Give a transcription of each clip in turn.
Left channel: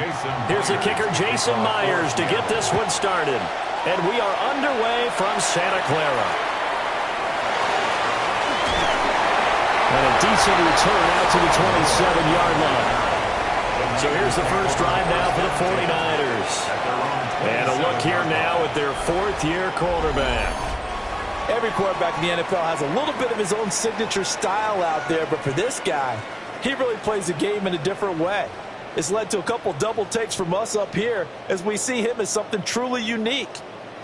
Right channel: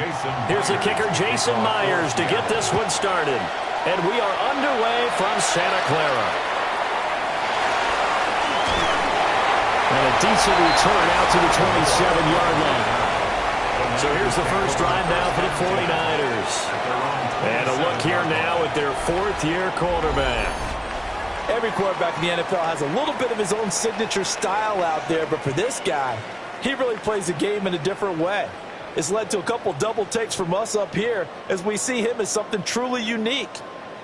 Here's the kicker, Jason Myers, to get this one started. And we are underway from Santa Clara. And a decent return out to the 27-yard line. So here's the first drive now for the 49ers. And a look here now at their fourth-year quarterback. Every quarterback in the NFL has a little bit of his own signature style out there, but for this guy, he really plays the game in a different way. It's led to a couple double takes from us up here as we see him as something truly unique.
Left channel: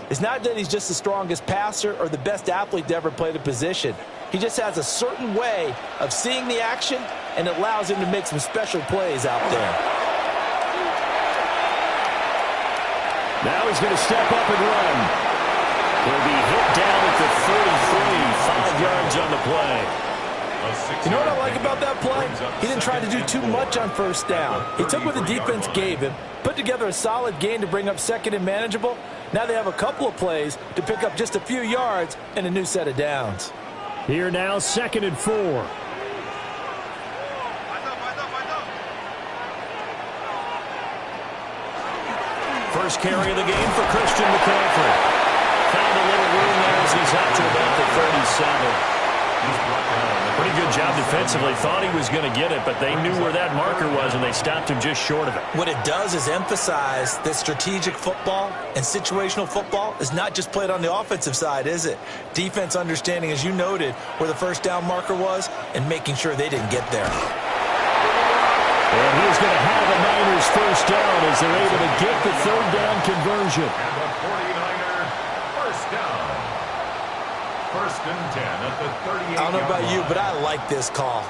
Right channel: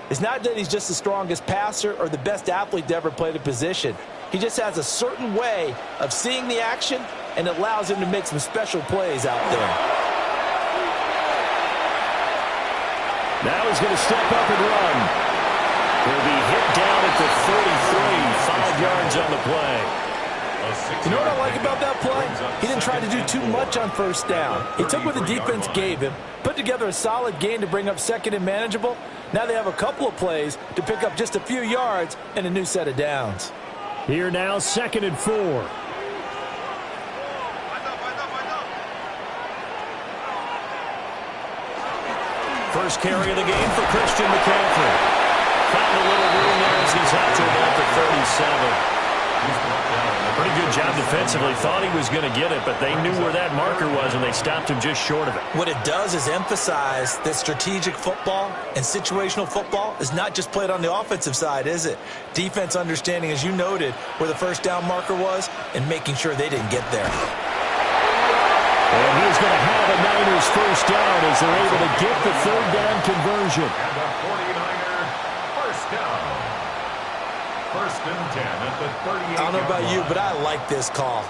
It's not that he's just the strongest passer or the best athlete to ever play the position. He just has a certain way of seeing the action, and it allows him to make some special plays out there. Now he's going to step up and run. He'll be hit down at the 33, 5 yards on the play. You know what I like about that play? He didn't try to do too much on first down. He took what the defense gave him, put together a solid gain to bring up second and manageable. Now they have a couple of plays to pick up just a few yards and a new set of downs. Here now, 2nd and 4. First carry of the game for Christian McCaffrey. Found a little room there as he's out to about the 37. Pretty good job defensively. Thought he was going to get it, but they knew where that marker was, and they stopped him just short of it. What it does is emphasize that strategic football and situational football is not just played on the offensive side, is it? Defense understanding, as you noted, where the first down marker was and making sure they didn't get there. And he's going to have a Niners first down as they're able to get the third down conversion. And the 49er first down. First and 10 at the 38. I don't know about you, but I like this call.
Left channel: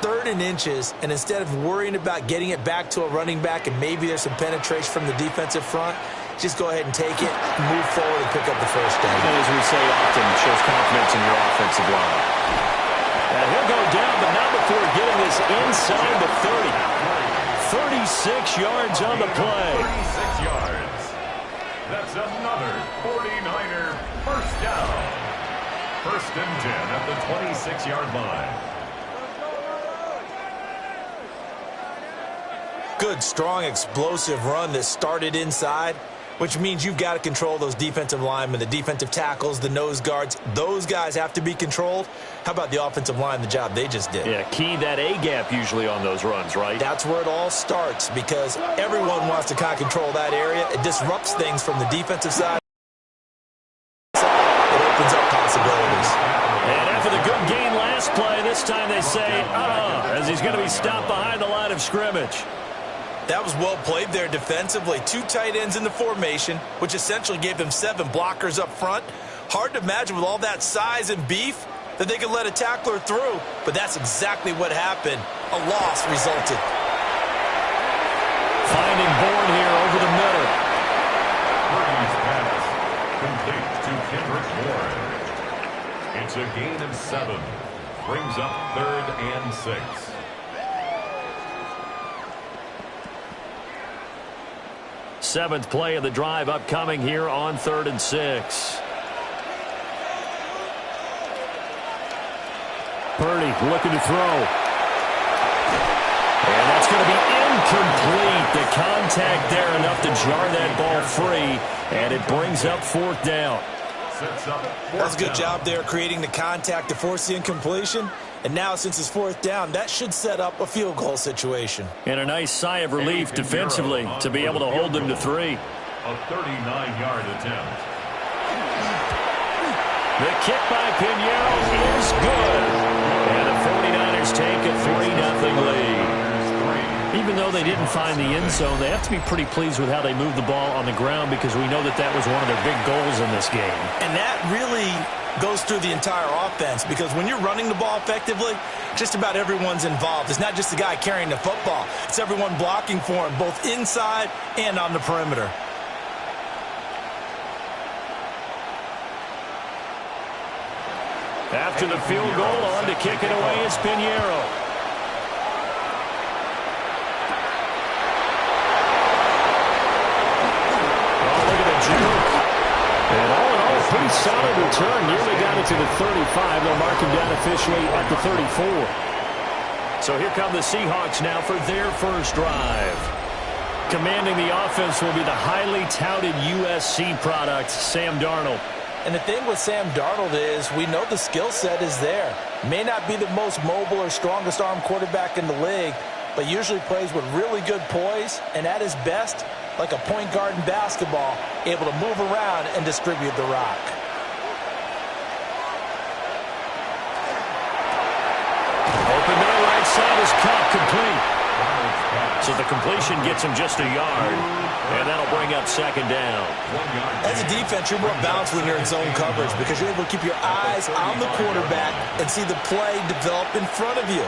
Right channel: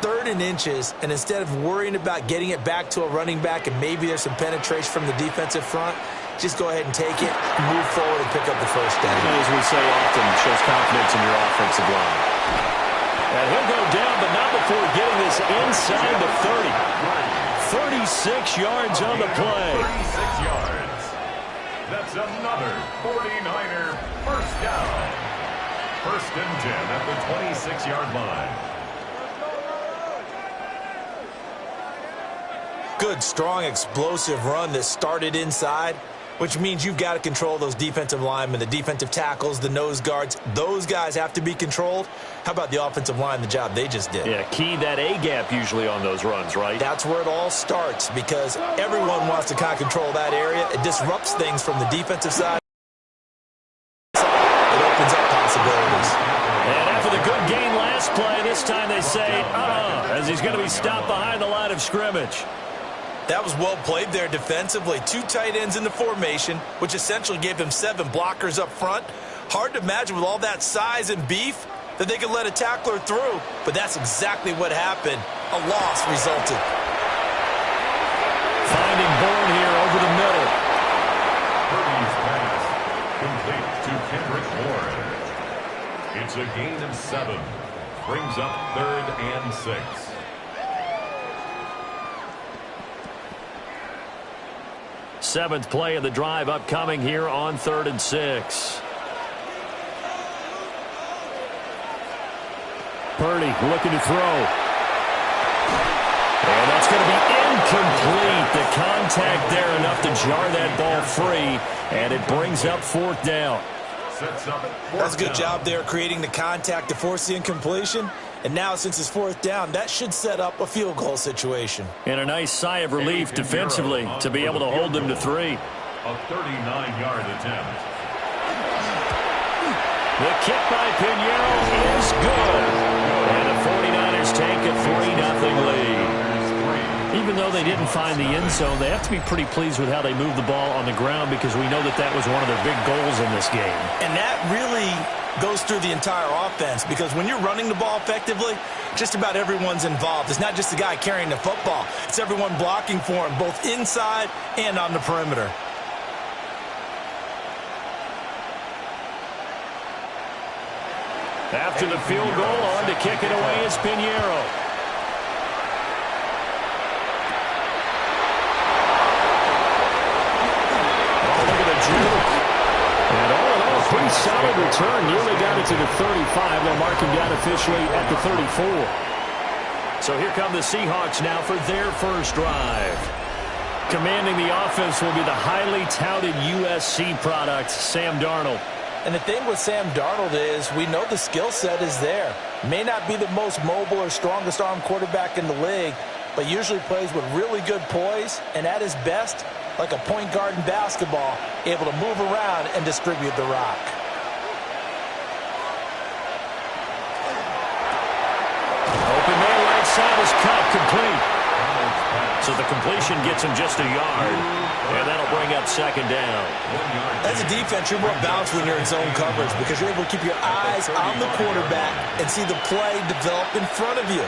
3rd and inches, and instead of worrying about getting it back to a running back and maybe there's some penetration from the defensive front, just go ahead and take it, move forward, and pick up the first down. And as we say often, shows confidence in your offensive line. And he'll go down, but not before getting this inside the 30. 36 yards on the play. 36 yards. That's another 49er first down. First and 10 at the 26-yard line. Good, strong, explosive run that started inside, which means you've got to control those defensive linemen, the defensive tackles, the nose guards. Those guys have to be controlled. How about the offensive line, the job they just did? Yeah, key that A-gap usually on those runs, right? That's where it all starts because everyone wants to kind of control that area. It disrupts things from the defensive side. It opens up possibilities. And after the good gain last play, this time they say, as he's going to be stopped behind the line of scrimmage. That was well played there defensively. 2 tight ends in the formation, which essentially gave them 7 blockers up front. Hard to imagine with all that size and beef that they could let a tackler through, but that's exactly what happened. A loss resulted. Finding Bourne here over the middle. Purdy's pass complete to Kendrick Bourne. It's a gain of 7. Brings up 3rd and 6. Seventh play of the drive upcoming here on 3rd and 6. Purdy looking to throw. And that's going to be incomplete. The contact there enough to jar that ball free, and it brings up 4th down. That's a good job there creating the contact to force the incompletion. And now, since it's 4th down, that should set up a field goal situation. And a nice sigh of relief defensively to be able to hold them to 3. A 39-yard attempt. The kick by Pinheiro is good. And the 49ers take a 3-0 lead. Even though they didn't find the end zone, they have to be pretty pleased with how they moved the ball on the ground because we know that that was one of their big goals in this game. And that really goes through the entire offense because when you're running the ball effectively, just about everyone's involved. It's not just the guy carrying the football. It's everyone blocking for him, both inside and on the perimeter. After the field goal, on to kick it away is Pinheiro. Oh, look at the juke. And all in all, a pretty solid return. Nearly got it to the 35. They'll mark him down officially at the 34. So here come the Seahawks now for their first drive. Commanding the offense will be the highly touted USC product, Sam Darnold. And the thing with Sam Darnold is we know the skill set is there. May not be the most mobile or strongest arm quarterback in the league, but usually plays with really good poise, and at his best, like a point guard in basketball, able to move around and distribute the rock. Open man right side is Cup, complete. So the completion gets him just a yard, and that'll bring up second down. As a defense, you're more balanced when you're in zone coverage because you're able to keep your eyes on the quarterback and see the play develop in front of you.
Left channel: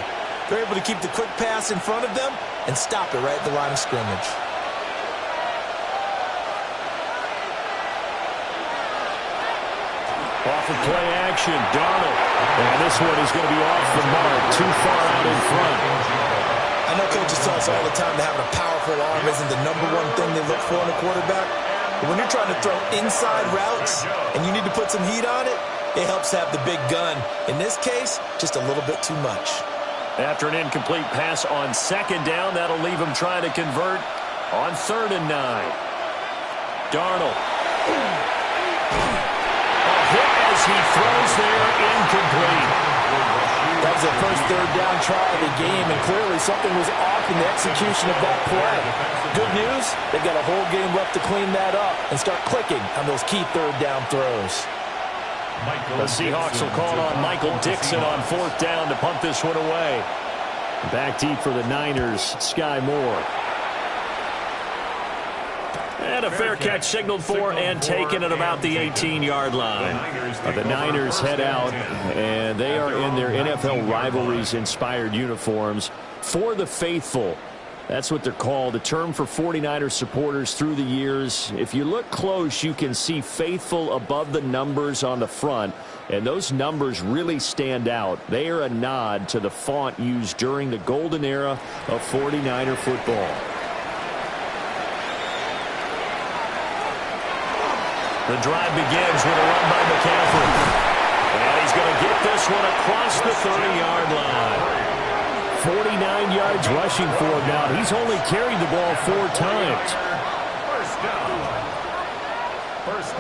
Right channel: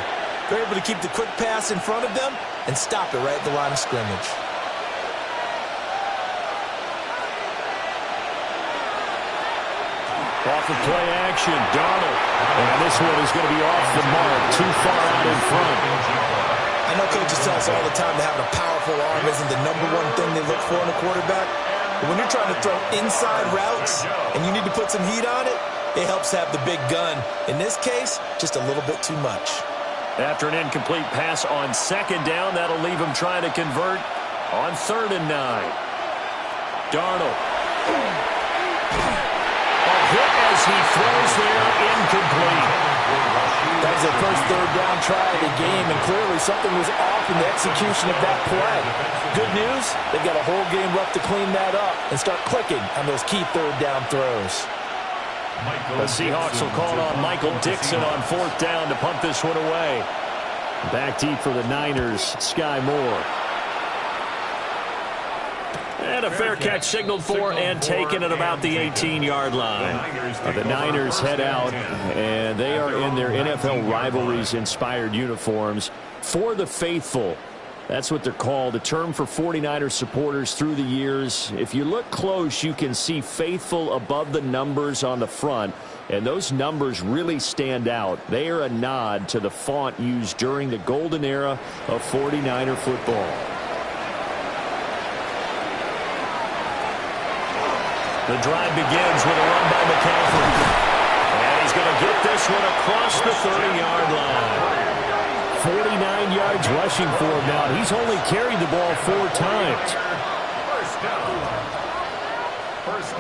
They're able to keep the quick pass in front of them and stop it right at the line of scrimmage. Off of play action, Darnold. And this one is going to be off the mark, too far out in front. I know coaches tell us all the time that having a powerful arm isn't the number one thing they look for in a quarterback. But when you're trying to throw inside routes and you need to put some heat on it, it helps have the big gun. In this case, just a little bit too much. After an incomplete pass on second down, that'll leave him trying to convert on 3rd and 9. Darnold. Hit as he throws there, incomplete. That was their first 3rd down try of the game, and clearly something was off in the execution of that play. Good news, they've got a whole game left to clean that up and start clicking on those key 3rd down throws. The Seahawks will call on Michael Dixon on 4th down to punt this one away. Back deep for the Niners, Sky Moore. And a fair catch signaled for and taken at about the 18-yard line. The Niners head out, and they are in their NFL rivalries-inspired uniforms. For the faithful, that's what they're called, a term for 49ers supporters through the years. If you look close, you can see faithful above the numbers on the front, and those numbers really stand out. They are a nod to the font used during the golden era of 49er football. The drive begins with a run by McCaffrey. And he's going to get this one across the 30-yard line. 49 yards rushing for him now. He's only carried the ball 4 times. First down.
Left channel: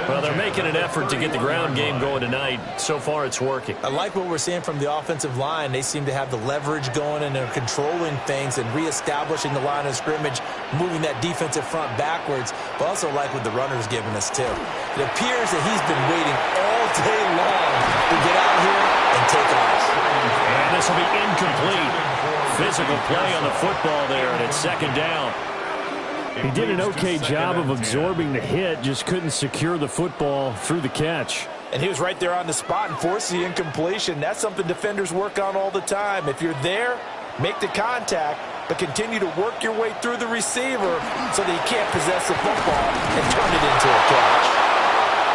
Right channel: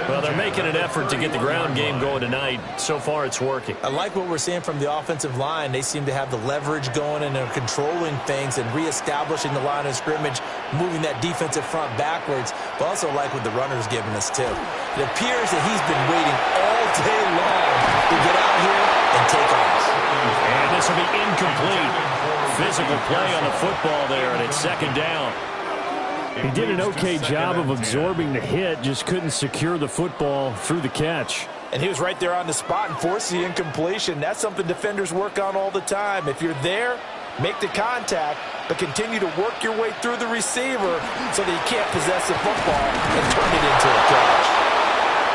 Well, they're making an effort to get the ground game going tonight. So far, it's working. I like what we're seeing from the offensive line. They seem to have the leverage going, and they're controlling things and reestablishing the line of scrimmage, moving that defensive front backwards, but also like what the runner's giving us, too. It appears that he's been waiting all day long to get out here and take off. And this will be incomplete. Physical play on the football there, and it's 2nd down. He did an okay job of absorbing the hit, just couldn't secure the football through the catch. And he was right there on the spot and forced the incompletion. That's something defenders work on all the time. If you're there, make the contact, but continue to work your way through the receiver so that he can't possess the football and turn it into a catch.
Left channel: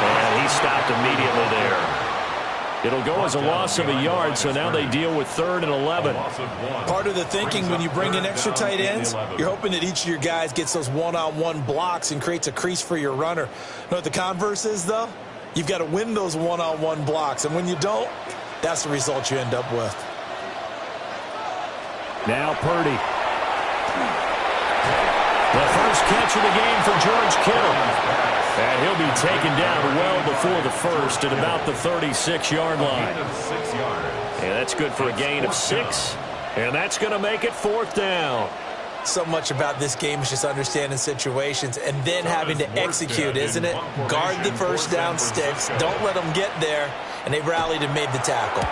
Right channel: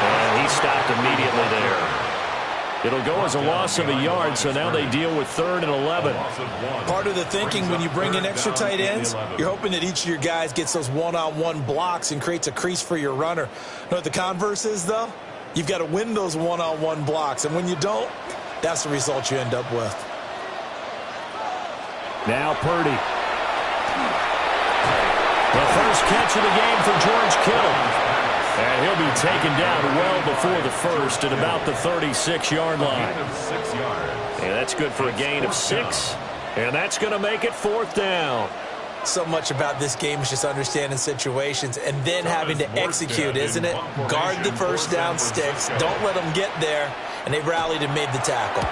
And he stopped immediately there. It'll go as a loss of a yard, so now they deal with 3rd and 11. Part of the thinking when you bring in extra tight ends, you're hoping that each of your guys gets those one-on-one blocks and creates a crease for your runner. You know what the converse is, though? You've got to win those one-on-one blocks, and when you don't, that's the result you end up with. Now Purdy. The first catch of the game for George Kittle. And he'll be taken down well before the first at about the 36-yard line. And that's good for a gain of 6. And that's going to make it 4th down. So much about this game is just understanding situations and then having to execute, isn't it? Guard the first down sticks. Don't let them get there. And they rallied and made the tackle.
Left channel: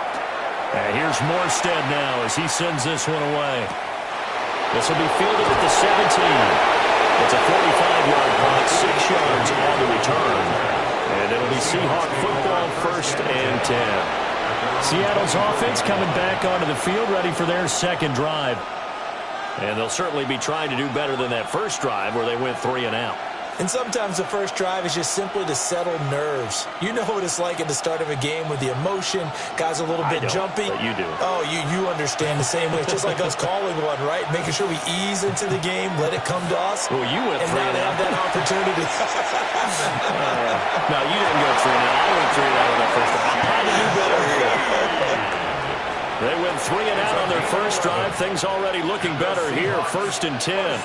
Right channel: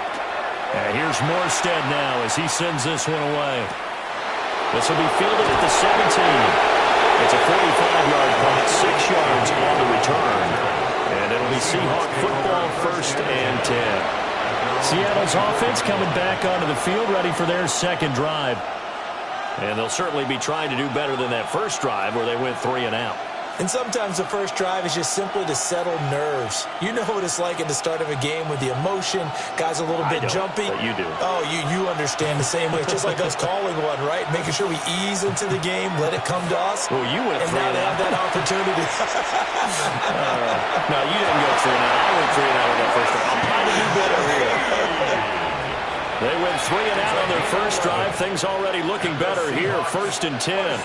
And here's Morstead now as he sends this one away. This will be fielded at the 17. It's a 45-yard punt, 6 yards on the return. And it'll be Seahawk football, 1st and 10. Seattle's offense coming back onto the field, ready for their 2nd drive. And they'll certainly be trying to do better than that first drive where they went 3 and out. And sometimes the first drive is just simply to settle nerves. You know what it's like at the start of a game with the emotion. Guys a little bit jumpy. But you do. Oh, you understand the same way. It's just like us calling one, right? Making sure we ease into the game, let it come to us. Well, you went 3 and out. And now they have that opportunity. No, you didn't go 3 and out. I went 3 and out with that first drive. I'm trying to do better here. They went 3 and out on their first drive. Things already looking better here. 1st and 10.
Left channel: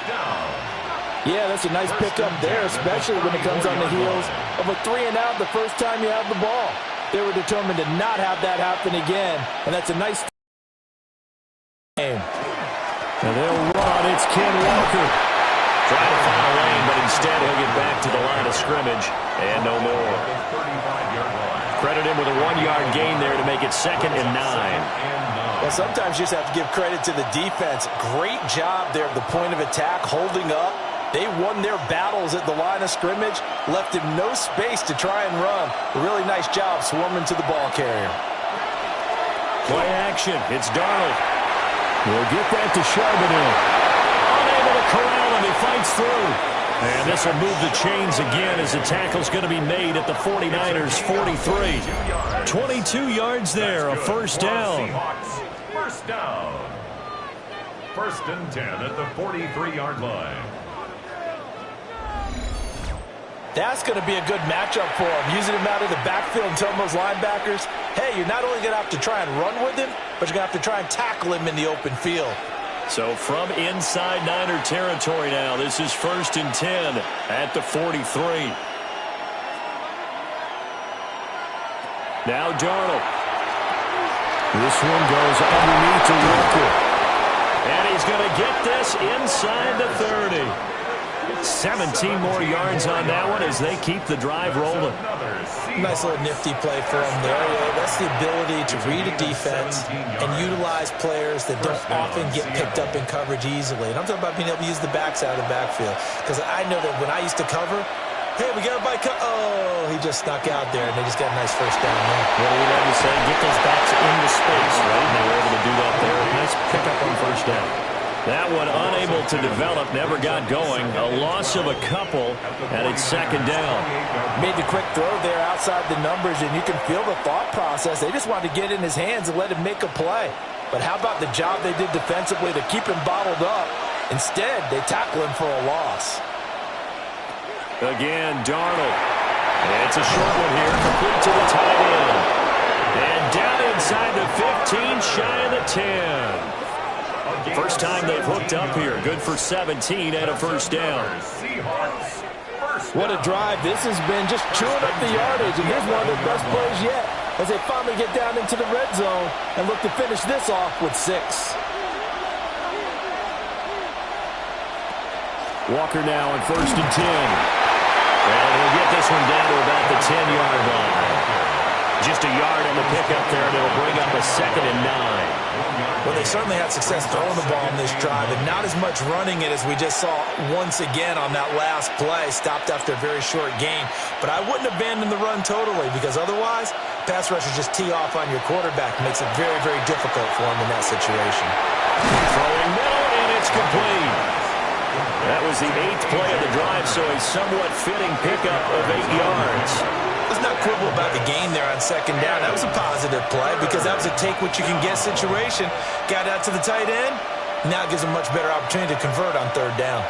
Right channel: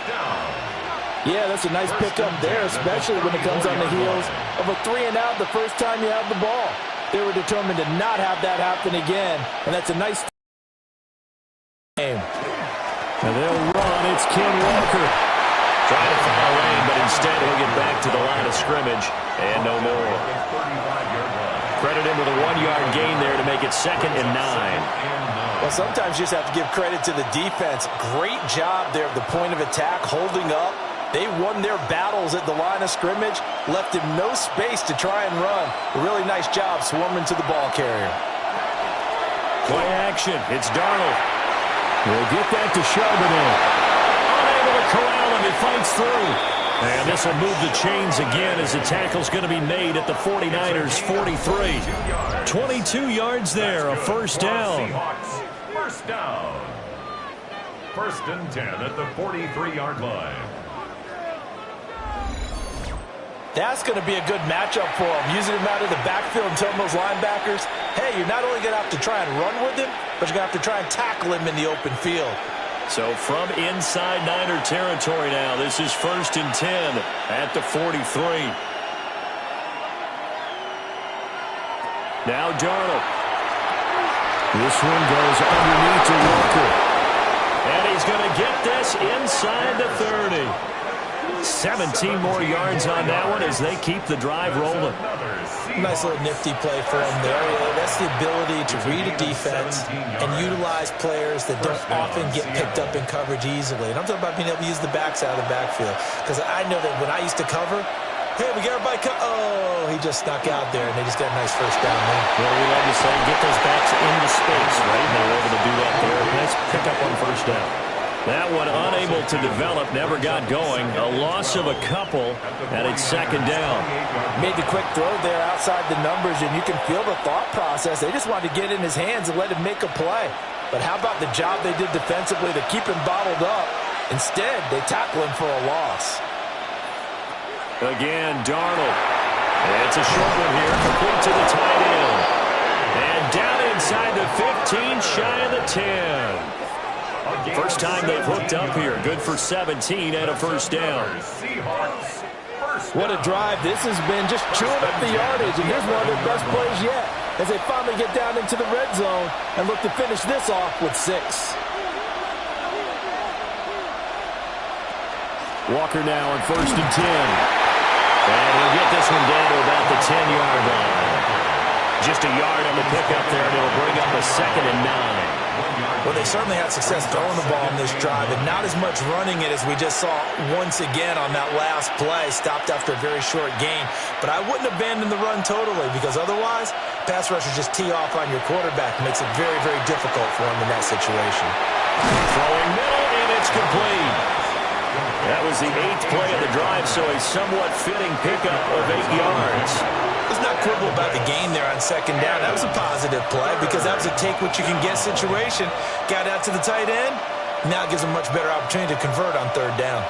Yeah, that's a nice pickup there, especially when it comes on the heels of a 3-and-out the first time you have the ball. They were determined to not have that happen again, and that's a nice game. And they'll run. It's Ken Walker. Trying to find a lane, but instead he'll get back to the line of scrimmage and no more. Credit him with a 1-yard gain there to make it 2nd and 9. Well, sometimes you just have to give credit to the defense. Great job there at the point of attack, holding up. They won their battles at the line of scrimmage, left him no space to try and run. A really nice job swarming to the ball carrier. Play action. It's Darnold. We'll get that to Charbonnet. Unable to corral him. He fights through. And this will move the chains again as the tackle's going to be made at the 49ers' 43. 22 yards there, a first down. First down. 1st and 10 at the 43-yard line. That's going to be a good matchup for him, using him out of the backfield and telling those linebackers, hey, you're not only going to have to try and run with him, but you're going to have to try and tackle him in the open field. So from inside Niner territory now, this is 1st and 10 at the 43. Now Darnold. This one goes underneath to Walker. And he's going to get this inside the 30. 17 more yards on that one as they keep the drive rolling. Nice little nifty play for him there. That's the ability to read a defense and utilize players that don't often get picked up in coverage easily. And I'm talking about being able to use the backs out of the backfield. Because I know that when I used to cover, hey, we got everybody oh, he just snuck out there, and they just got a nice first down there. What do we love to say? Get those backs into space, right? And they were able to do that there. Nice pickup on first down. That one unable to develop, never got going. A loss of a couple, and it's 2nd down. Made the quick throw there outside the numbers, and you can feel the thought process. They just wanted to get in his hands and let him make a play. But how about the job they did defensively to keep him bottled up? Instead, they tackle him for a loss. Again, Darnold. It's a short one here, complete to the tight end. And down inside the 15, shy of the 10. First time they've hooked up here. Good for 17 and a first down. What a drive this has been, just chewing up the yardage. And here's one of their best plays yet as they finally get down into the red zone and look to finish this off with 6. Walker now on 1st and 10. And he'll get this one down to about the 10-yard line. Just a yard on the pickup there, and it'll bring up a 2nd and 9. Well, they certainly had success throwing the ball in this drive, and not as much running it as we just saw once again on that last play. Stopped after a very short gain. But I wouldn't abandon the run totally, because otherwise, pass rushers just tee off on your quarterback. Makes it very, very difficult for him in that situation. Throwing middle, and it's complete. That was the 8th play of the drive, so a somewhat fitting pickup of 8 yards. Let's not quibble about the gain there on 2nd down. That was a positive play because that was a take-what-you-can-get situation. Got out to the tight end. Now it gives them a much better opportunity to convert on 3rd down.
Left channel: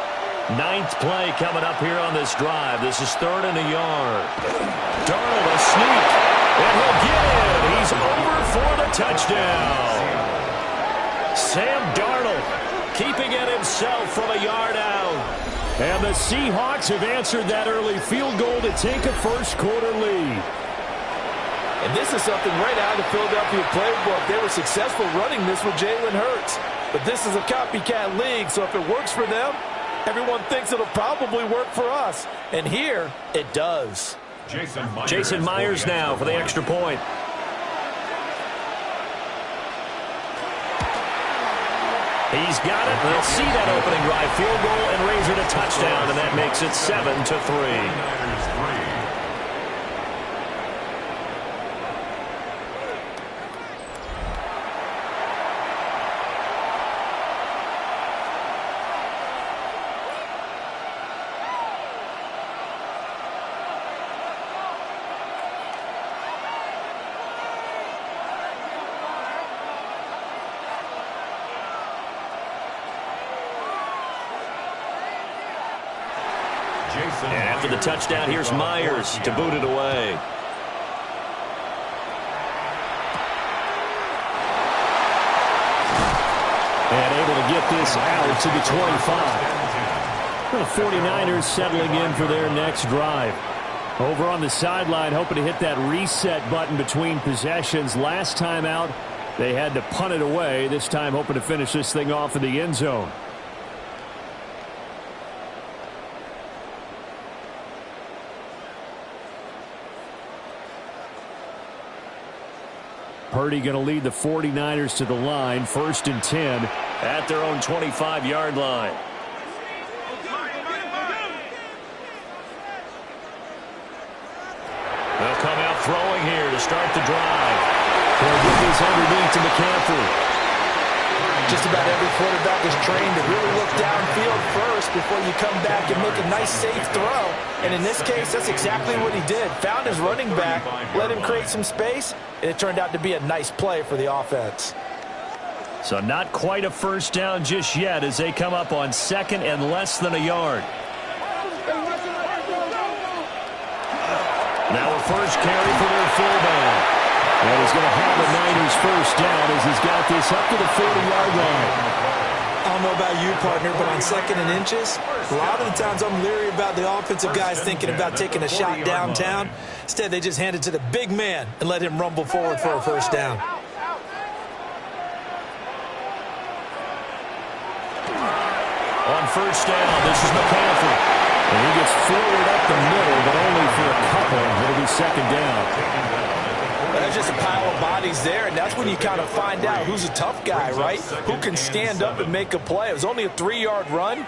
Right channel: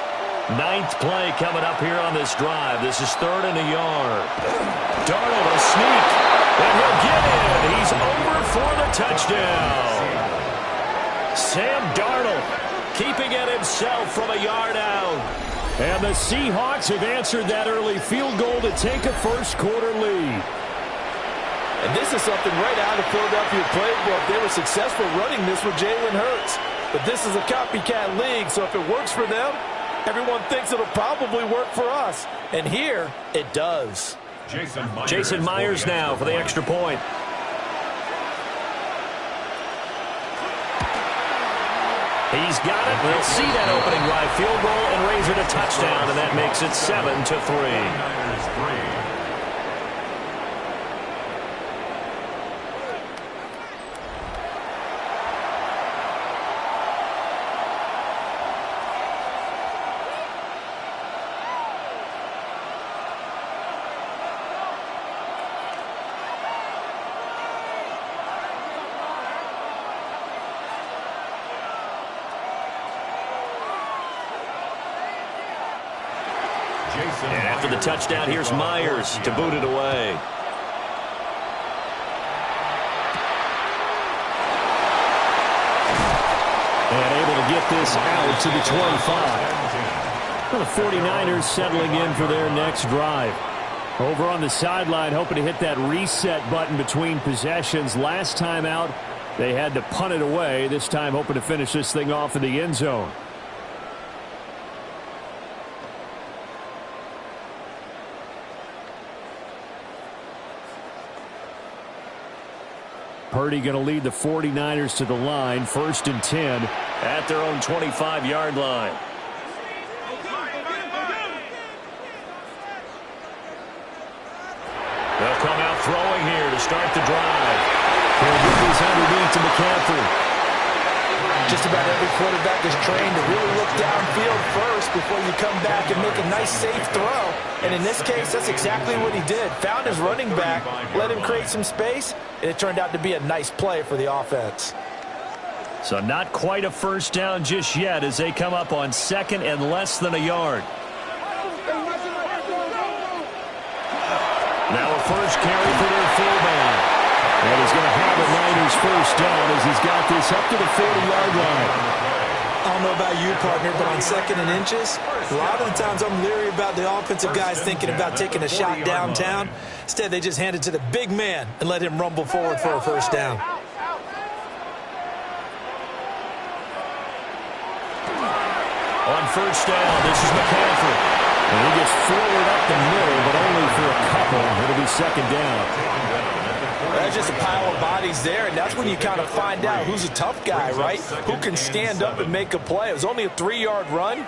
9th play coming up here on this drive. This is 3rd and a yard. Darnold a sneak, and he'll get in. He's over for the touchdown. Sam Darnold keeping it himself from a yard out. And the Seahawks have answered that early field goal to take a first-quarter lead. And this is something right out of the Philadelphia playbook. They were successful running this with Jalen Hurts. But this is a copycat league, so if it works for them, everyone thinks it'll probably work for us. And here, it does. Jason Myers now for the extra point. He's got it. They'll see that opening drive field goal and raise it a touchdown, and that makes it 7-3. And after the touchdown, here's Myers to boot it away. And able to get this out to the 25. Well, the 49ers settling in for their next drive. Over on the sideline, hoping to hit that reset button between possessions. Last time out, they had to punt it away. This time, hoping to finish this thing off in the end zone. Purdy going to lead the 49ers to the line. 1st and 10 at their own 25-yard line. They'll come out throwing here to start the drive. They'll get these underneath to McCaffrey. Just about every quarterback is trained to really look downfield first before you come back and make a nice, safe throw. And in this case, that's exactly what he did. Found his running back, let him create some space, and it turned out to be a nice play for the offense. So not quite a first down just yet as they come up on 2nd and less than a yard. Now a first carry for their fullback. And he's going to have a Niners first down as he's got this up to the 40-yard line. I don't know about you, partner, but on 2nd and inches, a lot of the times I'm leery about the offensive guys thinking about taking a shot downtown. Instead, they just hand it to the big man and let him rumble forward for a first down. On first down, this is McCaffrey. And he gets forward up the middle, but only for a couple. It'll be 2nd down. There's just a pile of bodies there, and that's when you kind of find out who's a tough guy, right? Who can stand up and make a play. It was only a 3-yard run,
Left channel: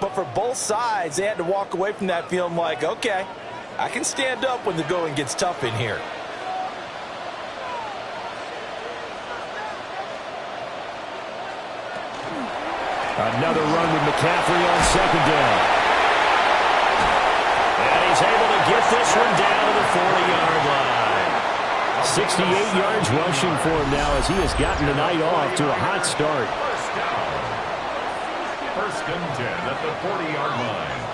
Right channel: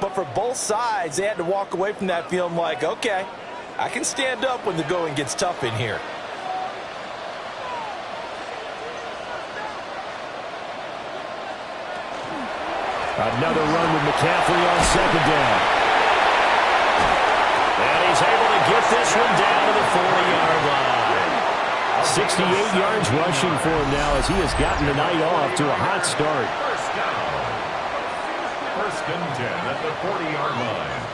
but for both sides, they had to walk away from that feeling like, okay, I can stand up when the going gets tough in here. Another run with McCaffrey on 2nd down. And he's able to get this one down to the 40-yard line. 68 yards rushing for him now as he has gotten the night off to a hot start. First down. 1st and 10 at the 40-yard line.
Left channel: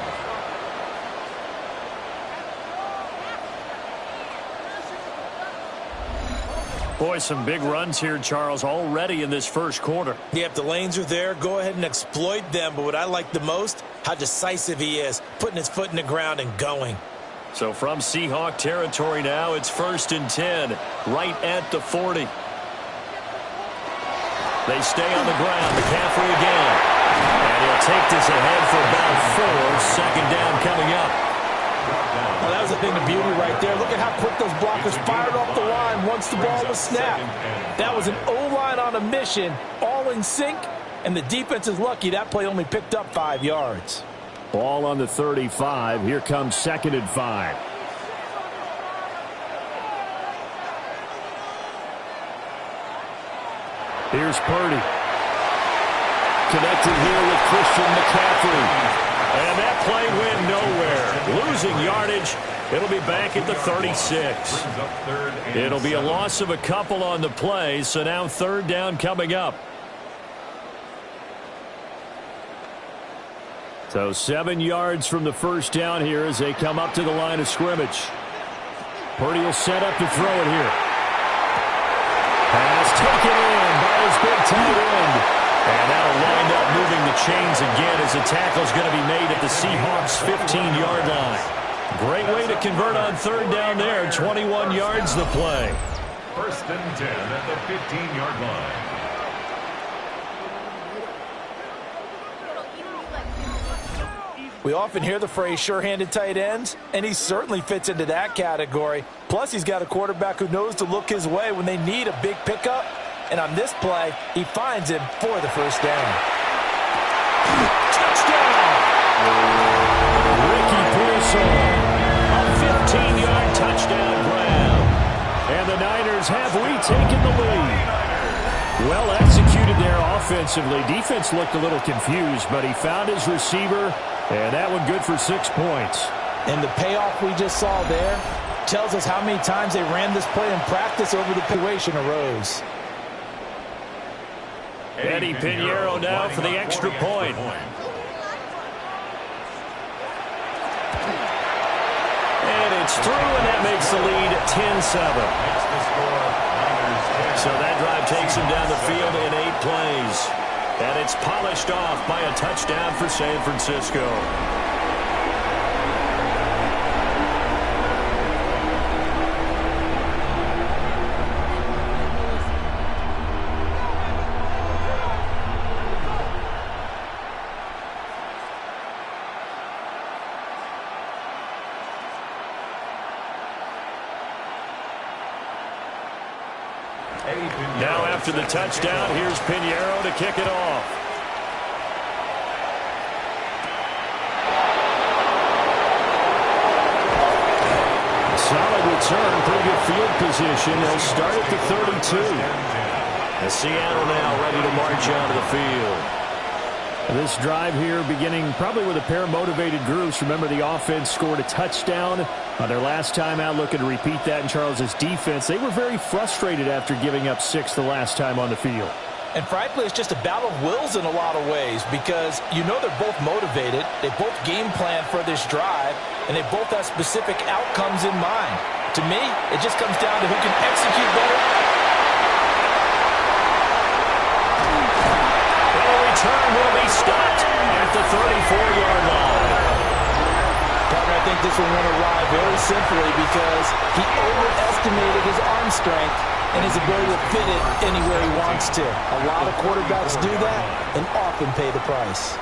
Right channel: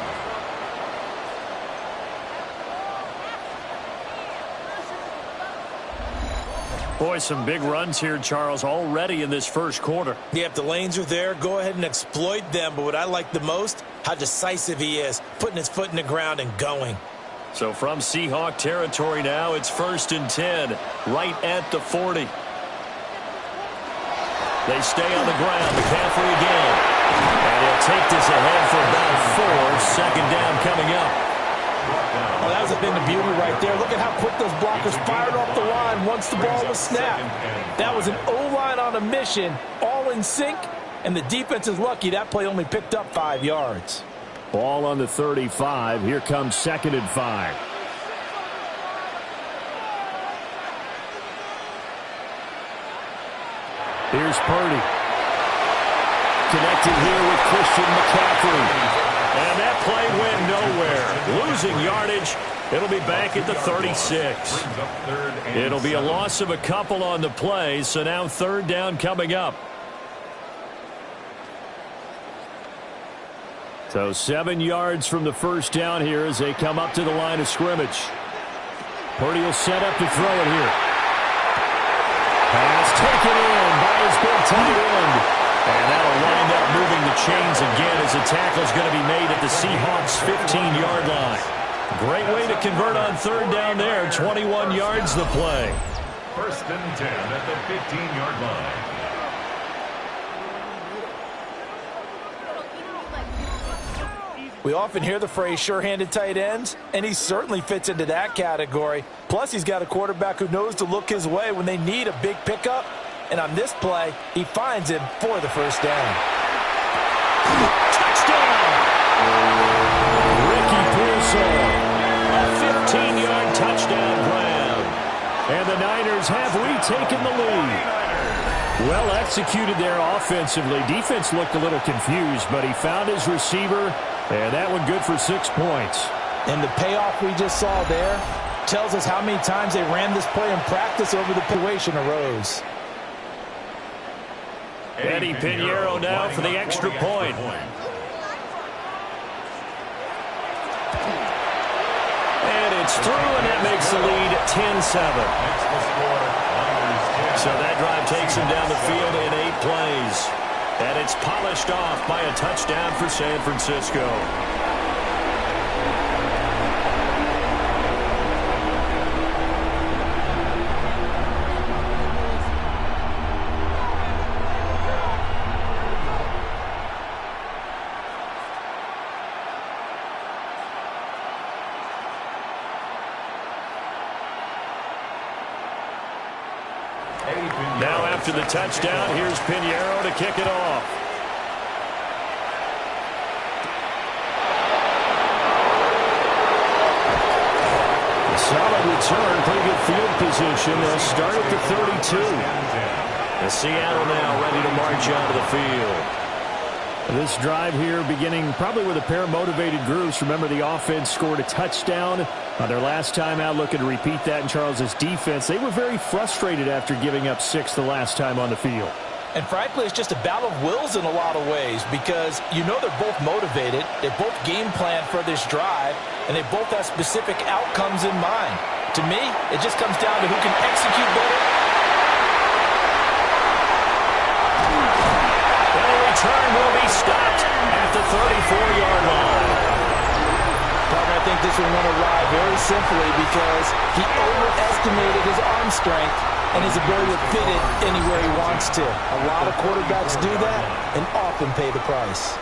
Boy, some big runs here, Charles, already in this first quarter. Yeah, if the lanes are there, go ahead and exploit them. But what I like the most, how decisive he is, putting his foot in the ground and going. So from Seahawk territory now, it's 1st and 10, right at the 40. They stay on the ground. McCaffrey again. And he'll take this ahead for about 4. 2nd down coming up. Well, that was a thing of beauty right there. Look at how quick those blockers fired off the line once the ball was snapped. That was an O-line on a mission, all in sync, and the defense is lucky that play only picked up 5 yards. Ball on the 35. Here comes 2nd and 5. Here's Purdy. Connected here with Christian McCaffrey. And that play went nowhere. Losing yardage. It'll be back at the 36. It'll be a loss of a couple on the play, so now 3rd down coming up. So 7 yards from the first down here as they come up to the line of scrimmage. Purdy will set up to throw it here. Pass taken in by his big tight end. And that'll wind up moving the chains again as the tackle's going to be made at the Seahawks' 15-yard line. Great way to convert on 3rd down there. 21 yards the play. 1st and 10 at the 15-yard line. We often hear the phrase sure-handed tight ends, and he certainly fits into that category. Plus, he's got a quarterback who knows to look his way when they need a big pickup. And on this play, he finds him for the first down. Touchdown! Ricky Pearsall. A 15-yard touchdown grab. And the Niners have retaken the lead. Well executed there offensively. Defense looked a little confused, but he found his receiver, and that one good for 6 points. And the payoff we just saw there tells us how many times they ran this play in practice over the situation arose. Eddie Pinheiro now for the extra point. And it's through, and that makes the lead 10-7. So that drive takes him down the field in 8 plays. And it's polished off by a touchdown for San Francisco. Now after the touchdown, here's Pinheiro to kick it off. A solid return, pretty good field position. They'll start at the 32. The Seattle now ready to march onto the field. This drive here beginning probably with a pair of motivated groups. Remember, the offense scored a touchdown on their last time out, looking to repeat that in Charles' defense. They were very frustrated after giving up 6 the last time on the field. And frankly, it's just a battle of wills in a lot of ways because you know they're both motivated. They both game plan for this drive, and they both have specific outcomes in mind. To me, it just comes down to who can execute better. Return will be stopped at the 34-yard line. Partner, I think this one went awry very simply because he overestimated his arm strength and his ability to fit it anywhere he wants to. A lot of quarterbacks do that and often pay the price.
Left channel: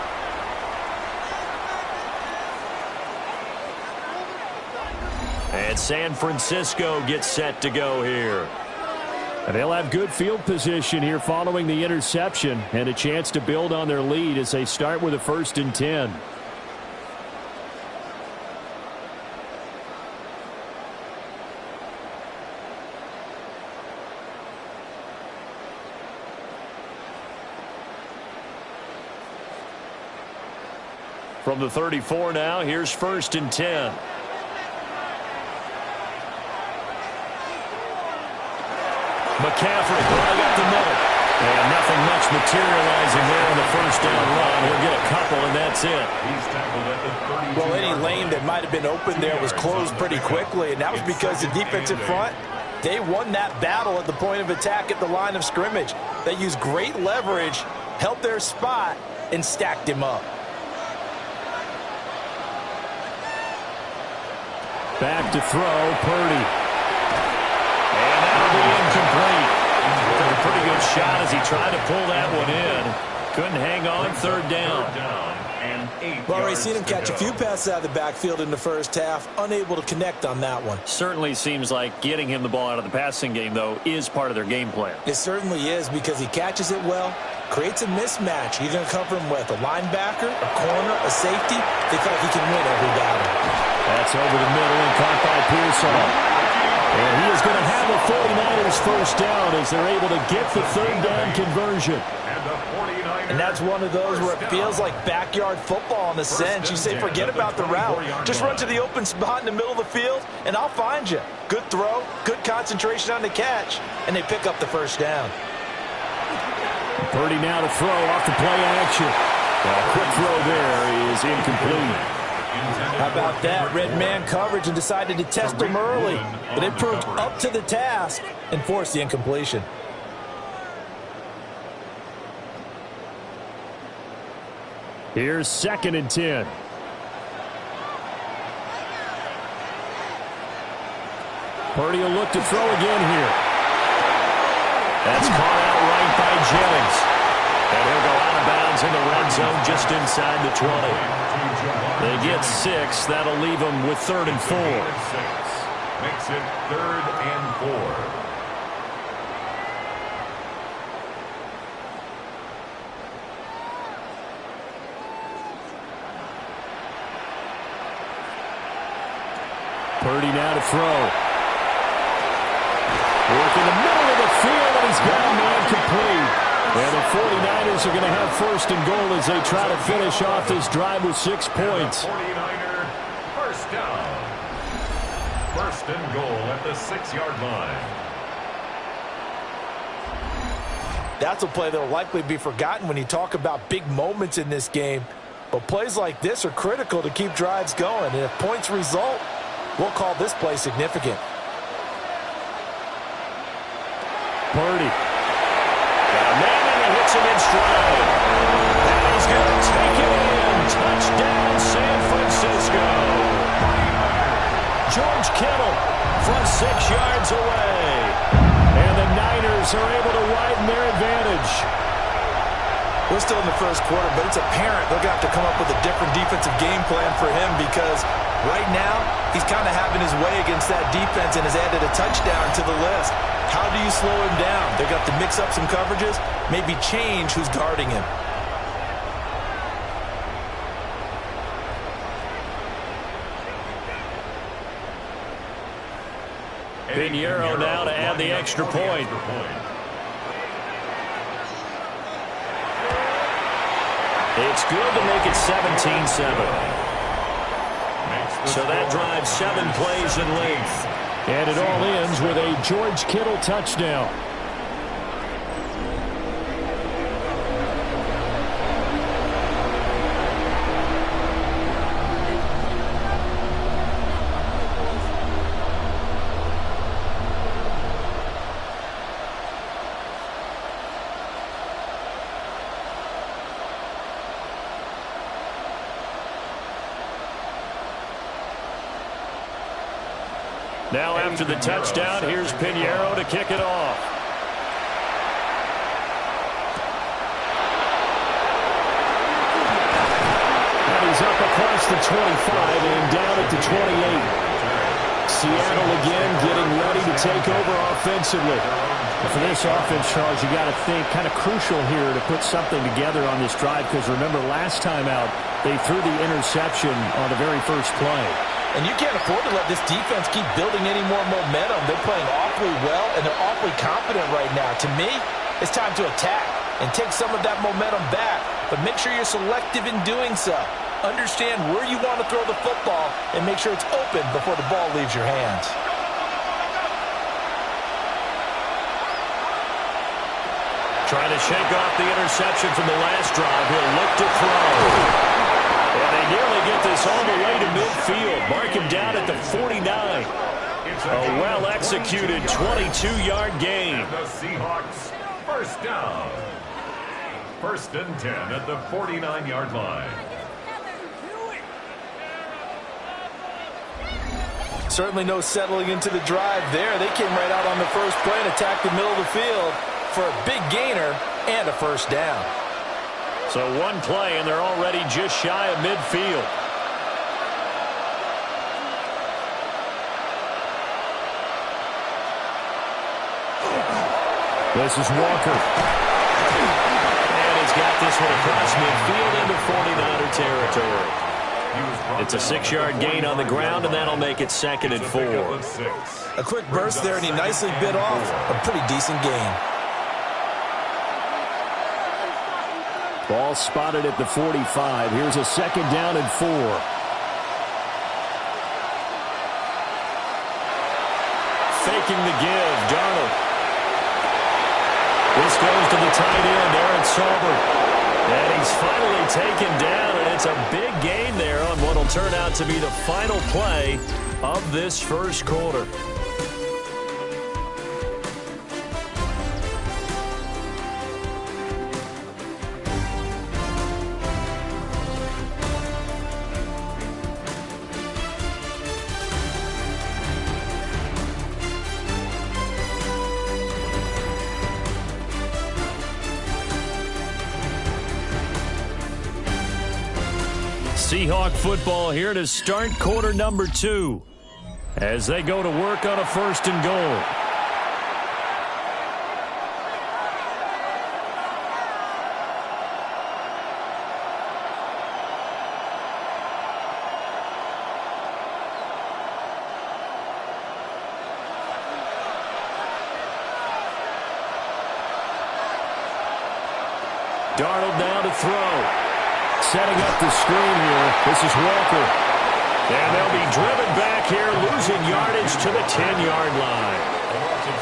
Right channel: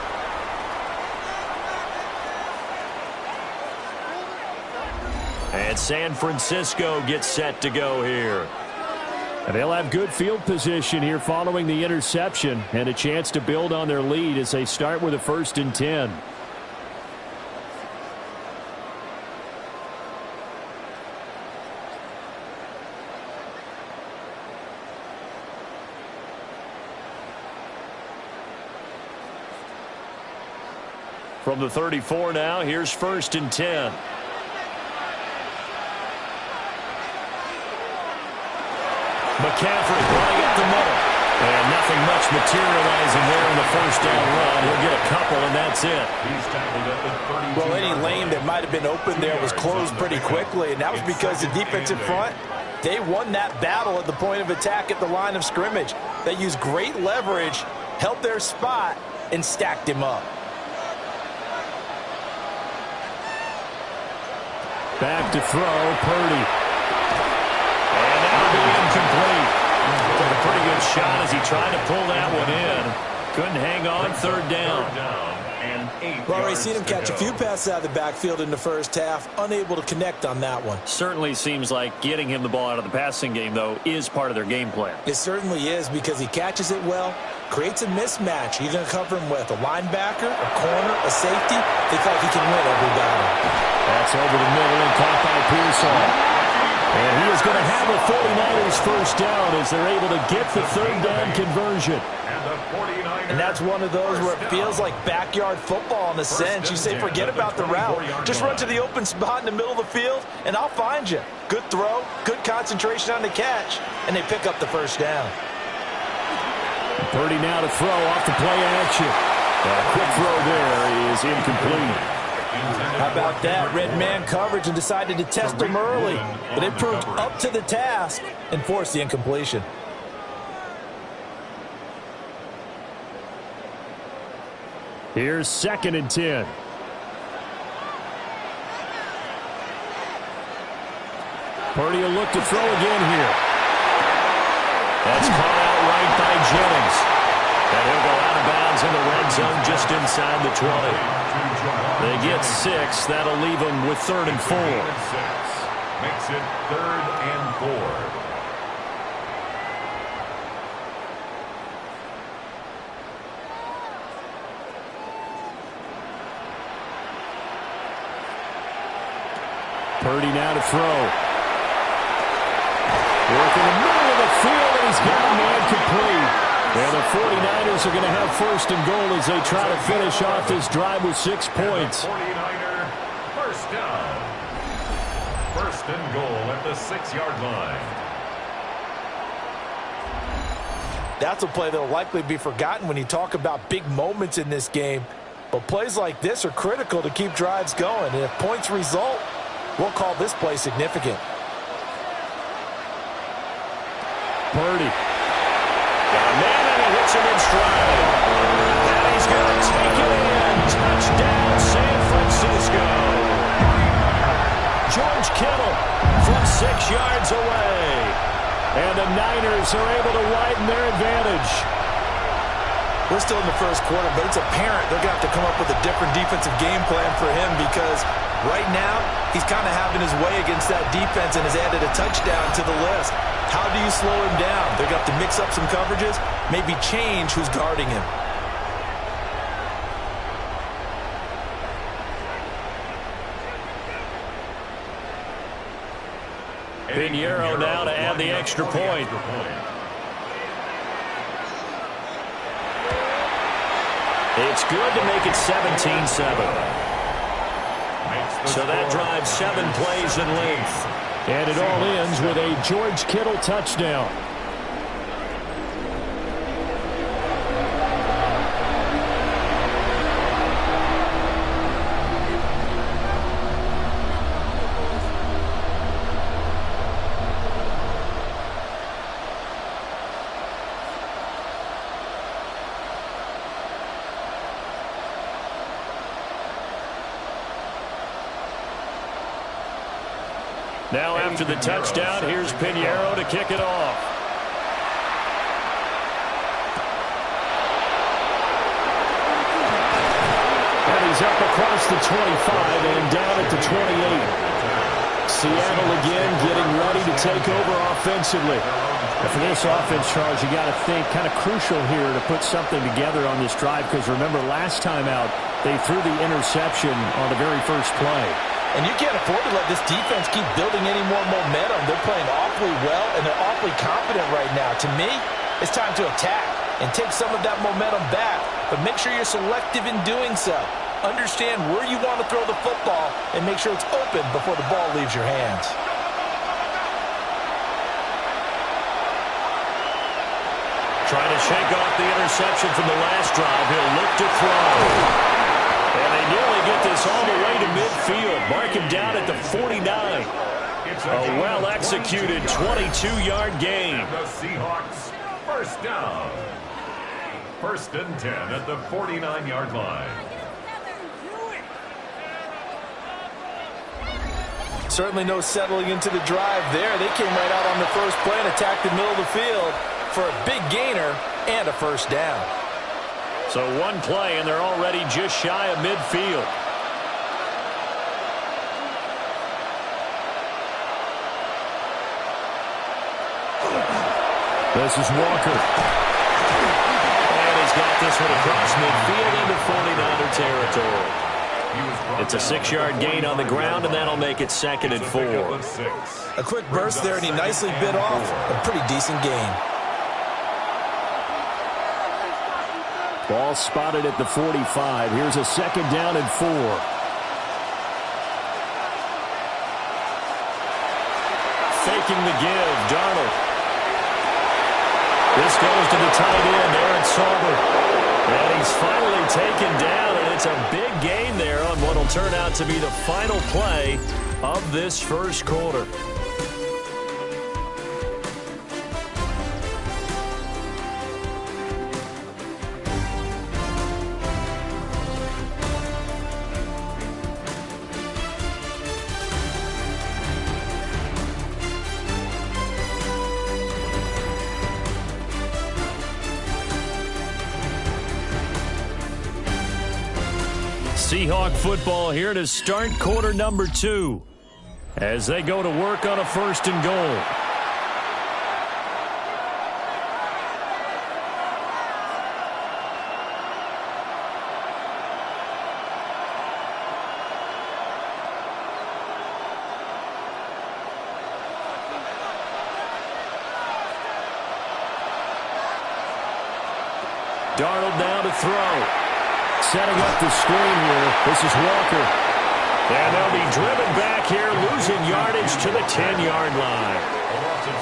And San Francisco gets set to go here. And they'll have good field position here following the interception and a chance to build on their lead as they start with a 1st and 10. From the 34 now, here's 1st and 10. McCaffrey running up the middle. And nothing much materializing there on the 1st down run. He'll get a couple, and that's it. He's tackled at the 32. Well, any lane that might have been open there was closed pretty quickly, and that was because the defensive front, they won that battle at the point of attack at the line of scrimmage. They used great leverage, held their spot, and stacked him up. Back to throw, Purdy. And that'll be incomplete. Took a pretty good shot as he tried to pull that one in. Couldn't hang on. 3rd down. And 8 We've already seen him catch a few passes out of the backfield in the first half, unable to connect on that one. Certainly seems like getting him the ball out of the passing game, though, is part of their game plan. It certainly is because he catches it well, creates a mismatch. You're going to cover him with a linebacker, a corner, a safety. They feel like he can win every battle. That's over the middle and caught by Pearsall. And he is going to have the 49ers 1st down as they're able to get the 3rd down conversion. And that's one of those where it feels like backyard football in a sense. You say, forget about the route. Just run to the open spot in the middle of the field, and I'll find you. Good throw, good concentration on the catch, and they pick up the 1st down. Purdy now to throw off the play action. A quick throw there is incomplete. How about that? Red man coverage and decided to test him early. But it proved up to the task and forced the incompletion. Here's 2nd and 10. Purdy will look to throw again here. That's caught out right by Jennings. And he'll go out of bounds in the red zone just inside the 20. They get 6. That'll leave them with 3rd and 4. Makes it 3rd and 4. Purdy now to throw. Work in the middle of the field, and he's got a man complete. And the 49ers are going to have 1st and goal as they try to finish off this drive with 6 points. 49er 1st down. 1st and goal at the 6-yard line. That's a play that will likely be forgotten when you talk about big moments in this game. But plays like this are critical to keep drives going. And if points result, we'll call this play significant. Purdy. Got a man, and he hits him in stride. And he's going to take it in. Touchdown, San Francisco. George Kittle from 6 yards away. And the Niners are able to widen their advantage. We're still in the first quarter, but it's apparent they're going to have to come up with a different defensive game plan for him because right now he's kind of having his way against that defense and has added a touchdown to the list. How do you slow him down? They're going to have to mix up some coverages, maybe change who's guarding him. Pinheiro now to add the extra point. It's good to make it 17-7. So that drives 7 plays in length. And it all ends with a George Kittle touchdown. Now after the touchdown, here's Pinheiro to kick it off. And he's up across the 25 and down at the 28. Seattle again getting ready to take over offensively. And for this offense, Charles, you got to think kind of crucial here to put something together on this drive because remember last time out, they threw the interception on the very first play. And you can't afford to let this defense keep building any more momentum. They're playing awfully well, and they're awfully confident right now. To me, it's time to attack and take some of that momentum back. But make sure you're selective in doing so. Understand where you want to throw the football and make sure it's open before the ball leaves your hands. Trying to shake off the interception from the last drive. He'll look to throw. And they nearly get this all the way to midfield. Mark him down at the 49. A well-executed 22-yard gain. And the Seahawks, first down. 1st and 10 at the 49-yard line. Certainly no settling into the drive there. They came right out on the first play and attacked the middle of the field for a big gainer and a first down. So one play, and they're already just shy of midfield. This is Walker. And he's got this one across midfield into 49er territory. It's a 6-yard gain on the ground, and that'll make it 2nd and 4. A quick burst there, and he nicely bit off a pretty decent gain. Ball spotted at the 45. Here's a 2nd down and 4. Faking the give, Darnold. This goes to the tight end, Aaron Saubert. And he's finally taken down, and it's a big gain there on what will turn out to be the final play of this first quarter. Seahawk football here to start quarter number 2 as they go to work on a 1st and goal. Darnold now to throw. Setting up the screen here. This is Walker. And they'll be driven back here, losing yardage to the 10-yard line.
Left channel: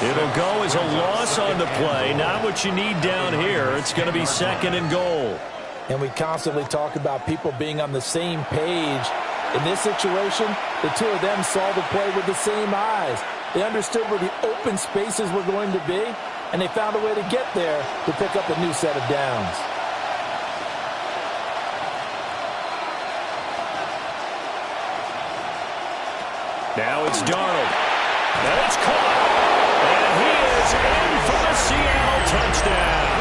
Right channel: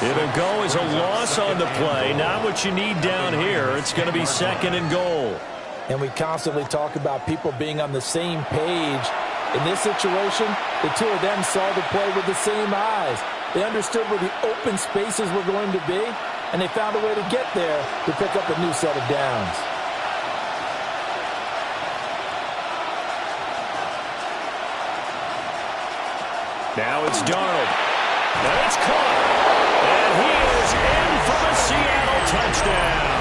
It'll go as a loss on the play. Not what you need down here. It's going to be 2nd and goal. And we constantly talk about people being on the same page. In this situation, the two of them saw the play with the same eyes. They understood where the open spaces were going to be, and they found a way to get there to pick up a new set of downs. Now it's Darnold. And it's caught. And he is in for the Seattle touchdown.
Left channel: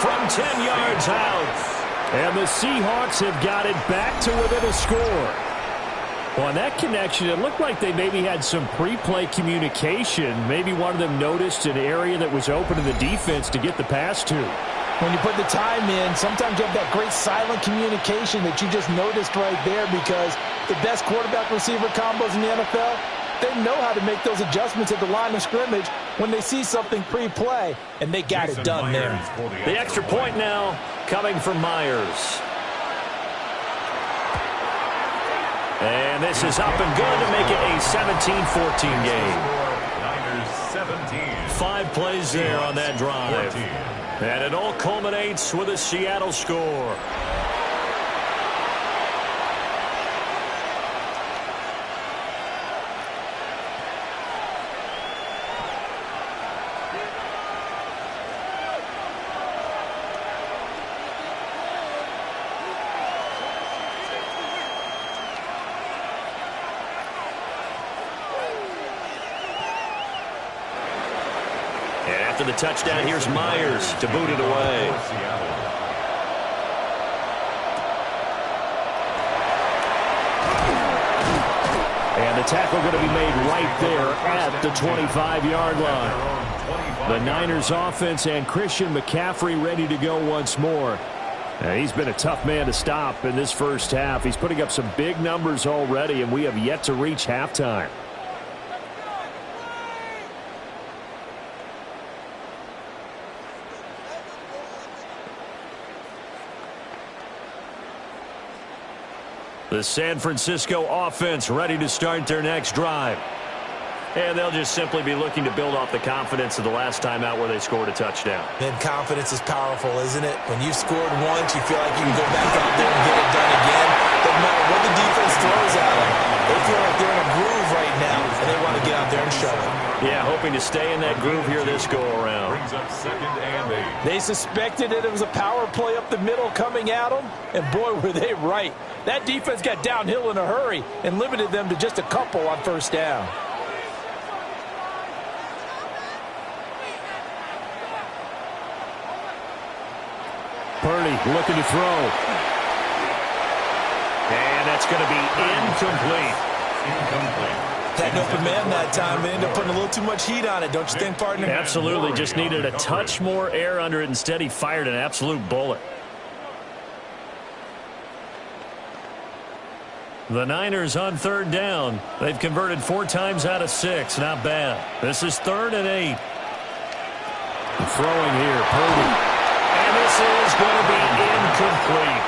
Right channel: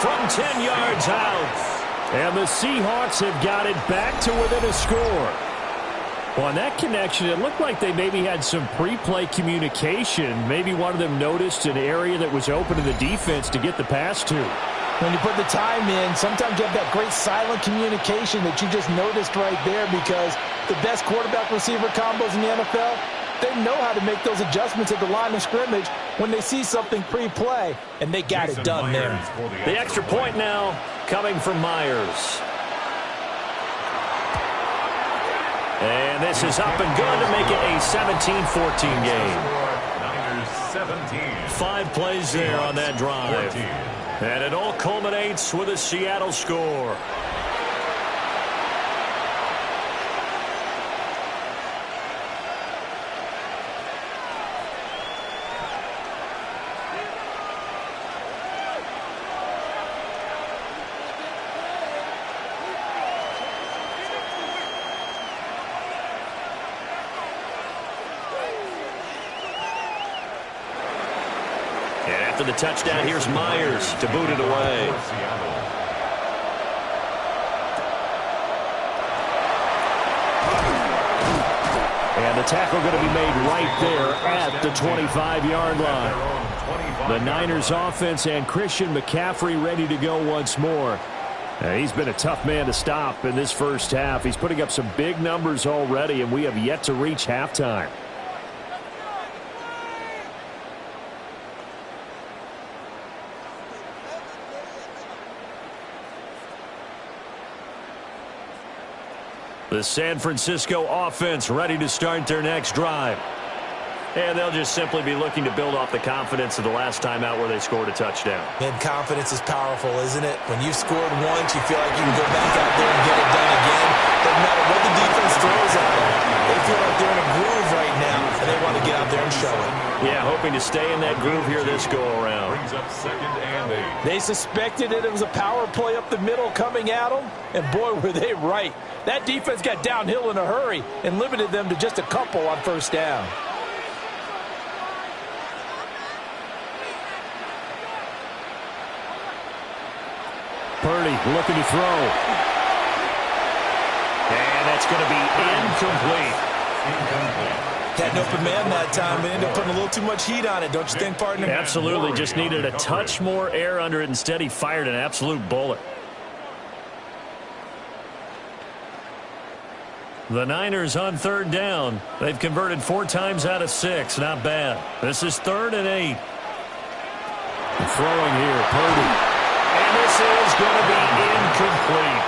From 10 yards out. And the Seahawks have got it back to within a score. Well, on that connection, it looked like they maybe had some pre-play communication. Maybe one of them noticed an area that was open to the defense to get the pass to. When you put the time in, sometimes you have that great silent communication that you just noticed right there, because the best quarterback-receiver combos in the NFL, they know how to make those adjustments at the line of scrimmage when they see something pre-play, and they got it done there. The extra point now coming from Myers. And this is up and good to make it a 17-14 game. Niners 17. 5 plays there on that drive. 14. And it all culminates with a Seattle score. And after the touchdown, here's Myers to boot it away. And the tackle going to be made right there at the 25-yard line. The Niners offense and Christian McCaffrey ready to go once more. He's been a tough man to stop in this first half. He's putting up some big numbers already, and we have yet to reach halftime. The San Francisco offense ready to start their next drive. And they'll just simply be looking to build off the confidence of the last time out where they scored a touchdown. And confidence is powerful, isn't it? When you've scored once, you feel like you can go back out there and get it done again. Doesn't matter what the defense throws at them. They feel like they're in a groove right now, and they want to get out there and show it. Yeah, hoping to stay in that groove here this go-around. Brings up 2nd and 8. They suspected it was a power play up the middle coming at them, and boy, were they right. That defense got downhill in a hurry and limited them to just a couple on first down. Purdy looking to throw. And that's going to be incomplete. Had an open man that time, but ended up putting a little too much heat on it, don't you think, partner? Absolutely. Just needed a touch more air under it. Instead, he fired an absolute bullet. The Niners on 3rd down. They've converted 4 times out of 6. Not bad. This is 3rd and 8. Throwing here, Purdy. And this is going to be incomplete.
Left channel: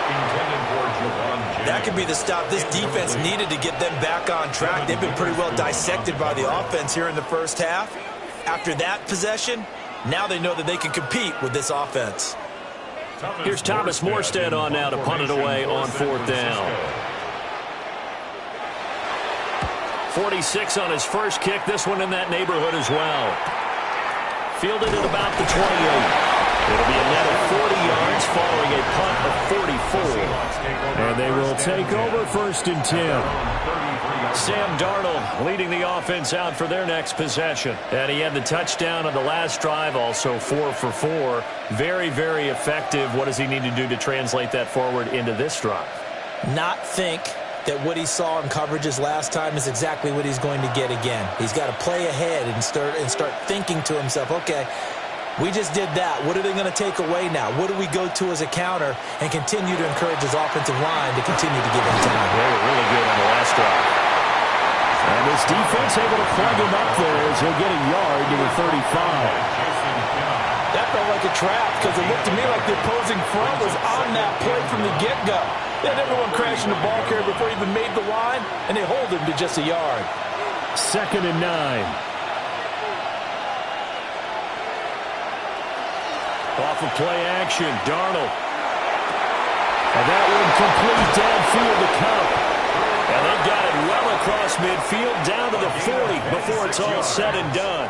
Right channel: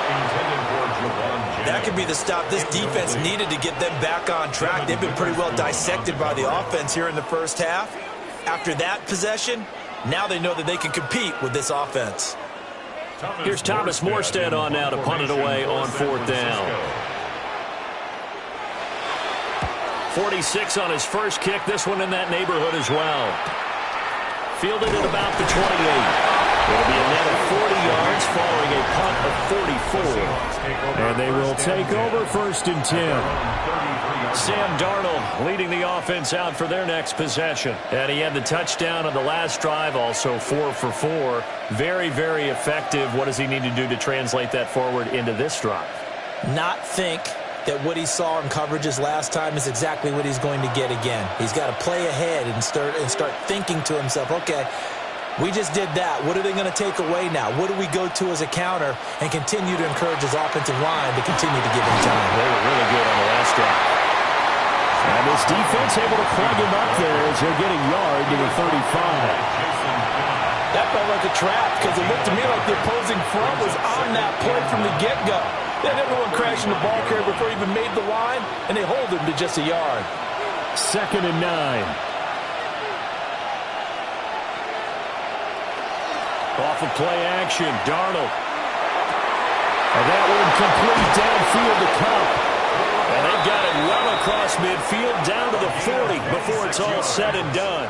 That could be the stop this defense needed to get them back on track. They've been pretty well dissected by the offense here in the first half. After that possession, now they know that they can compete with this offense. Here's Thomas Morstead on now to punt it away on 4th down. 46 on his first kick. This one in that neighborhood as well. Fielded at about the 28. It'll be a net of 40 yards following a punt of 44. And they will take over 1st and 10. Sam Darnold leading the offense out for their next possession. And he had the touchdown on the last drive, also 4 for 4. Very, very effective. What does he need to do to translate that forward into this drive? Not think that what he saw in coverages last time is exactly what he's going to get again. He's got to play ahead and start thinking to himself, okay, we just did that. What are they going to take away now? What do we go to as a counter, and continue to encourage his offensive line to continue to give him time? They were really good on the last drive. And this defense able to plug him up there as he'll get a yard to the 35. That felt like a trap, because it looked to me like the opposing front was on that play from the get-go. They had everyone crashing the ball carrier before he even made the line, and they hold him to just a yard. 2nd and 9. Off of play action, Darnold. And that one complete downfield to Cup. And they've got it well across midfield down to the 40 before it's all said and done.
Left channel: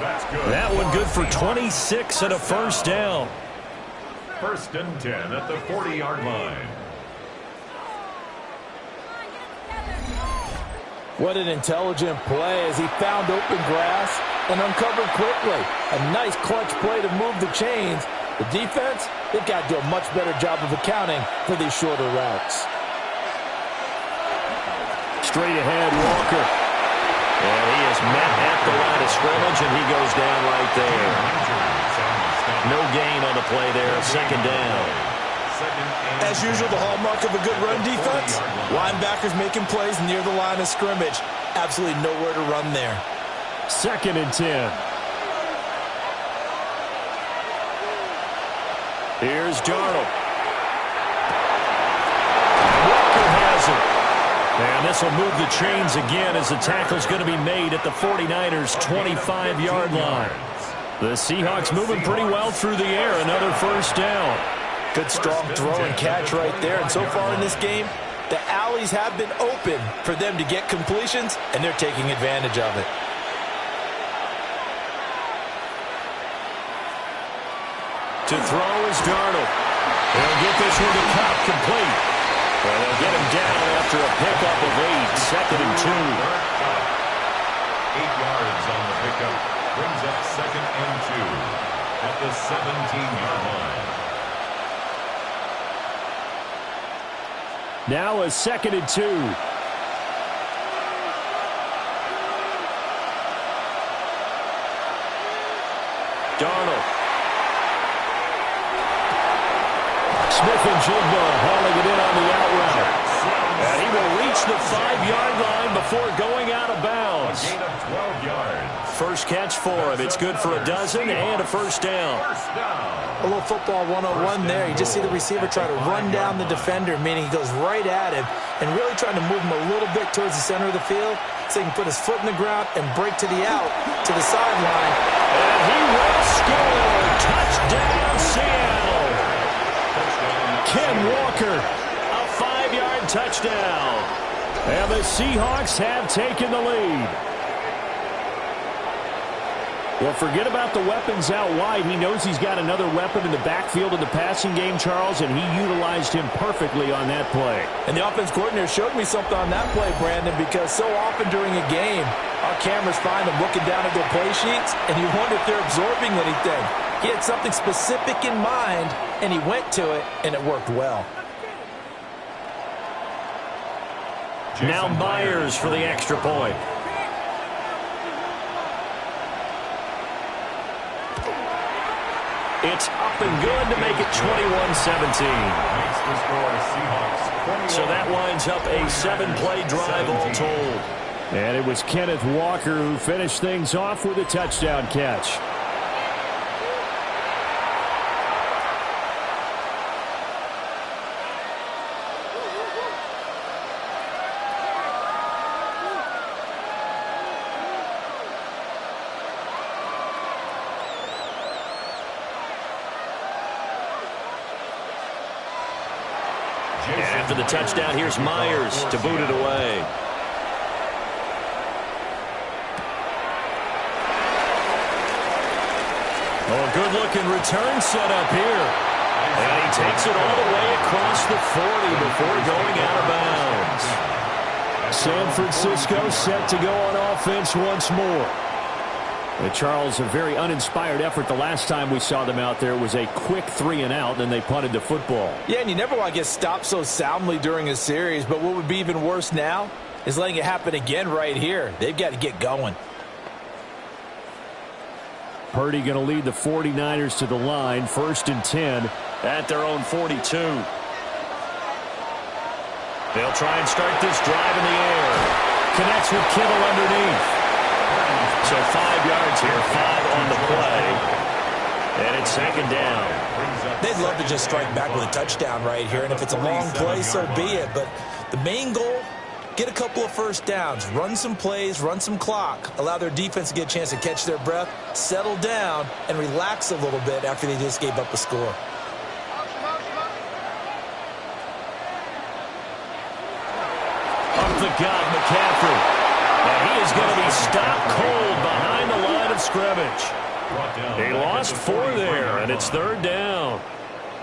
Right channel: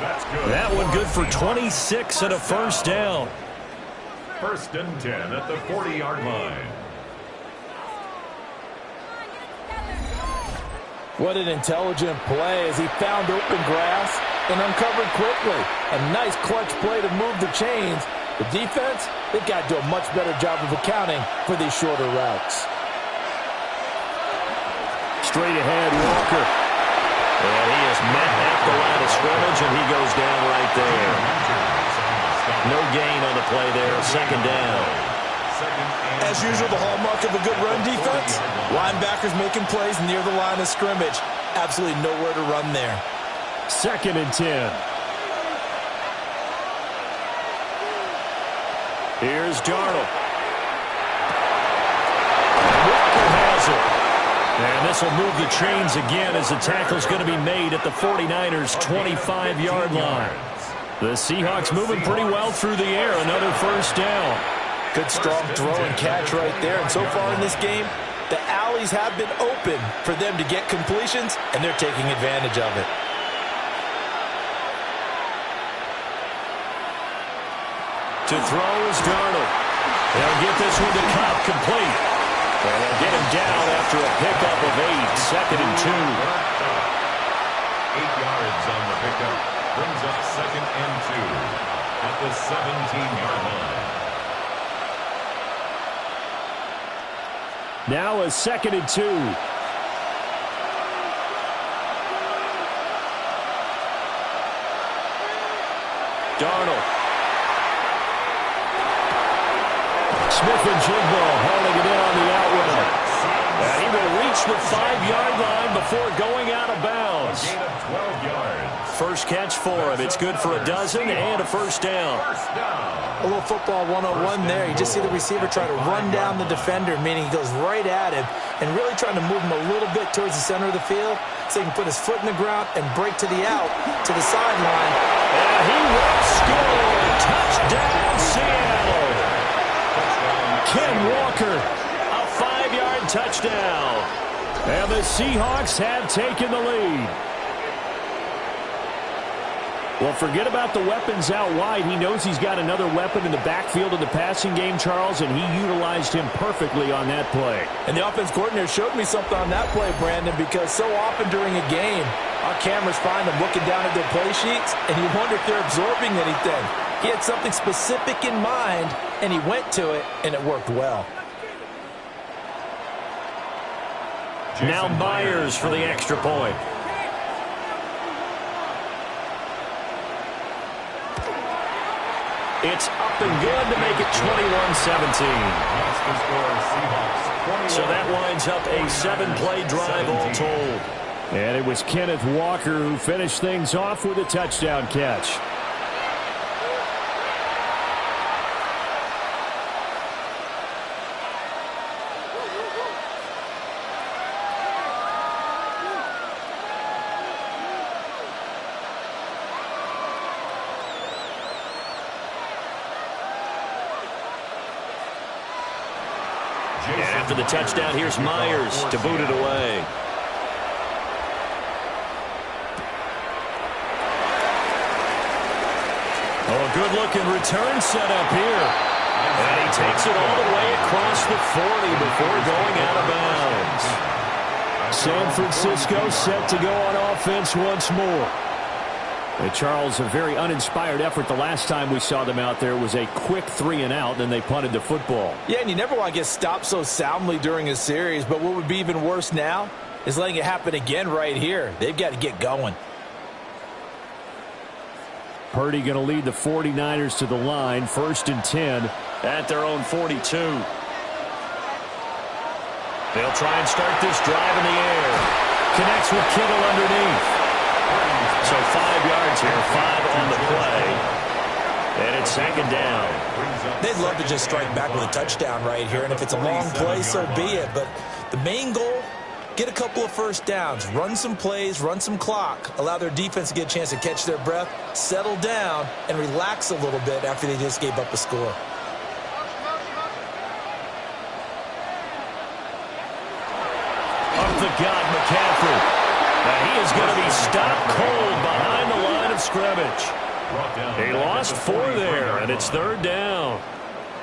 That's good. That one good for 26 and a first down. 1st and 10 at the 40-yard line. What an intelligent play as he found open grass and uncovered quickly. A nice clutch play to move the chains. The defense, they've got to do a much better job of accounting for these shorter routes. Straight ahead, Walker. And he is met at the line of scrimmage, and he goes down right there. No gain on the play there, 2nd down. As usual, the hallmark of a good run defense, linebackers making plays near the line of scrimmage. Absolutely nowhere to run there. 2nd and 10. Here's Darnold. And Walker has it. And this will move the chains again as the tackle's going to be made at the 49ers' 25-yard line. The Seahawks moving pretty well through the air. Another first down. Good strong throw and catch right there. And so far in this game, the alleys have been open for them to get completions, and they're taking advantage of it. To throw is Darnold. They'll get this one to Cobb, complete. And they'll get him down after a pickup of 8, 2nd and 2. 8 yards on the pickup. Brings up 2nd and 2 at the 17-yard line. Now a 2nd and 2. Darnold. Smith-Njigba hauling it in on the out route. And he will reach the 5-yard line before going out of bounds. A gain of 12 yards. First catch for him. It's good for a dozen and a first down. A little football 101 there. You just see the receiver try to run down the defender, meaning he goes right at him and really trying to move him a little bit towards the center of the field so he can put his foot in the ground and break to the out, to the sideline. And he will score. Touchdown, Seattle. Ken Walker, a 5-yard touchdown. And the Seahawks have taken the lead. Well, forget about the weapons out wide. He knows he's got another weapon in the backfield of the passing game, Charles, and he utilized him perfectly on that play. And the offense coordinator showed me something on that play, Brandon, because so often during a game, our cameras find them looking down at their play sheets, and you wonder if they're absorbing anything. He had something specific in mind, and he went to it, and it worked well. Now Myers for the extra point. It's up and good to make it 21-17. Makes the score Seahawks 21. So that winds up a 7-play drive all told. And it was Kenneth Walker who finished things off with a touchdown catch. And after the touchdown, here's Myers to boot it away. Oh, a good-looking return set up here. And he takes it all the way across the 40 before going out of bounds. San Francisco set to go on offense once more. And Charles, a very uninspired effort the last time we saw them out there. Was a quick 3-and-out, and they punted the football. Yeah, and you never want to get stopped so soundly during a series, but what would be even worse now is letting it happen again right here. They've got to get going. Purdy going to lead the 49ers to the line, 1st and 10 at their own 42. They'll try and start this drive in the air. Connects with Kittle underneath. So 5 yards here, 5 on the play. And it's 2nd down. They'd love to just strike back with a touchdown right here, and if it's a long play, so be it. But the main goal, get a couple of first downs, run some plays, run some clock, allow their defense to get a chance to catch their breath, settle down, and relax a little bit after they just gave up a score. Up the gut, McCaffrey. And he is going to be stopped cold behind the line of scrimmage. He lost 4 there, and it's 3rd down.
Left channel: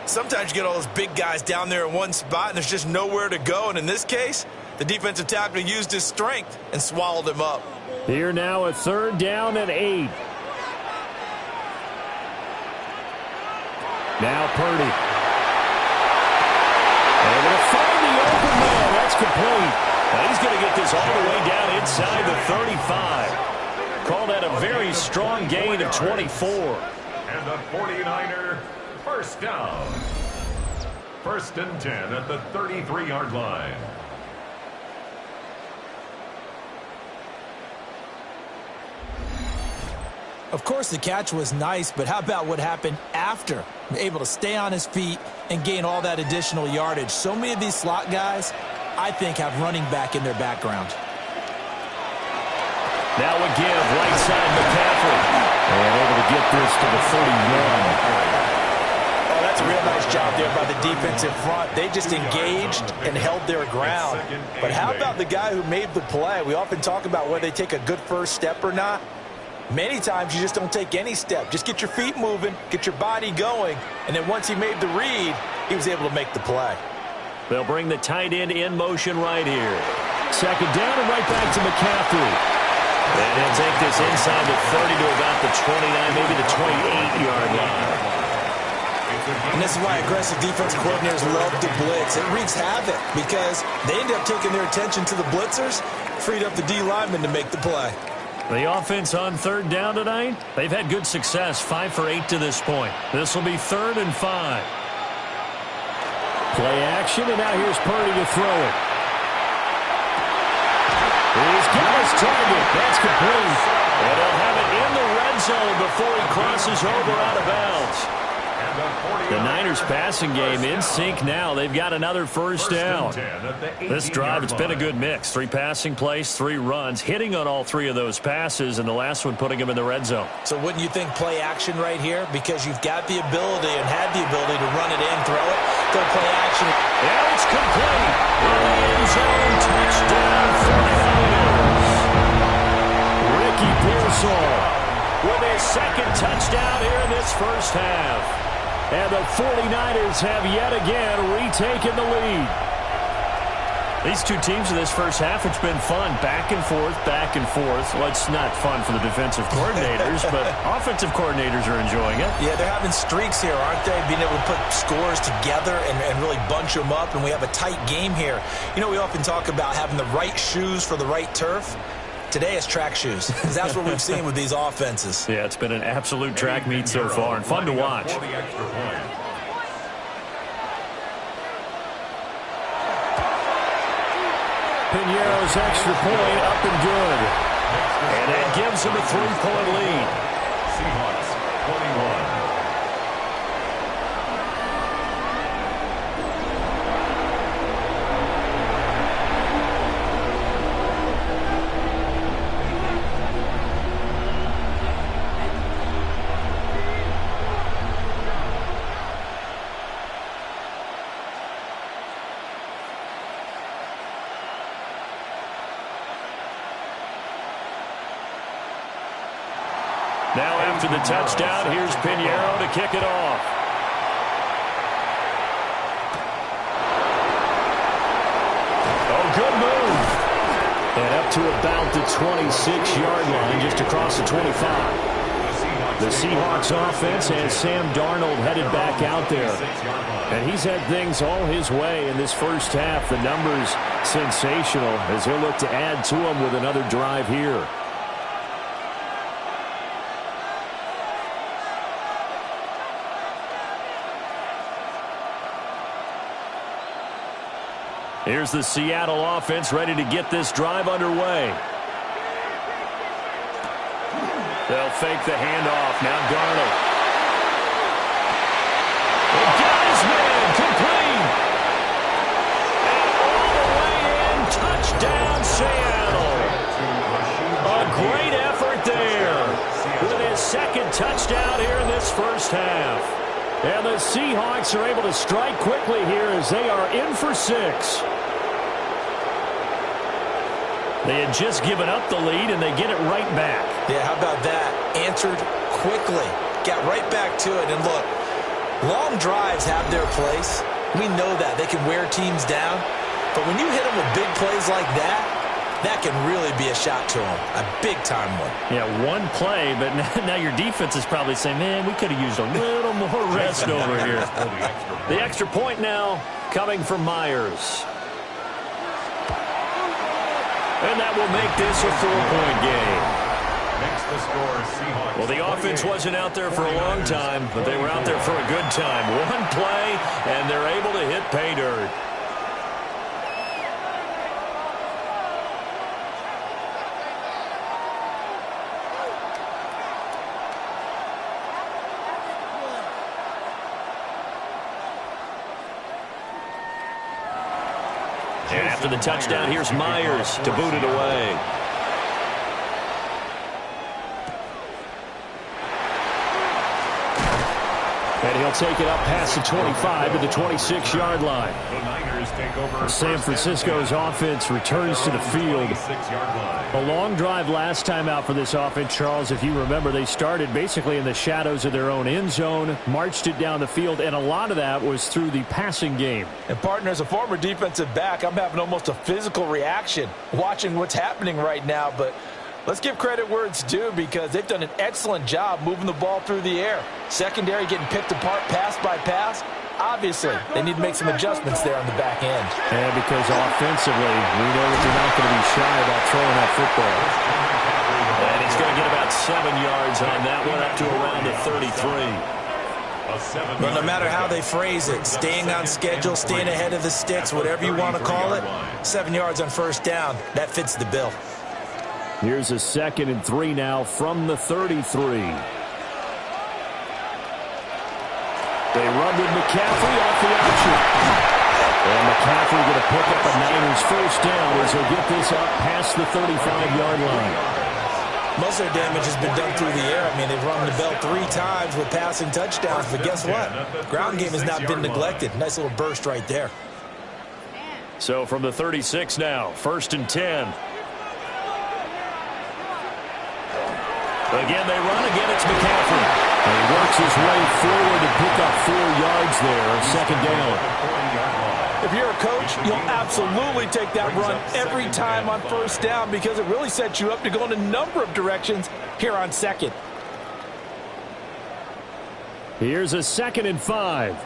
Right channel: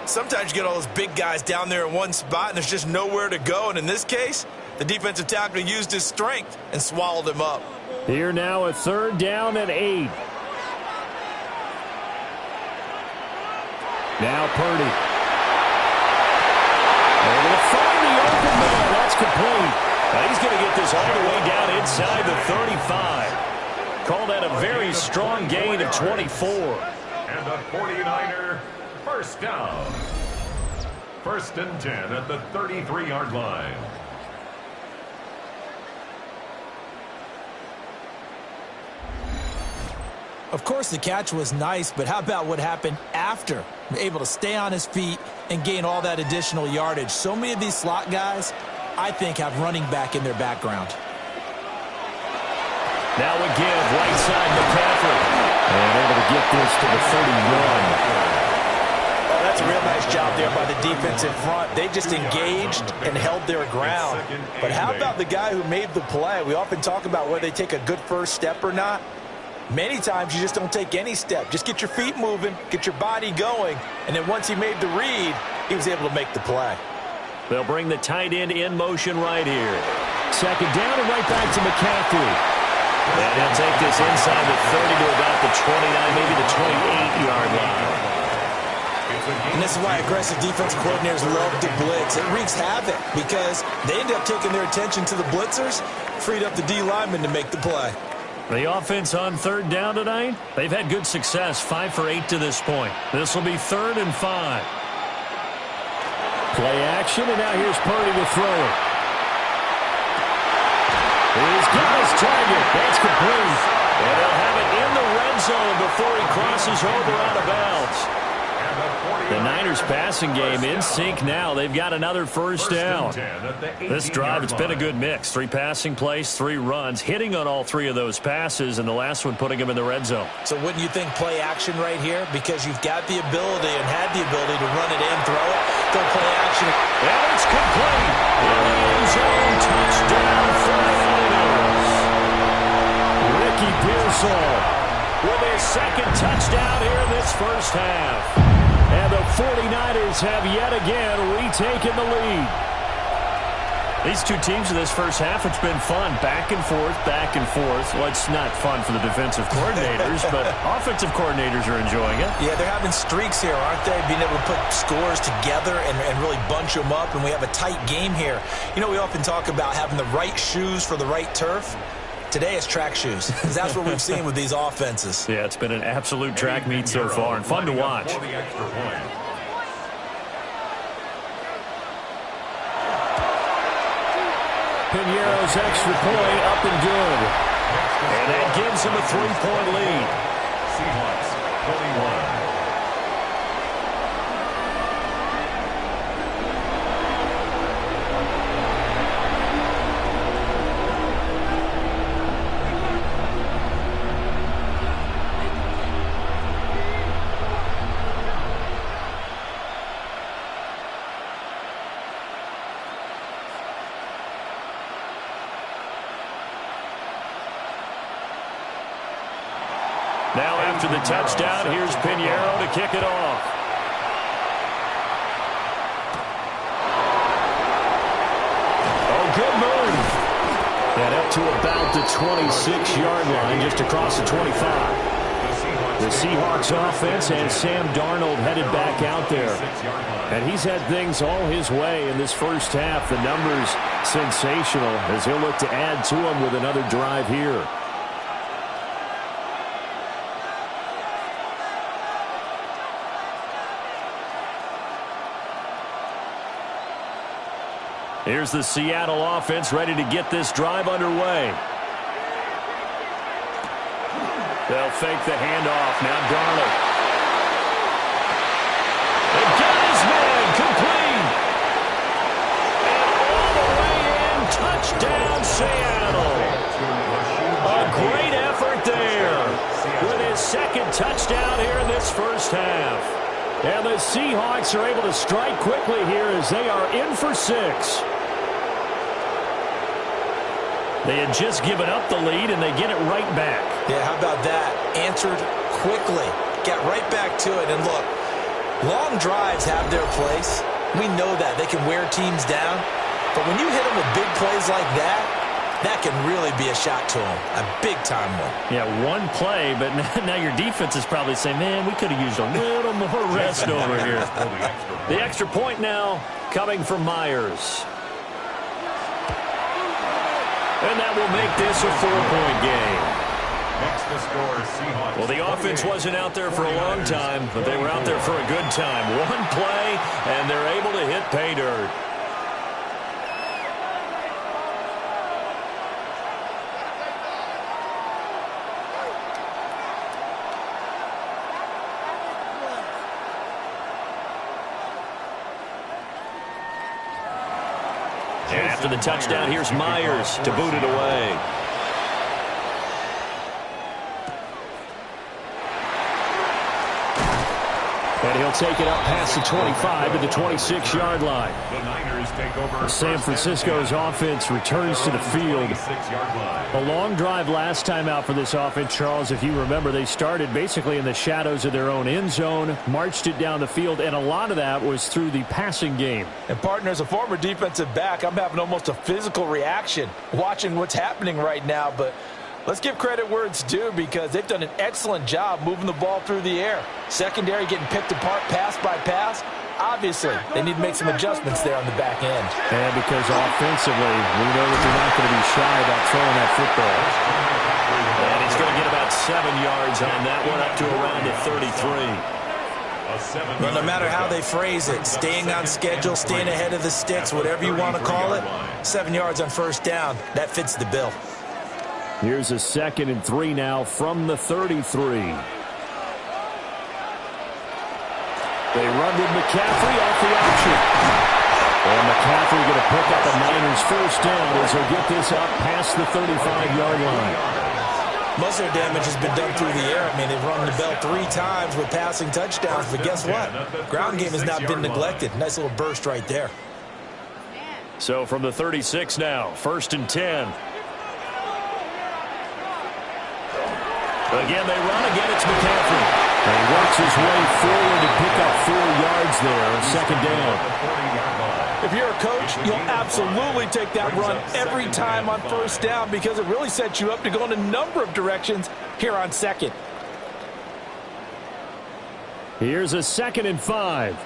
Sometimes you get all those big guys down there in one spot, and there's just nowhere to go. And in this case, the defensive tackle used his strength and swallowed him up. Here now a 3rd down and 8. Now Purdy. Able to find the open man. That's complete. Now he's going to get this all the way down inside the 35. Call that a very strong gain of 24. And the 49er first down. 1st and 10 at the 33-yard line. Of course, the catch was nice, but how about what happened after? Able to stay on his feet and gain all that additional yardage. So many of these slot guys, I think, have running back in their background. Now a give, right side McCaffrey. And able to get this to the 31. Oh, that's a real nice job there by the defensive front. They just engaged and held their ground. But how about the guy who made the play? We often talk about whether they take a good first step or not. Many times you just don't take any step. Just get your feet moving, get your body going, and then once he made the read, he was able to make the play. They'll bring the tight end in motion right here. 2nd down and right back to McCaffrey. And he'll take this inside the 30 to about the 29, maybe the 28-yard line. And this is why aggressive defense coordinators love to blitz. It wreaks havoc because they end up taking their attention to the blitzers, freed up the D lineman to make the play. The offense on 3rd down tonight, they've had good success, 5 for 8 to this point. This will be 3rd and 5. Play action, and now here's Purdy to throw it. He's got his target. That's complete. And they'll have it in the red zone before he crosses over out of bounds. The Niners passing game in sync now. They've got another 1st down. This drive, it's been a good mix. 3 passing plays, 3 runs, hitting on all 3 of those passes, and the last one putting him in the red zone. So wouldn't you think play action right here? Because you've got the ability and had the ability to run it in, throw it, go play action. And it's complete. In the end zone, touchdown 49ers. Ricky Pearsall with his 2nd touchdown here in this first half. And the 49ers have yet again retaken the lead. These two teams in this first half, it's been fun. Back and forth, back and forth. Well, it's not fun for the defensive coordinators, but offensive coordinators are enjoying it. Yeah, they're having streaks here, aren't they? Being able to put scores together and really bunch them up, and we have a tight game here. You know, we often talk about having the right shoes for the right turf. Today it's track shoes, because that's what we've seen with these offenses. Yeah, it's been an absolute track meet so far, and fun to watch. Piñeiro's extra point up and good. And that gives him a 3-point lead. Seahawks 21. Now after the touchdown, here's Piñeiro to kick it off. Oh, good move. And up to about the 26-yard line, just across the 25. The Seahawks offense has Sam Darnold headed back out there. And he's had things all his way in this first half. The numbers sensational as he'll look to add to them with another drive here. Here's the Seattle offense ready to get this drive underway. They'll fake the handoff. Now Darnold. They got his man. Complete. And all the way in. Touchdown, Seattle. A great effort there. With his 2nd touchdown here in this first half. And the Seahawks are able to strike quickly here as they are in for 6. They had just given up the lead, and they get it right back. Yeah, how about that? Answered quickly. Got right back to it. And look, long drives have their place. We know that. They can wear teams down. But when you hit them with big plays like that, that can really be a shot to them. A big-time one. Yeah, one play, but now your defense is probably saying, man, we could have used a little more rest over here. The extra point now coming from Myers. And that will make this a 4-point game. Next to score, Seahawks. Well, the offense wasn't out there for a long time, but they were out there for a good time. One play, and they're able to hit pay dirt. And after the touchdown, here's Myers to boot it away. And he'll take it up past the 25 to the 26-yard line. The Niners take over. San Francisco's offense returns to the field. A long drive last time out for this offense, Charles. If you remember, they started basically in the shadows of their own end zone, marched it down the field, and a lot of that was through the passing game. And, partner, as a former defensive back, I'm having almost a physical reaction watching what's happening right now. But let's give credit where it's due, because they've done an excellent job moving the ball through the air. Secondary getting picked apart pass by pass. Obviously, they need to make some adjustments there on the back end. And because offensively, we know that they're not going to be shy about throwing that football. And he's going to get about 7 yards on that one, up to around the 33. Well, no matter how they phrase it, staying on schedule, staying ahead of the sticks, whatever you want to call it, 7 yards on first down, that fits the bill. Here's a 2nd and 3 now from the 33. They run with McCaffrey off the option. And McCaffrey going to pick up a Niners first down as he'll get this up past the 35-yard line. Most of their damage has been done through the air. I mean, they've rung the bell 3 times with passing touchdowns, but guess what? Ground game has not been neglected. Nice little burst right there. So from the 36 now, 1st and 10. Again, they run. Again, it's McCaffrey. And he works his way forward to pick up 4 yards there, 2nd down. If you're a coach, you'll absolutely take that run every time on first down, because it really sets you up to go in a number of directions here on 2nd. Here's a 2nd and 5.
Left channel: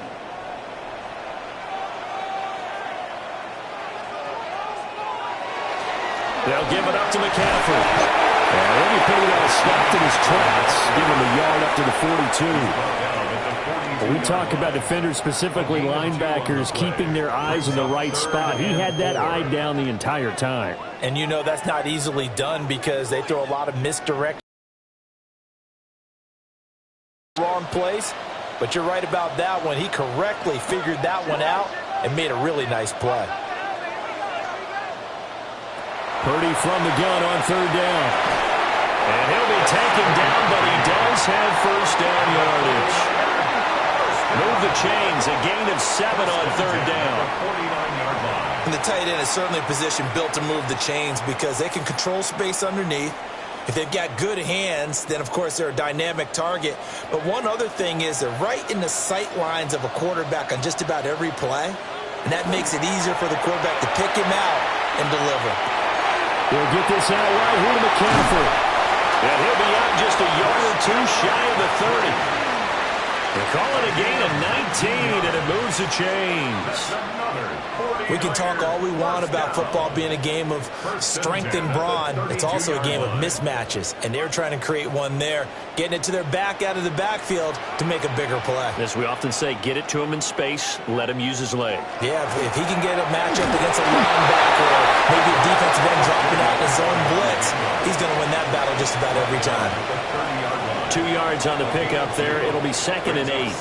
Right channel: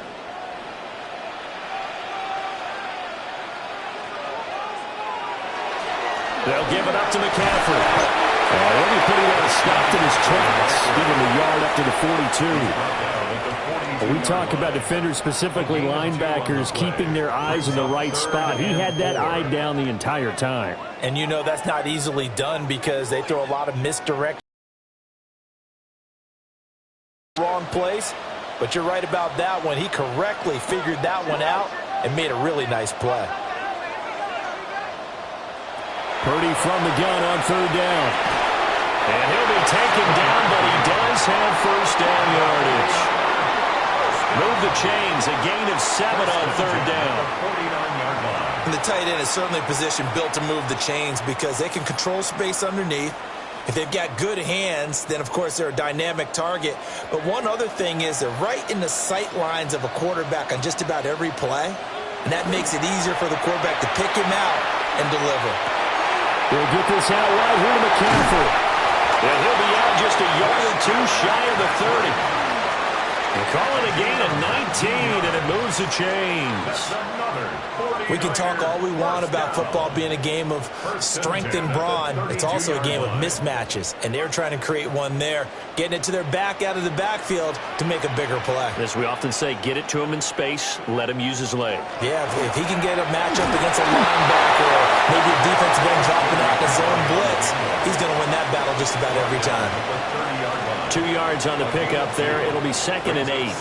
They'll give it up to McCaffrey. And he'll be pretty well stopped in his tracks. Give him a yard up to the 42. We talk about defenders, specifically linebackers, keeping their eyes in the right spot. He had that eye down the entire time. And you know that's not easily done, because they throw a lot of misdirection. Wrong place. But you're right about that one. He correctly figured that one out and made a really nice play. Purdy from the gun on 3rd down. And he'll be taken down, but he does have first down yardage. Move the chains, a gain of 7 on 3rd down. And the tight end is certainly a position built to move the chains, because they can control space underneath. If they've got good hands, then, of course, they're a dynamic target. But one other thing is they're right in the sight lines of a quarterback on just about every play. And that makes it easier for the quarterback to pick him out and deliver. He'll get this out wide here to McCaffrey. And he'll be out just a yard or 2 shy of the 30. They call it a gain of 19, and it moves the chains. We can talk all we want about football being a game of strength and brawn. It's also a game of mismatches, and they're trying to create one there, getting it to their back out of the backfield to make a bigger play. As we often say, get it to him in space, let him use his leg. Yeah, if he can get a matchup against a linebacker, or maybe a defensive end dropping out in a zone blitz, he's going to win that battle just about every time. 2 yards on the pickup there. It'll be 2nd and 8.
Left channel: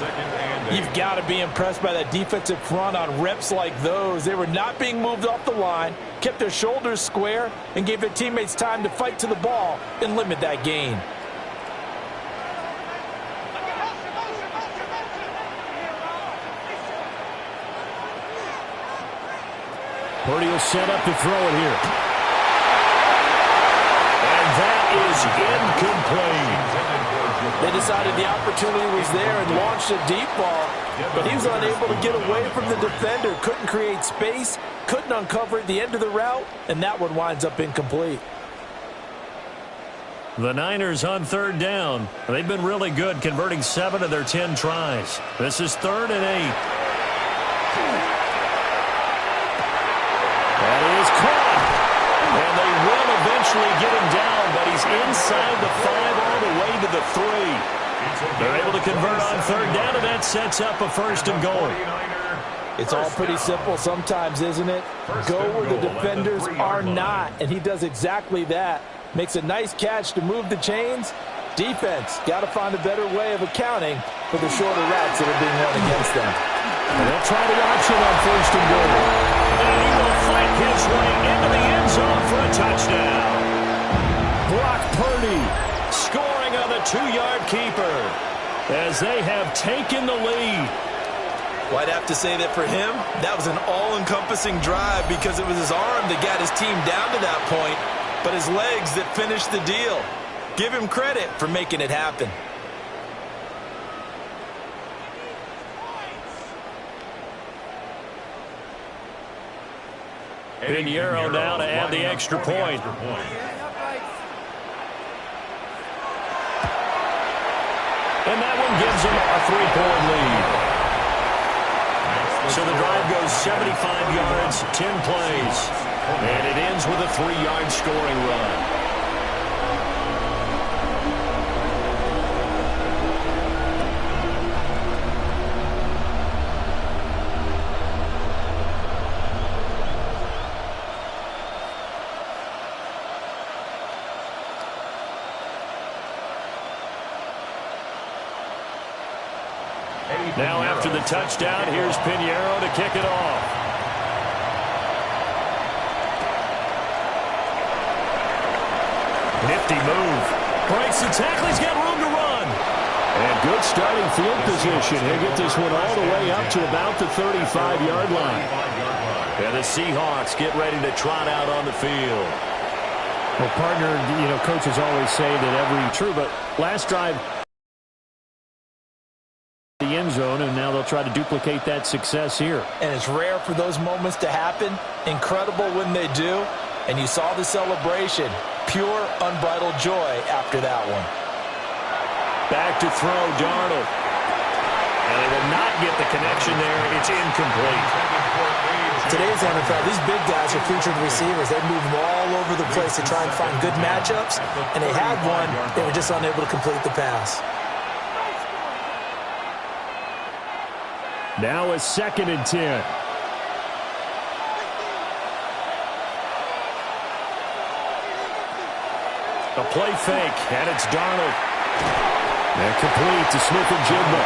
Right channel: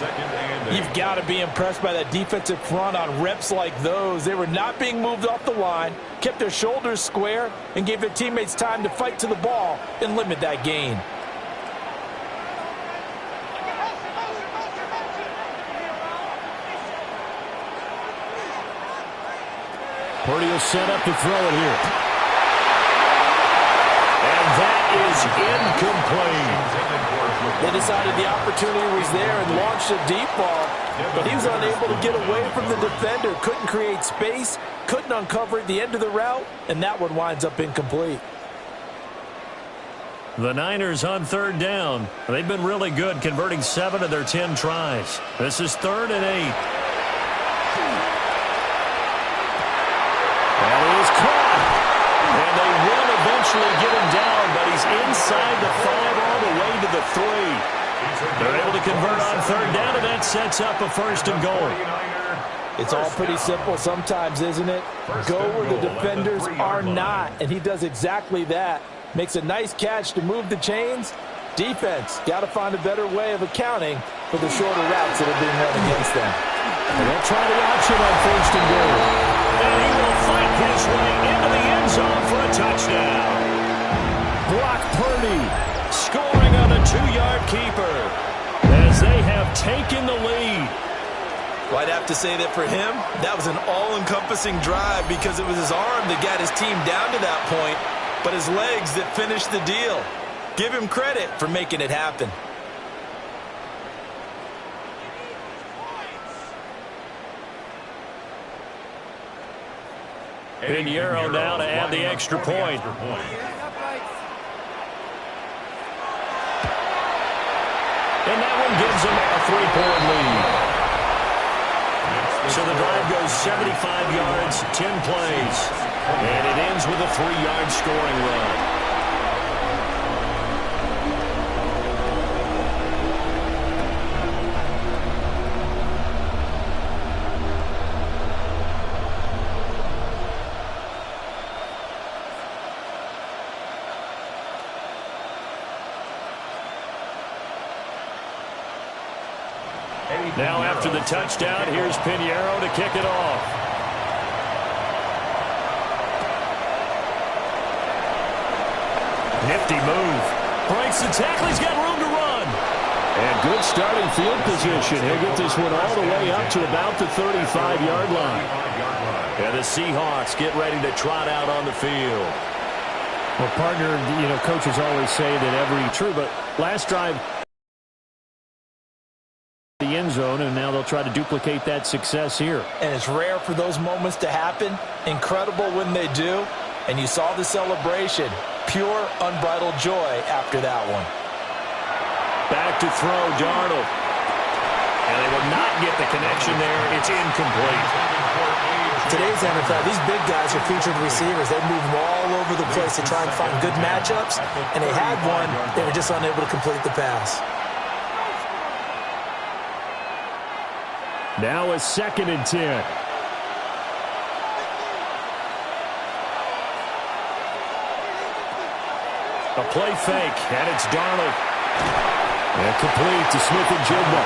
You've got to be impressed by that defensive front on reps like those. They were not being moved off the line, kept their shoulders square, and gave their teammates time to fight to the ball and limit that gain. Purdy will set up to throw it here. is incomplete. They decided the opportunity was there and launched a deep ball, but he was unable to get away from the defender. Couldn't create space, couldn't uncover at the end of the route, and that one winds up incomplete. The Niners on third down. They've been really good, converting 7 of their 10 tries. This is 3rd and 8. That is caught. And they will eventually get him down, but he's inside the 5 all the way to the 3. They're able to convert on third down, and that sets up a 1st and goal. It's all pretty simple sometimes, isn't it? Go where the defenders are not, and he does exactly that. Makes a nice catch to move the chains. Defense, got to find a better way of accounting for the shorter routes that are being run against them. And they'll try the option on 1st and goal. And he will fight his way into the end zone for a touchdown. Brock Purdy scoring on the 2-yard keeper as they have taken the lead. Well, I'd have to say that for him, that was an all-encompassing drive because it was his arm that got his team down to that point, but his legs that finished the deal. Give him credit for making it happen. Pinheiro now to add the extra point. And that one gives them a 3-point lead. So the drive goes 75 yards, 10 plays. And it ends with a 3-yard scoring run. Now after the touchdown, here's Pinheiro to kick it off. Nifty move. Breaks the tackle. He's got room to run. And good starting field position. He'll get this one all the way up to about the 35-yard line. And the Seahawks get ready to trot out on the field. Well, partner, coaches always say that true, but last drive, the end zone, and now they'll try to duplicate that success here. And it's rare for those moments to happen. Incredible when they do. And you saw the celebration. Pure, unbridled joy after that one. Back to throw, Darnold. And they will not get the connection there. It's incomplete. Today's NFL, these big guys are featured receivers. They move them all over the place to try and find good matchups. And they had one. They were just unable to complete the pass. Now a 2nd and 10. A play fake, and it's Darnold. And complete to Smith and Jigba.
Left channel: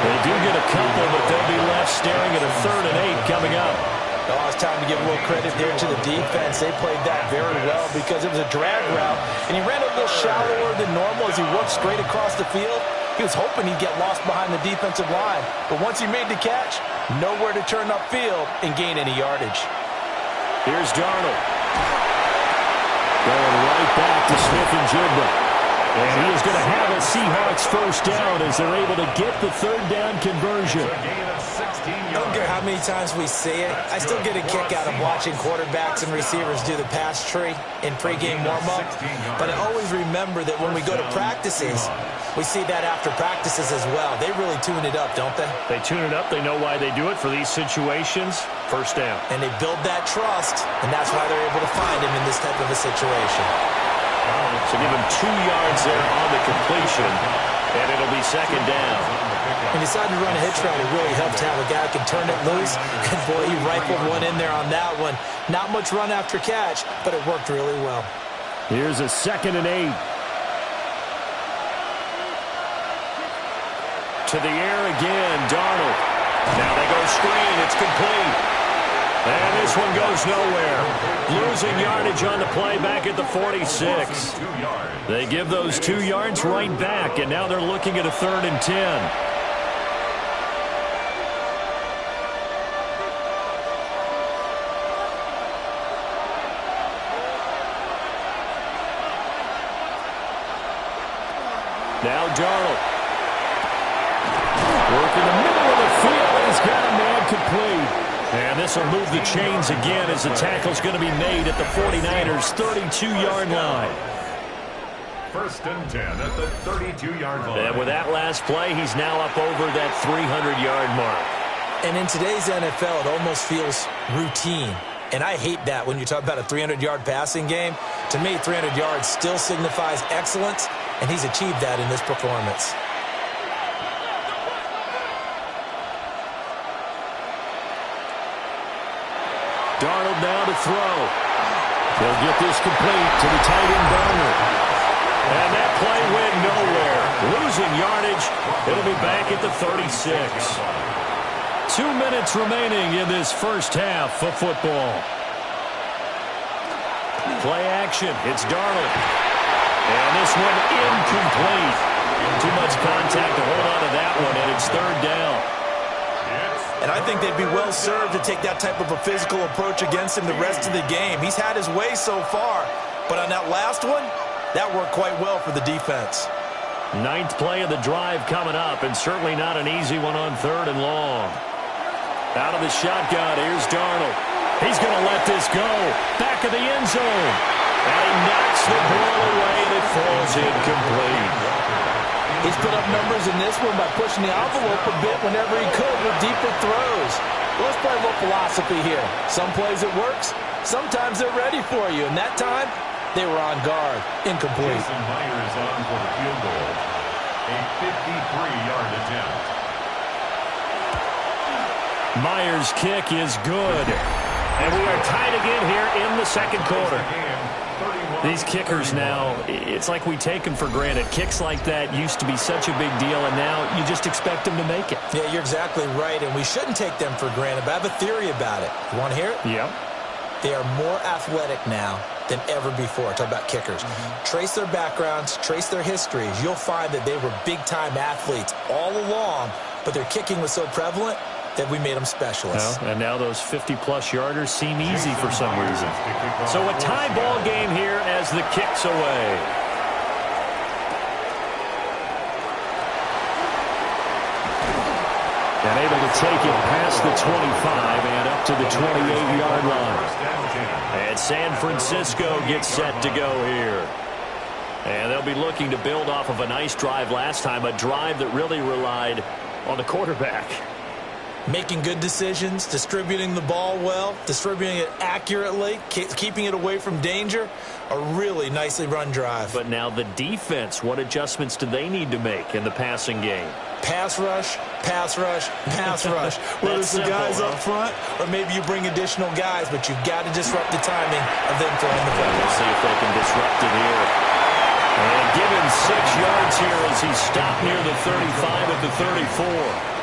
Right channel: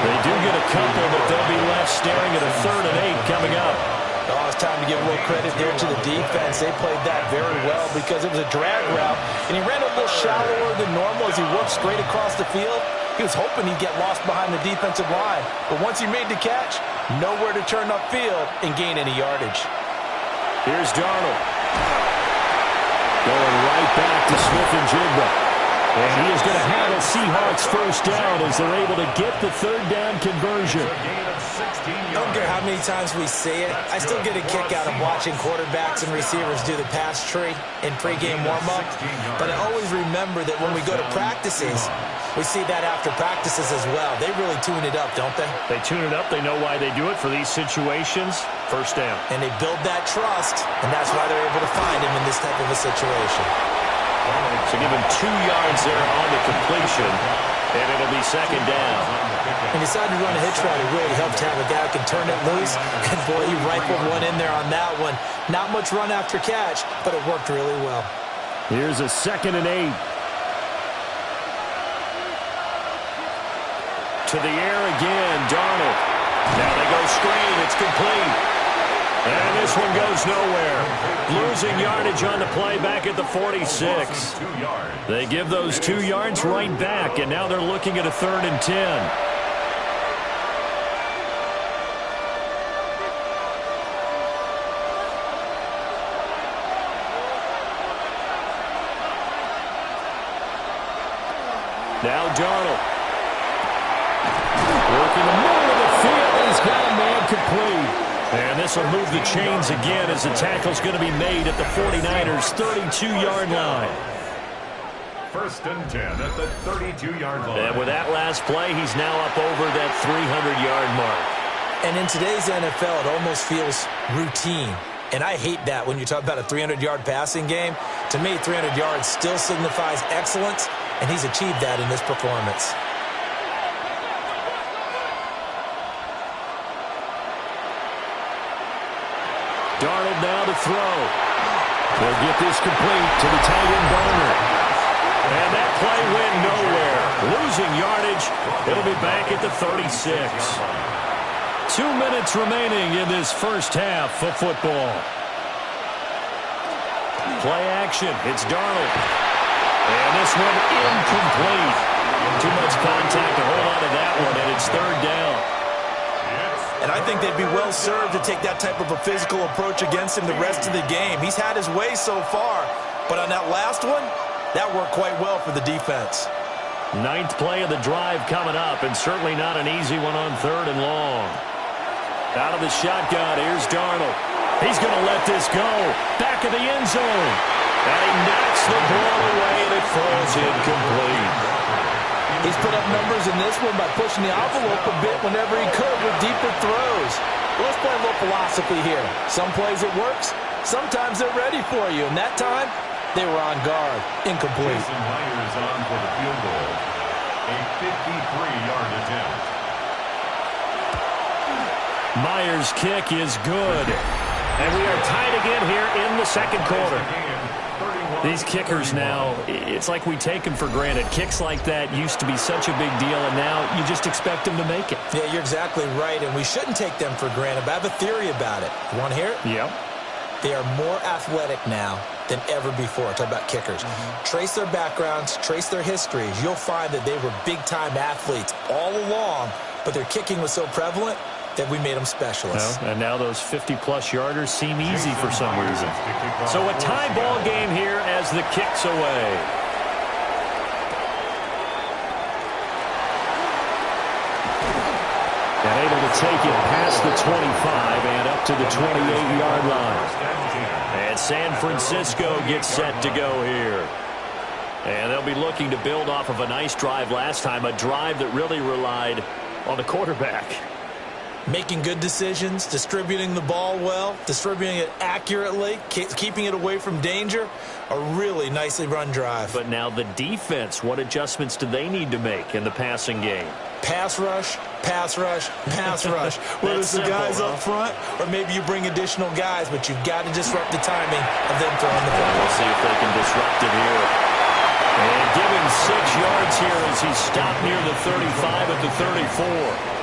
They do get a couple, but they'll be left staring at a 3rd and 8 coming up. Oh, it's time to give a little credit there to the defense. They played that very well because it was a drag route, and he ran a little shallower than normal as he worked straight across the field. He was hoping he'd get lost behind the defensive line, but once he made the catch, nowhere to turn upfield and gain any yardage. Here's Darnold. Going right back to Smith and Jigba. And he is going to have a Seahawks 1st down as they're able to get the 3rd down conversion. I don't care how many times we see it. I still get a kick out of watching quarterbacks and receivers do the pass tree in pregame warm-up. But I always remember that when we go to practices, we see that after practices as well. They really tune it up, don't they? They tune it up. They know why they do it for these situations. 1st down. And they build that trust, and that's why they're able to find him in this type of a situation. So give him 2 yards there on the completion, and it'll be 2nd down. When you decide to run a hitch route, it really helps to have a guy who can turn it loose. And boy, he rifled one in there on that one. Not much run after catch, but it worked really well. Here's a 2nd and 8. To the air again, Darnold. Now they go screen. It's complete. And this one goes nowhere. Losing yardage on the play back at the 46. They give those 2 yards right back, and now they're looking at a 3rd and 10. Now Darnold. Work in the middle of the field, and he's got a man complete. And this will move the chains again as the tackle's going to be made at the 49ers' 32-yard line. 1st and 10 at the 32-yard line. And with that last play, he's now up over that 300-yard mark. And in today's NFL, it almost feels routine. And I hate that when you talk about a 300-yard passing game. To me, 300 yards still signifies excellence, and he's achieved that in this performance. Darnold now to throw. They'll get this complete to the tight end Barner. And that play went nowhere. Losing yardage. It'll be back at the 36. 2 minutes remaining in this first half of football. Play action. It's Darnold. And this one incomplete. Too much contact to hold on to that one, and it's 3rd down. And I think they'd be well served to take that type of a physical approach against him the rest of the game. He's had his way so far, but on that last one, that worked quite well for the defense. 9th play of the drive coming up, and certainly not an easy one on 3rd and long. Out of the shotgun, here's Darnold. He's going to let this go. Back of the end zone. And he knocks the ball away, and it falls incomplete. He's put up numbers in this one by pushing the envelope a bit whenever he could with deeper throws. Well, let's play a little philosophy here. Some plays it works. Sometimes they're ready for you. And that time, they were on guard. Incomplete. Jason Myers on for the field goal. A 53-yard attempt. Myers' kick is good. And we are tied again here in the second quarter. These kickers now, it's like we take them for granted. Kicks like that used to be such a big deal, and now you just expect them to make it. Yeah, you're exactly right, and we shouldn't take them for granted, but I have a theory about it. You want to hear it? Yep. They are more athletic now than ever before. Talk about kickers. Trace their backgrounds, trace their histories. You'll find that they were big-time athletes all along, but their kicking was so prevalent that we made them specialists. Well, and now those 50-plus yarders seem easy for some reason. So a tie ball game here as the kick's away. And able to take it past the 25 and up to the 28-yard line. And San Francisco gets set to go here. And they'll be looking to build off of a nice drive last time, a drive that really relied on the quarterback. Making good decisions, distributing the ball well, distributing it accurately, keeping it away from danger. A really nicely run drive. But now the defense, what adjustments do they need to make in the passing game? Pass rush, pass rush, pass rush. Whether it's the guys up front or maybe you bring additional guys, but you've got to disrupt the timing of them throwing the football. We'll see if they can disrupt it here. And give him 6 yards here as he stopped near the 35 at the 34.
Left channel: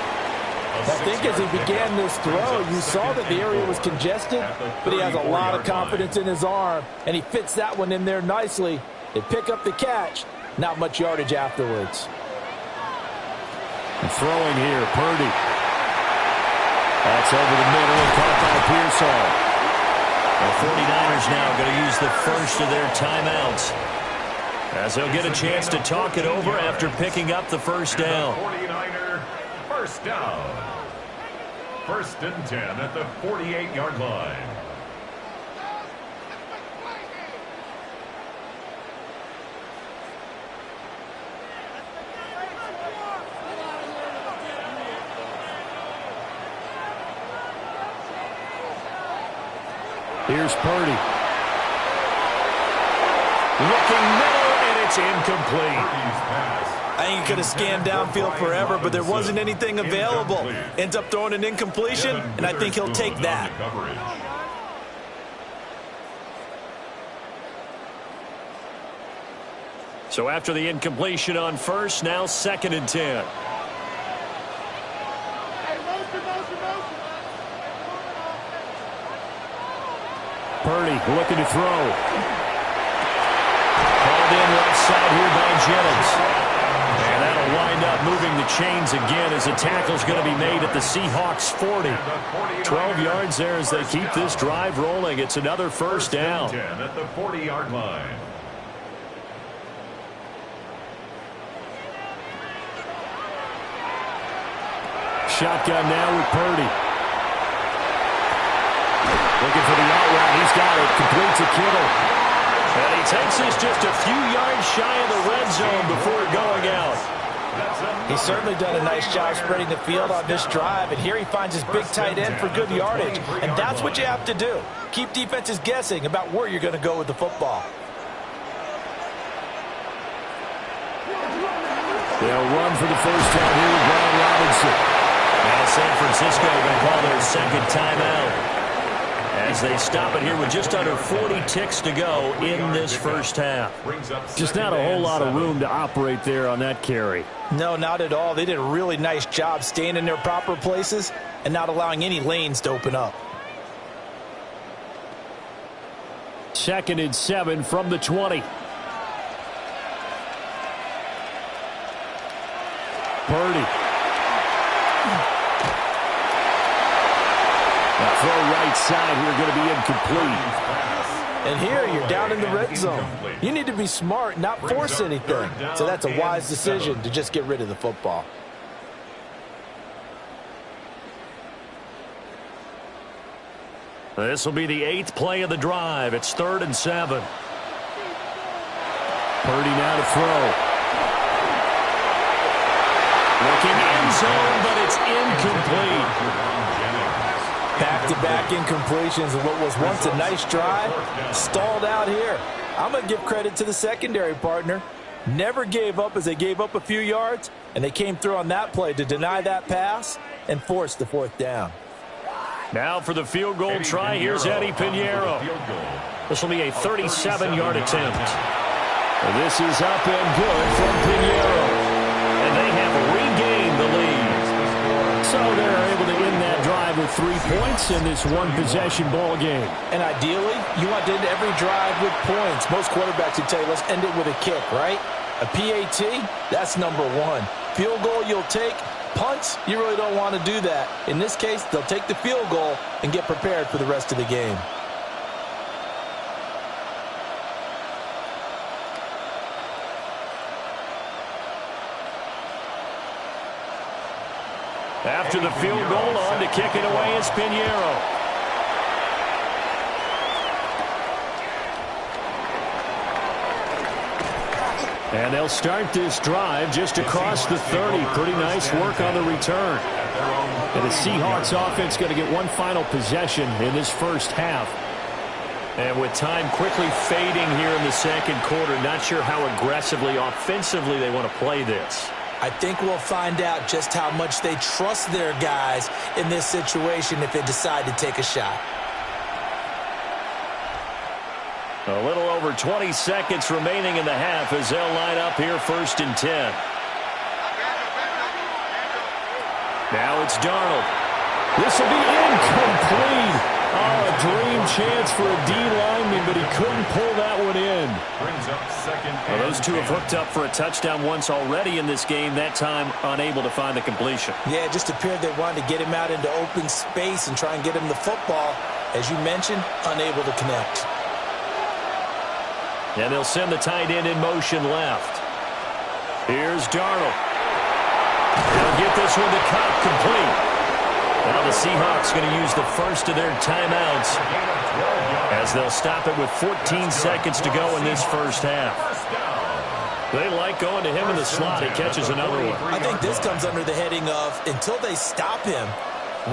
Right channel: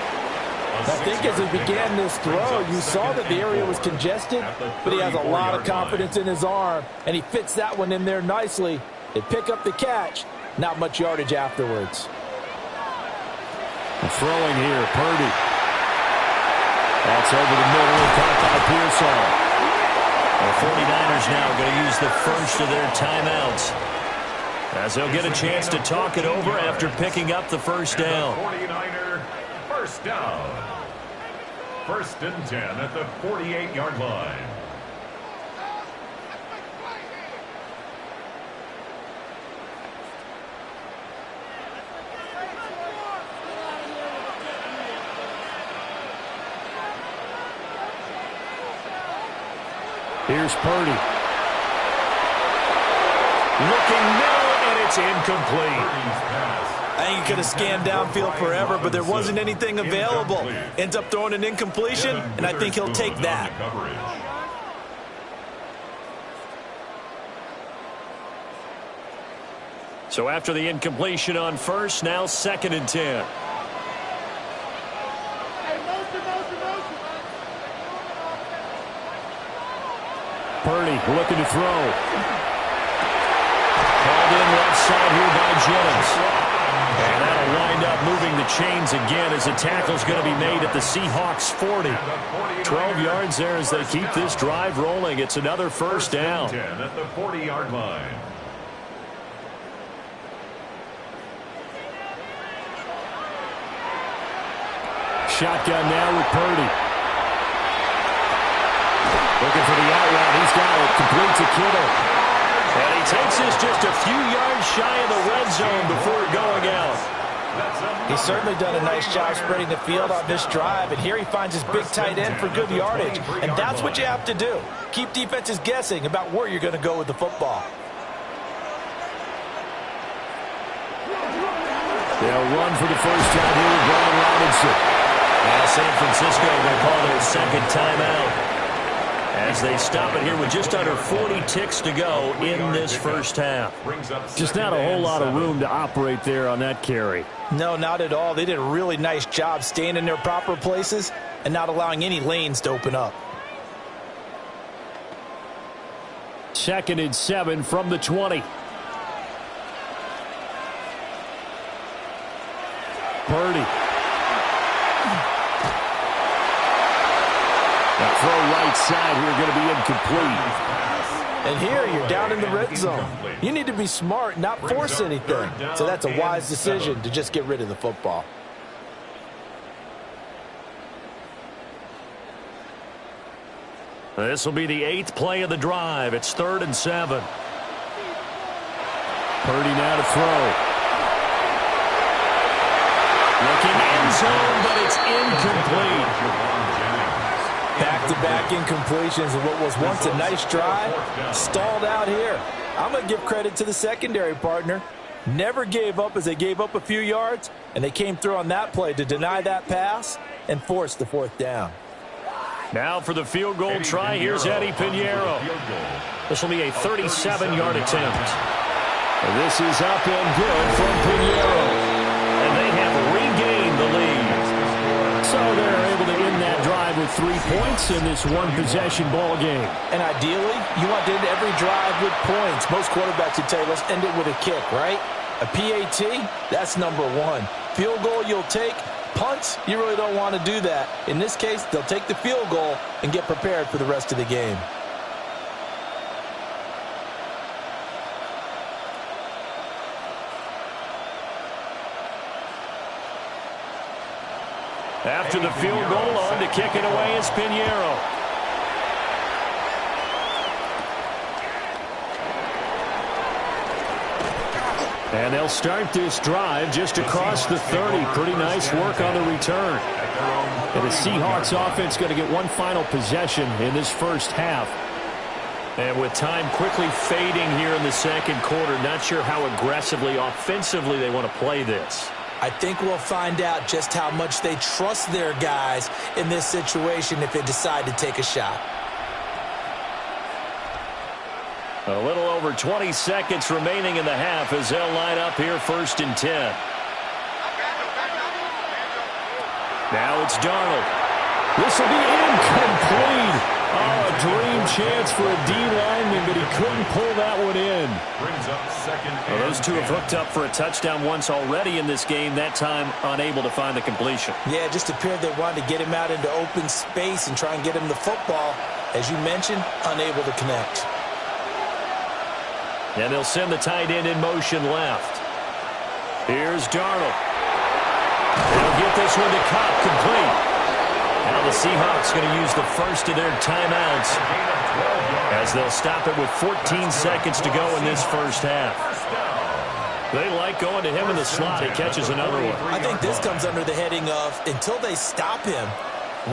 I think as he began this throw, you saw that the area was congested, but he has a lot of confidence in his arm, and he fits that one in there nicely. They pick up the catch, not much yardage afterwards. And throwing here, Purdy. That's over the middle and caught by Pearsall. The 49ers now going to use the first of their timeouts, as they'll get a chance to talk it over after picking up the first down. 49er first down. 1st and 10 at the 48-yard line. Here's Purdy. Looking middle, and it's incomplete. I think he could have scanned downfield forever, but there wasn't anything available. Ends up throwing an incompletion, and I think he'll take that. So after the incompletion on first, now 2nd and 10. Purdy looking to throw. Called in left side here by Jennings. And that'll wind up moving the chains again as the tackle's going to be made at the Seahawks 40. 12 yards there as they keep this drive rolling. It's another first down. 10 at the 40-yard line. shotgun now with Purdy. Looking for the out route. He's got it. Complete to Kittle. And he takes this just a few yards shy of the red zone before going out. He's certainly done a nice job spreading the field on this drive, and here he finds his big tight end for good yardage. And that's what you have to do. Keep defenses guessing about where you're going to go with the football. They'll run for the first time here with Brian Robinson. Now San Francisco going to call their second timeout as they stop it here with just under 40 ticks to go in this first half. Just not a whole lot of room to operate there on that carry. No, not at all. They did a really nice job staying in their proper places and not allowing any lanes to open up. 2nd and 7 from the 20. Purdy. Now throw right side here, going to be incomplete. And here you're down in the red zone. You need to be smart, not force anything. So that's a wise decision to just get rid of the football. This will be the 8th play of the drive. It's 3rd and 7. Purdy now to throw. Looking end zone, but it's incomplete. Back-to-back incompletions of what was once a nice drive, stalled out here. I'm going to give credit to the secondary partner. Never gave up as they gave up a few yards, and they came through on that play to deny that pass and force the 4th down. Now for the field goal try, here's Eddie Pinheiro. This will be a 37-yard attempt. This is up and good from Pinheiro. And they have regained the lead. So they're able to end that drive with 3 points in this one-possession ball game. And ideally, you want to end every drive with points. Most quarterbacks would tell you, let's end it with a kick, right? A PAT, that's number 1. Field goal you'll take. Punts, you really don't want to do that. In this case, they'll take the field goal and get prepared for the rest of the game. After the field goal, on to kick it away is Pinheiro. And they'll start this drive just across the 30. Pretty nice work on the return. And the Seahawks offense going to get one final possession in this first half. And with time quickly fading here in the second quarter, not sure how aggressively, offensively they want to play this. I think we'll find out just how much they trust their guys in this situation if they decide to take a shot. A little over 20 seconds remaining in the half as they'll line up here 1st and 10. Now it's Darnold. This will be incomplete. Oh, a dream chance for a D lineman, but he couldn't pull that one in. Well, those two have hooked up for a touchdown once already in this game, that time unable to find the completion. Yeah, it just appeared they wanted to get him out into open space and try and get him the football. As you mentioned, unable to connect. And they'll send the tight end in motion left. Here's Darnold. They'll get this one to Cobb, complete. Now the Seahawks going to use the first of their timeouts as they'll stop it with 14 seconds to go in this first half. They like going to him in the slot. He catches another one. I think this comes under the heading of until they stop him,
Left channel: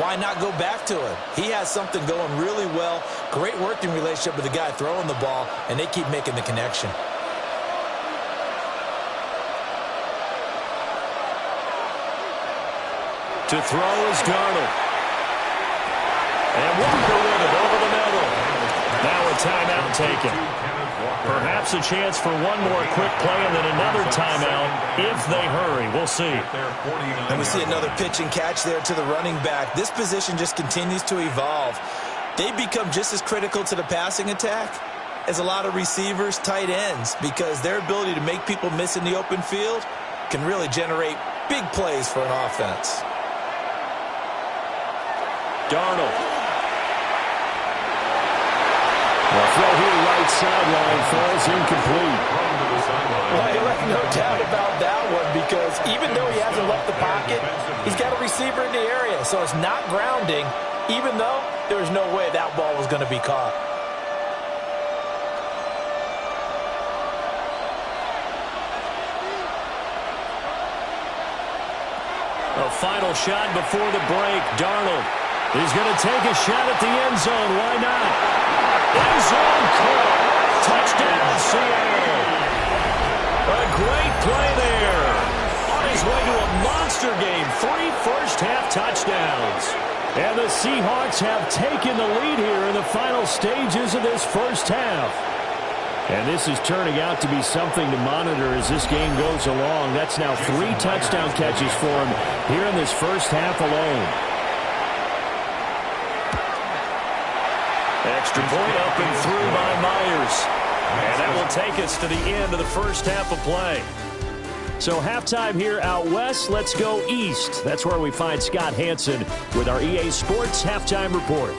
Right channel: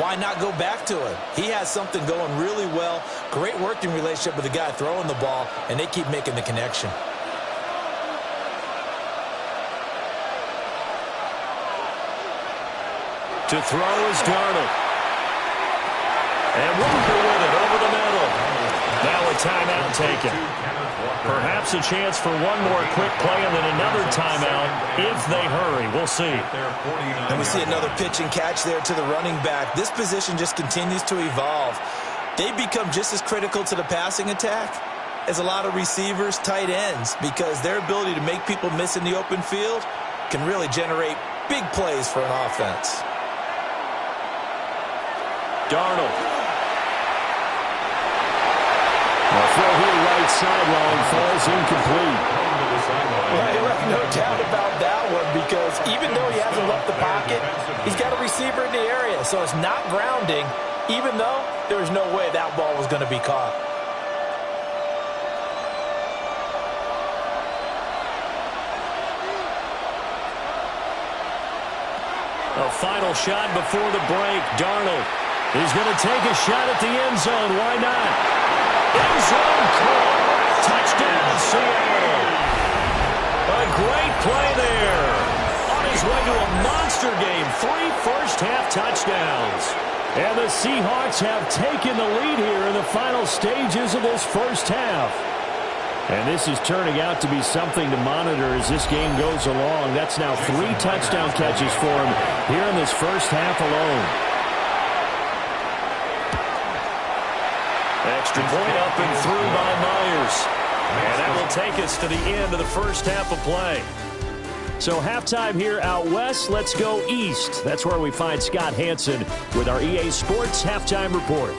why not go back to him? He has something going really well. Great working relationship with the guy throwing the ball, and they keep making the connection. To throw is Darnold. And Walker with it over the middle. Now a timeout taken. Perhaps a chance for one more quick play and then another timeout if they hurry. We'll see. And we see another pitch and catch there to the running back. This position just continues to evolve. They become just as critical to the passing attack as a lot of receivers, tight ends, because their ability to make people miss in the open field can really generate big plays for an offense. Darnold. The throw here right sideline falls incomplete. Well, you left no doubt about that one because is, even though he hasn't left the pocket, he's got a receiver in the area, so it's not grounding, even though there was no way that ball was going to be caught. A final shot before the break. Darnold is going to take a shot at the end zone. Why not? End zone caught. Touchdown, Seattle. A great play there. On his way to a monster game. 3 first-half touchdowns. And the Seahawks have taken the lead here in the final stages of this first half. And this is turning out to be something to monitor as this game goes along. That's now 3 touchdown catches for him here in this first half alone. Extra point up and through by Myers. And that will take us to the end of the first half of play. So halftime here out west, let's go east. That's where we find Scott Hansen with our EA Sports Halftime Report.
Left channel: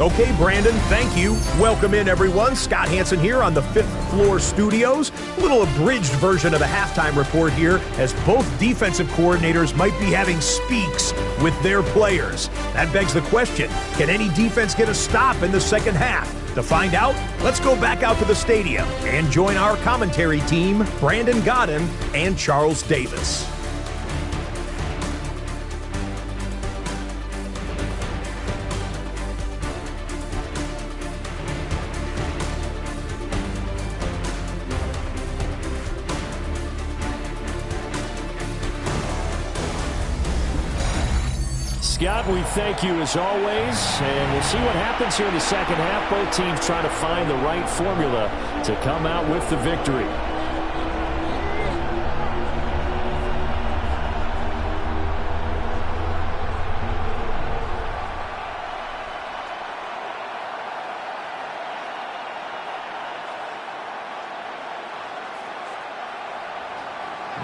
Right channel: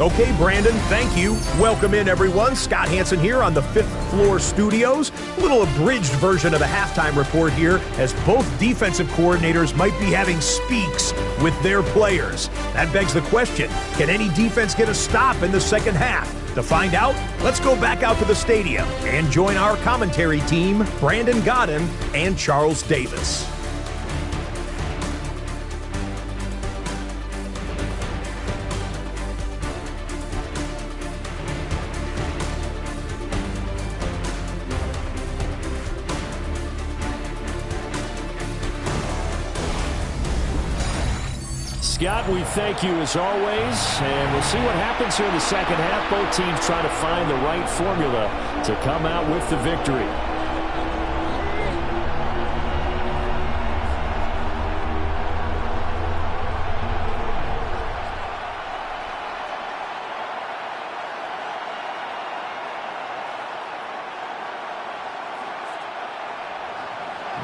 Okay, Brandon, thank you. Welcome in, everyone. Scott Hansen here on the 5th floor studios. A little abridged version of the halftime report here, as both defensive coordinators might be having speaks with their players. That begs the question, can any defense get a stop in the second half? To find out, let's go back out to the stadium and join our commentary team, Brandon Godden and Charles Davis. Scott, we thank you as always, and we'll see what happens here in the second half. Both teams trying to find the right formula to come out with the victory.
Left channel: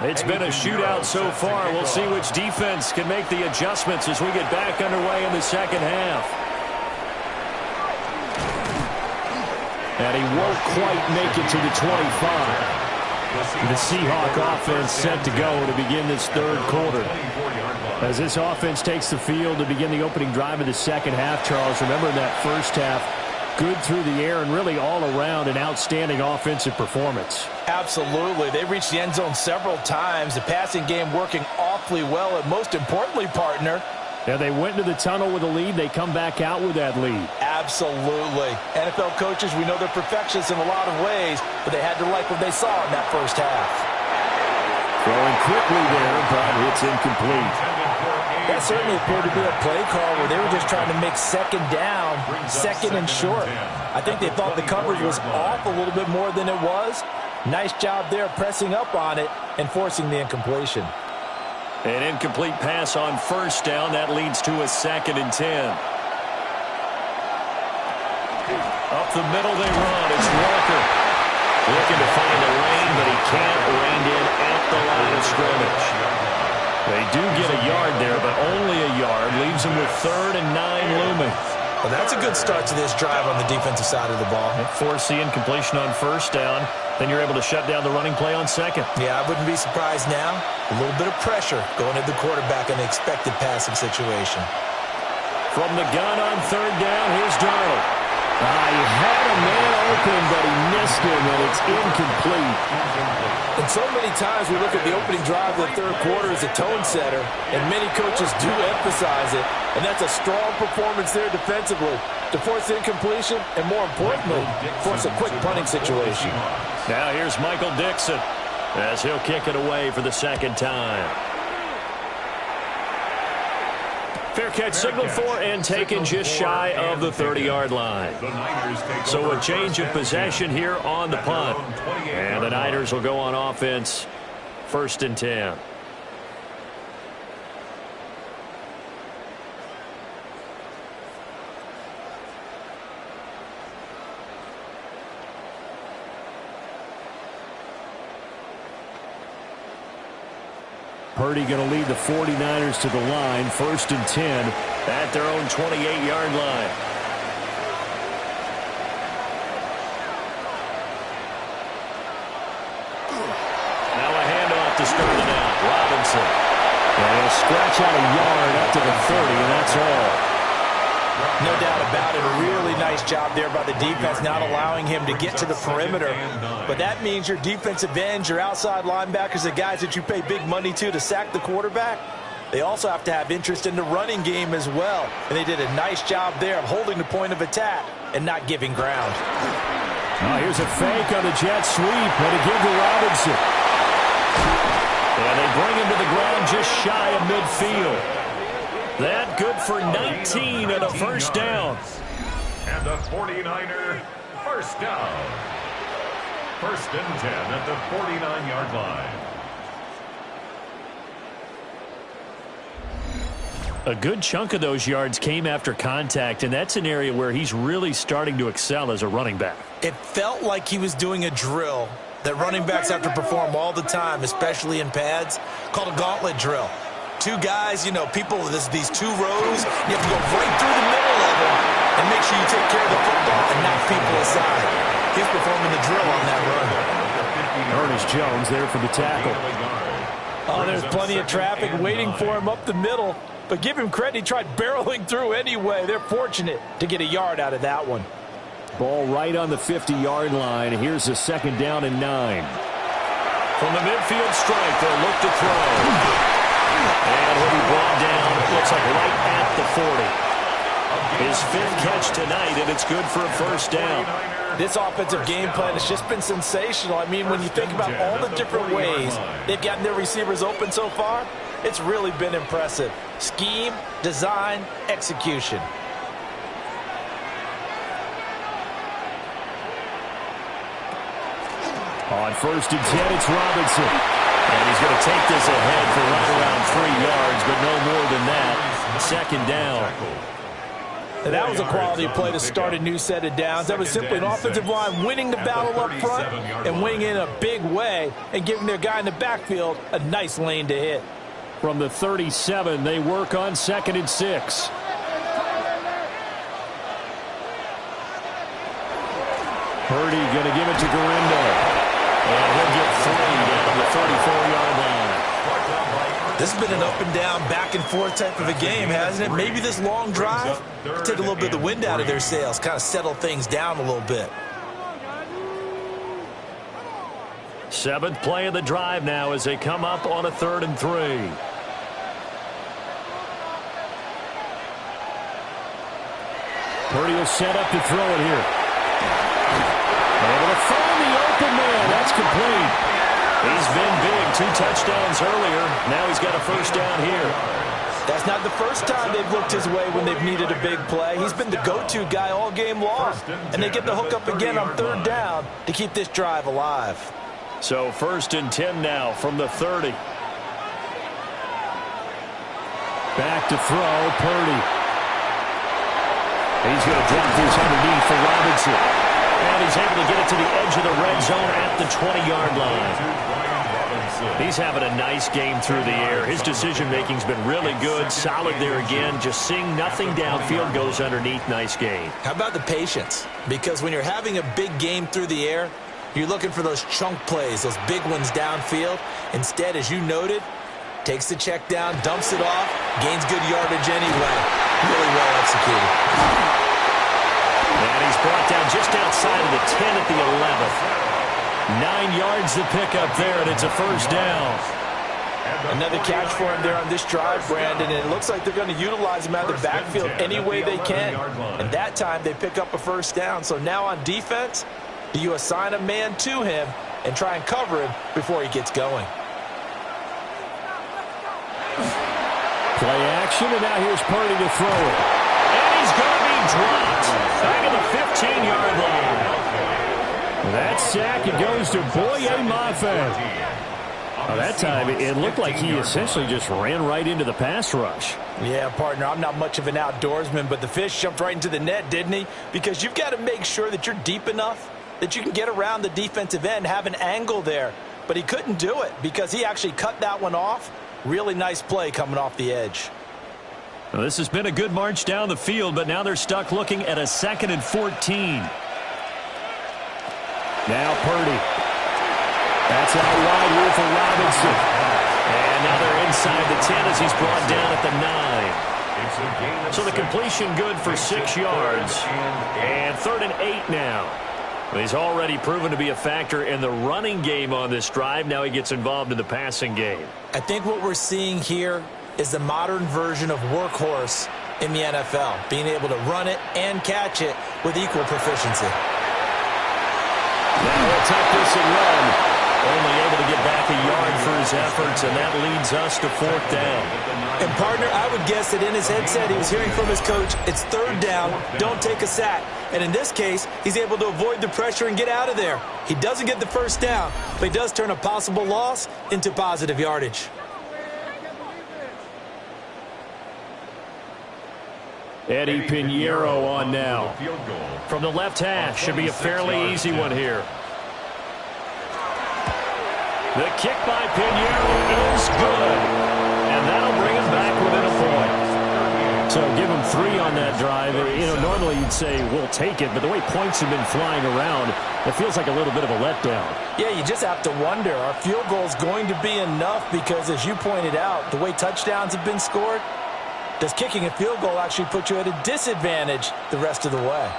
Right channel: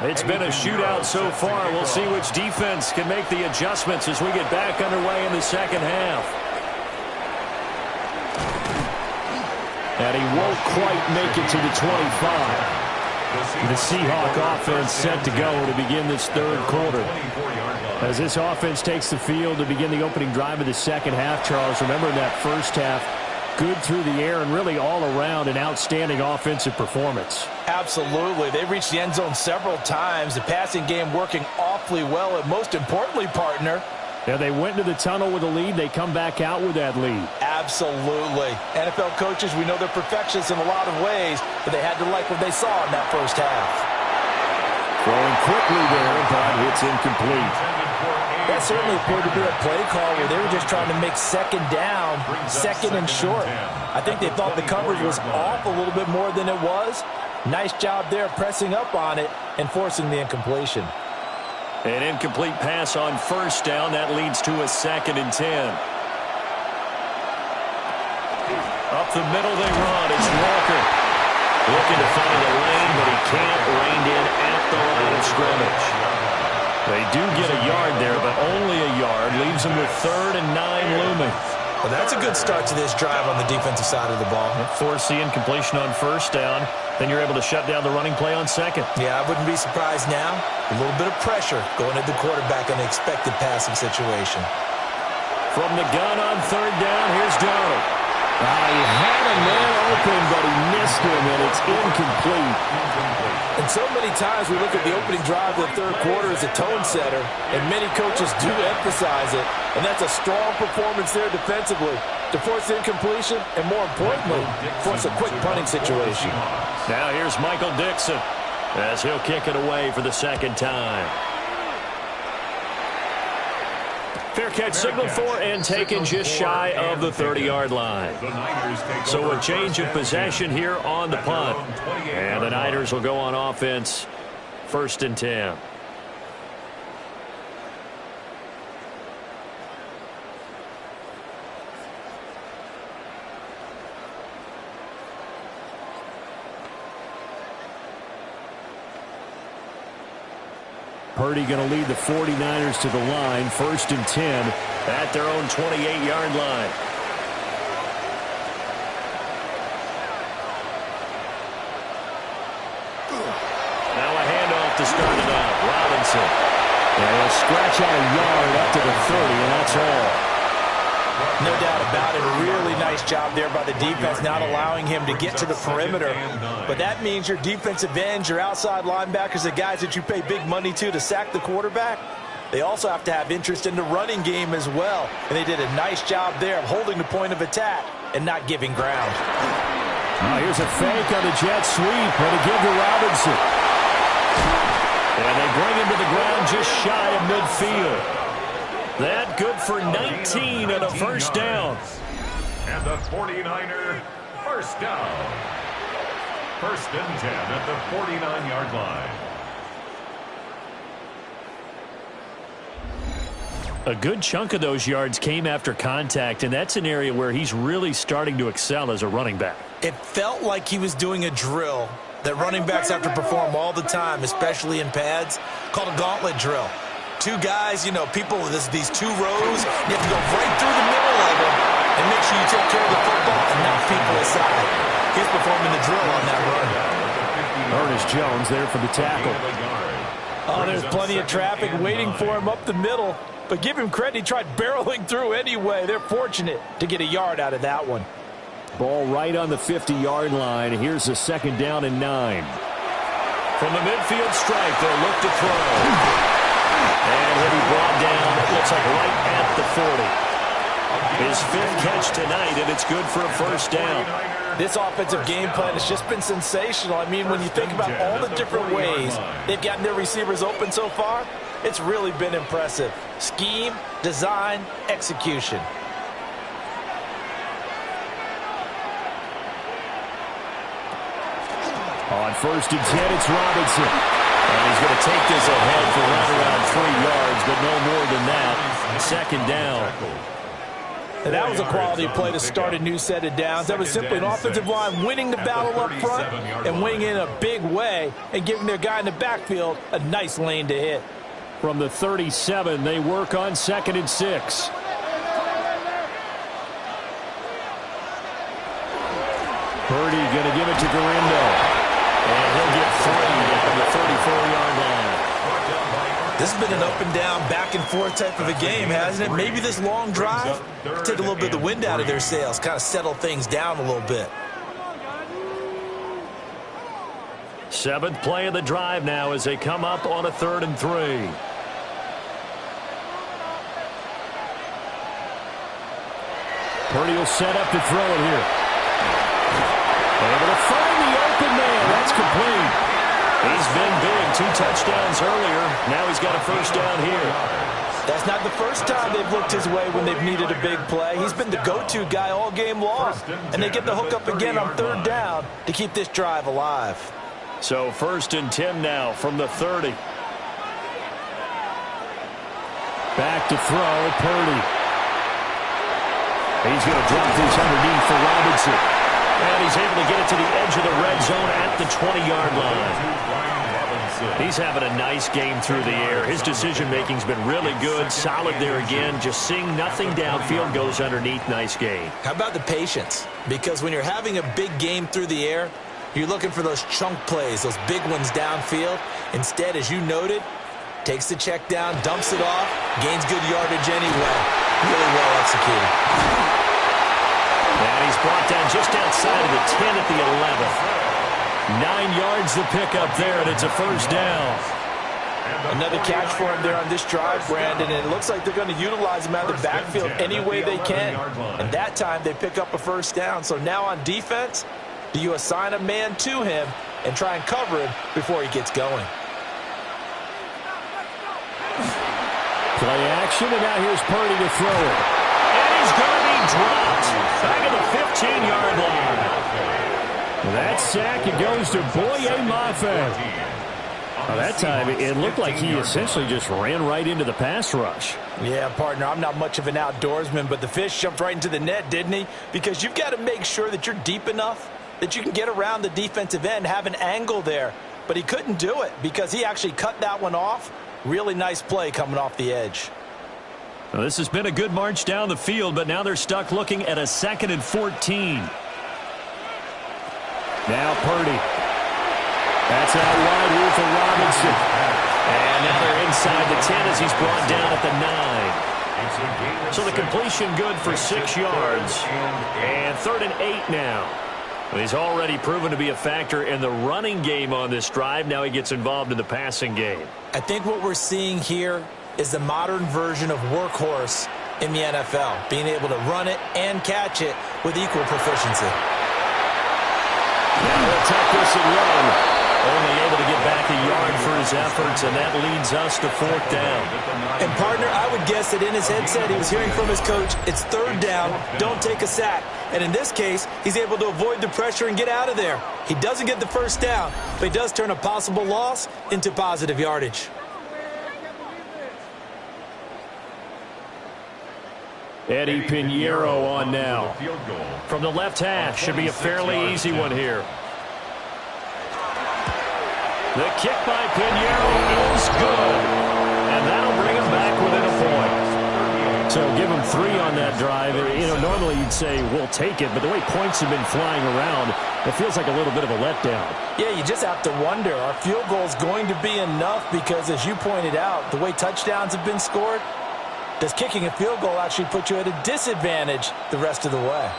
It's been a shootout so far. We'll see which defense can make the adjustments as we get back underway in the second half. And he won't quite make it to the 25. The Seahawk offense set to go to begin this third quarter. As this offense takes the field to begin the opening drive of the second half, Charles, remember in that first half, good through the air and really all around an outstanding offensive performance. Absolutely. They reached the end zone several times. The passing game working awfully well. And most importantly, partner, yeah, they went into the tunnel with a lead. They come back out with that lead. Absolutely. NFL coaches, we know they're perfectionists in a lot of ways, but they had to like what they saw in that first half. Throwing quickly there, but it's incomplete. That certainly appeared to be a play call where they were just trying to make second down, second and short. I think they thought the coverage was off a little bit more than it was. Nice job there pressing up on it and forcing the incompletion. An incomplete pass on first down. That leads to a 2nd and 10. Up the middle they run. It's Walker looking to find a lane, but he can't. Reined in at the line of scrimmage. They do get a yard there, but only a yard. Leaves them with 3rd and 9 looming. Well, that's a good start to this drive on the defensive side of the ball. Force the incompletion on first down. Then you're able to shut down the running play on second. Yeah, I wouldn't be surprised now. A little bit of pressure going at the quarterback in an expected passing situation. From the gun on 3rd down, here's Darnold. He had a man open, but he missed him, and it's incomplete. And so many times we look at the opening drive of the third quarter as a tone setter, and many coaches do emphasize it, and that's a strong performance there defensively to force the incompletion and, more importantly, force a quick punting situation. Now here's Michael Dixon as he'll kick it away for the 2nd time. Fair catch signaled for and taken just shy of the 30-yard line. So a change of possession here on the punt. And the Niners will go on offense, 1st and 10. Purdy going to lead the 49ers to the line, 1st and 10 at their own 28-yard line. Now a handoff to start it out. Robinson. And he'll scratch out a yard up to the 30, and that's all. No doubt about it. A really nice job there by the defense, not allowing him to get to the perimeter. But that means your defensive ends, your outside linebackers, the guys that you pay big money to sack the quarterback, they also have to have interest in the running game as well. And they did a nice job there of holding the point of attack and not giving ground. Oh, here's a fake on the jet sweep. And a give to Robinson. And they bring him to the ground just shy of midfield. That good for 19 and a first down. And the 49er first down. First and 10 at the 49-yard line. A good chunk of those yards came after contact, and that's an area where he's really starting to excel as a running back. It felt like he was doing a drill that running backs have to perform all the time, especially in pads, called a gauntlet drill. Two guys, you know, people, these two rows, you have to go right through the middle of them and make sure you take care of the football and knock people aside. He's performing the drill on that run. Ernest Jones there for the tackle. Oh, there's plenty of traffic waiting for him up the middle. But give him credit, he tried barreling through anyway. They're fortunate to get a yard out of that one. Ball right on the 50-yard line. Here's a second down and 9. From the midfield stripe, they'll look to throw. And he'll be brought down, it looks like right at the 40. His 5th catch tonight, and it's good for a first down. This offensive game plan has just been sensational. I mean, when you think about all the different ways they've gotten their receivers open so far, it's really been impressive. Scheme, design, execution. On first and 10, it's Robinson. And he's going to take this ahead for right around 3 yards, but no more than that. Second down. And that was a quality play to start a new set of downs. That was simply an offensive line winning the battle up front and winning in a big way and giving their guy in the backfield a nice lane to hit. From the 37, they work on 2nd and 6. Purdy going to give it to Garindo. And he'll get 3 down the 34-yard line. This has been an up-and-down, back-and-forth type of a game, hasn't it? Maybe this long drive take a little bit of the wind out of their sails, kind of settle things down a little bit. 7th play of the drive now as they come up on a 3rd and 3. Purdy will set up to throw it here. Able to find the open man. That's complete. He's been big. 2 touchdowns earlier. Now he's got a first down here. That's not the first time they've looked his way when they've needed a big play. He's been the go-to guy all game long. And they get the hook up again on 3rd down to keep this drive alive. So 1st and 10 now from the 30. Back to throw, Purdy. He's going to drop this underneath for Robinson. And he's able to get it to the edge of the red zone at the 20-yard line. He's having a nice game through the air. His decision-making's been really good. Solid there again. Just seeing nothing downfield, goes underneath. Nice gain. How about the patience? Because when you're having a big game through the air, you're looking for those chunk plays, those big ones downfield. Instead, as you noted, takes the check down, dumps it off, gains good yardage anyway. Really well executed. And he's brought down just outside of the 10 at the 11th. 9 yards to pick up there, and it's a first down. Another catch for him there on this drive, Brandon, and it looks like they're going to utilize him out of the backfield any way they can. And that time they pick up a first down. So now on defense, do you assign a man to him and try and cover him before he gets going? Play action, and now here's Purdy to throw it. And he's going to be dropped back at the 15-yard line. That sack, it goes to Boye Mafe. That time, it looked like he essentially just ran right into the pass rush. Yeah, partner, I'm not much of an outdoorsman, but the fish jumped right into the net, didn't he? Because you've got to make sure that you're deep enough that you can get around the defensive end, have an angle there. But he couldn't do it because he actually cut that one off. Really nice play coming off the edge. Well, this has been a good march down the field, but now they're stuck looking at a 2nd and 14. Now Purdy. That's out wide here for Robinson. And now they're inside the 10 as he's brought down at the 9. So the completion good for 6 yards. And 3rd and 8 now. He's already proven to be a factor in the running game on this drive. Now he gets involved in the passing game. I think what we're seeing here is the modern version of workhorse in the NFL, being able to run it and catch it with equal proficiency. Now he'll tuck this and run. Only able to get back a yard for his efforts, and that leads us to 4th down. And, partner, I would guess that in his headset he was hearing from his coach, it's 3rd down, don't take a sack. And in this case, he's able to avoid the pressure and get out of there. He doesn't get the 1st down, but he does turn a possible loss into positive yardage. Eddie Pinheiro on now. From the left hash, should be a fairly easy one here. The kick by Pinheiro is good. And that'll bring him back within a point. So give him 3 on that drive. You know, normally you'd say, we'll take it. But the way points have been flying around, it feels like a little bit of a letdown. Yeah, you just have to wonder, are field goals going to be enough? Because as you pointed out, the way touchdowns have been scored, does kicking a field goal actually put you at a disadvantage the rest of the way?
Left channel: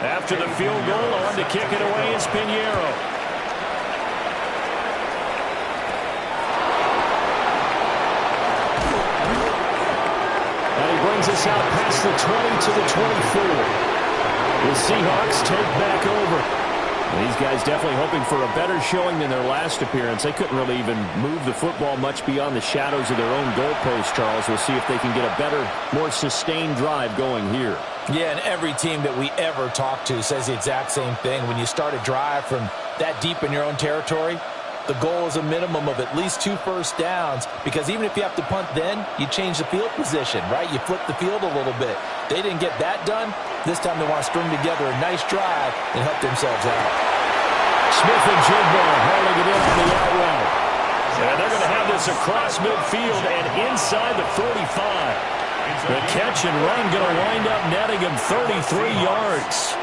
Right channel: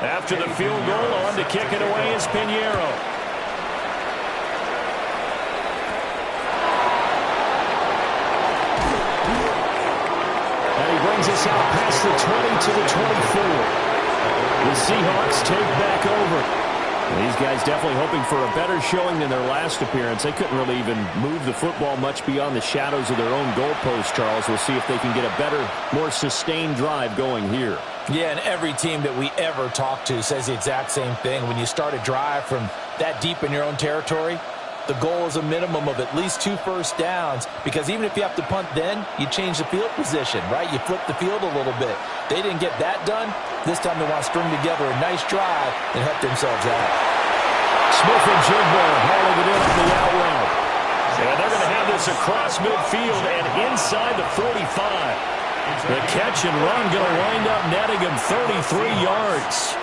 After the field goal, on to kick it away is Pinheiro. And he brings us out past the 20 to the 24. The Seahawks take back over. These guys definitely hoping for a better showing than their last appearance. They couldn't really even move the football much beyond the shadows of their own goalpost, Charles. We'll see if they can get a better, more sustained drive going here. Yeah, and every team that we ever talk to says the exact same thing. When you start a drive from that deep in your own territory, the goal is a minimum of at least 2 first downs, because even if you have to punt then, you change the field position, right? You flip the field a little bit. They didn't get that done. This time they want to string together a nice drive and help themselves out. Smith and Jigbo hauling it in on the out route. And they're going to have this across midfield and inside the 45. The catch and run going to wind up netting him 33 yards.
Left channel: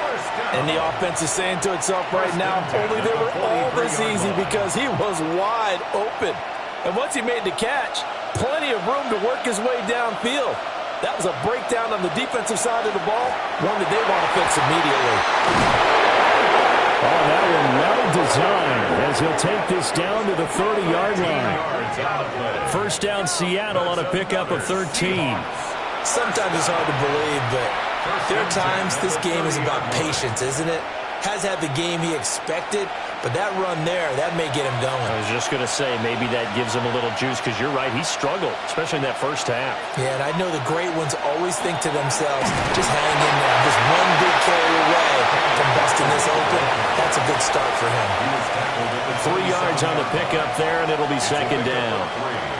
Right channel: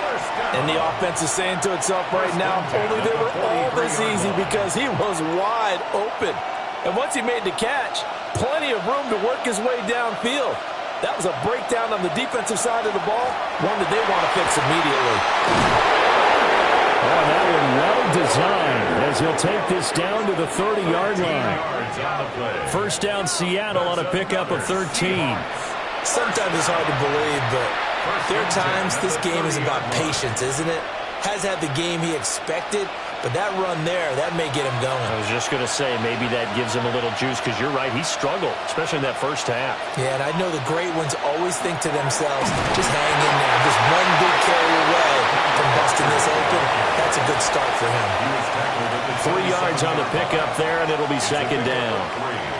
And the offense is saying to itself right now, only they were all this easy because he was wide open. And once he made the catch, plenty of room to work his way downfield. That was a breakdown on the defensive side of the ball, one that they want to fix immediately. Oh, and that one well designed as he'll take this down to the 30-yard line. First down Seattle on a pickup of 13. Sometimes it's hard to believe, but there are times this game is about patience, isn't it? Has had the game he expected, but that run there, that may get him going. I was just going to say, maybe that gives him a little juice, because you're right, he struggled, especially in that first half. Yeah, and I know the great ones always think to themselves, just hang in there. Just one big carry away from busting this open. That's a good start for him. 3 yards on the pickup there, and it'll be 2nd down.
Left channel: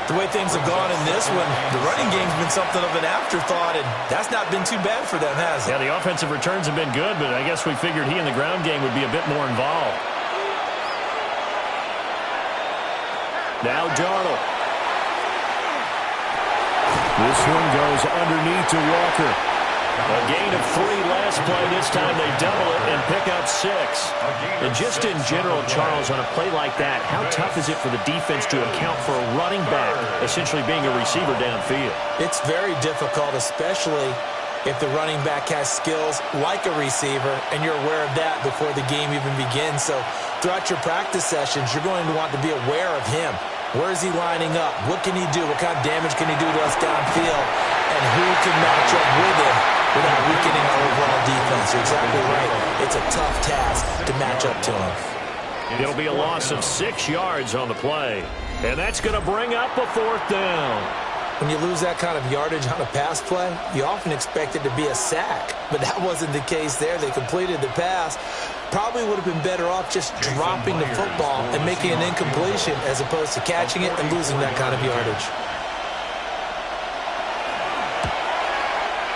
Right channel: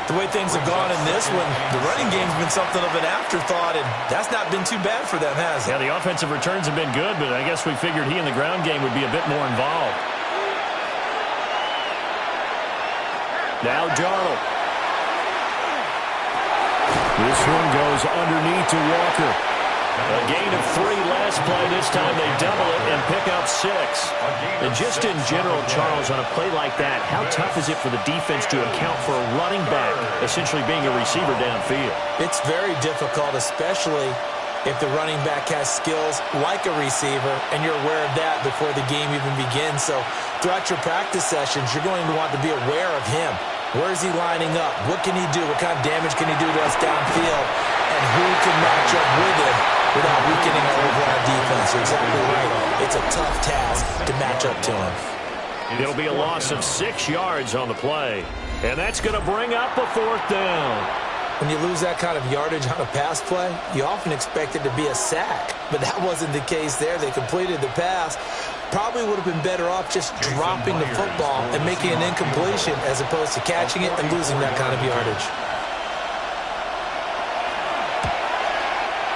The way things have gone in this one, the running game's been something of an afterthought, and that's not been too bad for them, has it? Yeah, the offensive returns have been good, but I guess we figured he in the ground game would be a bit more involved. Now Darnold. This one goes underneath to Walker. A gain of 3 last play. This time they double it and pick up 6. And just in general, Charles, on a play like that, how tough is it for the defense to account for a running back essentially being a receiver downfield? It's very difficult, especially if the running back has skills like a receiver, and you're aware of that before the game even begins. So throughout your practice sessions, you're going to want to be aware of him. Where is he lining up? What can he do? What kind of damage can he do to us downfield? And who can match up with him without weakening our overall defense? You're exactly right. It's a tough task to match up to him. It'll be a loss of 6 yards on the play. And that's going to bring up a 4th down. When you lose that kind of yardage on a pass play, you often expect it to be a sack. But that wasn't the case there. They completed the pass. Probably would have been better off just dropping the football and making an incompletion as opposed to catching it and losing that kind of yardage.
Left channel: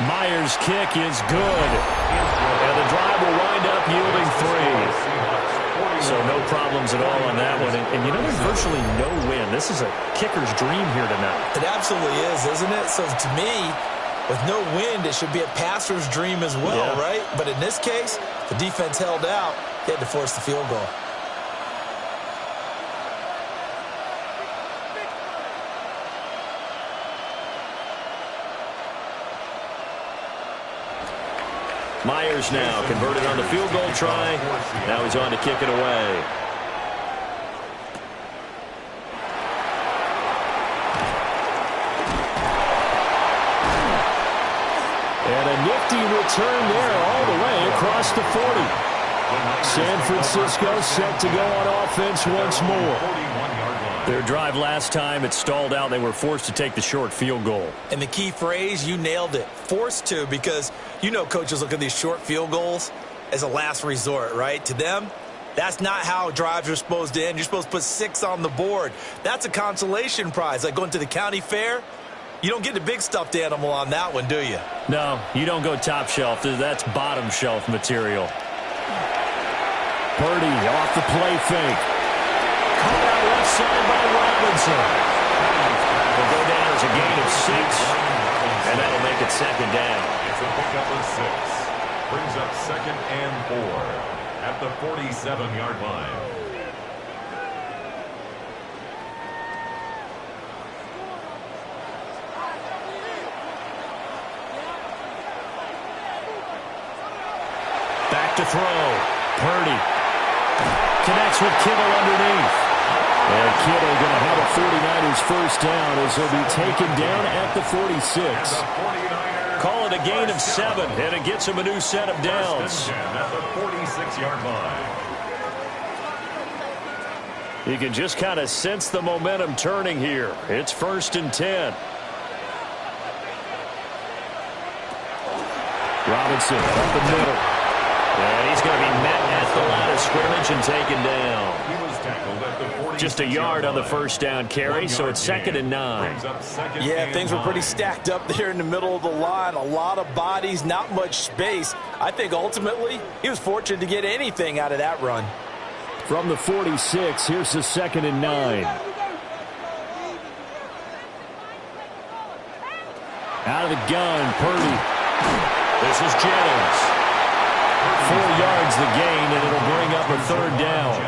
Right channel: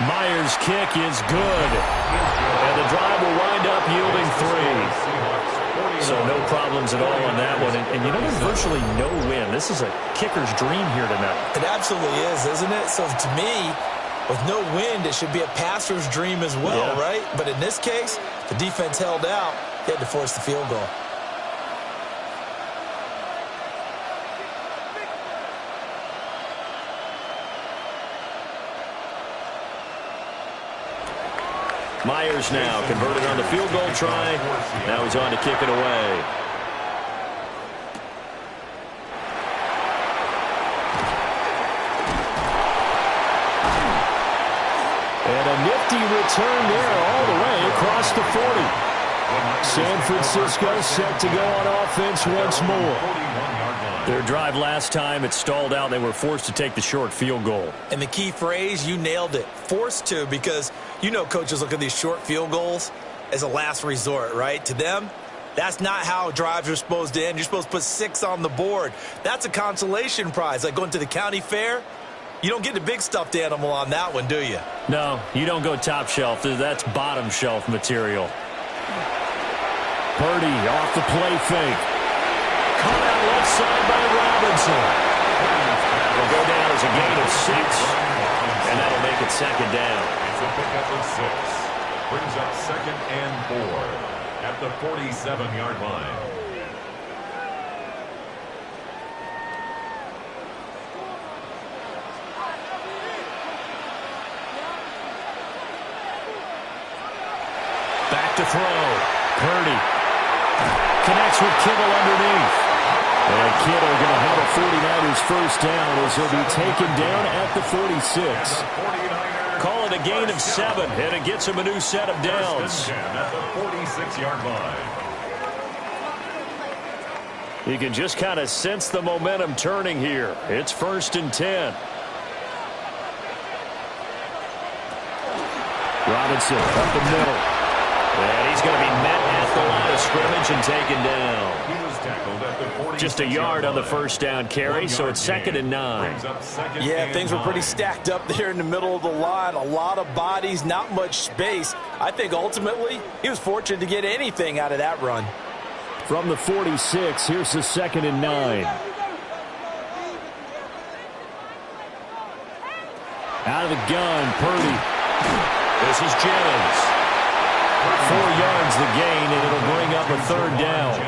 Myers' kick is good. And the drive will wind up yielding 3. So no problems at all on that one. And you know, there's virtually no win. This is a kicker's dream here tonight. It absolutely is, isn't it? So to me, With no wind, it should be a passer's dream as well, right? But in this case, the defense held out. They had to force the field goal. Myers now converted on the field goal try. Now he's on to kick it away. And a nifty return there all the way across the 40. San Francisco set to go on offense once more. Their drive last time, it stalled out. They were forced to take the short field goal. And the key phrase, you nailed it, forced to, because you know coaches look at these short field goals as a last resort, right? To them, that's not how drives are supposed to end. You're supposed to put 6 on the board. That's a consolation prize, like going to the county fair. You don't get the big stuffed animal on that one, do you? No, you don't go top shelf. That's bottom shelf material. Purdy off the play fake. Caught out left side by Robinson. Will go down as a gain of 6, and that'll make it second down. It's a pickup of 6. Brings up 2nd and 4 at the 47-yard line. Back to throw. Purdy connects with Kittle underneath. And Kittle going to have a 49ers first down as he'll be taken down at the 46. Call it a gain of 7, and it gets him a new set of downs. At the 46-yard line. You can just kind of sense the momentum turning here. It's 1st and 10. Robinson up the middle. And he's going to be met at the line of scrimmage and taken down. He was tackled at the 46 Just a yard on the first down carry, so it's 2nd and 9. Yeah, things were pretty stacked up there in the middle of the line. A lot of bodies, not much space. I think ultimately he was fortunate to get anything out of that run. From the 46, here's the 2nd and 9. Out of the gun, Purdy. This is Jennings. 4 yards the gain, and it'll bring up a 3rd down.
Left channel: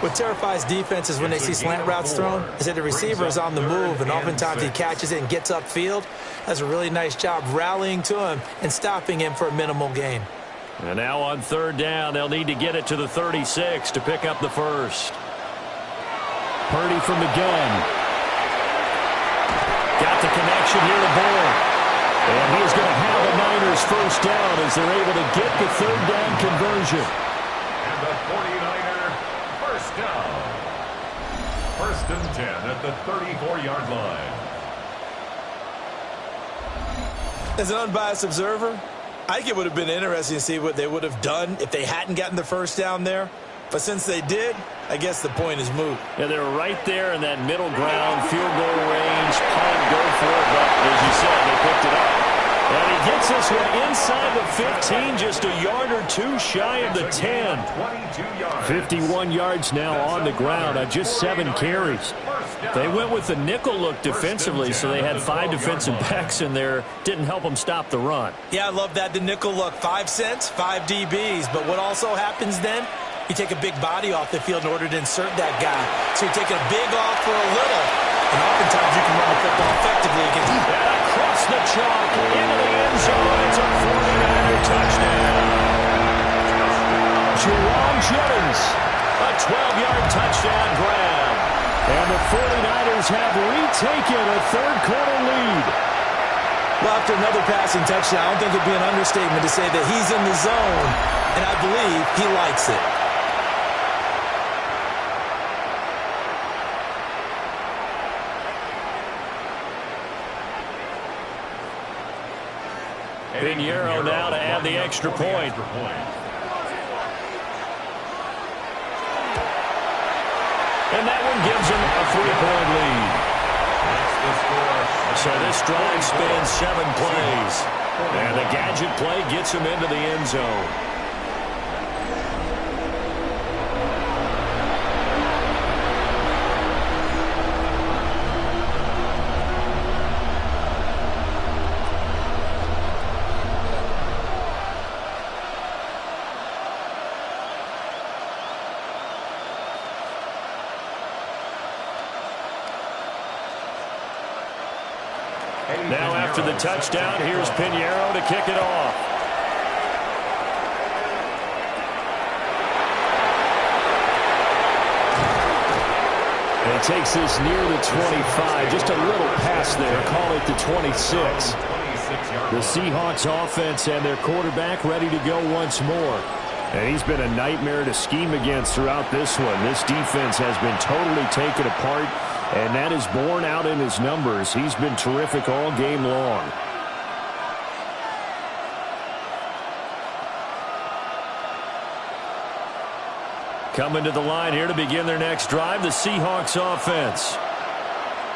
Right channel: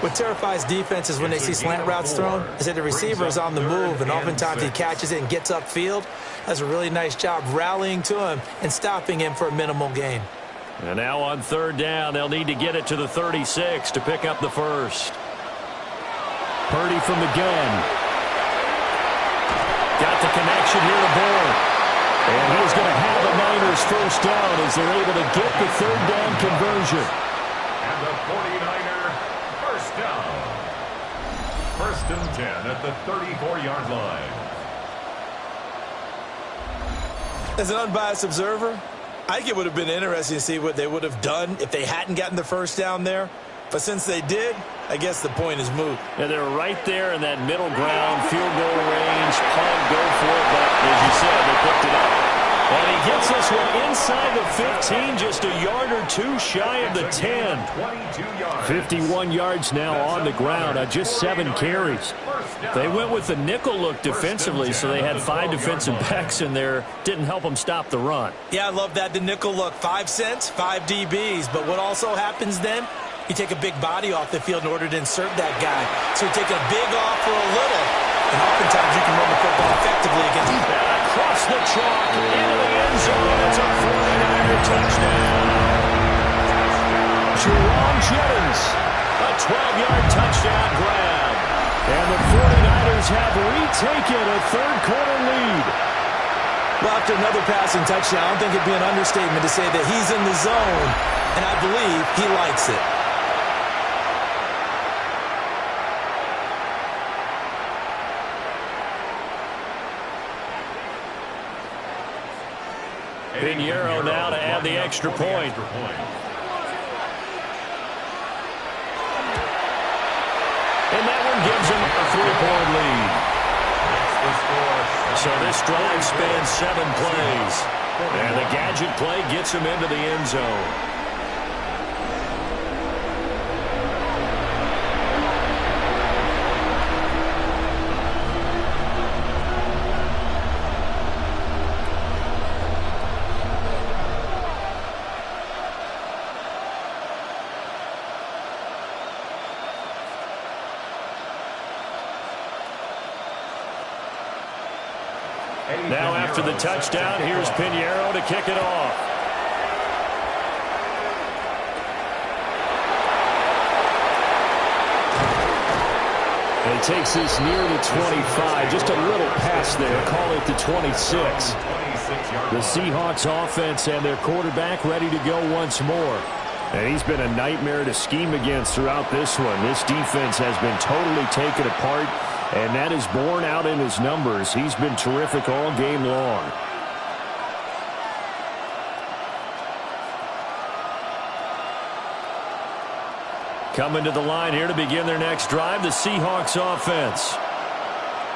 What terrifies defenses when they see slant routes thrown is that the receiver is on the move, and oftentimes he catches it and gets upfield. Does a really nice job rallying to him and stopping him for a minimal gain. And now on 3rd down, they'll need to get it to the 36 to pick up the first. Purdy from the gun. Got the connection here to Bourne. And he's going to have a Niners first down as they're able to get the 3rd down conversion. And the 49er first down. 1st and 10 at the 34-yard line. As an unbiased observer, I think it would have been interesting to see what they would have done if they hadn't gotten the first down there. But since they did, I guess the point is moot. Yeah, they're right there in that middle ground, field goal range, punt, go for it. But as you said, they picked it up. And he gets this one inside the 15, just a yard or 2 shy of the 10. 51 yards now on the ground on just 7 carries. They went with the nickel look defensively, so they had 5 defensive backs in there. Didn't help them stop the run. Yeah, I love that, the nickel look. 5 cents, 5 DBs. But what also happens then? You take a big body off the field in order to insert that guy. So you're taking a big off for a little. And oftentimes you can run the football effectively against. And across the chalk, into the end zone. It's a 49er touchdown. Jerome Jennings. A 12-yard touchdown grab. And the 49ers have retaken a 3rd quarter lead. Well, after another passing touchdown, I don't think it'd be an understatement to say that he's in the zone. And I believe he likes it. Pinheiro now to add the extra point. And that one gives them a 3-point lead. So this drive spans 7 plays. And the gadget play gets them into the end zone. Now after the touchdown, here's Pinheiro to kick it off. And he takes this near the 25. Just a little pass there. Call it the 26. The Seahawks offense and their quarterback ready to go once more. And he's been a nightmare to scheme against throughout this one. This defense has been totally taken apart, and that is borne out in his numbers. He's been terrific all game long. Coming to the line here to begin their next drive, the Seahawks offense.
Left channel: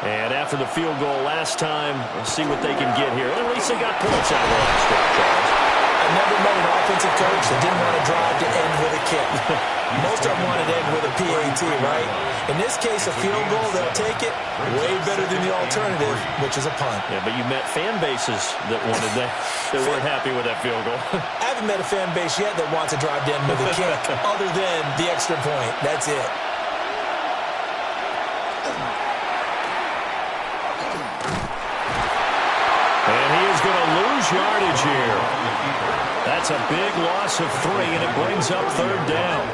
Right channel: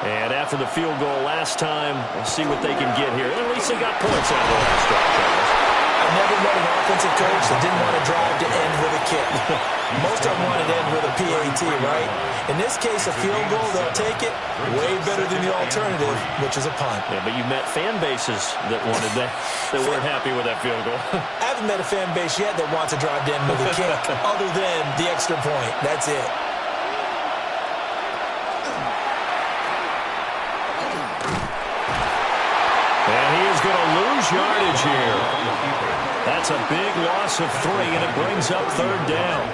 And after the field goal last time, we'll see what they can get here. At least they got points out of the last drive, Charles. I've never met an offensive coach that didn't want to drive to end with a kick. Most of them wanted to end with a PAT, right? In this case, a field goal, they'll take it. Way better than the alternative, which is a punt. Yeah, but you met fan bases that wanted that weren't happy with that field goal. I haven't met a fan base yet that wants to drive to end with a kick, other than the extra point. That's it. And he is going to lose yardage here. That's a big loss of 3, and it brings up 3rd down.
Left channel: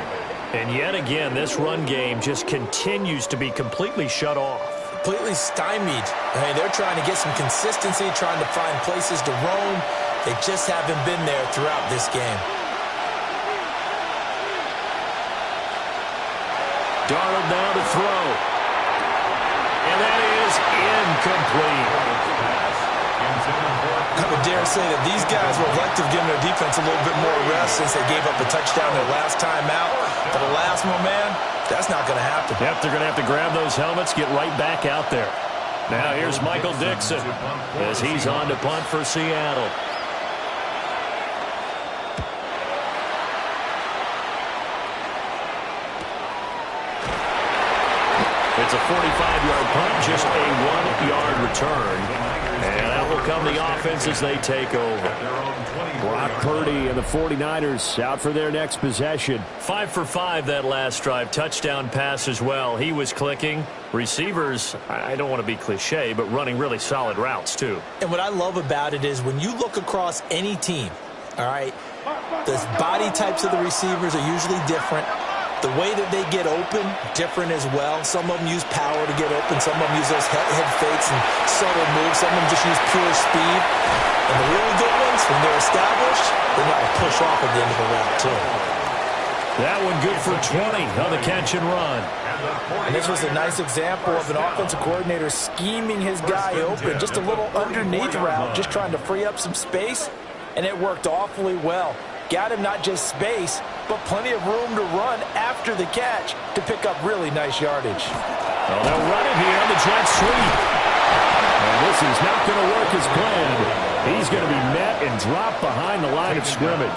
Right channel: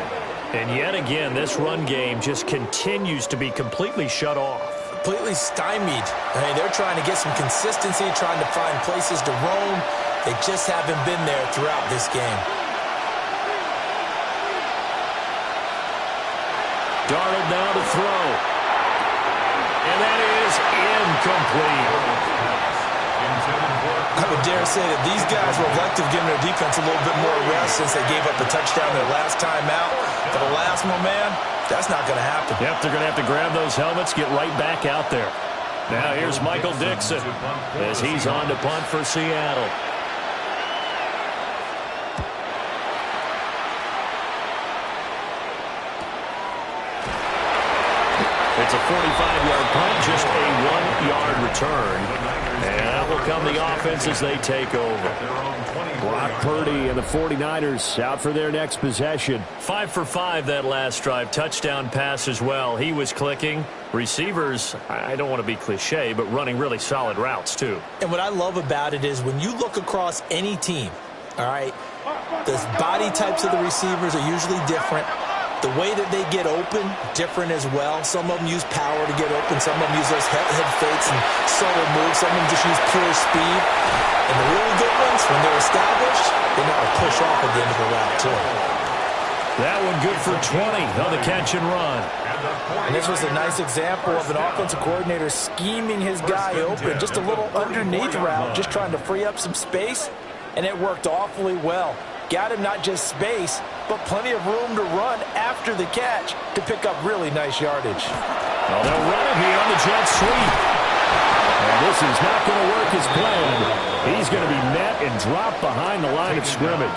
And yet again, this run game just continues to be completely shut off. Completely stymied. I mean, they're trying to get some consistency, trying to find places to roam. They just haven't been there throughout this game. Darnold now to throw. And that is incomplete. I would dare say that these guys would like to have given their defense a little bit more rest since they gave up a touchdown their last time out. But the last one, man, that's not going to happen. Yep, they're going to have to grab those helmets, get right back out there. Now here's Michael Dixon as he's on to punt for Seattle. It's a 45-yard punt, just a 1-yard return. And that will come the offense as they take over. Brock Purdy and the 49ers out for their next possession. 5 for 5 that last drive. Touchdown pass as well. He was clicking. Receivers, I don't want to be cliche, but running really solid routes too. And what I love about it is when you look across any team, all right, the body types of the receivers are usually different. The way that they get open, different as well. Some of them use power to get open. Some of them use those head fakes and subtle moves. Some of them just use pure speed. And the really good ones, when they're established, they know how to push off at the end of a route, too. That one good for 20 on the catch and run. And this was a nice example of an offensive coordinator scheming his guy open. Just a little underneath route, just trying to free up some space. And it worked awfully well. Got him not just space, but plenty of room to run after the catch to pick up really nice yardage. Well, they'll run it here on the jet sweep. And this is not going to work as planned. He's going to be met and dropped behind the line of scrimmage.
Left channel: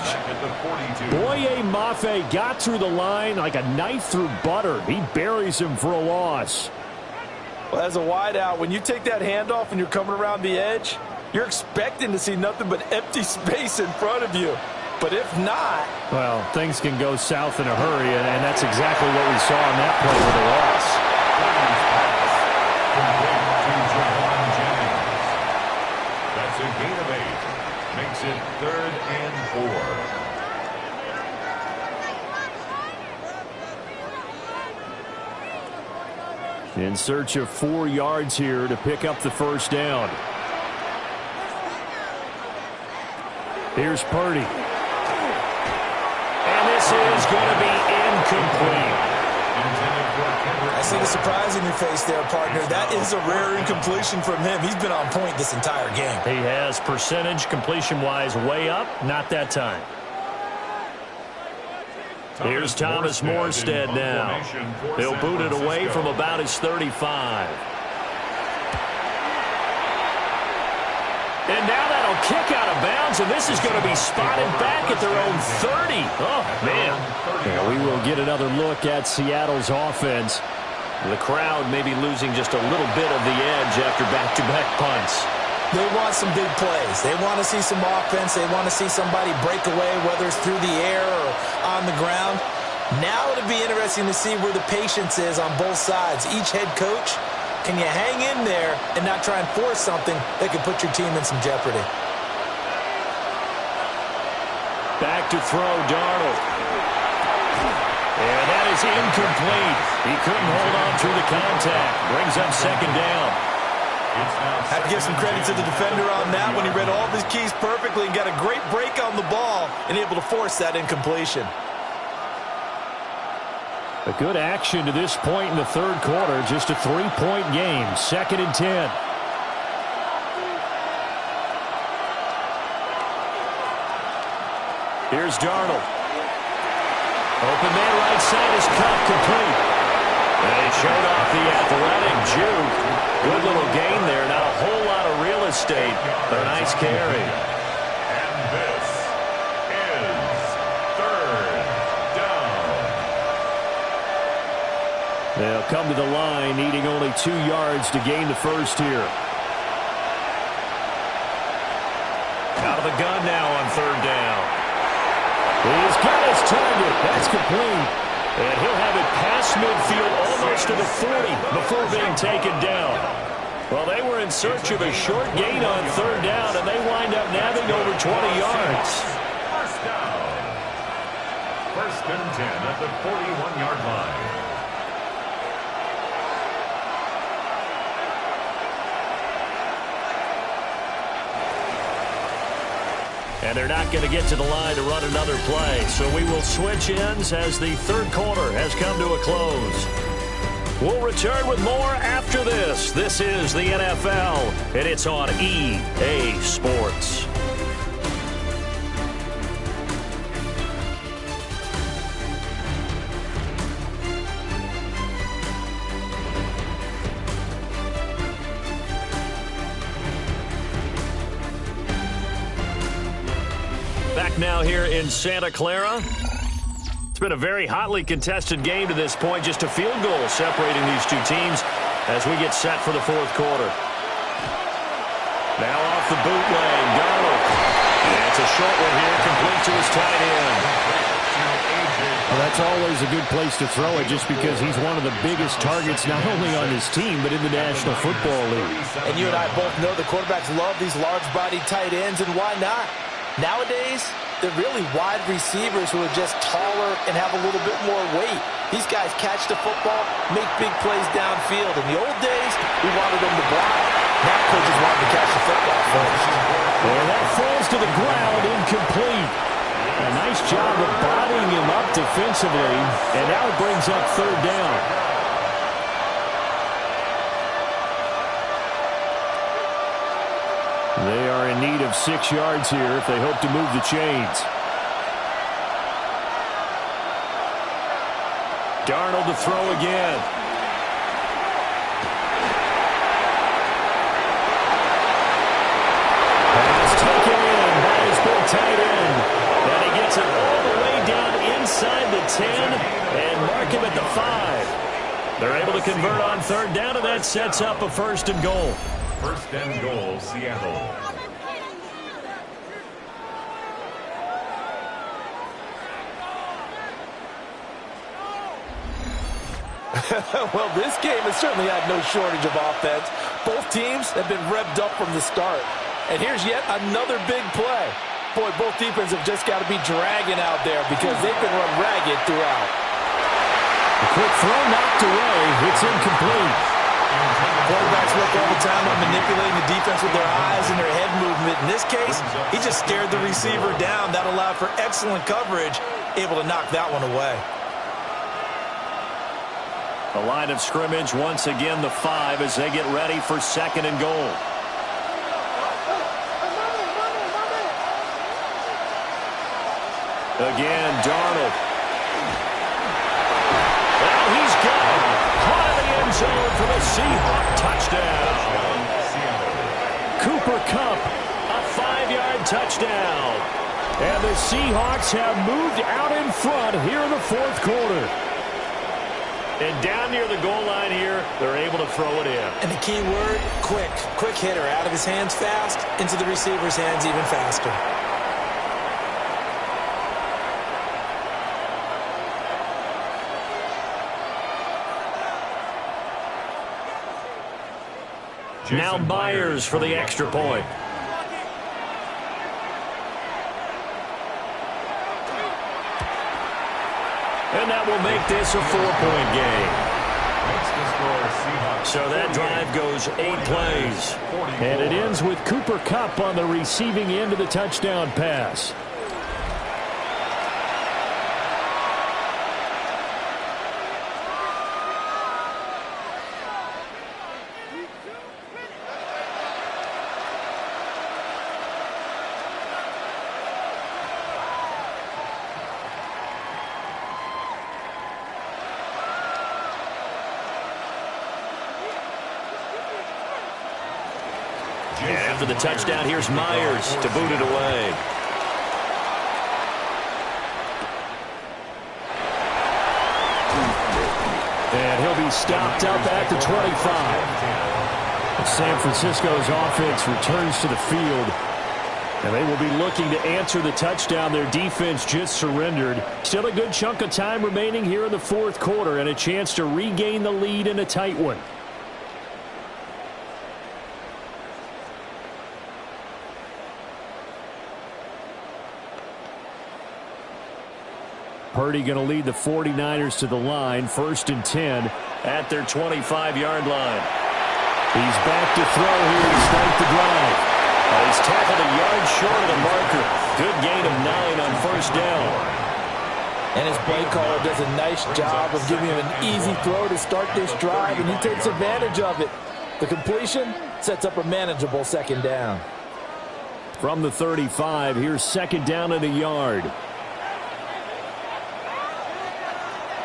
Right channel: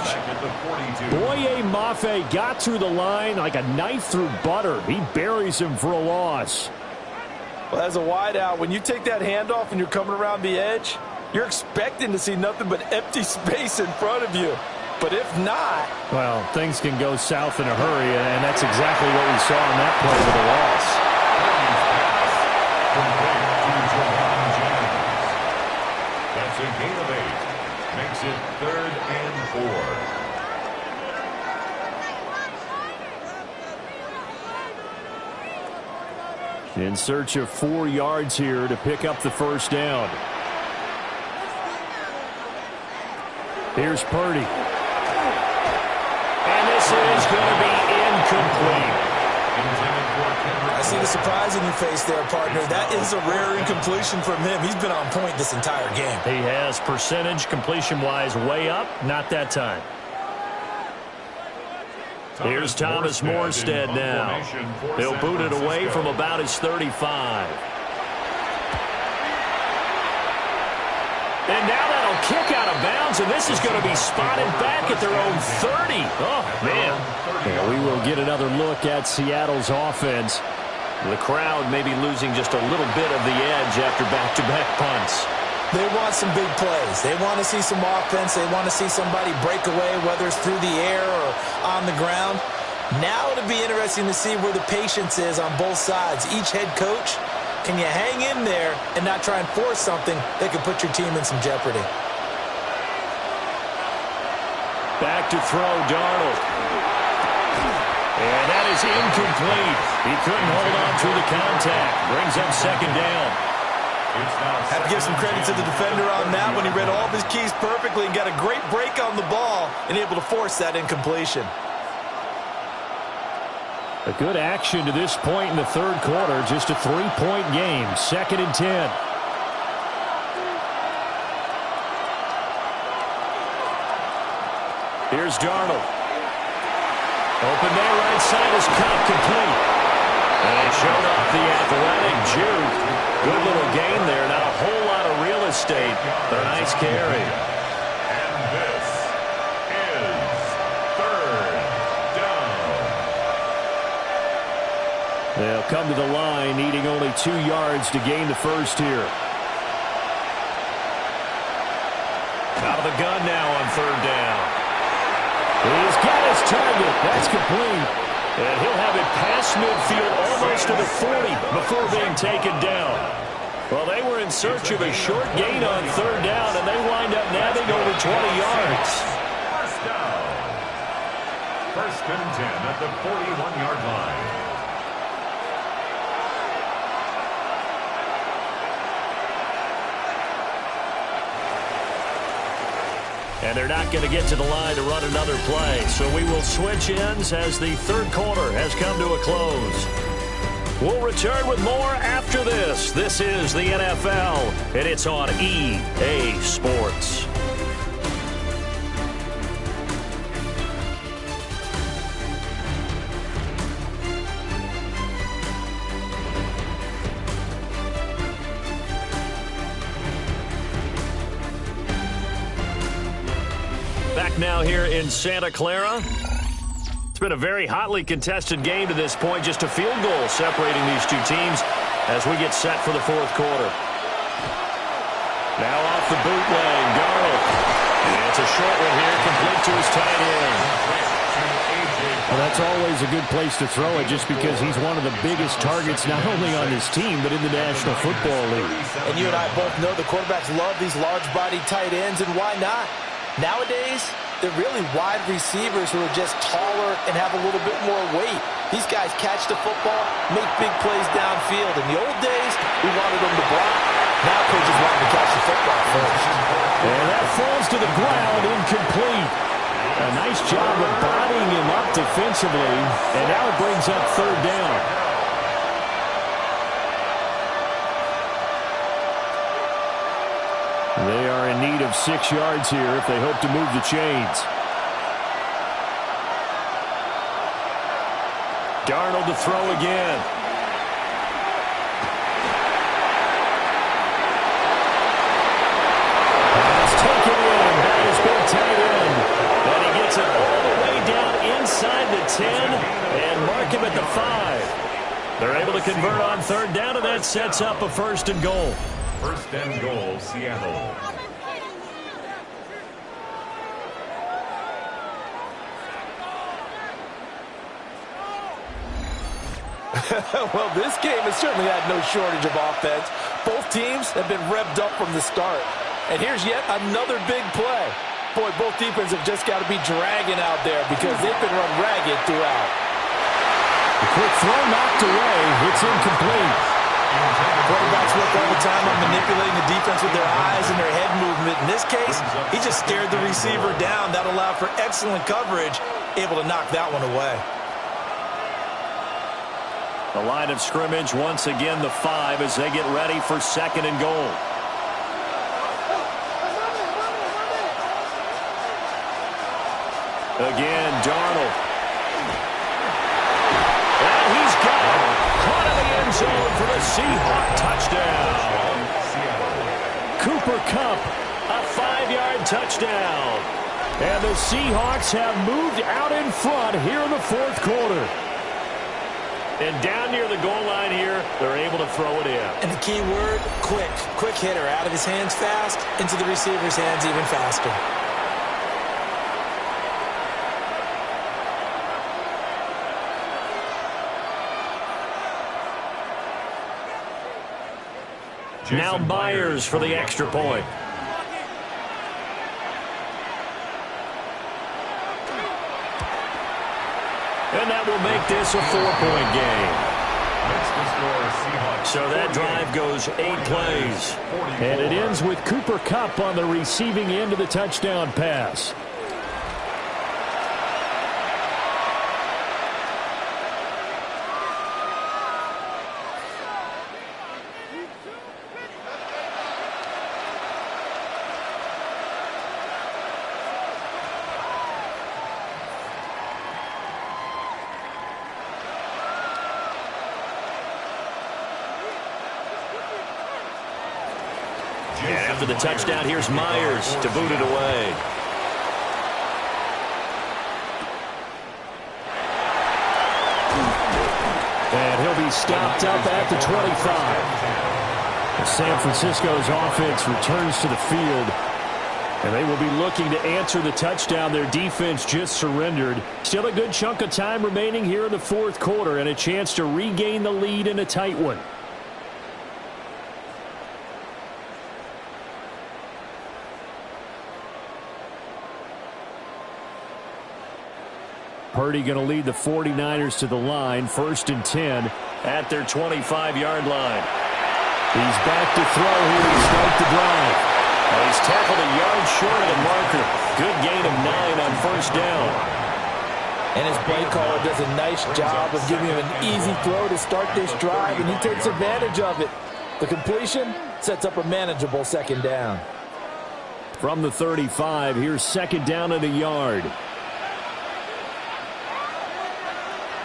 Boye Mafe got through the line like a knife through butter. He buries him for a loss. Well, as a wideout, when you take that handoff and you're coming around the edge, you're expecting to see nothing but empty space in front of you. But if not... Well, things can go south in a hurry, and that's exactly what we saw in that play with a loss. That's a gain of 8. Makes it 3rd and 4. In search of 4 yards here to pick up the first down. Here's Purdy. And this is going to be incomplete. I see the surprise in your face there, partner. That is a rare incompletion from him. He's been on point this entire game. He has percentage completion-wise way up. Not that time. Here's Thomas Morstead now. He'll boot it away from about his 35. And now that'll kick out of bounds, and this is going to be spotted back at their own 30. Oh, man. Yeah, we will get another look at Seattle's offense. The crowd may be losing just a little bit of the edge after back-to-back punts. They want some big plays. They want to see some offense. They want to see somebody break away, whether it's through the air or on the ground. Now it'll be interesting to see where the patience is on both sides. Each head coach Can you hang in there and not try and force something that could put your team in some jeopardy? Back to throw, Darnold. And that is incomplete. He couldn't hold on through the contact. Brings up second down. Have to give some credit to the defender on that when he read all of his keys perfectly and got a great break on the ball and able to force that incompletion. A good action to this point in the third quarter. Just a 3-point game. 2nd and 10. Here's Darnold. Open there, right side is cut, complete. And he showed off the athletic juke. Good little gain there, not a whole lot of real estate, but a nice carry. And this is 3rd down. They'll come to the line, needing only 2 yards to gain the first here. Out of the gun now on 3rd down. He's got his target. That's complete. And he'll have it past midfield almost to the 40 before being taken down. Well, they were in search of a short gain on 3rd down, and they wind up nabbing over 20 yards. First down. 1st and 10 at the 41-yard line. And they're not going to get to the line to run another play. So we will switch ends as the third quarter has come to a close. We'll return with more after this. This is the NFL, and it's on EA Sports. Back now here in Santa Clara. It's been a very hotly contested game to this point. Just a field goal separating these two teams as we get set for the fourth quarter. Now off the bootleg, Darnold. And it's a short one here, complete to his tight end. Well, that's always a good place to throw it just because he's one of the biggest targets not only on his team but in the National Football League. And you and I both know the quarterbacks love these large-bodied tight ends, and why not? Nowadays, they're really wide receivers who are just taller and have a little bit more weight. These guys catch the football, make big plays downfield. In the old days, we wanted them to block. Now coaches want them to catch the football first. And that falls to the ground, incomplete. A nice job of bodying him up defensively, and now it brings up 3rd down. They are in need of 6 yards here if they hope to move the chains. Darnold to throw again. Pass taken in by his big tight end. And he gets it all the way down inside the 10 and mark him at the 5. They're able to convert on 3rd down, and that sets up a 1st and goal. 1st and goal, Seattle. Well, this game has certainly had no shortage of offense. Both teams have been revved up from the start. And here's yet another big play. Boy, both defenses have just got to be dragging out there because they've been run ragged throughout. The quick throw knocked away. It's incomplete. Quarterbacks work all the time on manipulating the defense with their eyes and their head movement. In this case, he just stared the receiver down. That allowed for excellent coverage, able to knock that one away. The line of scrimmage, once again, the 5 as they get ready for 2nd and goal. Again, Darnold. Well, he's got it. Caught in the end zone for the Seahawks touchdown. Cooper Kupp, a 5-yard touchdown. And the Seahawks have moved out in front here in the fourth quarter. And down near the goal line here, they're able to throw it in. And the key word, quick. Quick hitter. Out of his hands fast, into the receiver's hands even faster. Now Myers for the extra point. And that will make this a 4-point game. So that drive goes 8 plays. And it ends with Cooper Kupp on the receiving end of the touchdown pass. And after the touchdown, here's Myers to boot it away. And he'll be stopped up at the 25. And San Francisco's offense returns to the field. And they will be looking to answer the touchdown their defense just surrendered. Still a good chunk of time remaining here in the fourth quarter and a chance to regain the lead in a tight one. Purdy going to lead the 49ers to the line, 1st and 10 at their 25-yard line. He's back to throw here to start the drive. He's tackled a yard short of the marker. Good gain of 9 on 1st down. And his play caller does a nice job of giving him an easy throw to start this drive, and he takes advantage of it. The completion sets up a manageable 2nd down. From the 35, here's 2nd down and a yard.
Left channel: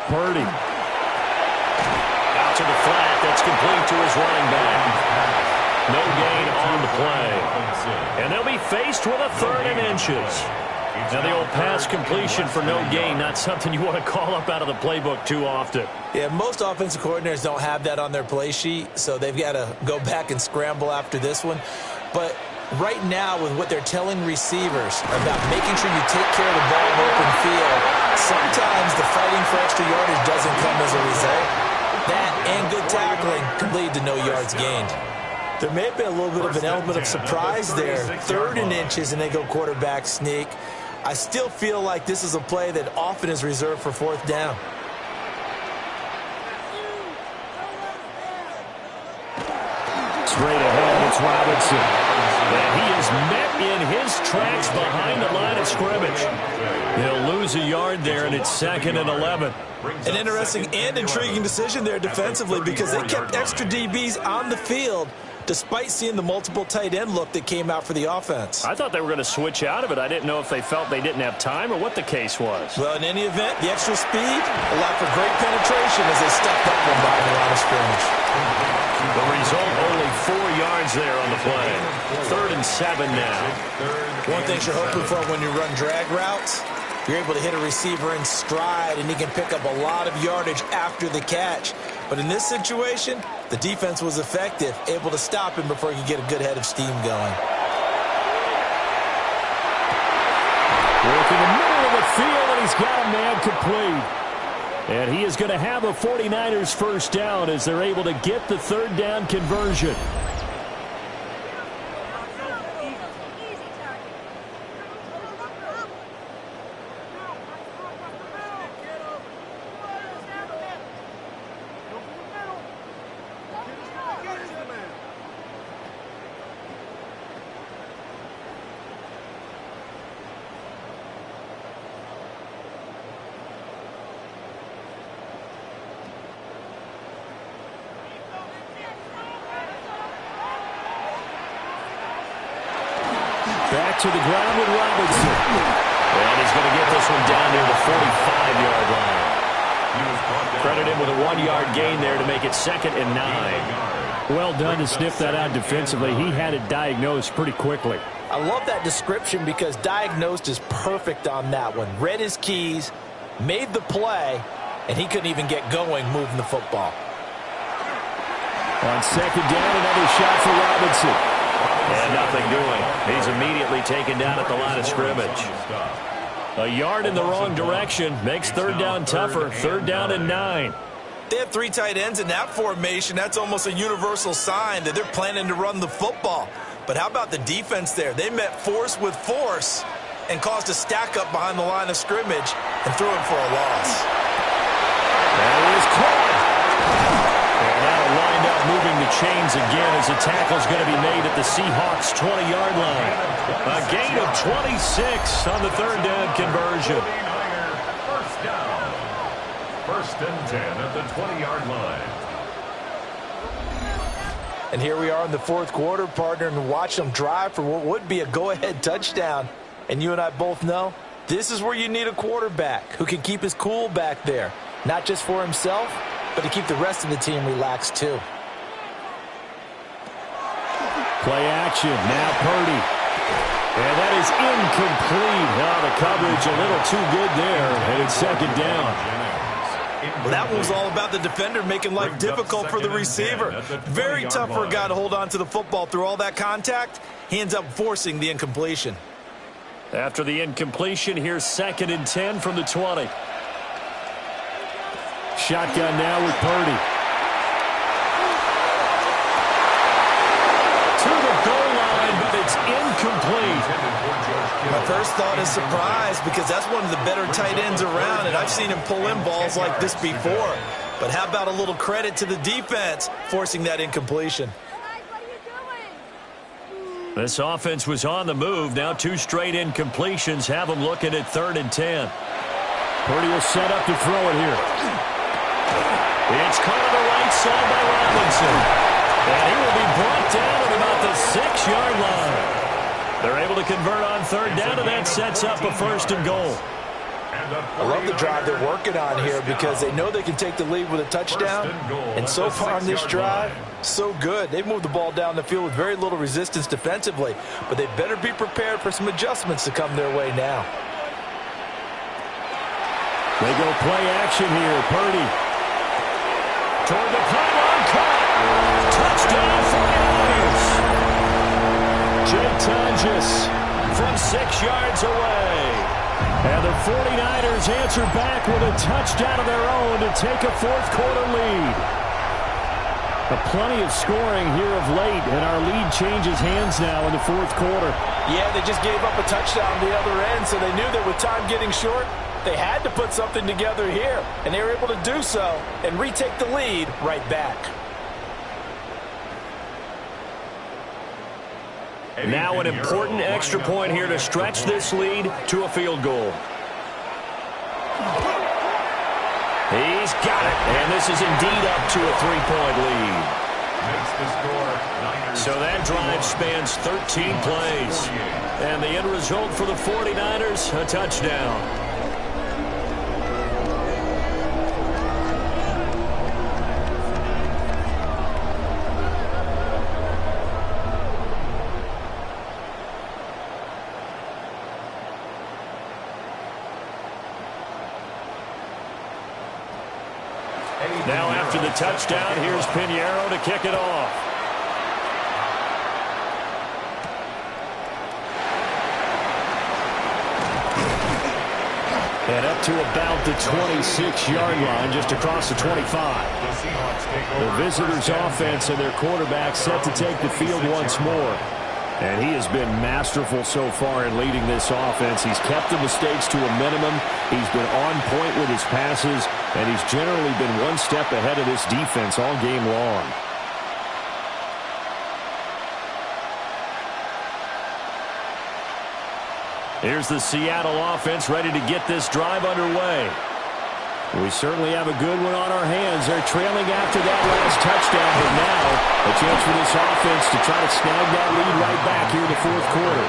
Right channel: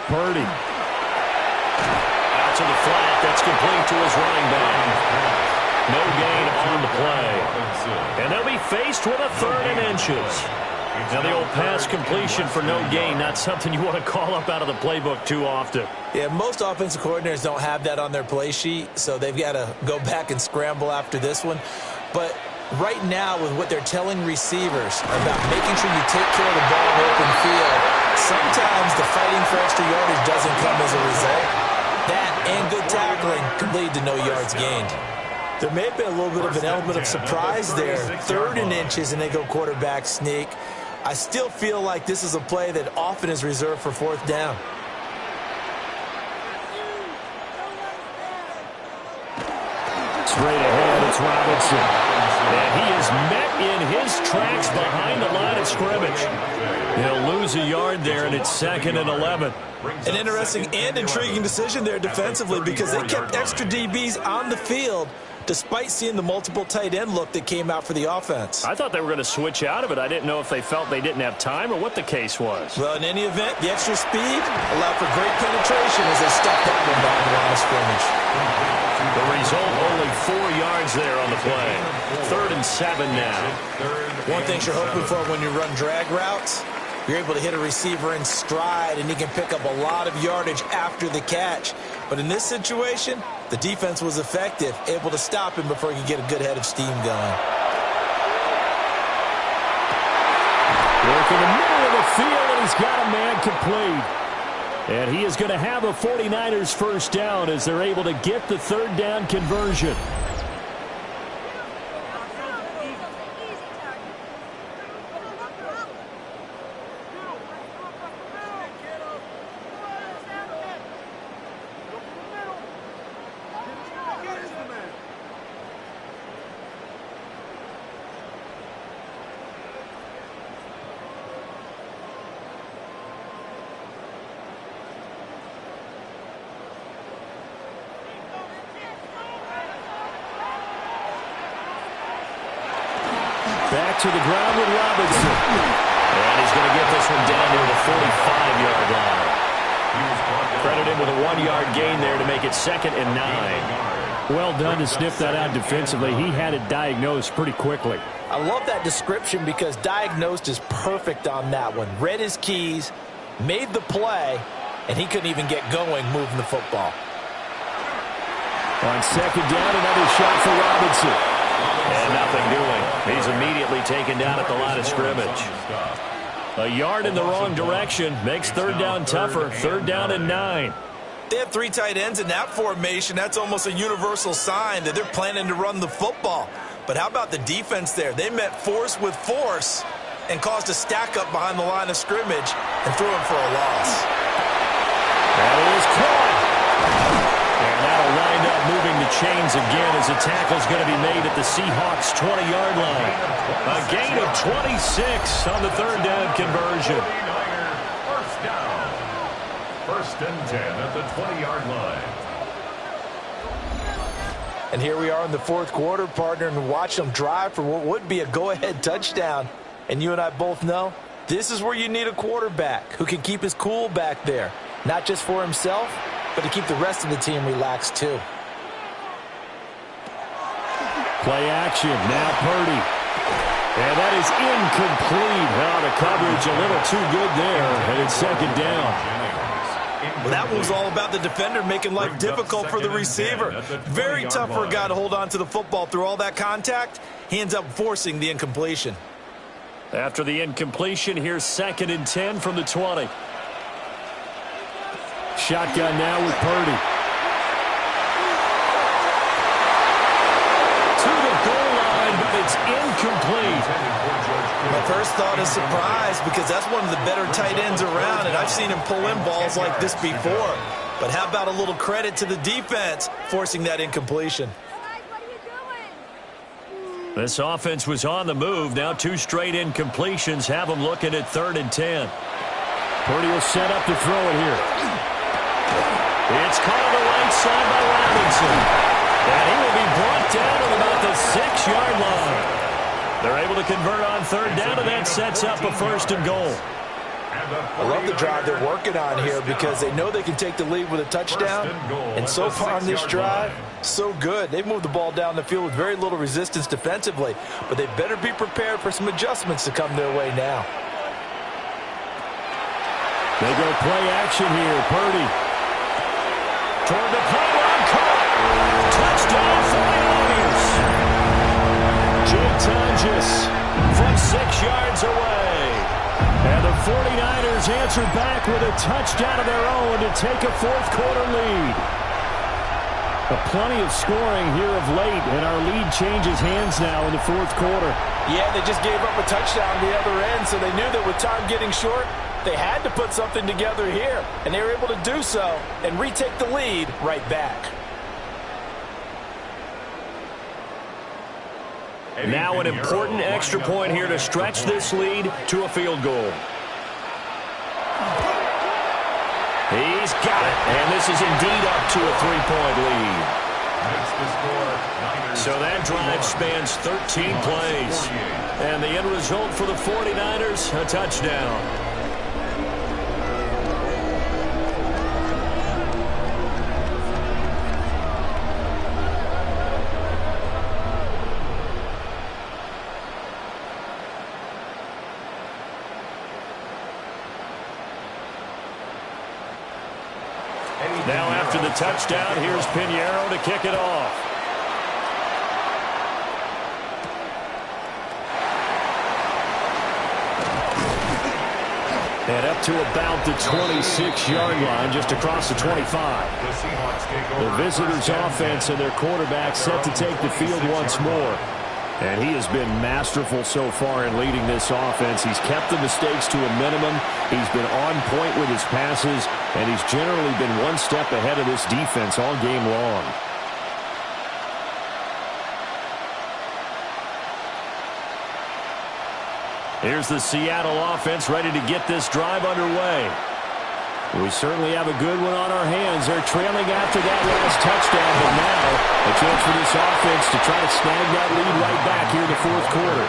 Purdy. Out to the flat. That's complete to his running back. No gain on the play. And they'll be faced with a 3rd and inches. Now the old pass completion for no gain, not something you want to call up out of the playbook too often. Yeah, most offensive coordinators don't have that on their play sheet, so they've got to go back and scramble after this one. But right now, with what they're telling receivers about making sure you take care of the ball in open field, sometimes the fighting for extra yardage doesn't come as a result. That and good tackling could lead to no yards gained. There may have been a little bit of an element of surprise there. 3rd and inches, and they go quarterback sneak. I still feel like this is a play that often is reserved for 4th down. Straight ahead, it's Robinson. And he is met in his tracks behind the line of scrimmage. He'll lose a yard there, and it's 2nd and 11. An interesting and intriguing decision there defensively because they kept extra DBs on the field despite seeing the multiple tight end look that came out for the offense. I thought they were going to switch out of it. I didn't know if they felt they didn't have time or what the case was. Well, in any event, the extra speed allowed for great penetration as they stuffed that one behind the line of scrimmage. The result, only 4 yards there on the play. 3rd and 7 now. One thing you're hoping for when you run drag routes, you're able to hit a receiver in stride, and he can pick up a lot of yardage after the catch. But in this situation, the defense was effective, able to stop him before he could get a good head of steam going. Work in the middle of the field, and he's got a man complete. And he is going to have a 49ers 1st down as they're able to get the 3rd down conversion. Back to the ground with Robinson. And he's going to get this one down near the 45-yard line. Credit him with a 1-yard gain there to make it 2nd and 9. Well done to sniff that out defensively. He had it diagnosed pretty quickly. I love that description because diagnosed is perfect on that one. Read his keys, made the play, and he couldn't even get going moving the football. On 2nd down, another shot for Robinson. And nothing doing. He's immediately taken down at the line of scrimmage. A yard in the wrong direction makes 3rd down tougher. 3rd down and 9. They have 3 tight ends in that formation. That's almost a universal sign that they're planning to run the football. But how about the defense there? They met force with force and caused a stack up behind the line of scrimmage and threw him for a loss. That is caught. And that'll wind up moving the chains again as the tackle's going to be made at the Seahawks' 20-yard line. A gain of 26 on the third down conversion. First down. First and 10 at the 20-yard line. And here we are in the fourth quarter, partner, and watch them drive for what would be a go-ahead touchdown. And you and I both know this is where you need a quarterback who can keep his cool back there, not just for himself, but to keep the rest of the team relaxed too. Play action, now Purdy. And that is incomplete. Oh, the coverage a little too good there, and it's second down. Well, that one was all about the defender making life difficult for the receiver. Very tough for a guy to hold on to the football through all that contact. He ends up forcing the incompletion. After the incompletion, here's second and 10 from the 20. Shotgun now with Purdy. To the goal line, but it's incomplete. My first thought is surprise because that's one of the better tight ends around, and I've seen him pull in balls like this before. But how about a little credit to the defense forcing that incompletion? This offense was on the move. Now 2 straight incompletions have them looking at third and 10. Purdy will set up to throw it here. It's caught on the right side by Robinson. And he will be brought down at about the 6-yard line. They're able to convert on third down, and that sets up a first and goal. I love the drive they're working on here because they know they can take the lead with a touchdown. And so far on this drive, so good. They've moved the ball down the field with very little resistance defensively, but they better be prepared for some adjustments to come their way now. They go play action here. Purdy. Toward the pylon, caught. Touchdown, 49ers. Jake Tonjes from 6 yards away. And the 49ers answer back with a touchdown of their own to take a fourth quarter lead. Plenty of scoring here of late, and our lead changes hands now in the fourth quarter. Yeah, they just gave up a touchdown the other end, so they knew that with time getting short, they had to put something together here, and they were able to do so and retake the lead right back. Now an important extra point here to stretch this lead to a field goal. He's got it, and this is indeed up to a 3-point lead. So that drive spans 13 plays. And the end result for the 49ers, a touchdown. Now after the touchdown, here's Pinheiro to kick it off. And up to about the 26-yard line, just across the 25. The visitors' offense and their quarterback set to take the field once more. And he has been masterful so far in leading this offense. He's kept the mistakes to a minimum. He's been on point with his passes, and he's generally been one step ahead of this defense all game long. Here's the Seattle offense ready to get this drive underway. We certainly have a good one on our hands. They're trailing after that last touchdown, but now a chance for this offense to try to snag that lead right back here in the fourth quarter.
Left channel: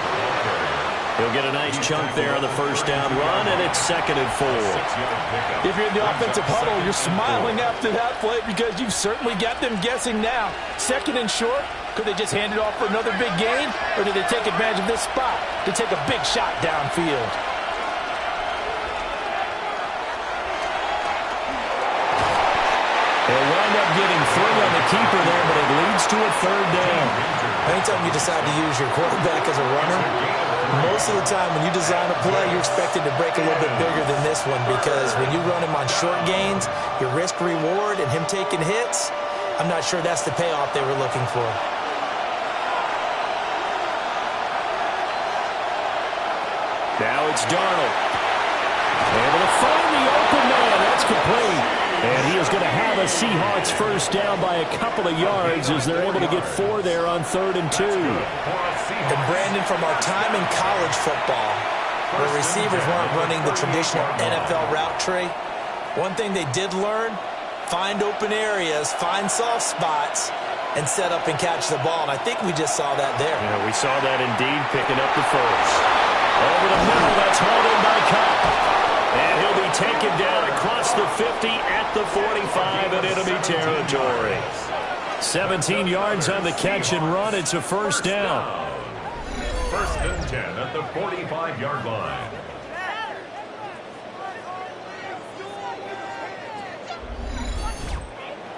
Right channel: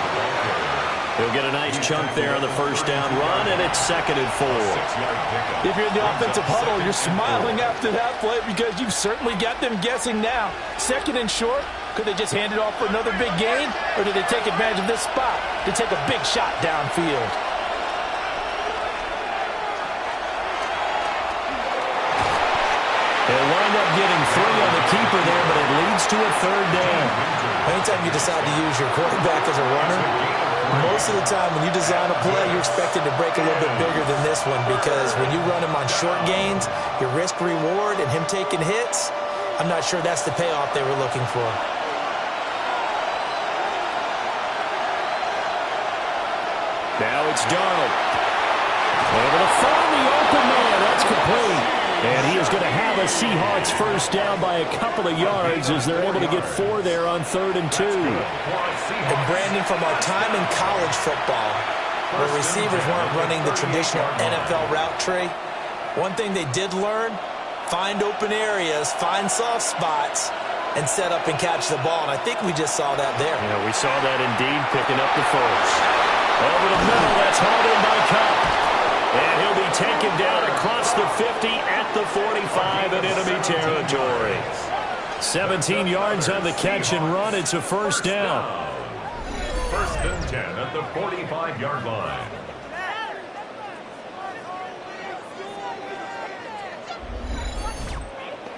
He'll get a nice chunk there on the first down run, and it's 2nd and 4. If you're in the offensive huddle, you're smiling after that play because you've certainly got them guessing now. 2nd and short, could they just hand it off for another big gain, or do they take advantage of this spot to take a big shot downfield? He'll wind up getting 3 on the keeper there, but it leads to a 3rd down. Anytime you decide to use your quarterback as a runner, most of the time when you design a play, you're expected to break a little bit bigger than this one, because when you run him on short gains, your risk-reward and him taking hits, I'm not sure that's the payoff they were looking for. Now it's Darnold. Able to find the open man. That's complete. And he is going to have a Seahawks first down by a couple of yards as they're able to get 4 there on 3rd and 2. And Brandon, from our time in college football, where receivers weren't running the traditional NFL route tree, one thing they did learn, find open areas, find soft spots, and set up and catch the ball. And I think we just saw that there. Yeah, we saw that indeed, picking up the first. Over the middle, that's hauled in by Cup. And he'll be taken down across the 50 at the 45 in enemy territory. 17 yards on the catch and run. It's a first down. 1st and 10 at the 45-yard line.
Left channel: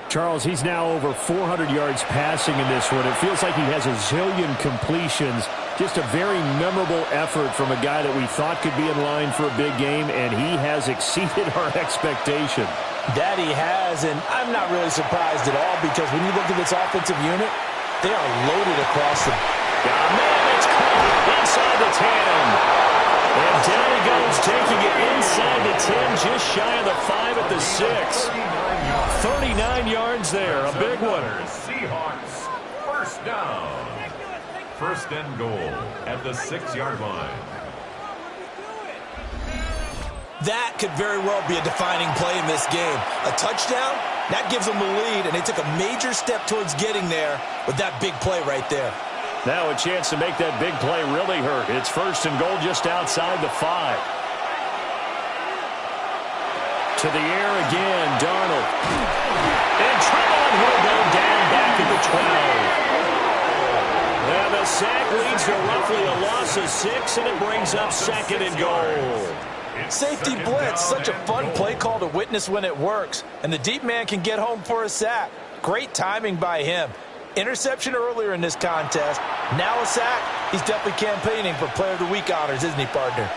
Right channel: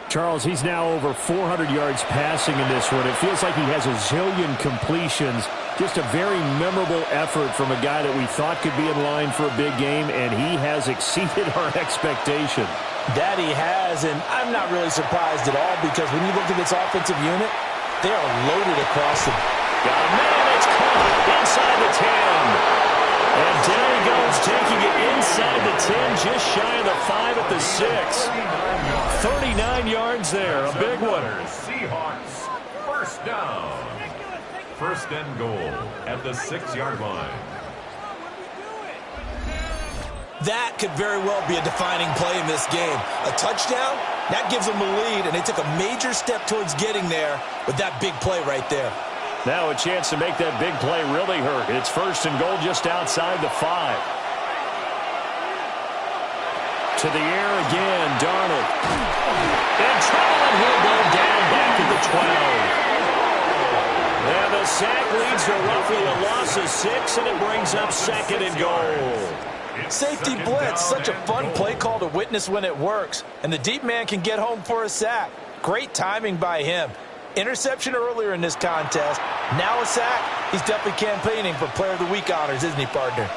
Charles, he's now over 400 yards passing in this one. It feels like he has a zillion completions. Just a very memorable effort from a guy that we thought could be in line for a big game, and he has exceeded our expectation. That he has, and I'm not really surprised at all, because when you look at this offensive unit, they are loaded across the... Got a man, it's caught inside the 10. And down he goes, taking it inside the 10, just shy of the 5 at the 6. 39 yards there, a big one. Seahawks, first down. 1st and goal at the 6-yard line. That could very well be a defining play in this game. A touchdown, that gives them a lead, and they took a major step towards getting there with that big play right there. Now a chance to make that big play really hurt. It's 1st and goal just outside the 5. To the air again, Darnold. In trouble, and he'll go down back at the 12. And the sack leads to roughly a loss of 6, and it brings up 2nd and goal. Safety blitz, such a fun play call to witness when it works. And the deep man can get home for a sack. Great timing by him. Interception earlier in this contest. Now a sack. He's definitely campaigning for Player of the Week honors, isn't he, partner?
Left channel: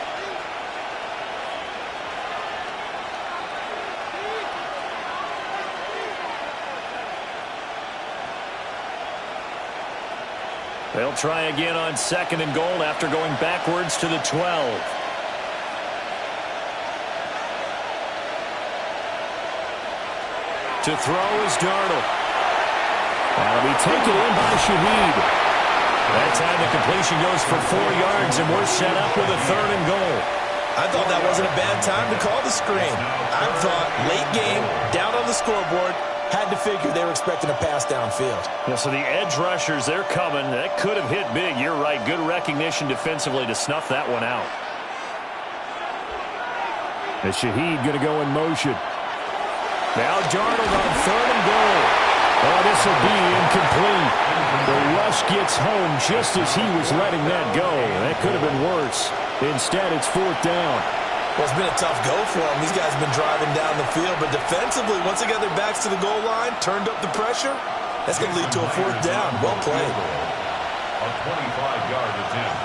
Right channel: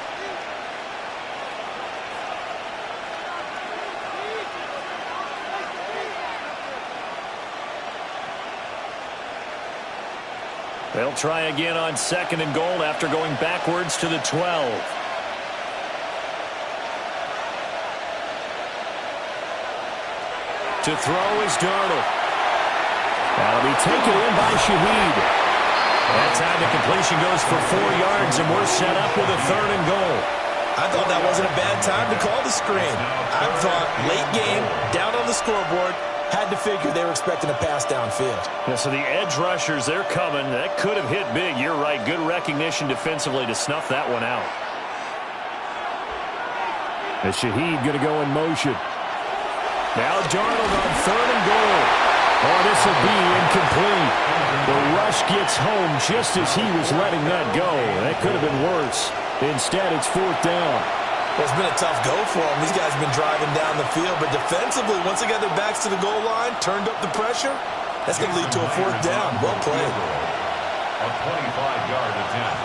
They'll try again on 2nd and goal after going backwards to the 12. To throw is Darnold. That'll be taken in by Shaheed. That time the completion goes for 4 yards, and we're set up with a 3rd and goal. I thought that wasn't a bad time to call the screen. I thought late game, down on the scoreboard, had to figure they were expecting a pass downfield. Yeah, so the edge rushers, they're coming. That could have hit big. You're right. Good recognition defensively to snuff that one out. And Shaheed going to go in motion. Now Darnold on 3rd and goal. Oh, this will be incomplete. The rush gets home just as he was letting that go. That could have been worse. Instead, it's 4th down. Well, it's been a tough go for them. These guys have been driving down the field, but defensively, once they got their backs to the goal line, turned up the pressure, that's going to lead to a 4th down. Well played. A 25-yard attempt.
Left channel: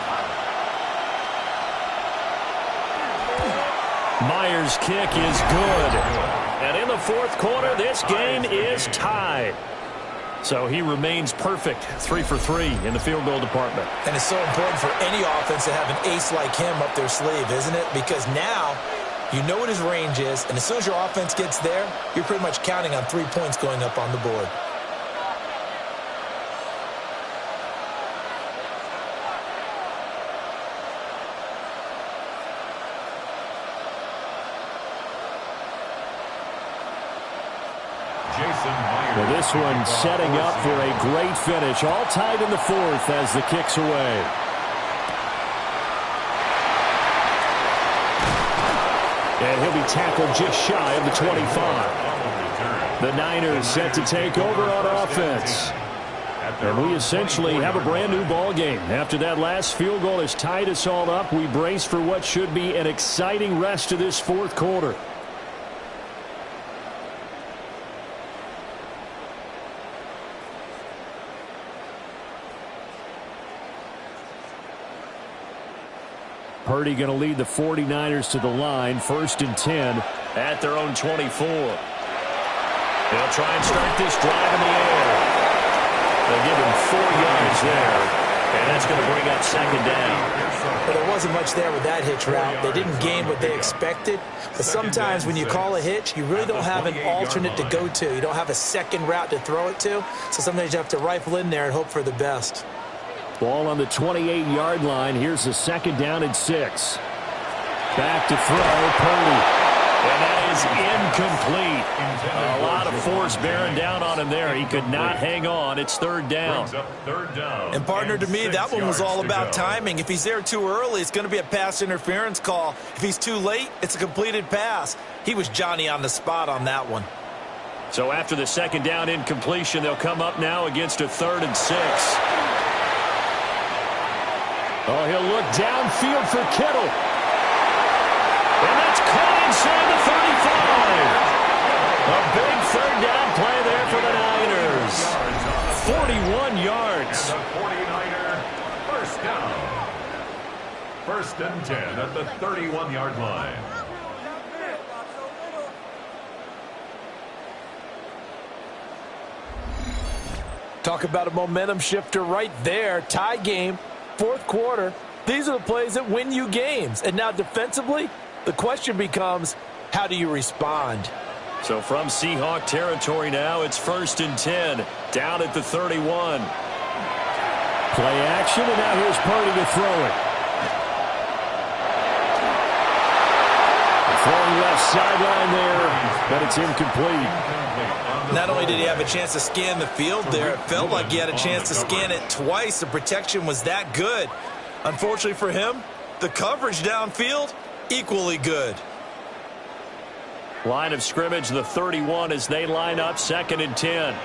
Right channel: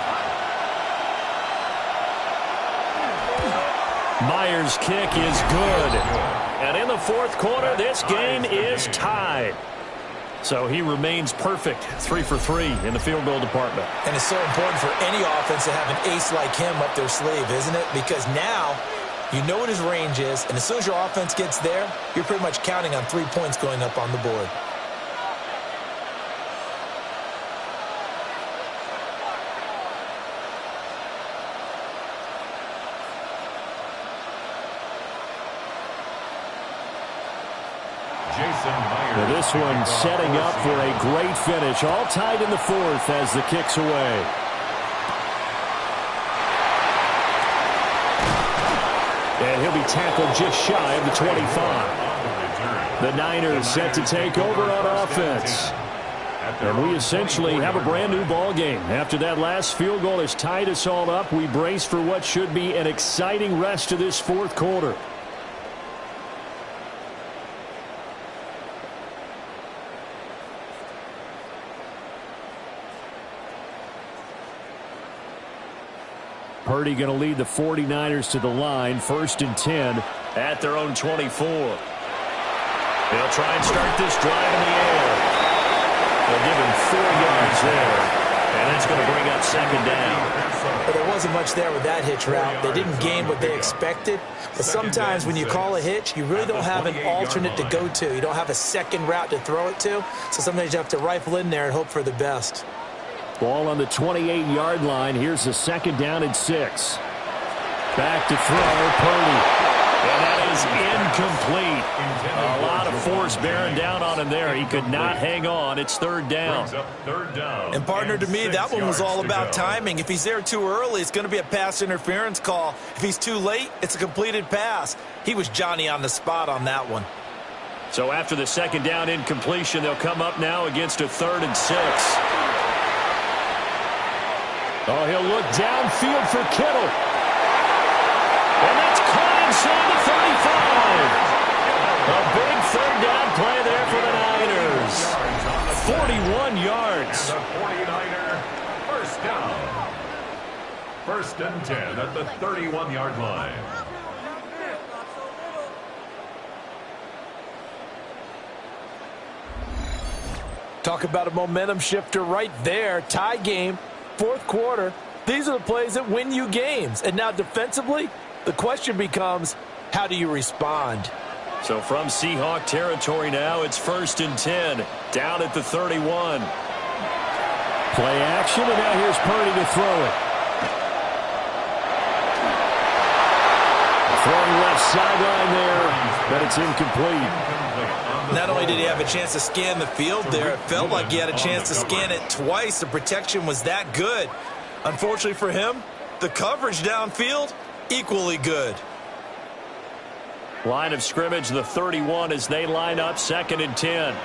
Myers' kick is good. And in the 4th quarter, this game is tied. So he remains perfect, 3 for 3 in the field goal department. And it's so important for any offense to have an ace like him up their sleeve, isn't it? Because now you know what his range is, and as soon as your offense gets there, you're pretty much counting on 3 points going up on the board. Well, this one setting up for a great finish. All tied in the 4th as the kick's away. And he'll be tackled just shy of the 25. The Niners set to take over on offense. And we essentially have a brand new ball game. After that last field goal has tied us all up, we brace for what should be an exciting rest of this 4th quarter. Purdy going to lead the 49ers to the line, 1st and 10 at their own 24. They'll try and start this drive in the air. They'll give him 4 yards there, and that's going to bring up 2nd down. But there wasn't much there with that hitch route. They didn't gain what they expected. But sometimes when you call a hitch, you really don't have an alternate to go to. You don't have a second route to throw it to. So sometimes you have to rifle in there and hope for the best. Ball on the 28-yard line. Here's the 2nd down and 6. Back to throw, Purdy. And that is incomplete. A lot of force bearing down on him there. He could not hang on. It's 3rd down. And partner, to me, that one was all about timing. If he's there too early, it's going to be a pass interference call. If he's too late, it's a completed pass. He was Johnny on the spot on that one. So after the 2nd down incompletion, they'll come up now against a 3rd and 6. Oh, he'll look downfield for Kittle. And that's caught inside the 35. A big 3rd down play there for the Niners. 41 yards. And the 49er first down. 1st and 10 at the 31-yard line. Talk about a momentum shifter right there. Tie game, 4th quarter. These are the plays that win you games. And now defensively, the question becomes, how do you respond? So from Seahawk territory now, it's 1st and 10, down at the 31. Play action, and now here's Purdy to throw it. Throwing left sideline there, but it's incomplete. Not only did he have a chance to scan the field there, it felt like he had a chance to scan it twice. The protection was that good. Unfortunately for him, the coverage downfield, equally good. Line of scrimmage, the 31 as they line up, 2nd and 10.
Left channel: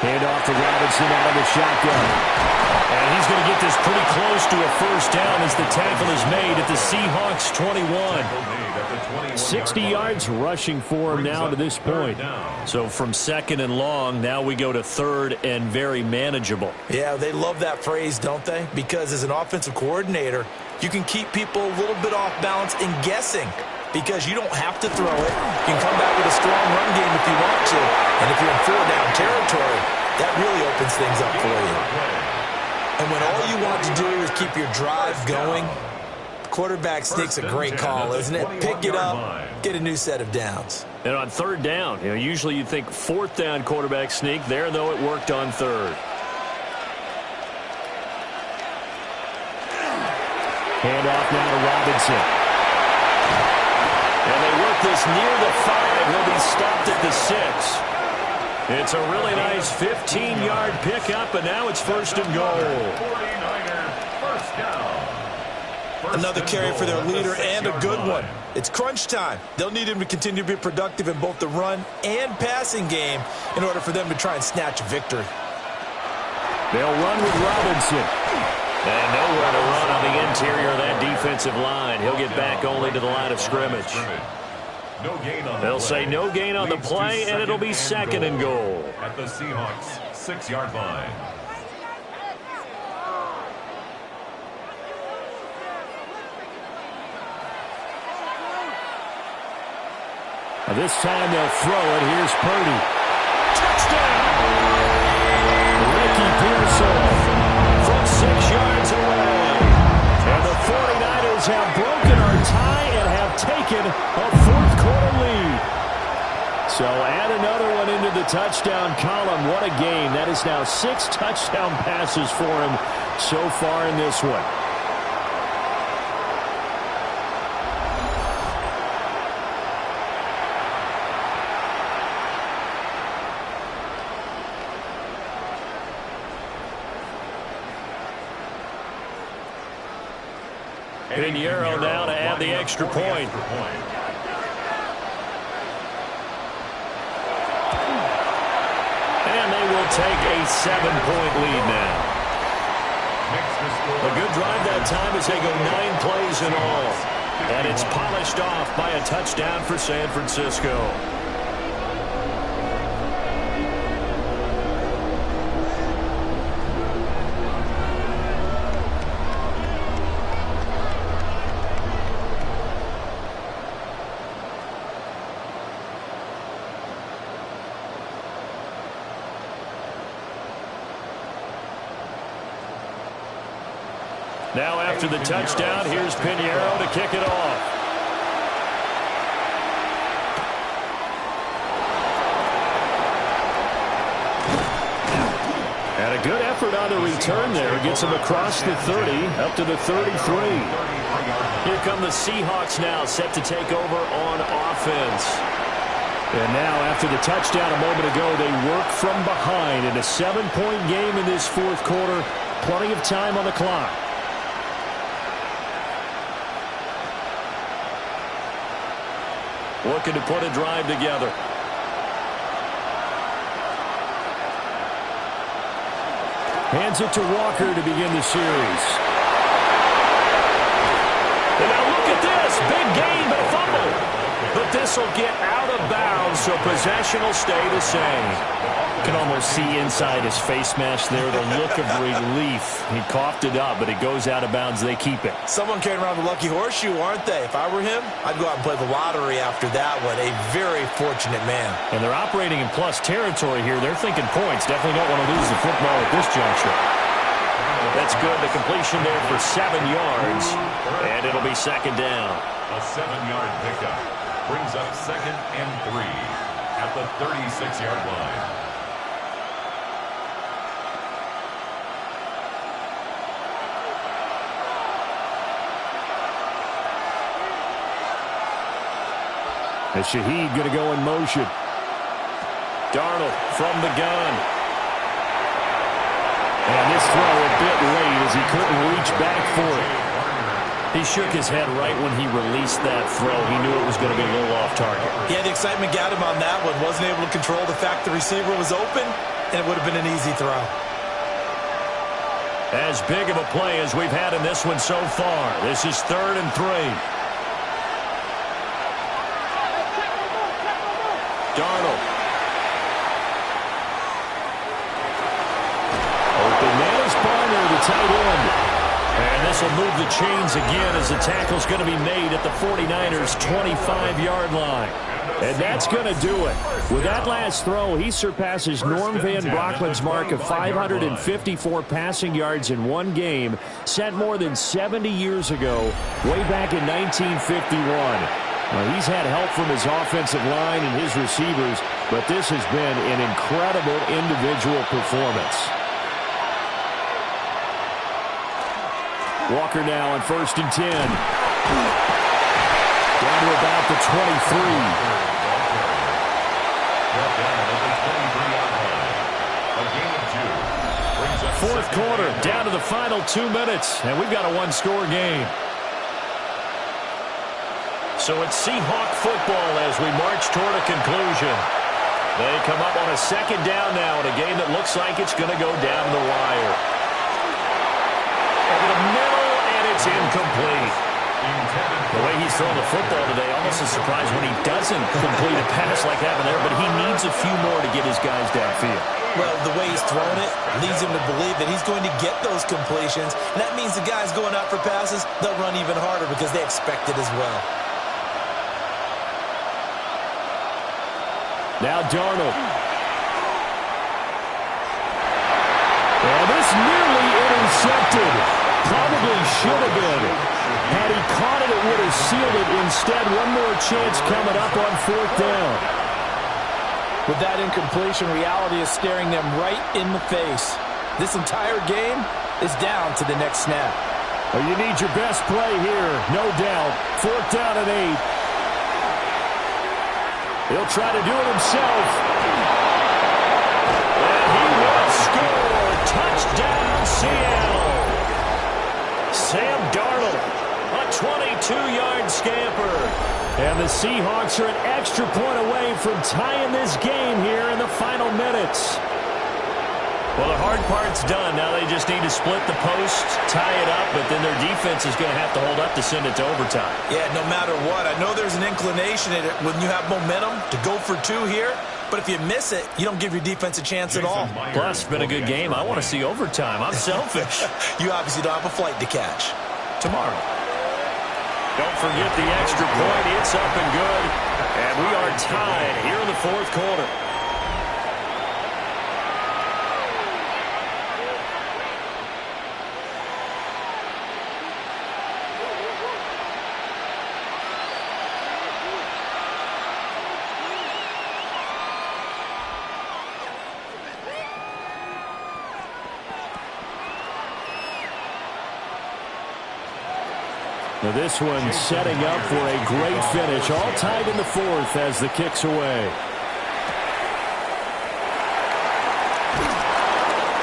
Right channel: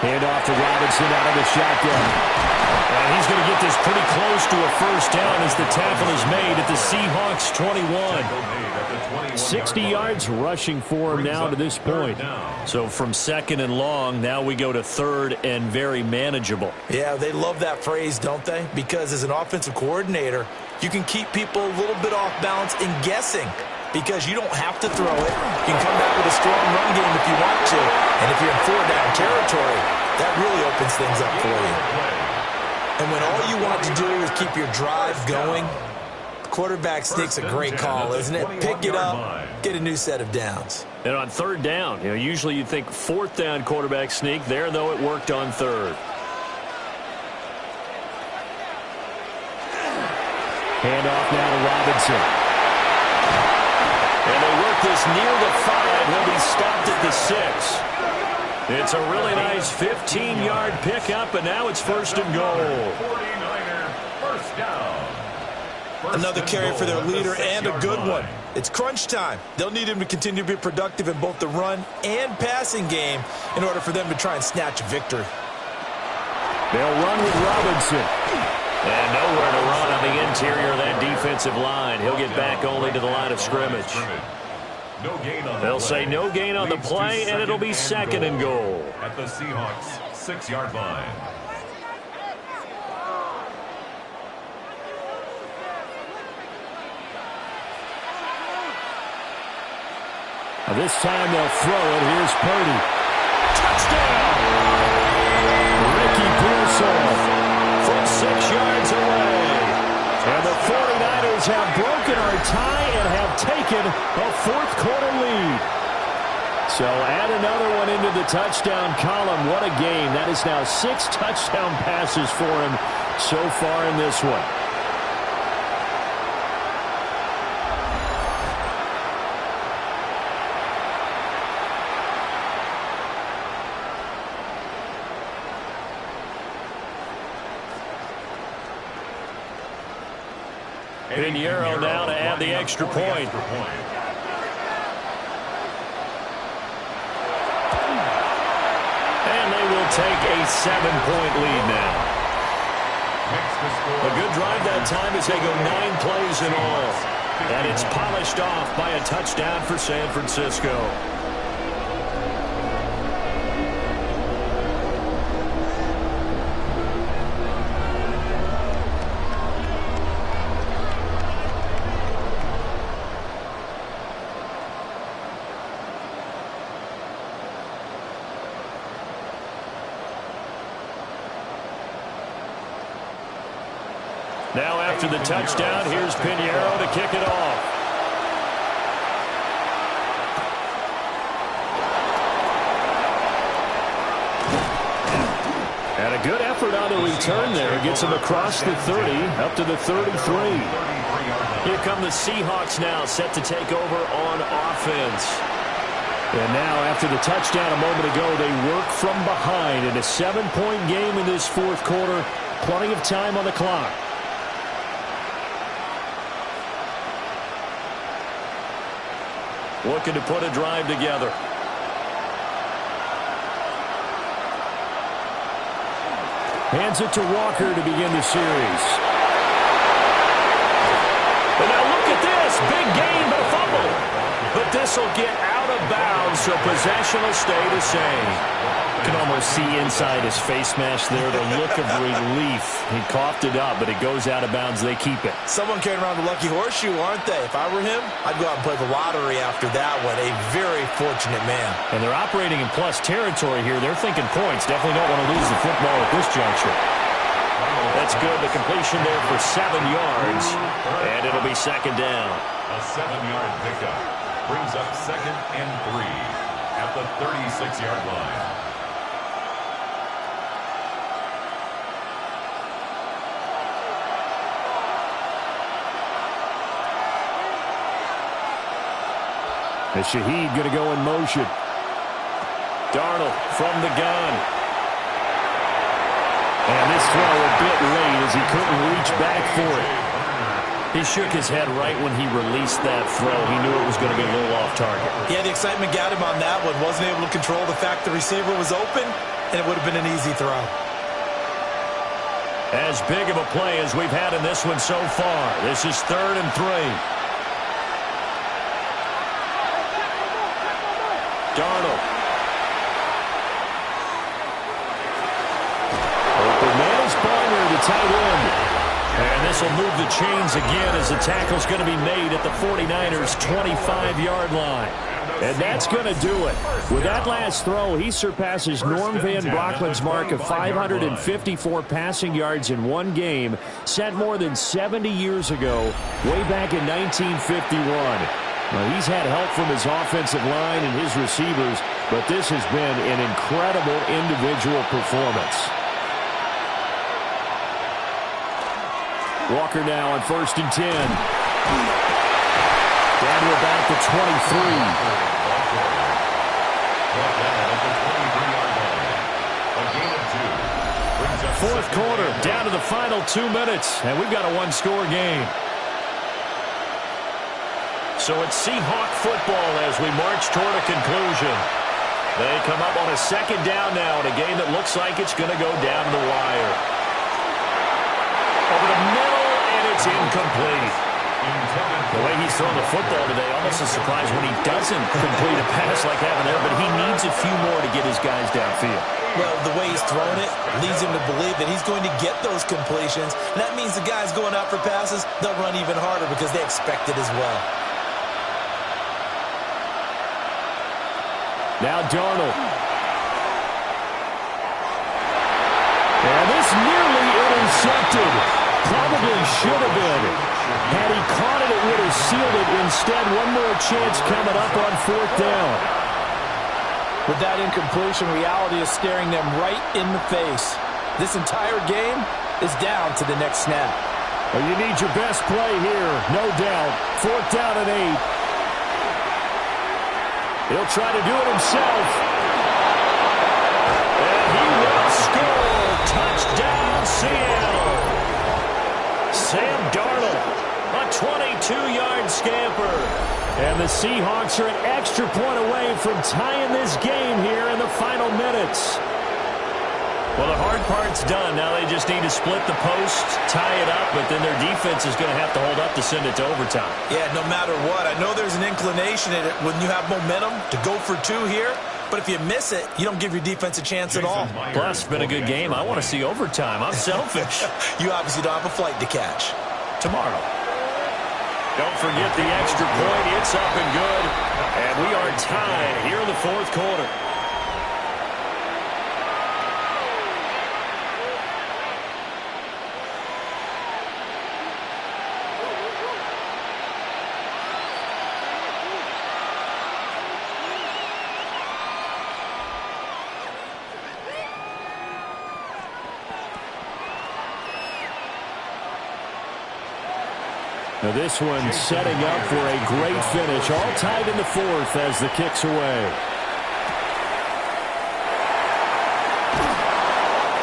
Hand off to Robinson out of the shotgun. And he's going to get this pretty close to a 1st down as the tackle is made at the Seahawks 21. 60 yards rushing for him now to this point. So from 2nd and long, now we go to 3rd and very manageable. Yeah, they love that phrase, don't they? Because as an offensive coordinator, you can keep people a little bit off balance and guessing because you don't have to throw it. You can come back with a strong run game if you want to. And if you're in 4-down territory, that really opens things up for you. And when all you want to do is keep your drive going, quarterback sneak's a great call, isn't it? Pick it up, get a new set of downs. And on 3rd down, usually you think 4th down quarterback sneak. There, though, it worked on 3rd. Hand off now to Robinson. And they work this near the 5. He'll be stopped at the 6. It's a really nice 15-yard pickup, and now it's 1st and goal. 49er first down. Another carry for their leader and a good one. It's crunch time. They'll need him to continue to be productive in both the run and passing game in order for them to try and snatch a victory. They'll run with Robinson. And nowhere to run on the interior of that defensive line. He'll get back only to the line of scrimmage. They'll say no gain on the play, and it'll be 2nd and goal. At the Seahawks 6-yard line. This time they'll throw it. Here's Purdy. Touchdown! Ricky Pearsall from 6 yards away. And the 49ers have broken our tie and have taken a 4th quarter lead. So add another one into the touchdown column. What a game. That is now 6 touchdown passes for him so far in this one. Pinheiro now to add the extra point. And they will take a 7-point lead now. A good drive that time as they go 9 plays in all. And it's polished off by a touchdown for San Francisco. Now after the touchdown, here's Pinheiro to kick it off. And a good effort on the return there. Gets him across the 30, up to the 33. Here come the Seahawks now, set to take over on offense. And now, after the touchdown a moment ago, they work from behind in a 7-point game in this fourth quarter. Plenty of time on the clock. Looking to put a drive together. Hands it to Walker to begin the series. And now look at this. Big gain, but a fumble. But this will get out of bounds, so possession will stay the same. You can almost see inside his face mask there the look of relief. He coughed it up, but it goes out of bounds. They keep it. Someone carrying around the lucky horseshoe, aren't they? If I were him, I'd go out and play the lottery after that one. A very fortunate man. And they're operating in plus territory here. They're thinking points. Definitely don't want to lose the football at this juncture. That's good. The completion there for 7 yards. And it'll be second down. A 7-yard pickup brings up 2nd and 3 at the 36-yard line. And Shaheed going to go in motion. Darnold from the gun. And this throw a bit late as he couldn't reach back for it. He shook his head right when he released that throw. He knew it was going to be a little off target. Yeah, the excitement got him on that one. Wasn't able to control the fact the receiver was open, and it would have been an easy throw. As big of a play as we've had in this one so far. This is 3rd and 3. Darnold. Open man is Barner, the tight end. And this will move the chains again as the tackle's going to be made at the 49ers' 25-yard line. And that's going to do it. With that last throw, he surpasses Norm Van Brocklin's mark of 554 passing yards in one game, set more than 70 years ago, way back in 1951. Well, he's had help from his offensive line and his receivers, but this has been an incredible individual performance. Walker now on 1st and 10. Down to about the 23. Fourth quarter, down to the final 2 minutes, and we've got a one-score game. So it's Seahawk football as we march toward a conclusion. They come up on a 2nd down now in a game that looks like it's going to go down the wire. Over the middle, and it's incomplete. The way he's throwing the football today, almost a surprise when he doesn't complete a pass like having there, but he needs a few more to get his guys downfield. Well, the way he's thrown it leads him to believe that he's going to get those completions, and that means the guys going out for passes, they'll run even harder because they expect it as well. Now Darnold. And this nearly intercepted. Probably should have been. Had he caught it, it would have sealed it. Instead, one more chance coming up on 4th down. With that incompletion, reality is staring them right in the face. This entire game is down to the next snap. Well, you need your best play here, no doubt. 4th down and 8. He'll try to do it himself. And he will score. Touchdown, Seattle. Sam Darnold, a 22-yard scamper. And the Seahawks are an extra point away from tying this game here in the final minutes. Well, the hard part's done. Now they just need to split the post, tie it up, but then their defense is going to have to hold up to send it to overtime. Yeah, no matter what. I know there's an inclination in it when you have momentum to go for 2 here, but if you miss it, you don't give your defense a chance at all. Plus, it's been a good game. I want to see overtime. I'm selfish. You obviously don't have a flight to catch. Tomorrow. Don't forget the extra point. It's up and good. And we are tied here in the 4th quarter. Now this one setting up for a great finish. All tied in the fourth as the kick's away.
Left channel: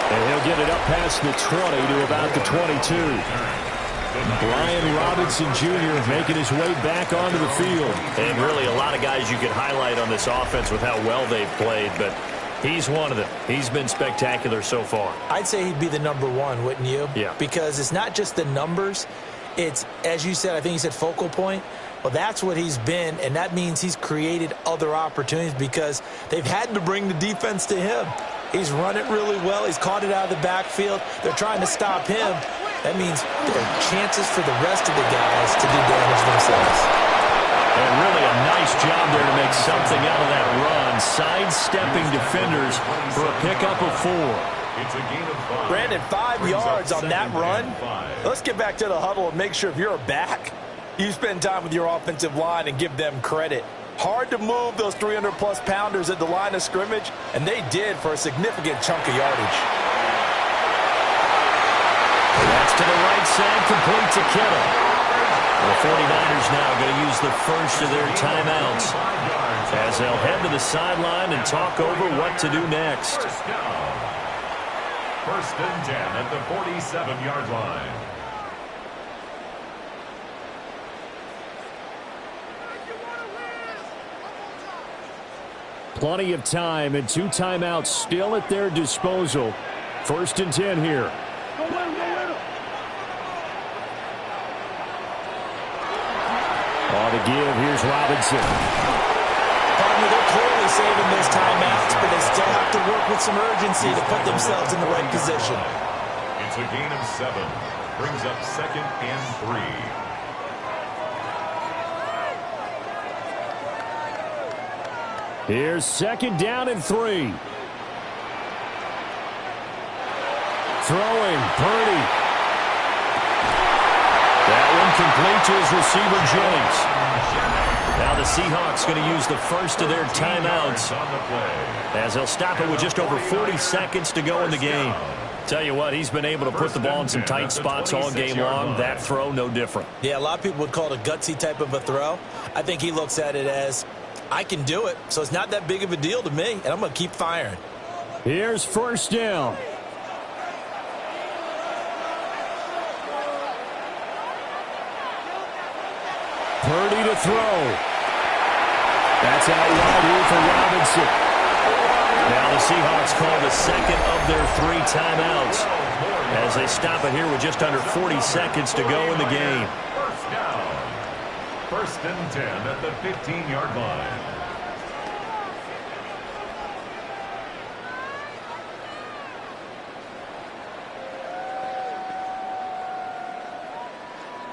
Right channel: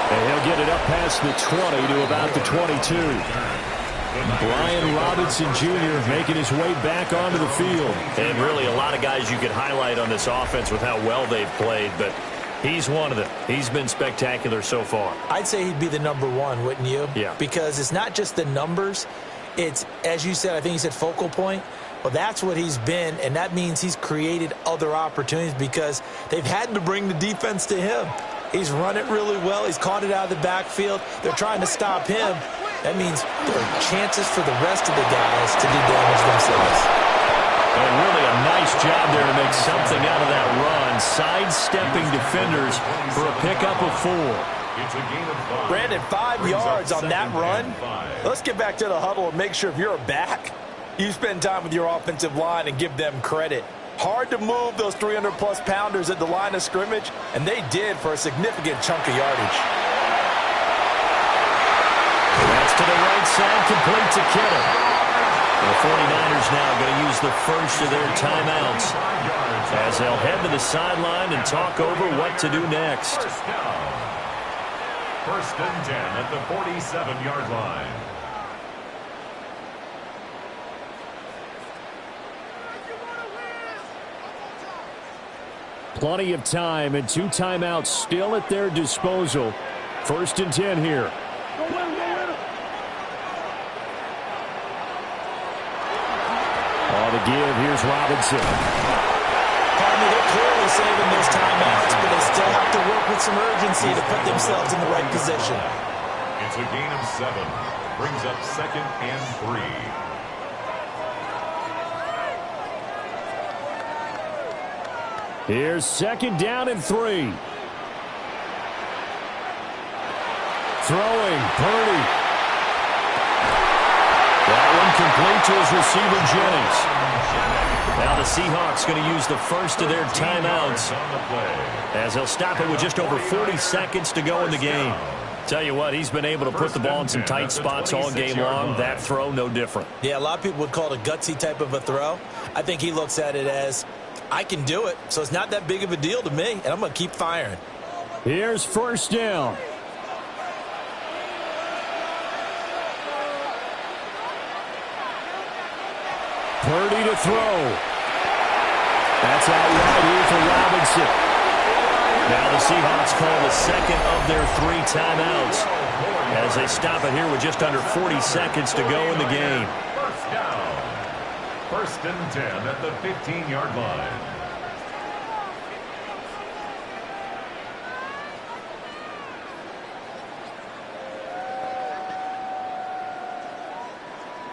And he'll get it up past the 20 to about the 22. Brian Robinson Jr. making his way back onto the field. And really a lot of guys you could highlight on this offense with how well they've played, but he's one of them. He's been spectacular so far. I'd say he'd be the number one, wouldn't you? Yeah. Because it's not just the numbers. It's, as you said, I think you said focal point. Well, that's what he's been, and that means he's created other opportunities because they've had to bring the defense to him. He's run it really well. He's caught it out of the backfield. They're trying to stop him. That means there are chances for the rest of the guys to do damage themselves. And really a nice job there to make something out of that run, sidestepping defenders for a pickup of 4. It's a gain of 5. Brandon, 5 yards on that run. Let's get back to the huddle and make sure if you're a back, you spend time with your offensive line and give them credit. Hard to move those 300-plus pounders at the line of scrimmage, and they did for a significant chunk of yardage. That's to the right side, complete to Kittle. The 49ers now going to use the first of their timeouts as they'll head to the sideline and talk over what to do next. First and 10 at the 47-yard line. Plenty of time and 2 timeouts still at their disposal. First and 10 here. All to give. Here's Robinson. Partner, they're clearly saving those timeouts, but they still have to work with some urgency to put themselves in the right position. It's a gain of 7. Brings up 2nd and 3. Here's 2nd down and 3. Throwing, Purdy. That one complete to his receiver, Jennings. Now the Seahawks going to use the first of their timeouts as they'll stop it with just over 40 seconds to go in the game. Tell you what, he's been able to put the ball in some tight spots all game long. That throw, no different. Yeah, a lot of people would call it a gutsy type of a throw. I think he looks at it as, I can do it, so it's not that big of a deal to me, and I'm going to keep firing. Here's 1st down. Purdy to throw. That's out wide here for Robinson. Now the Seahawks call the second of their 3 timeouts as they stop it here with just under 40 seconds to go in the game. First down. First and 10 at the 15-yard line.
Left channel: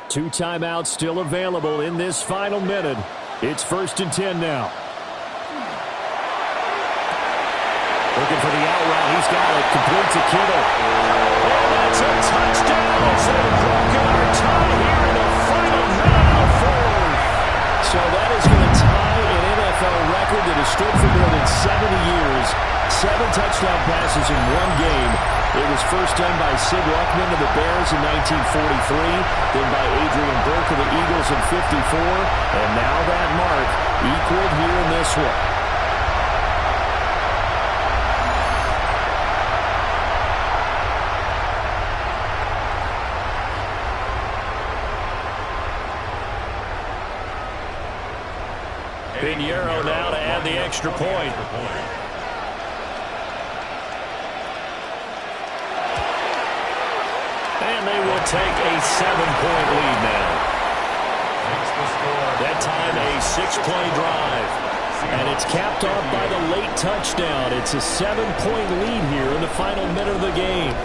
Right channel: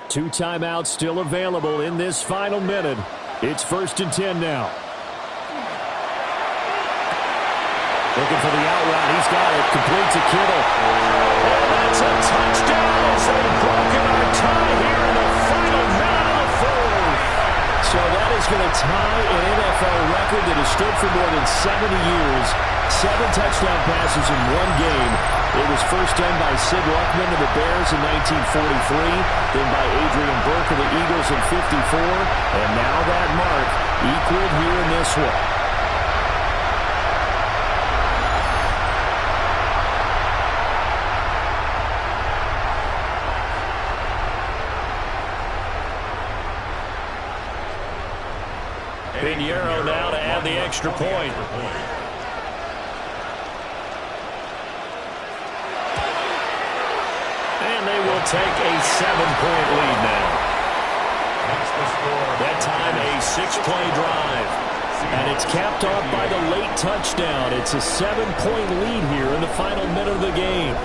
Two timeouts still available in this final minute. It's 1st and 10 now. Looking for the out route. He's got it. Complete to Kittle. And that's a touchdown as they've broken our tie here in the final minute of the 4th. So that is going to tie an NFL record that has stood for more than 70 years. 7 touchdown passes in 1 game. It was first done by Sid Luckman of the Bears in 1943, then by Adrian Burke of the Eagles in 54, and now that mark equaled here in this one. Pinheiro now to add the extra point. And they will take a 7-point lead now. That time a 6-play drive. And it's capped off by the late touchdown. It's a 7-point lead here in the final minute of the game.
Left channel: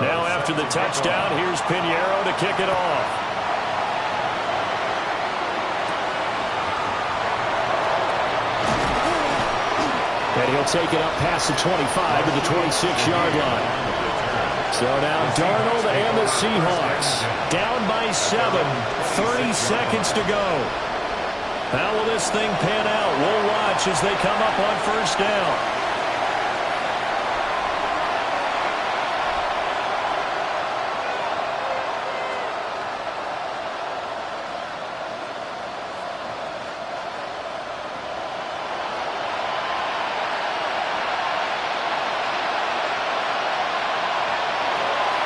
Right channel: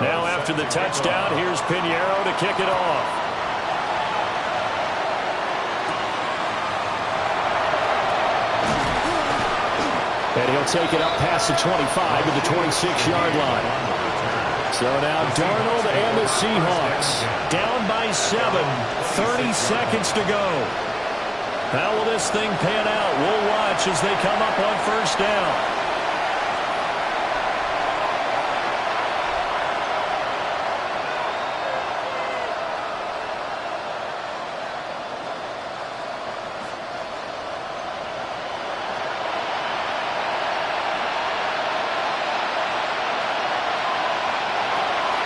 Now after the touchdown, here's Pinheiro to kick it off. And he'll take it up past the 25 to the 26-yard line. So now Darnold and the Seahawks down by 7, 30 seconds to go. How will this thing pan out? We'll watch as they come up on first down.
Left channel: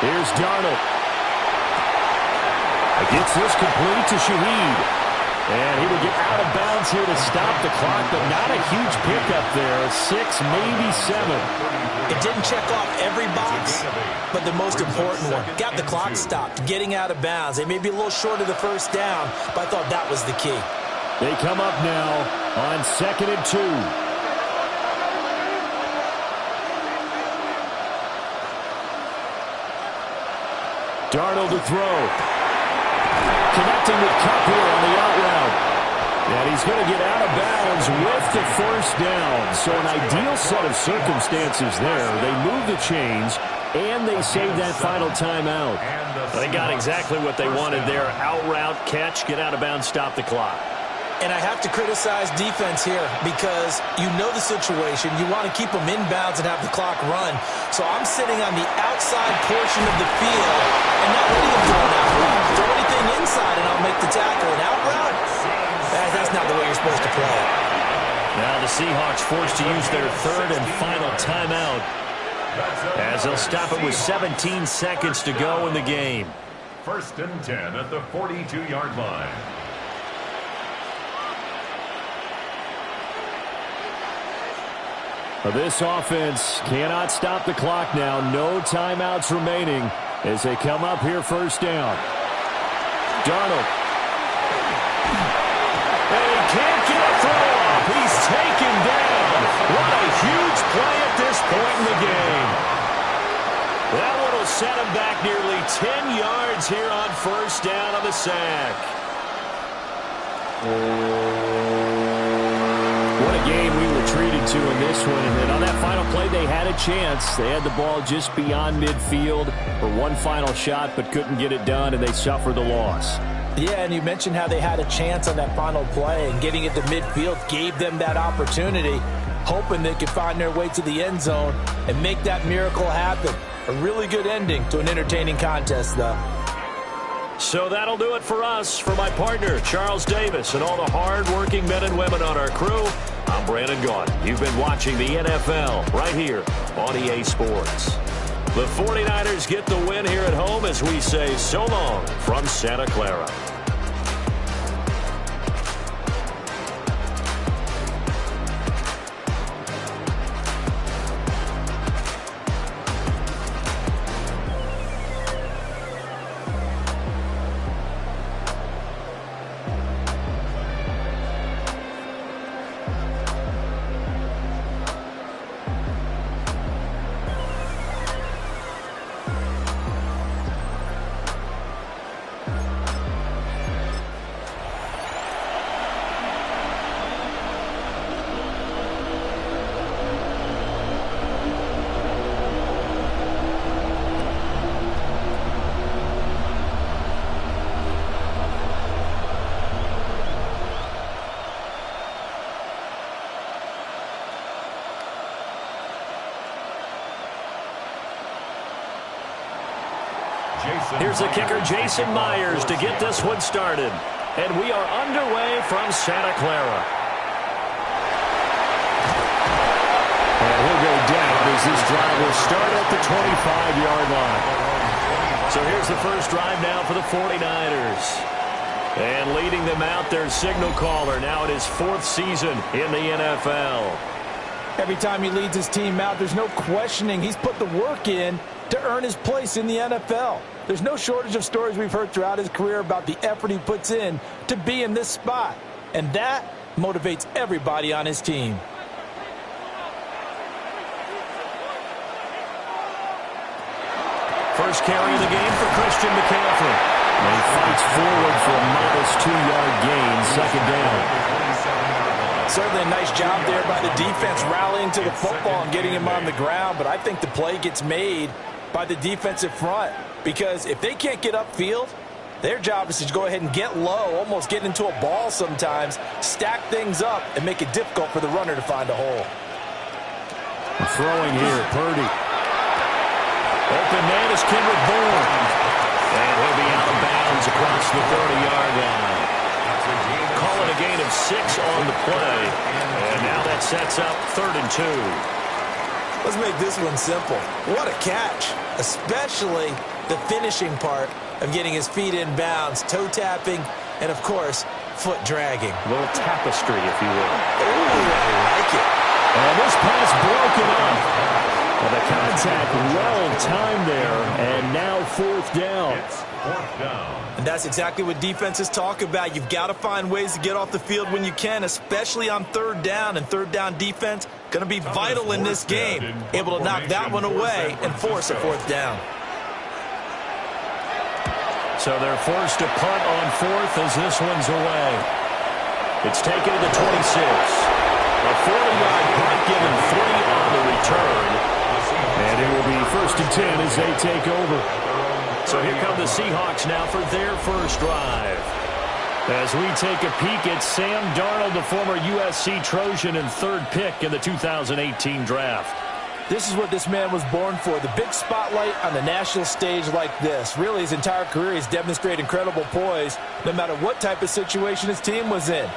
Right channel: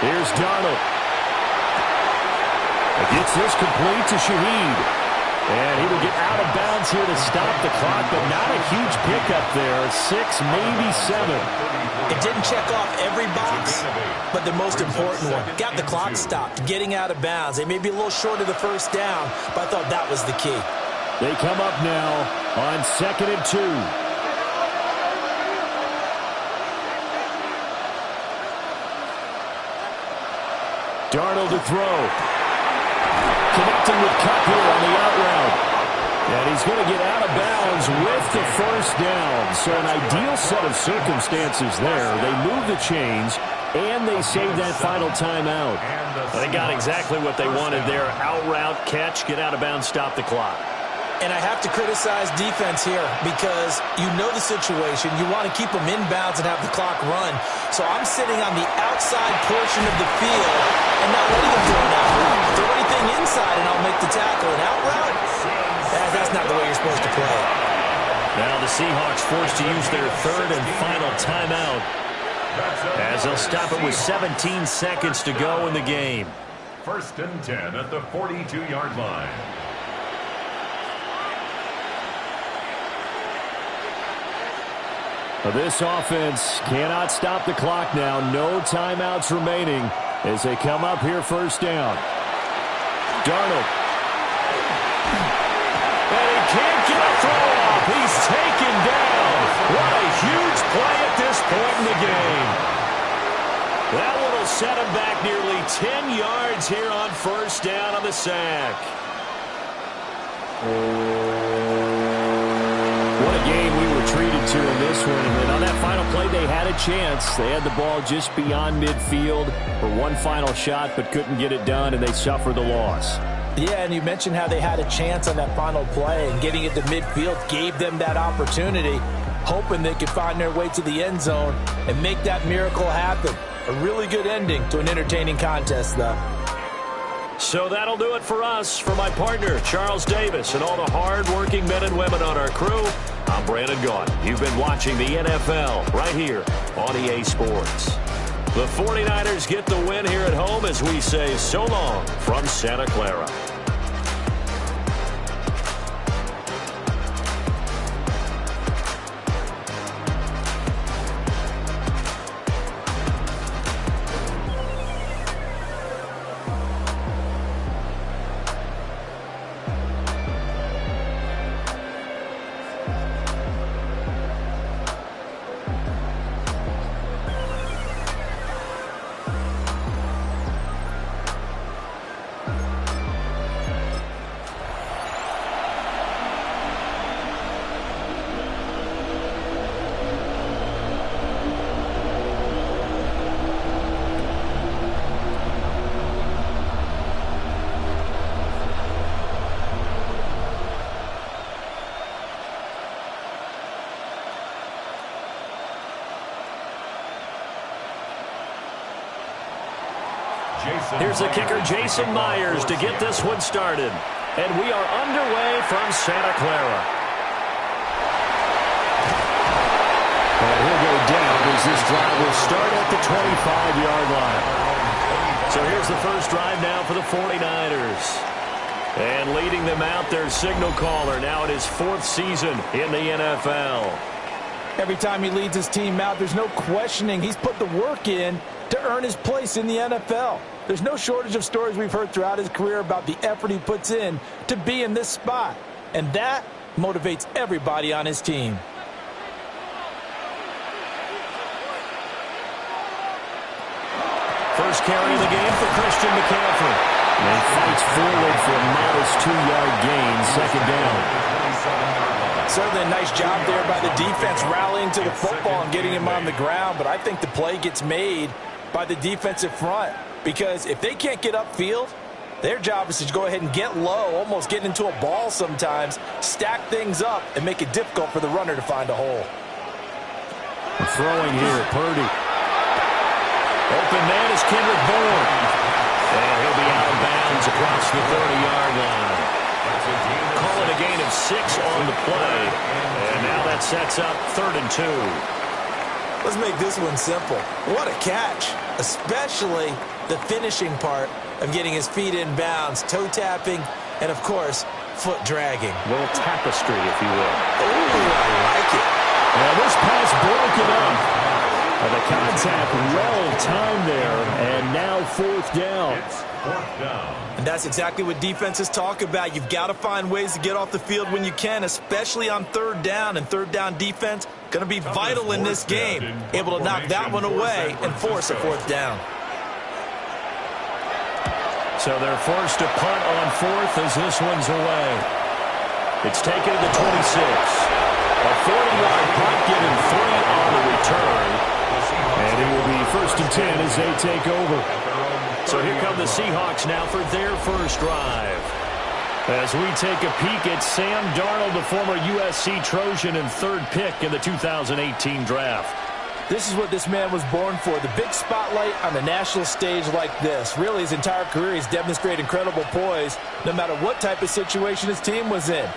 Here's Darnold. Gets this complete to Shaheed. And he will get out of bounds here to stop the clock, but not a huge pickup there. 6, maybe 7. It didn't check off every box, but the most important one. Got the clock stopped, getting out of bounds. They may be a little short of the first down, but I thought that was the key. They come up now on 2nd and 2. Darnold to throw. Connecting with Kupp here on the out route. And he's going to get out of bounds with the first down. So an ideal set of circumstances there. They move the chains, and they save that final timeout. They got exactly what they wanted there. Out route, catch, get out of bounds, stop the clock. And I have to criticize defense here because you know the situation. You want to keep them inbounds and have the clock run. So I'm sitting on the outside portion of the field and not letting them throw an out route. Throw anything inside and I'll make the tackle. An out route? That's not the way you're supposed to play. Now the Seahawks forced to use their third and final timeout as they'll stop it with 17 seconds to go in the game. 1st and 10 at the 42-yard line. This offense cannot stop the clock now. No timeouts remaining as they come up here first down. Darnold. And he can't get a throw off. He's taken down. What a huge play at this point in the game. That one will set him back nearly 10 yards here on first down on the sack. What a game we were treated to in this one. And then on that final play, they had a chance. They had the ball just beyond midfield for one final shot, but couldn't get it done, and they suffered the loss. Yeah, and you mentioned how they had a chance on that final play, and getting it to midfield gave them that opportunity, hoping they could find their way to the end zone and make that miracle happen. A really good ending to an entertaining contest, though. So that'll do it for us. For my partner, Charles Davis, and all the hard-working men and women on our crew, I'm Brandon Gaudin. You've been watching the NFL right here on EA Sports. The 49ers get the win here at home as we say so long from Santa Clara. Here's the kicker, Jason Myers, to get this one started. And we are underway from Santa Clara. And he'll go down as this drive will start at the 25-yard line. So here's the first drive now for the 49ers. And leading them out, their signal caller, now in his 4th season in the NFL. Every time he leads his team out, there's no questioning. He's put the work in to earn his place in the NFL. There's no shortage of stories we've heard throughout his career about the effort he puts in to be in this spot. And that motivates everybody on his team. First carry of the game for Christian McCaffrey. And he fights forward for a modest 2-yard gain, 2nd down. Certainly a nice job there by the defense rallying to the football and getting him on the ground, but I think the play gets made by the defensive front, because if they can't get upfield, their job is to go ahead and get low, almost get into a ball sometimes, stack things up, and make it difficult for the runner to find a hole. Throwing here, Purdy. Open man is Kendrick Bourne. And he'll be out of bounds across the 30-yard line. Call it a gain of 6 on the play. And now that sets up 3rd and 2. Let's make this one simple. What a catch, especially the finishing part of getting his feet in bounds, toe tapping, and, of course, foot dragging. A little tapestry, if you will. Oh, I like it. And this pass broken up. And the contact well-timed there, and now 4th down. It's 4th down. And that's exactly what defenses talk about. You've got to find ways to get off the field when you can, especially on 3rd down. And 3rd down defense going to be vital in this game. Able to knock that one away and force a 4th down. So they're forced to punt on 4th as this one's away. It's taken to the 26. A 40-yard punt, giving 3 on the return. And it will be 1st and 10 as they take over. So here come the Seahawks now for their first drive. As we take a peek at Sam Darnold, the former USC Trojan and 3rd pick in the 2018 draft. This is what this man was born for, the big spotlight on the national stage like this. Really, his entire career, he's demonstrated incredible poise, no matter what type of situation his team was in.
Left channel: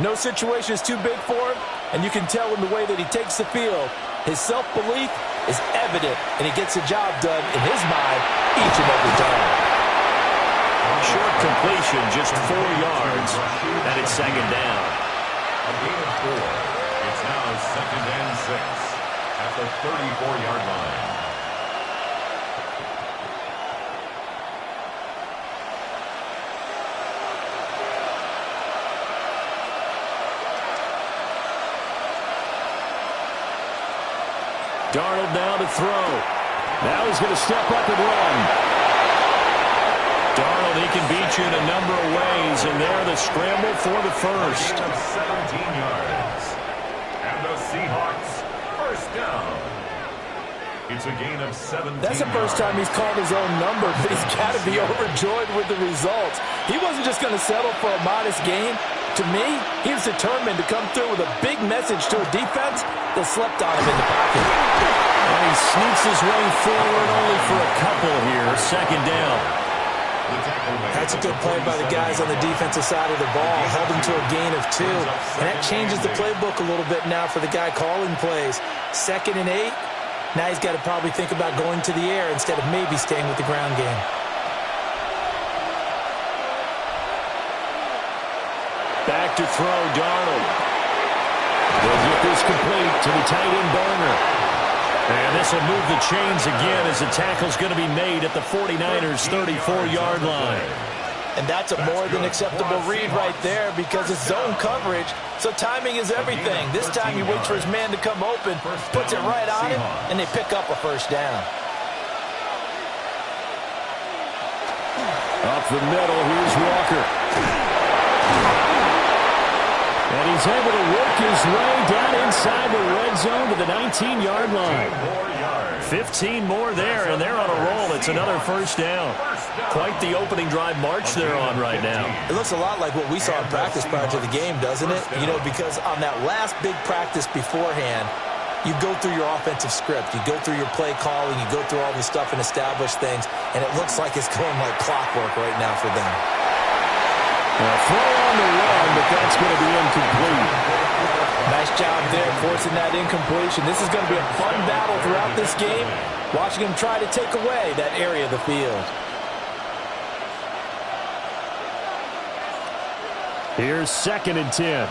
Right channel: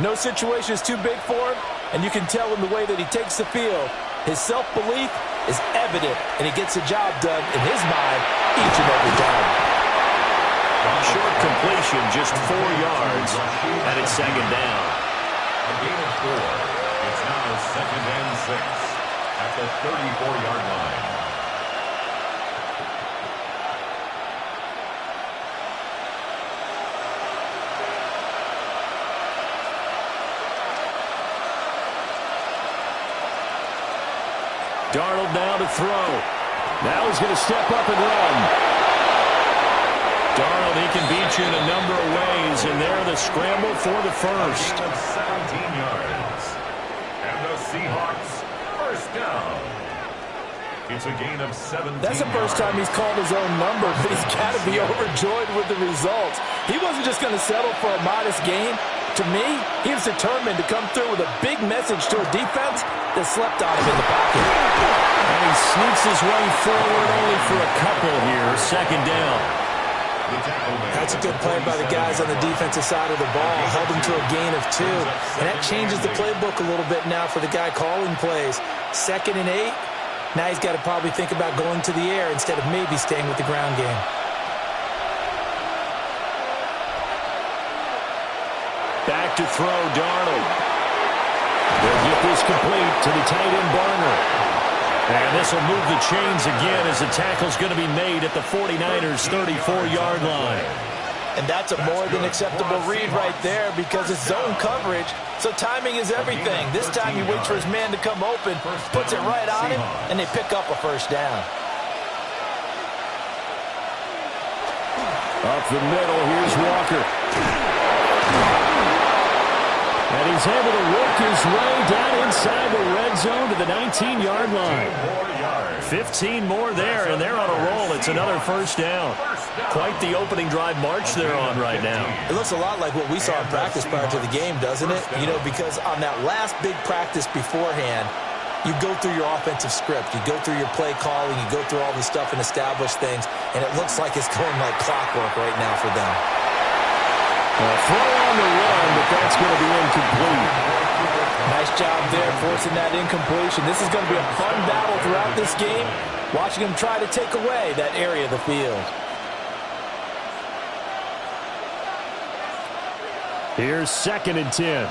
No situation is too big for him, and you can tell in the way that he takes the field. His self-belief is evident, and he gets the job done in his mind each and every time. Short completion, just 4 yards, and it's 2nd down. A gain of 4. It's now 2nd and 6 at the 34-yard line. Darnold now to throw. Now he's going to step up and run. Darnold, he can beat you in a number of ways, and there the scramble for the first. A gain of 17 yards. And the Seahawks, 1st down. It's a gain of 17 That's the first time he's called his own number, but he's got to be overjoyed with the results. He wasn't just going to settle for a modest gain. To me, he was determined to come through with a big message to a defense that slept on him in the pocket. And he sneaks his way forward only for a couple here. 2nd down. That's a good play by the guys on the defensive side of the ball. Held him to a gain of 2. And that changes the playbook a little bit now for the guy calling plays. 2nd and 8. Now he's got to probably think about going to the air instead of maybe staying with the ground game. Back to throw, Darnold. They'll get this complete to the tight end, Barner. And this will move the chains again as the tackle's going to be made at the 49ers' 34-yard line. And that's a more than acceptable read right there because it's zone coverage, so timing is everything. This time he waits for his man to come open, puts it right on him, and they pick up a 1st down. Up the middle, here's Walker. And he's able to work his way down inside the red zone to the 19-yard line. 15 more there, and they're on a roll. It's another 1st down. Quite the opening drive march they're on right now. It looks a lot like what we saw in practice prior to the game, doesn't it? You know, because on that last big practice beforehand, you go through your offensive script. You go through your play calling. You go through all the stuff and establish things, and it looks like it's going like clockwork right now for them. Throw on the run, but that's going to be incomplete. Nice job there forcing that incompletion. This is going to be a fun battle throughout this game, watching him try to take away that area of the field. Here's 2nd and 10.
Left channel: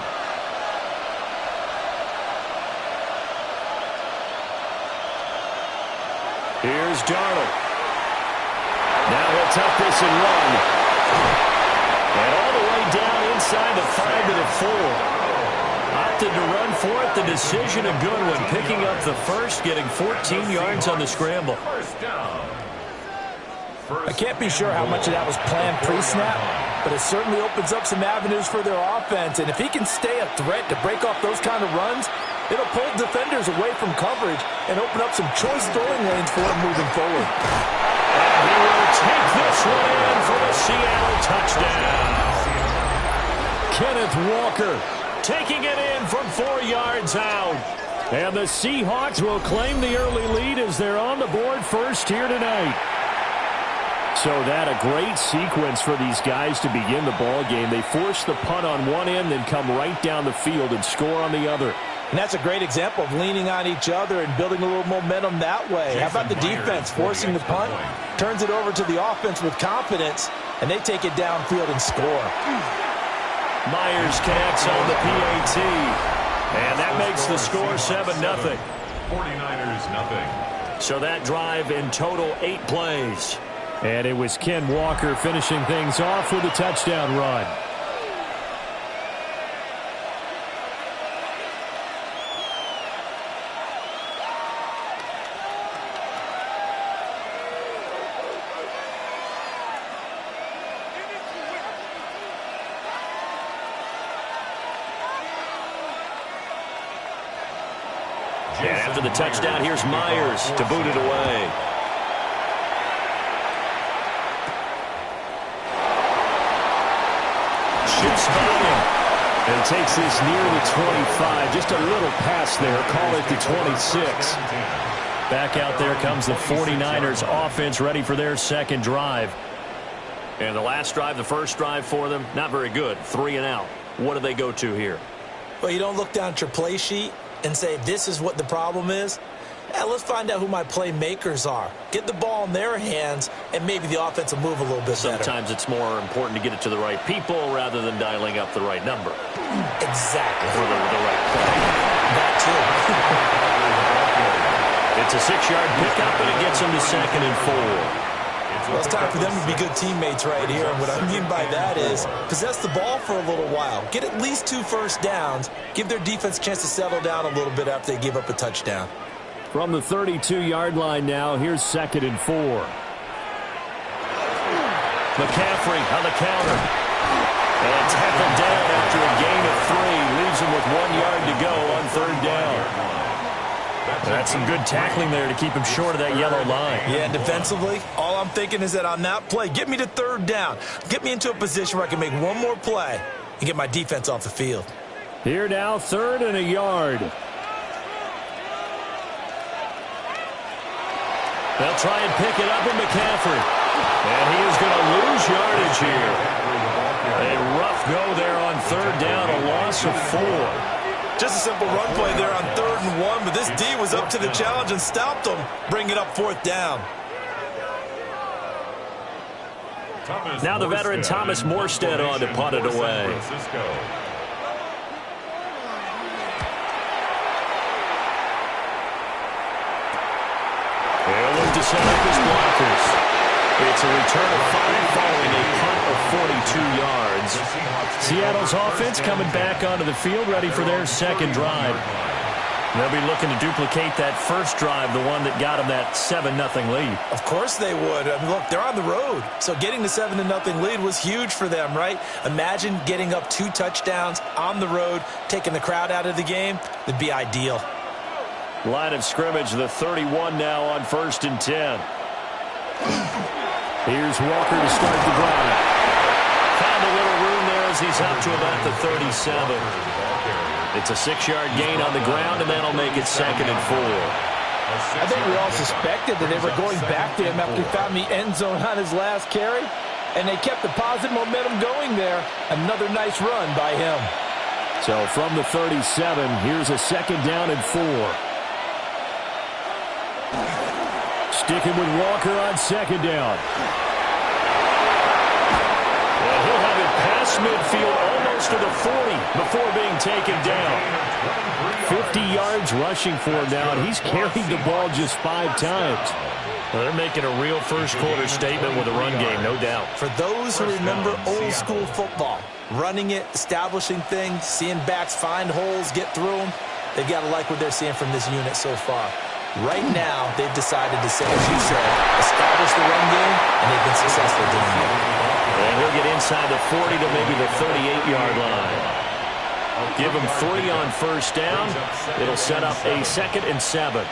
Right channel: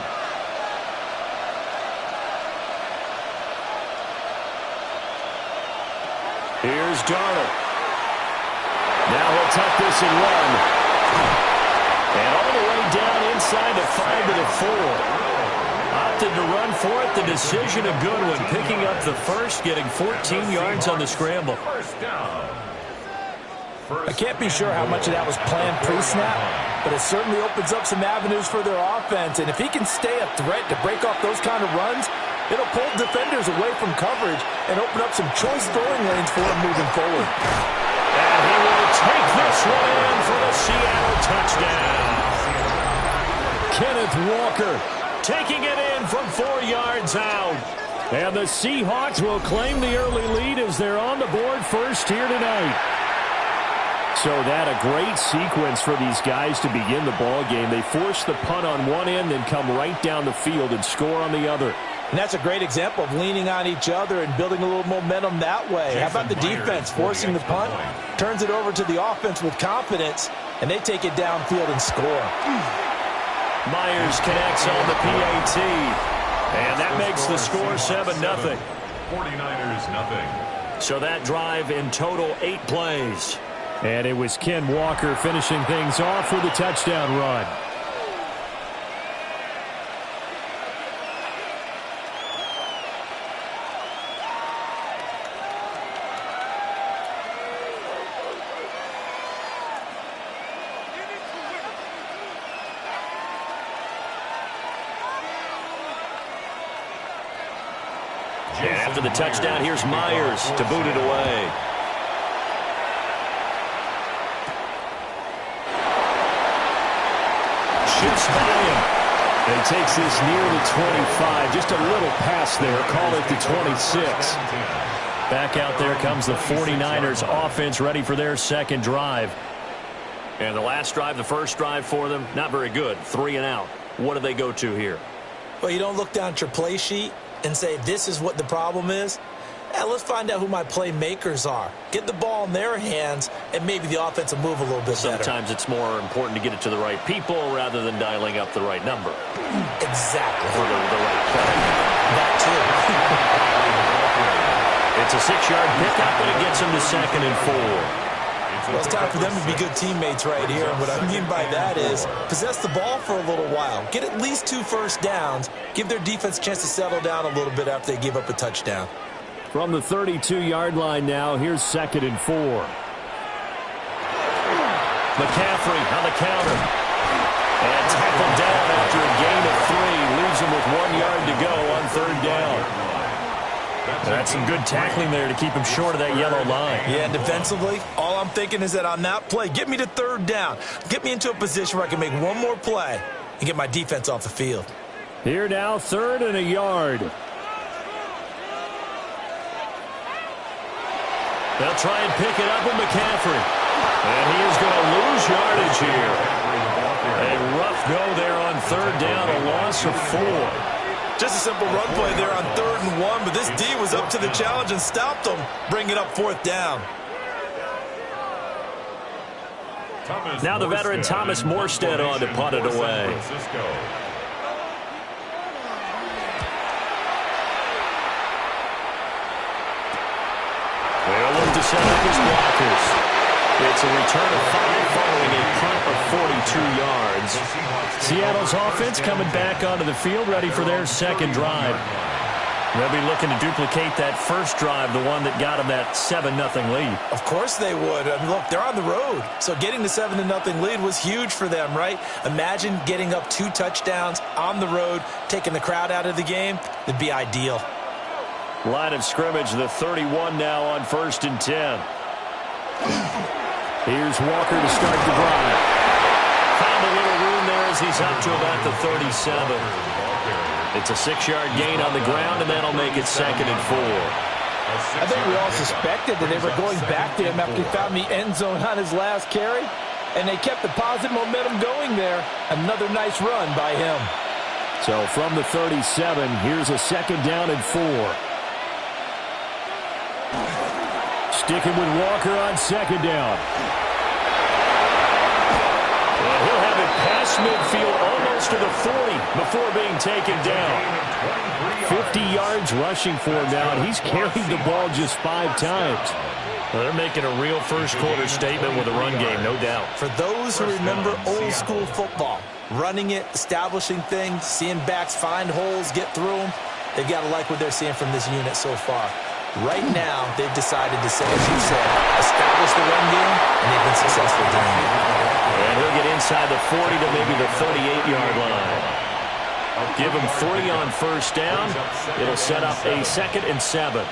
Here's Darnold. Now he'll tuck this and run. And all the way down inside the 5 to the 4. Opted to run for it. The decision a good one. Picking up the first, getting 14 yards on the scramble. I can't be sure how much of that was planned pre-snap, but it certainly opens up some avenues for their offense. And if he can stay a threat to break off those kind of runs, It'll pull defenders away from coverage and open up some choice throwing lanes for him moving forward. And he will take this one in for the Seattle touchdown. Kenneth Walker taking it in from 4 yards out. And the Seahawks will claim the early lead as they're on the board first here tonight. So that a great sequence for these guys to begin the ball game. They force the punt on one end, then come right down the field and score on the other. And that's a great example of leaning on each other and building a little momentum that way. How about the defense forcing the punt? Turns it over to the offense with confidence, and they take it downfield and score. Myers connects on the PAT. And that makes the score 7-0. 49ers nothing. So that drive in total 8 plays. And it was Ken Walker finishing things off with a touchdown run. And after the touchdown, here's Myers to boot it away. Shoots by him. And takes this near the 25. Just a little pass there. Call it the 26. Back out there comes the 49ers offense ready for their second drive. And the last drive, the first drive for them, not very good. 3 and out. What do they go to here? Well, you don't look down at your play sheet and say, this is what the problem is. Yeah, let's find out who my playmakers are. Get the ball in their hands, and maybe the offense will move a little bit better. Sometimes it's more important to get it to the right people rather than dialing up the right number. Exactly. For the right play. That too. It's a 6-yard pickup, and it gets them to 2nd and 4. Well, it's time for them to be good teammates right here. And what I mean by that is possess the ball for a little while. Get at least 2 first downs. Give their defense a chance to settle down a little bit after they give up a touchdown. From the 32-yard line now, here's 2nd and 4. McCaffrey on the counter. And tackled down after a gain of 3. Leaves him with 1 yard to go on 3rd down. That's some good tackling there to keep him short of that yellow line. Yeah, and defensively, all I'm thinking is that on that play, get me to 3rd down. Get me into a position where I can make one more play and get my defense off the field. Here now, 3rd and a yard. They'll try and pick it up with McCaffrey. And he is going to lose yardage here. A rough go there on 3rd down, a loss of 4. Just a simple run play there on 3rd and 1, but this D was up to the challenge and stopped them, bringing up 4th down. Now the veteran Thomas Morstead on to punt it away. Fransisco. They'll look to set up his blockers. It's a return of 5 following a punt of 42 yards. Seattle's offense coming back onto the field ready for their second drive. They'll be looking to duplicate that first drive, the one that got them that 7-0 lead. Of course they would. I mean, look, they're on the road. So getting the 7-0 lead was huge for them, right? Imagine getting up 2 touchdowns on the road, taking the crowd out of the game. It'd be ideal. Line of scrimmage, the 31 now on 1st and 10. Here's Walker to start the drive. Found a little room there as he's up to about the 37. It's a 6-yard gain on the ground, and that'll make it 2nd and 4. I think we all suspected that they were going back to him after he found the end zone on his last carry, and they kept the positive momentum going there. Another nice run by him. So from the 37, here's a 2nd down and 4. Sticking with Walker on 2nd down. And he'll have it past midfield almost to the 40 before being taken down. 50 yards rushing for him now, and he's carried the ball just 5 times. Well, they're making a real first-quarter statement with a run game, no doubt. For those who remember old-school football, running it, establishing things, seeing backs find holes, get through them, they've got to like what they're seeing from this unit so far. Right now, they've decided to say, as you said, establish the run game, and they've been successful doing it. And he'll get inside the 40 to maybe the 38-yard line. Give him 3 on first down. It'll set up a 2nd and 7.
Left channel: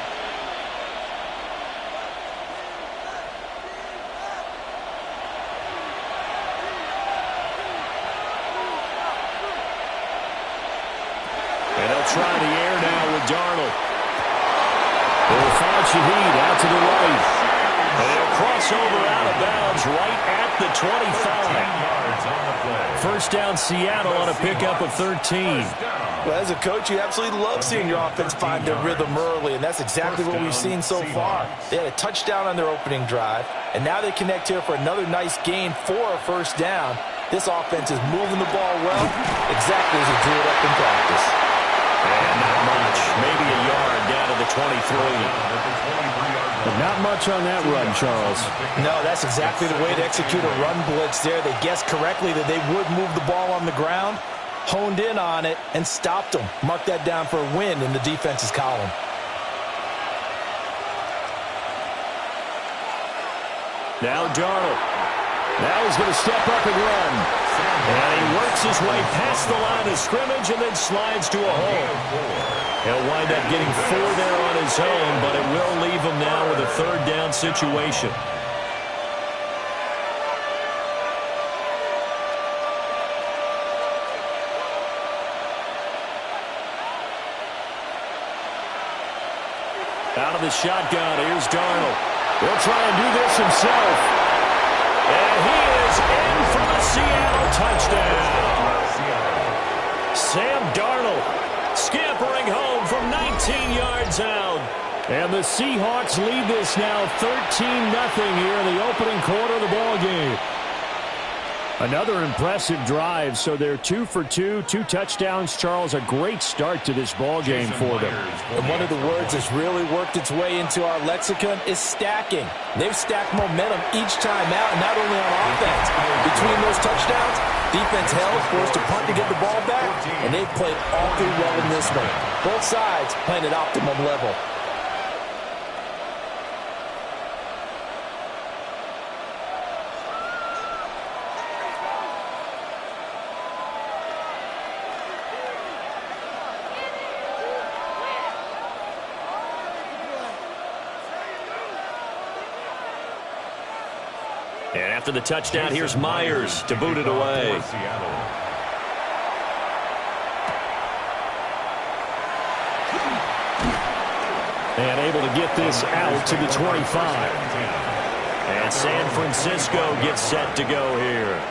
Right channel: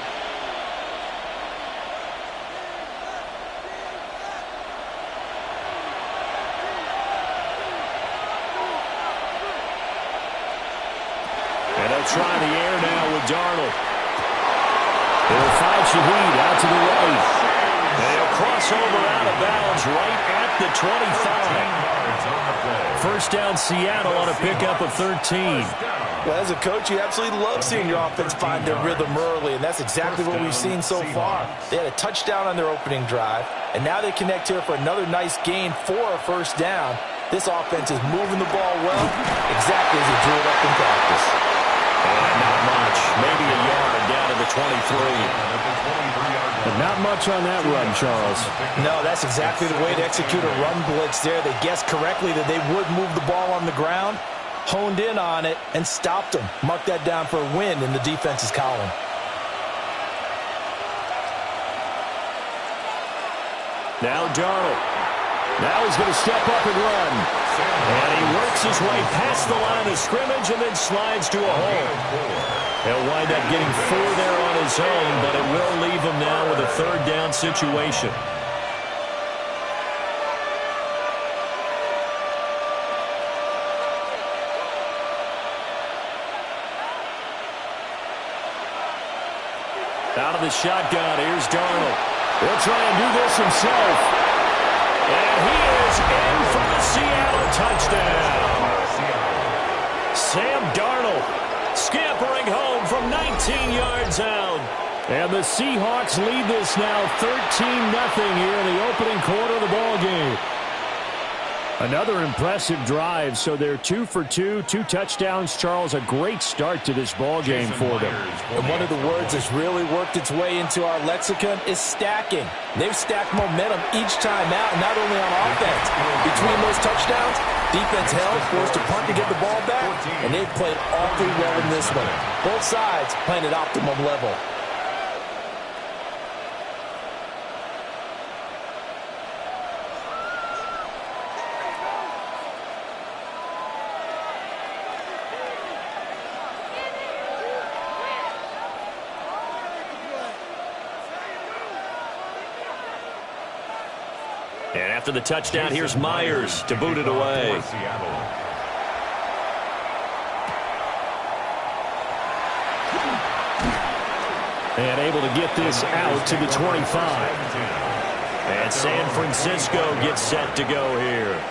And they'll try the air now with Darnold. They'll find Shaheed out to the right. And he'll cross over out of bounds right at the 25. First down Seattle on a pickup of 13. Well, as a coach, you absolutely love seeing your offense find their rhythm early, and that's exactly what we've seen so far. They had a touchdown on their opening drive, and now they connect here for another nice gain for a first down. This offense is moving the ball well, exactly as he drew it up in practice. And not much. Maybe a yard down to the 23. But not much on that run, Charles. No, that's exactly the way to execute a run blitz there. They guessed correctly that they would move the ball on the ground, honed in on it, and stopped them. Mark that down for a win in the defense's column. Now Darnold. Now he's going to step up and run. And he works his way past the line of scrimmage and then slides to a hole. He'll wind up getting 4 there on his own, but it will leave him now with a 3rd down situation. Out of the shotgun, here's Darnold. He'll try and do this himself. And he is in for the Seattle touchdown. Sam Darnold scampering home from 19 yards out. And the Seahawks lead this now 13-0 here in the opening quarter of the ball game. Another impressive drive, so they're 2 for 2, 2 touchdowns. Charles, a great start to this ball game for them. And one of the words that's really worked its way into our lexicon is stacking. They've stacked momentum each time out, and not only on offense. Between those touchdowns, defense held, forced a punt to get the ball back, and they've played awfully well in this one. Both sides playing at optimum level. And after the touchdown, here's Myers to boot it away. And able to get this out to the 25. And San Francisco gets set to go here.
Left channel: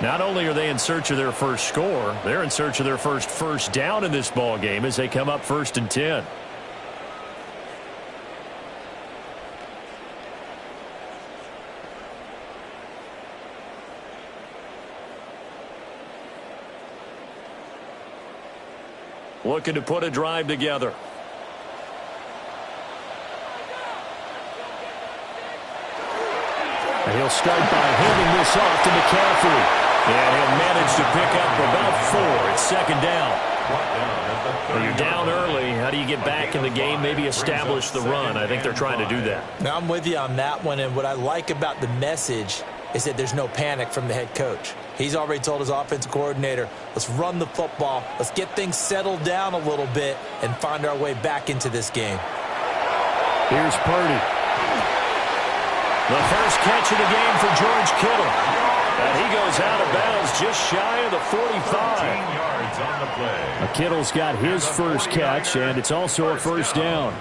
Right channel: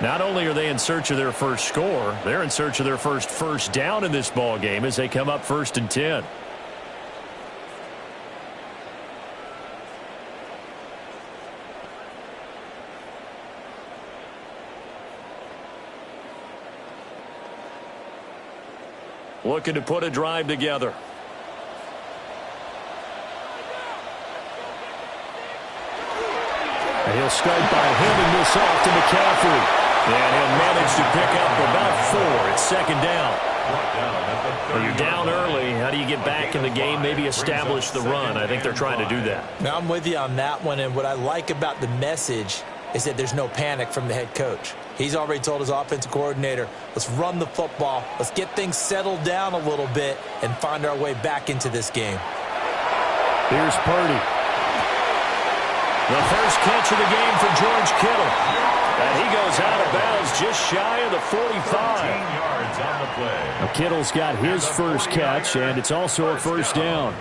Not only are they in search of their first score, they're in search of their first down in this ball game as they come up 1st and 10. Looking to put a drive together. And he'll start by handing this off to McCaffrey. And he'll manage to pick up about 4. It's 2nd down. Well, you're down early. How do you get back in the game? Maybe establish the run. I think they're trying to do that. Now, I'm with you on that one, and what I like about the message is that there's no panic from the head coach. He's already told his offensive coordinator, let's run the football, let's get things settled down a little bit and find our way back into this game. Here's Purdy. The first catch of the game for George Kittle. And he goes out of bounds just shy of the 45. Yards on the play. Kittle's got his first catch, and it's also a first down.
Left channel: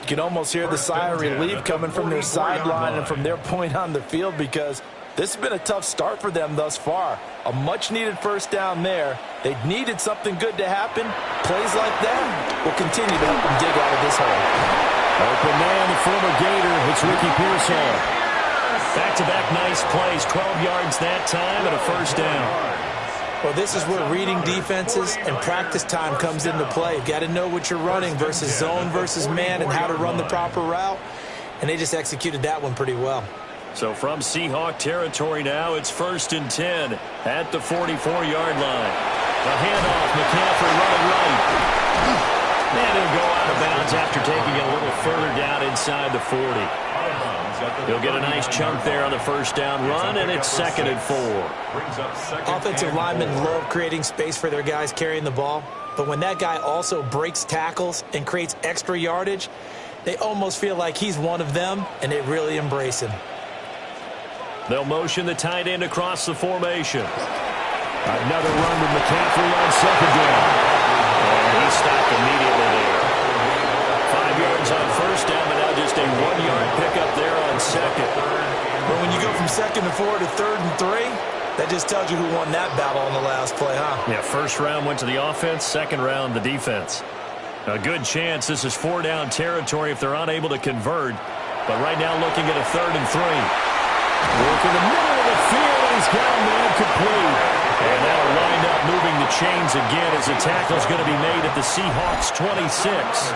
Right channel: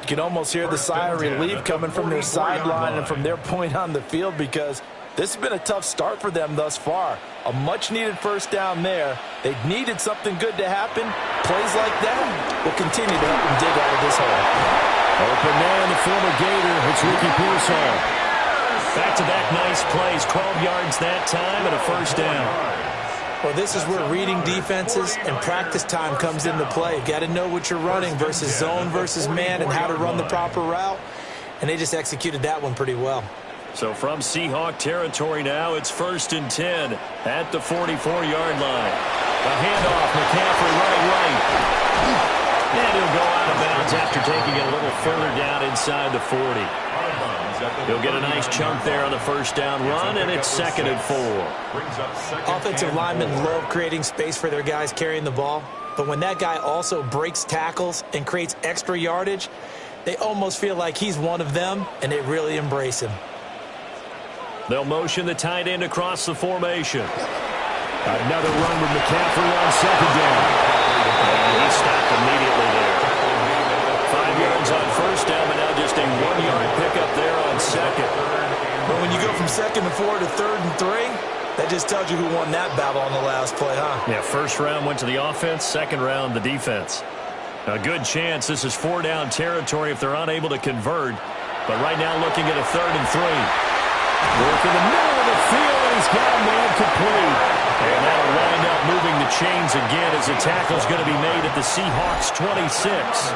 You can almost hear the sigh of relief coming from their sideline and from their point on the field, because this has been a tough start for them thus far. A much-needed first down there. They needed something good to happen. Plays like that will continue to help them dig out of this hole. Open man, the former Gator. It's Ricky Pearsall. Back-to-back nice plays. 12 yards that time and a first down. Well, this is where reading defenses and practice time comes into play. You've got to know what you're running versus zone versus man and how to run the proper route. And they just executed that one pretty well. So from Seahawk territory now, it's 1st and 10 at the 44-yard line. A handoff, McCaffrey running right. And he'll go out of bounds after after taking it a little further down inside the 40. He'll get a nice chunk there on the first down run, and it's 2nd and 4. Offensive linemen love creating space for their guys carrying the ball, but when that guy also breaks tackles and creates extra yardage, they almost feel like he's one of them, and they really embrace him. They'll motion the tight end across the formation. Another run with McCaffrey on 2nd down. And he stopped immediately there. 5 yards on first down, but now just a 1-yard pickup there on 2nd. But when you go from 2nd and 4 to 3rd and 3, that just tells you who won that battle on the last play, huh? Yeah, first round went to the offense, second round the defense. A good chance this is 4-down territory if they're unable to convert. But right now looking at a 3rd and 3. Work in the middle of the field, and he's got a man complete. And that'll wind up moving the chains again as the tackle's going to be made at the Seahawks 26.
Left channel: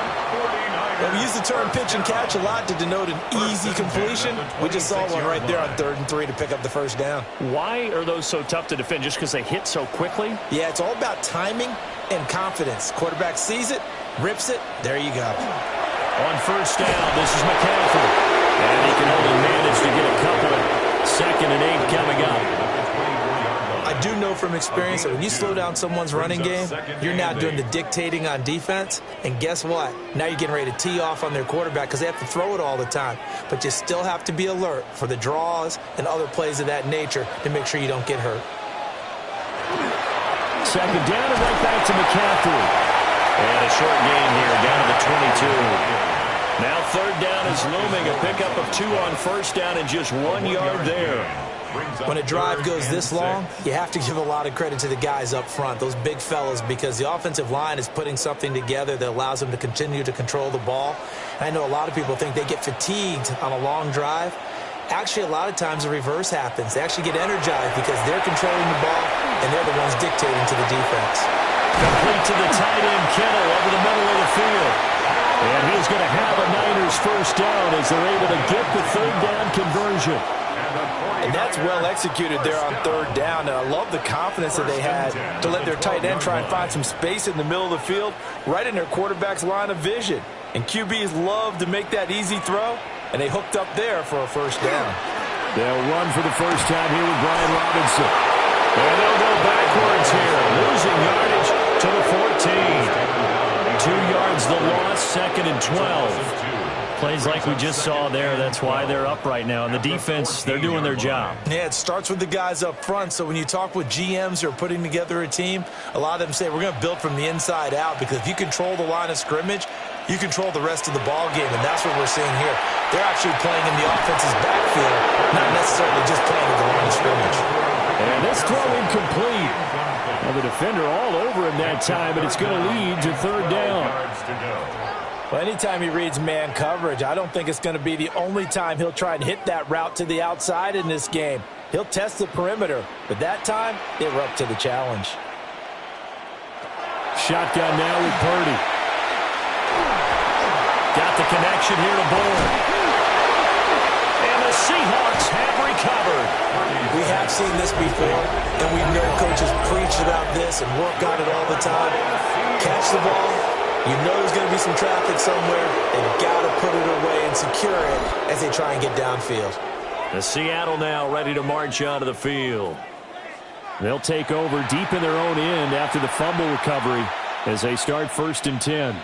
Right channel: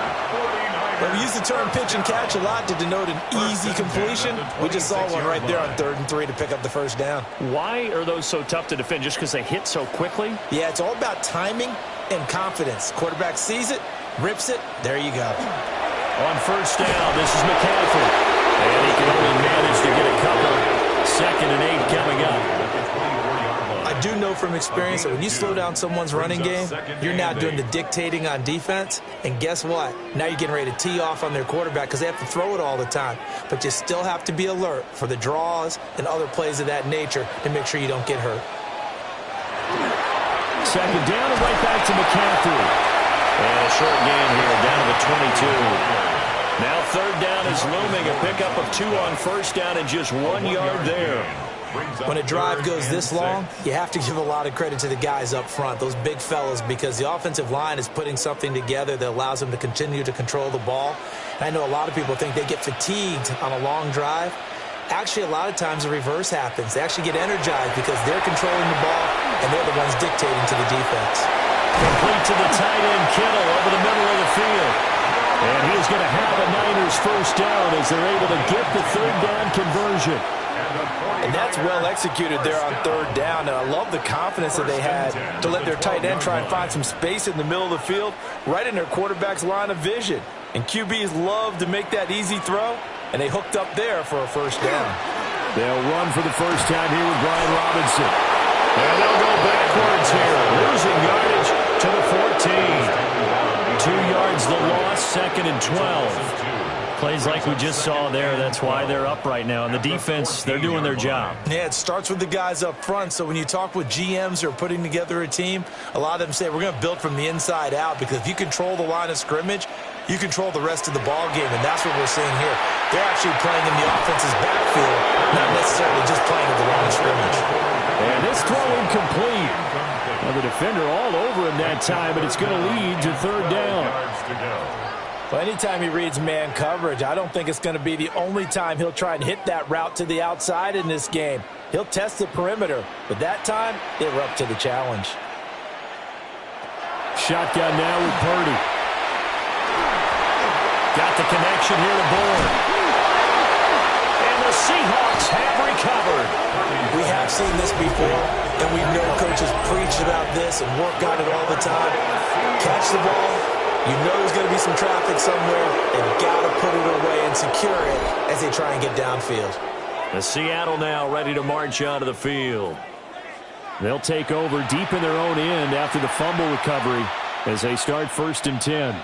Well, we use the term pitch and catch a lot to denote an easy completion. We just saw one right there on 3rd and 3 to pick up the first down. Why are those so tough to defend? Just because they hit so quickly? Yeah, it's all about timing and confidence. Quarterback sees it, rips it, there you go. On first down, this is McCaffrey. And he can only manage to get a couple. 2nd and 8 coming up. I do know from experience that when you slow down someone's running game, you're now doing the dictating on defense. And guess what? Now you're getting ready to tee off on their quarterback because they have to throw it all the time. But you still have to be alert for the draws and other plays of that nature to make sure you don't get hurt. 2nd down and right back to McCaffrey. And a short gain here down to the 22. Now 3rd down is looming. A pickup of 2 on first down and just 1 yard there. When a drive goes this long, you have to give a lot of credit to the guys up front, those big fellas, because the offensive line is putting something together that allows them to continue to control the ball. And I know a lot of people think they get fatigued on a long drive. Actually, a lot of times the reverse happens. They actually get energized because they're controlling the ball, and they're the ones dictating to the defense. Complete to the tight end, Kittle, over the middle of the field. And he's going to have a Niners first down as they're able to get the 3rd down conversion. And that's well executed there on 3rd down. And I love the confidence that they had to let their tight end try and find some space in the middle of the field, right in their quarterback's line of vision. And QBs love to make that easy throw, and they hooked up there for a first down. They'll run for the first time here with Brian Robinson. And they'll go backwards here, losing yardage to the 14. 2 yards the loss, 2nd and 12. Plays like we just saw there. That's why they're up right now. And the defense, they're doing their job. Yeah, it starts with the guys up front. So when you talk with GMs who are putting together a team, a lot of them say we're going to build from the inside out, because if you control the line of scrimmage, you control the rest of the ball game, and that's what we're seeing here. They're actually playing in the offense's backfield, not necessarily just playing at the line of scrimmage. And this throw incomplete. Well, the defender all over him that time, but it's going to lead to 3rd down. Well, anytime he reads man coverage, I don't think it's going to be the only time he'll try and hit that route to the outside in this game. He'll test the perimeter, but that time, they were up to the challenge. Shotgun now with Purdy. Got the connection here to Bourne. And the Seahawks have recovered. We have seen this before, and we know coaches preach about this and work on it all the time. Catch the ball. You know there's going to be some traffic somewhere. They've got to put it away and secure it as they try and get downfield. The Seattle now ready to march onto the field. They'll take over deep in their own end after the fumble recovery as they start 1st and 10.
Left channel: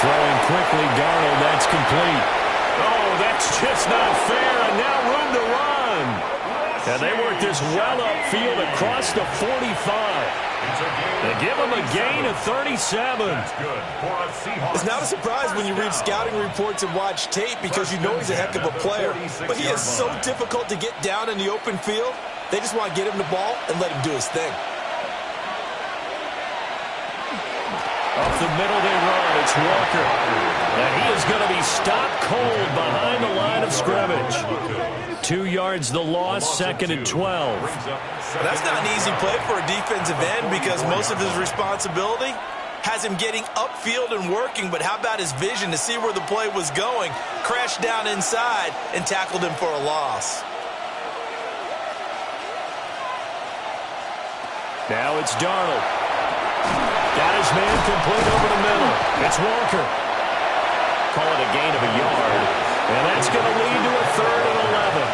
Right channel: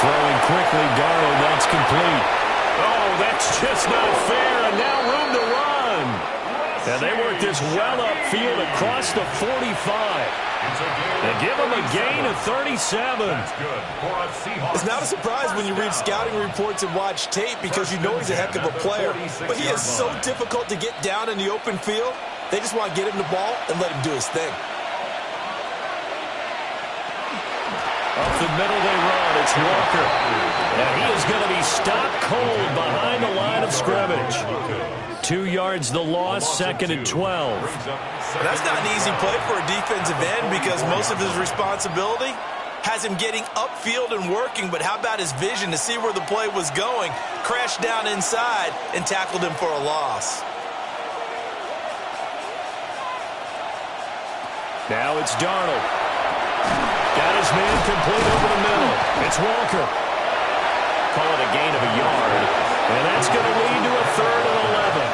Throwing quickly, Darnold, that's complete. Oh, that's just not fair, and now room to run. And they work this well upfield across the 45. They give him a gain of 37. It's not a surprise when you read scouting reports and watch tape, because you know he's a heck of a player. But he is so difficult to get down in the open field. They just want to get him the ball and let him do his thing. Up the middle they run. It's Walker. And he is going to be stopped cold behind the line of scrimmage. 2 yards the loss, 2nd and 12. That's not an easy play for a defensive end because most of his responsibility has him getting upfield and working, but how about his vision to see where the play was going, crashed down inside, and tackled him for a loss. Now it's Darnold. Got his man complete over the middle. It's Walker. Call it a gain of a yard. And that's going to lead to a 3rd and 11.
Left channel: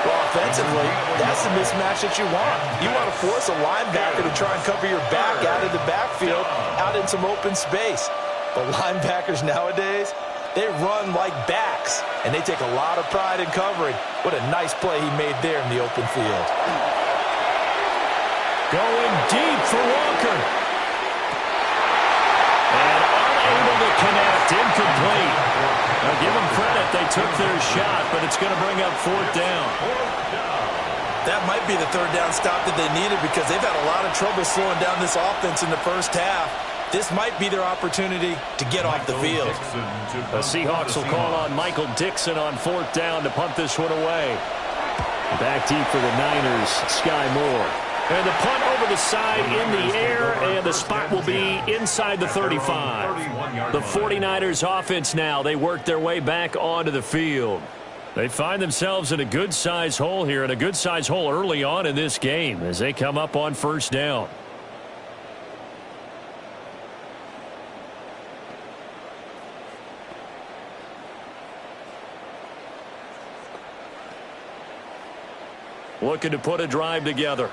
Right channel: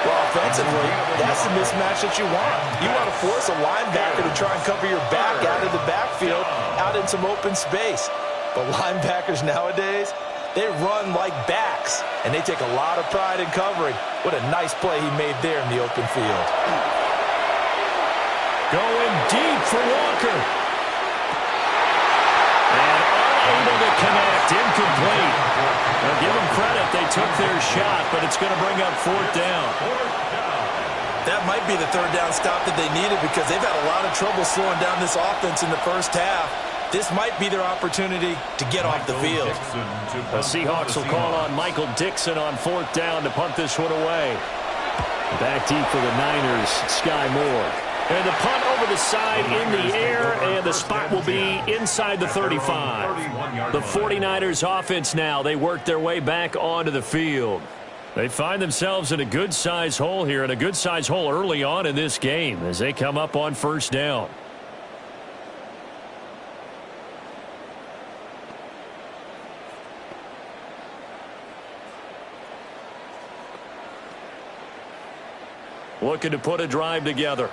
Well, offensively, that's the mismatch that you want. You want to force a linebacker to try and cover your back out of the backfield, out in some open space. But linebackers nowadays, they run like backs, and they take a lot of pride in covering. What a nice play he made there in the open field. Going deep for Walker. And unable to connect, incomplete. Now give them credit, they took their shot, but it's going to bring up 4th down. That might be the 3rd down stop that they needed because they've had a lot of trouble slowing down this offense in the first half. This might be their opportunity to get off the field. The Seahawks will call on Michael Dixon on 4th down to punt this one away. Back deep for the Niners, Sky Moore. And the punt over the side in the air, and the spot will be inside the 35. The 49ers offense now, they work their way back onto the field. They find themselves in a good-sized hole here, and a good-sized hole early on in this game as they come up on 1st down. Looking to put a drive together.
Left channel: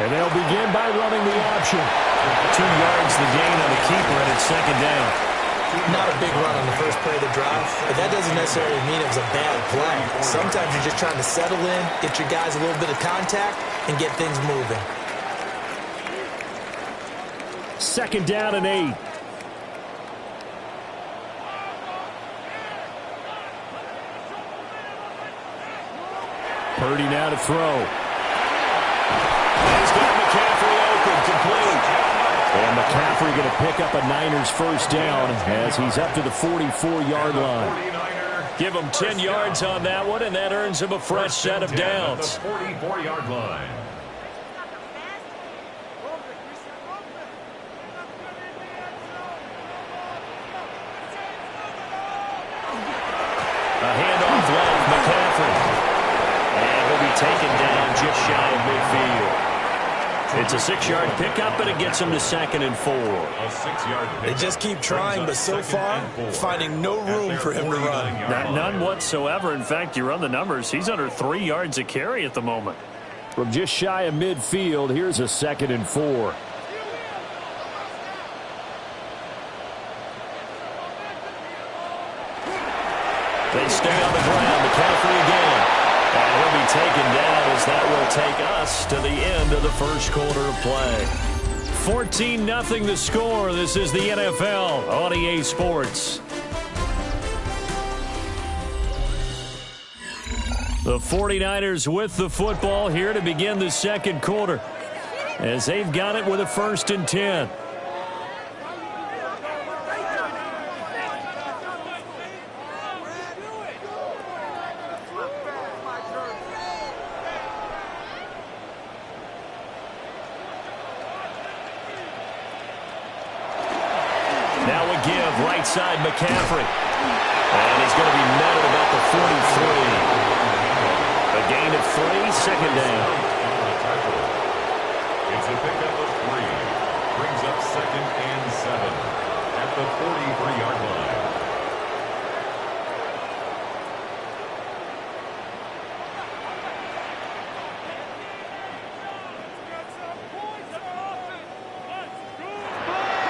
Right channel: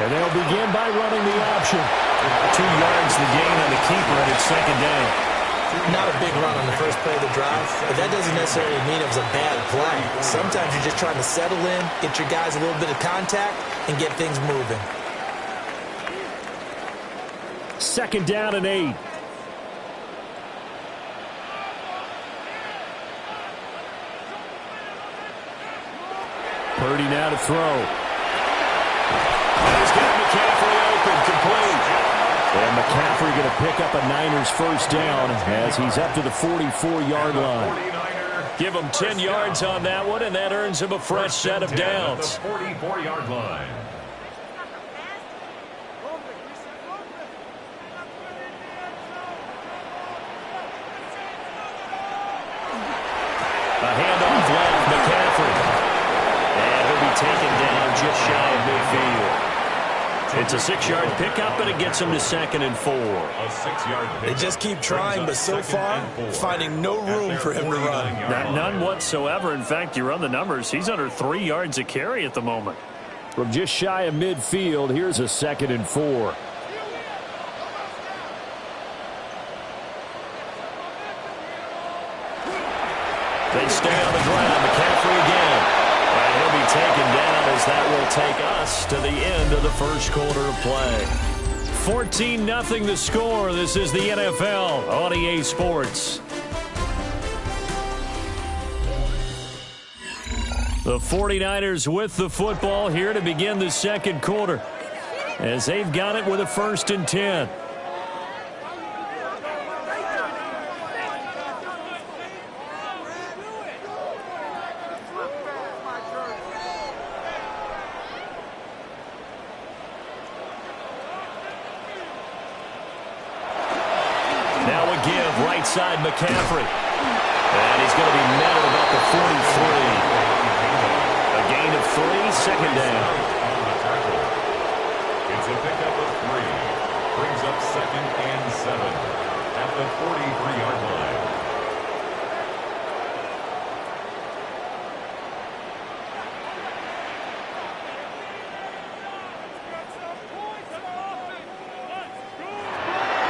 And they'll begin by running the option. 2 yards the gain on the keeper, and it's 2nd down. Not a big run on the first play of the drive, but that doesn't necessarily mean it was a bad play. Sometimes you're just trying to settle in, get your guys a little bit of contact, and get things moving. 2nd down and 8. Purdy now to throw. He's got McCaffrey open, complete. And McCaffrey going to pick up a Niners 1st down as he's up to the 44-yard line. Give him 10 yards on that one, and that earns him a fresh set of downs. 44-yard line. A handoff left, McCaffrey. And he'll be taken down just shy of midfield. It's a 6-yard pickup, and it gets him to 2nd and 4. They just keep trying, but so far, finding no room for him to run. None whatsoever. In fact, you run the numbers. He's under 3 yards a carry at the moment. From just shy of midfield, here's a 2nd and 4. They stay on the ground. McCaffrey again. And he'll be taken down as that will take us to the end of the first quarter of play. 14-0 the score. This is the NFL on EA Sports. The 49ers with the football here to begin the 2nd quarter as they've got it with a 1st and 10. Now a give, right side McCaffrey. And he's going to be met at about the 43. A gain of 3, 2nd down. It's a pickup of 3. Brings up 2nd and 7 at the 43-yard line.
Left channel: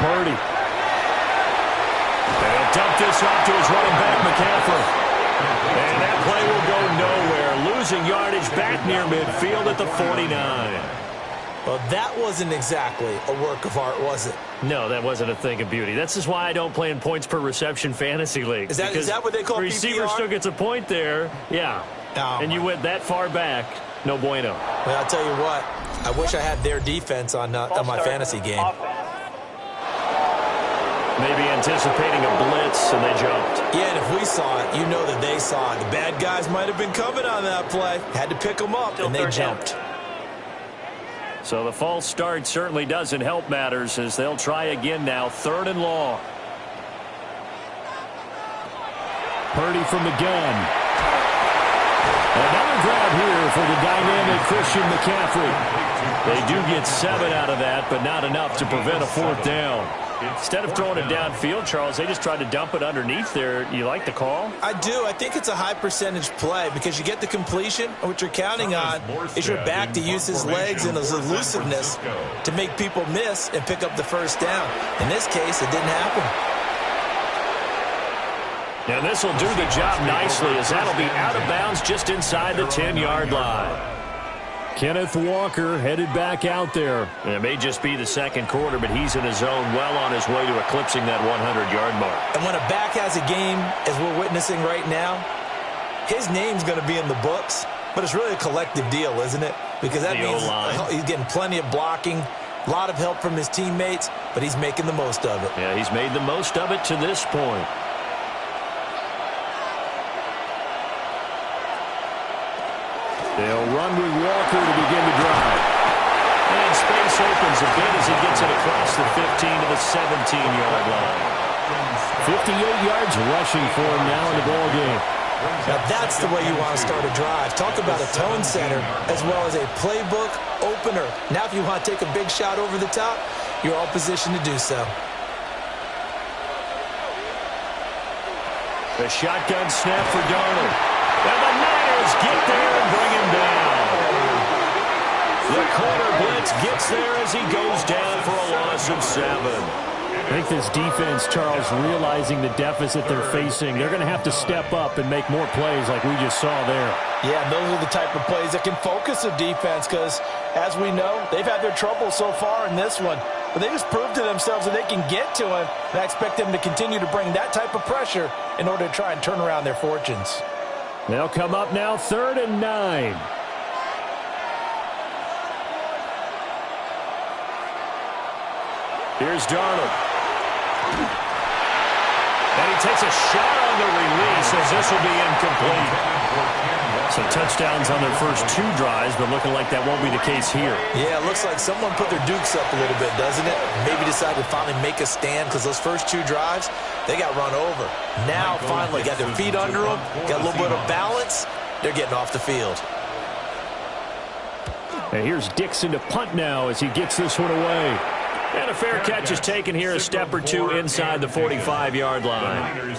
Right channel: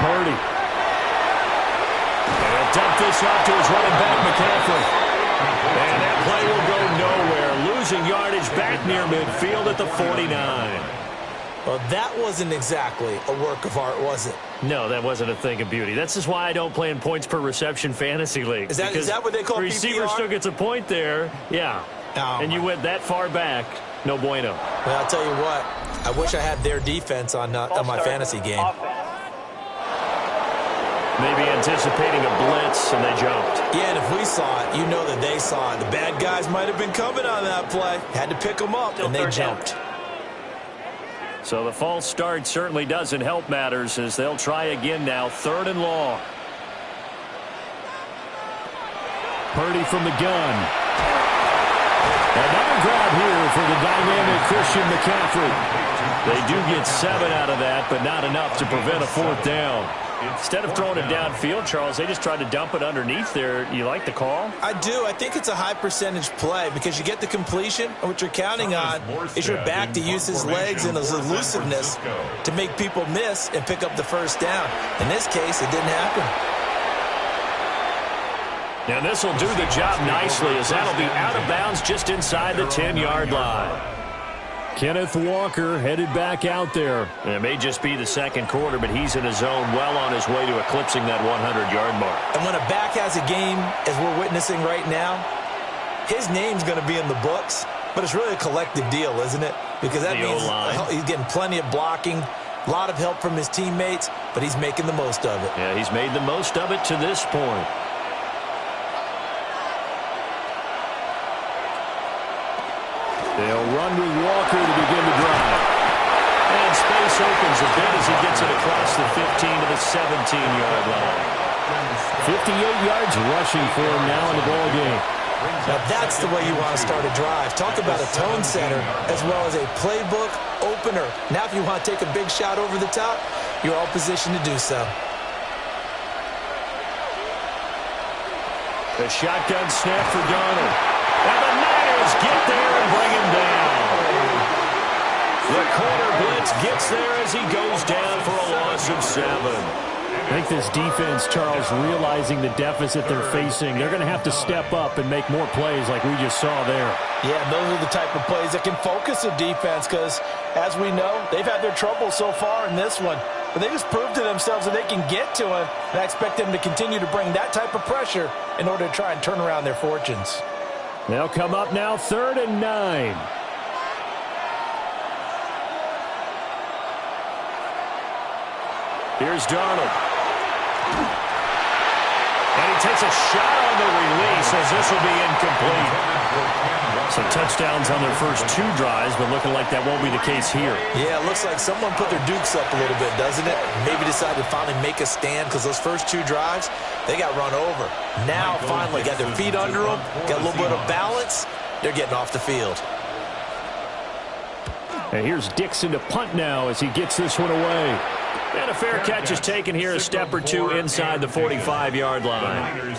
Purdy. And he'll dump this off to his running back, McCaffrey. And that play will go nowhere. Losing yardage back near midfield at the 49. Well, that wasn't exactly a work of art, was it? No, that wasn't a thing of beauty. That's just why I don't play in points per reception fantasy leagues. Is that what they call PPR? Receiver still gets a point there. Yeah. And you went that far back, no bueno. Well, I'll tell you what, I wish I had their defense on my fantasy game. Maybe anticipating a blitz, and they jumped. Yeah, and if we saw it, you know that they saw it. The bad guys might have been coming on that play. Had to pick them up, and they jumped. So the false start certainly doesn't help matters as they'll try again now, 3rd and long. Purdy from the gun. Another grab here for the dynamic Christian McCaffrey. They do get 7 out of that, but not enough to prevent a 4th down. Instead of throwing it downfield, Charles, they just tried to dump it underneath there. You like the call? I do. I think it's a high percentage play because you get the completion, and what you're counting on is your back to use his legs and his elusiveness to make people miss and pick up the 1st down. In this case, it didn't happen. Now this will do the job nicely as that'll be out of bounds just inside the 10-yard line. Kenneth Walker headed back out there. It may just be the 2nd quarter, but he's in his zone, well on his way to eclipsing that 100-yard mark. And when a back has a game, as we're witnessing right now, his name's going to be in the books, but it's really a collective deal, isn't it? Because that means he's getting plenty of blocking, a lot of help from his teammates, but he's making the most of it. Yeah, he's made the most of it to this point. They'll run with Walker to begin the drive. And space opens a bit as he gets it across the 15 to the 17-yard line. 58 yards rushing for him now in the ball game. Now that's the way you want to start a drive. Talk about a tone setter as well as a playbook opener. Now if you want to take a big shot over the top, you're all positioned to do so. The shotgun snap for Darnold. And the Niners get there and bring him down. The corner blitz gets there as he goes down for a loss of 7. I think this defense, Charles, realizing the deficit they're facing, they're going to have to step up and make more plays like we just saw there. Yeah, those are the type of plays that can focus a defense because, as we know, they've had their trouble so far in this one. But they just proved to themselves that they can get to him, and I expect them to continue to bring that type of pressure in order to try and turn around their fortunes. They'll come up now 3rd and 9. Here's Darnold. And he takes a shot on the release as this will be incomplete. So touchdowns on their first 2 drives, but looking like that won't be the case here. Yeah, it looks like someone put their dukes up a little bit, doesn't it? Maybe decided to finally make a stand because those first 2 drives, they got run over. Now finally got their feet under them, got a little bit of balance. They're getting off the field. And here's Dixon to punt now as he gets this one away. And a fair catch is taken here, a step or 2 inside the 45-yard line.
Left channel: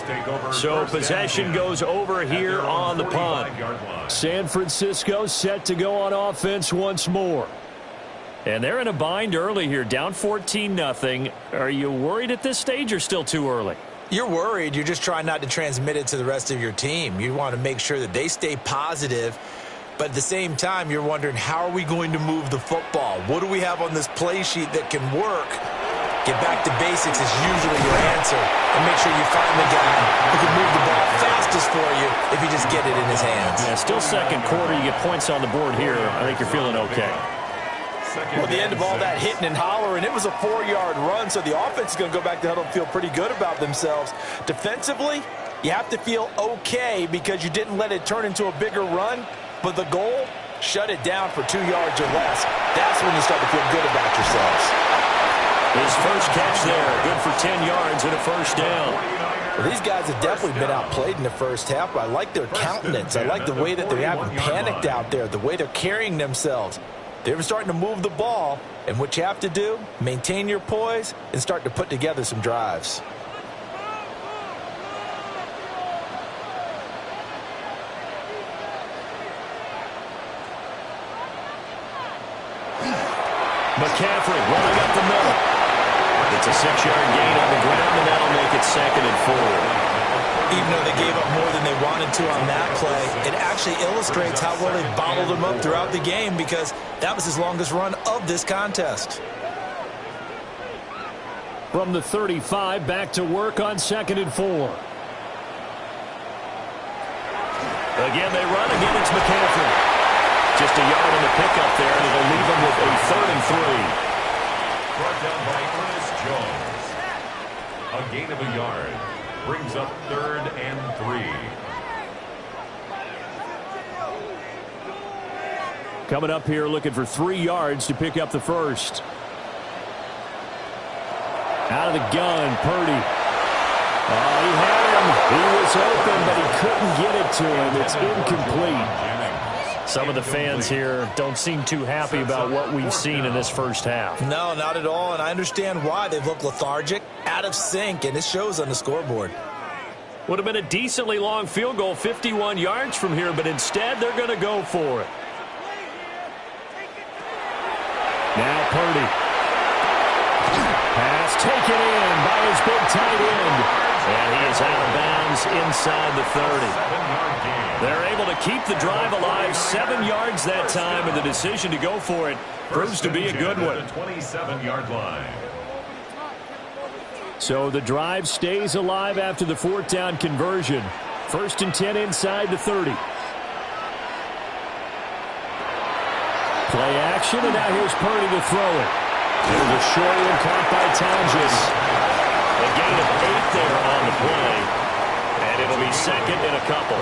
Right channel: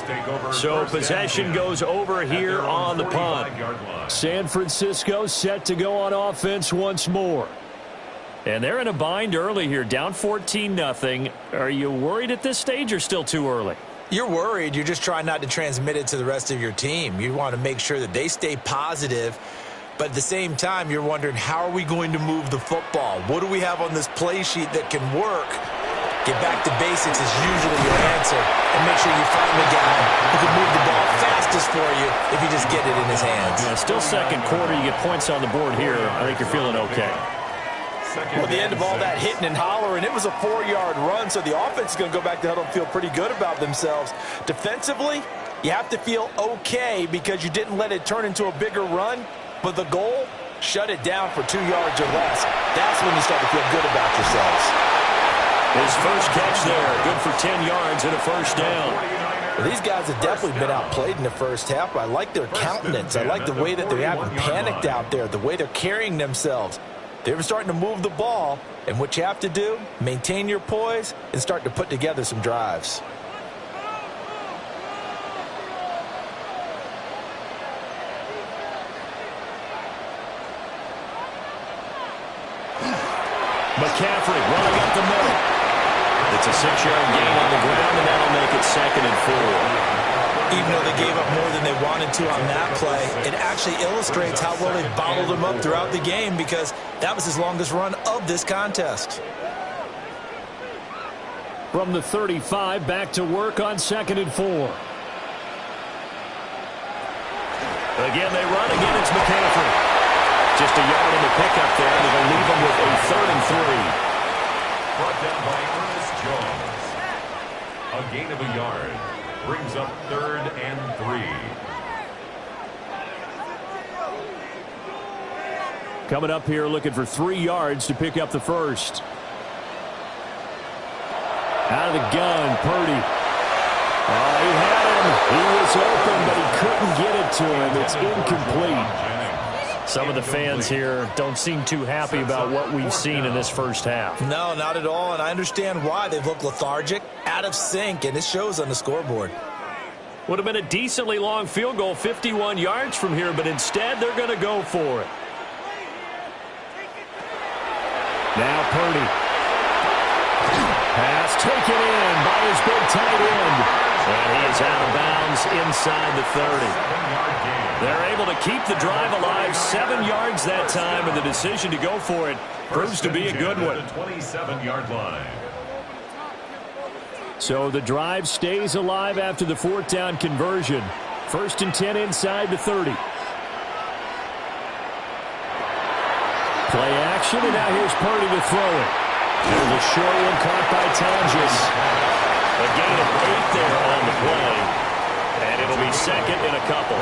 So possession goes over here on the punt. San Francisco set to go on offense once more. And they're in a bind early here, down 14-0. Are you worried at this stage or still too early? You're worried. You're just trying not to transmit it to the rest of your team. You want to make sure that they stay positive. But at the same time, you're wondering, how are we going to move the football? What do we have on this play sheet that can work? Get back to basics is usually your answer. And make sure you find the guy who can move the ball fastest for you if you just get it in his hands. Yeah, still 2nd quarter. You get points on the board here. I think you're feeling okay. Well, at the end of all that hitting and hollering, it was a 4-yard run, so the offense is going to go back to huddle and feel pretty good about themselves. Defensively, you have to feel okay because you didn't let it turn into a bigger run. But the goal, shut it down for 2 yards or less. That's when you start to feel good about yourselves. His first catch there, good for 10 yards and a 1st down. Well, these guys have definitely been outplayed in the first half, but I like their countenance. I like the way that they haven't panicked out there, the way they're carrying themselves. They're starting to move the ball, and what you have to do, maintain your poise and start to put together some drives. McCaffrey running up the middle. It's a 6-yard gain on the ground, and that'll make it 2nd and 4. Even though they gave up more than they wanted to on that play, it actually illustrates how well they bottled them up throughout the game because that was his longest run of this contest. From the 35, back to work on 2nd and 4. Again, they run. Again, it's McCaffrey. Just a yard on the pickup there, and it'll leave them with a 3rd and 3. Brought down by Ernest Jones. A gain of a yard. Brings up 3rd and 3. Coming up here looking for 3 yards to pick up the first. Out of the gun, Purdy. Oh, he had him. He was open, but he couldn't get it to him. It's incomplete. Some of the fans here don't seem too happy about what we've seen in this first half. No, not at all, and I understand why. They've looked lethargic, out of sync, and it shows on the scoreboard. Would have been a decently long field goal, 51 yards from here, but instead they're going to go for it. Now Purdy. Pass taken in by his big tight end. And he is out of bounds inside the 30. They're able to keep the drive alive, 7 yards that time, and the decision to go for it proves to be a good one. 27-yard line. So the drive stays alive after the 4th down conversion. 1st and 10 inside the 30. Play action, and now here's Purdy to throw it. There's a short one caught by Tonjes. A gain of 8 there on the play. And it'll be 2nd and a couple.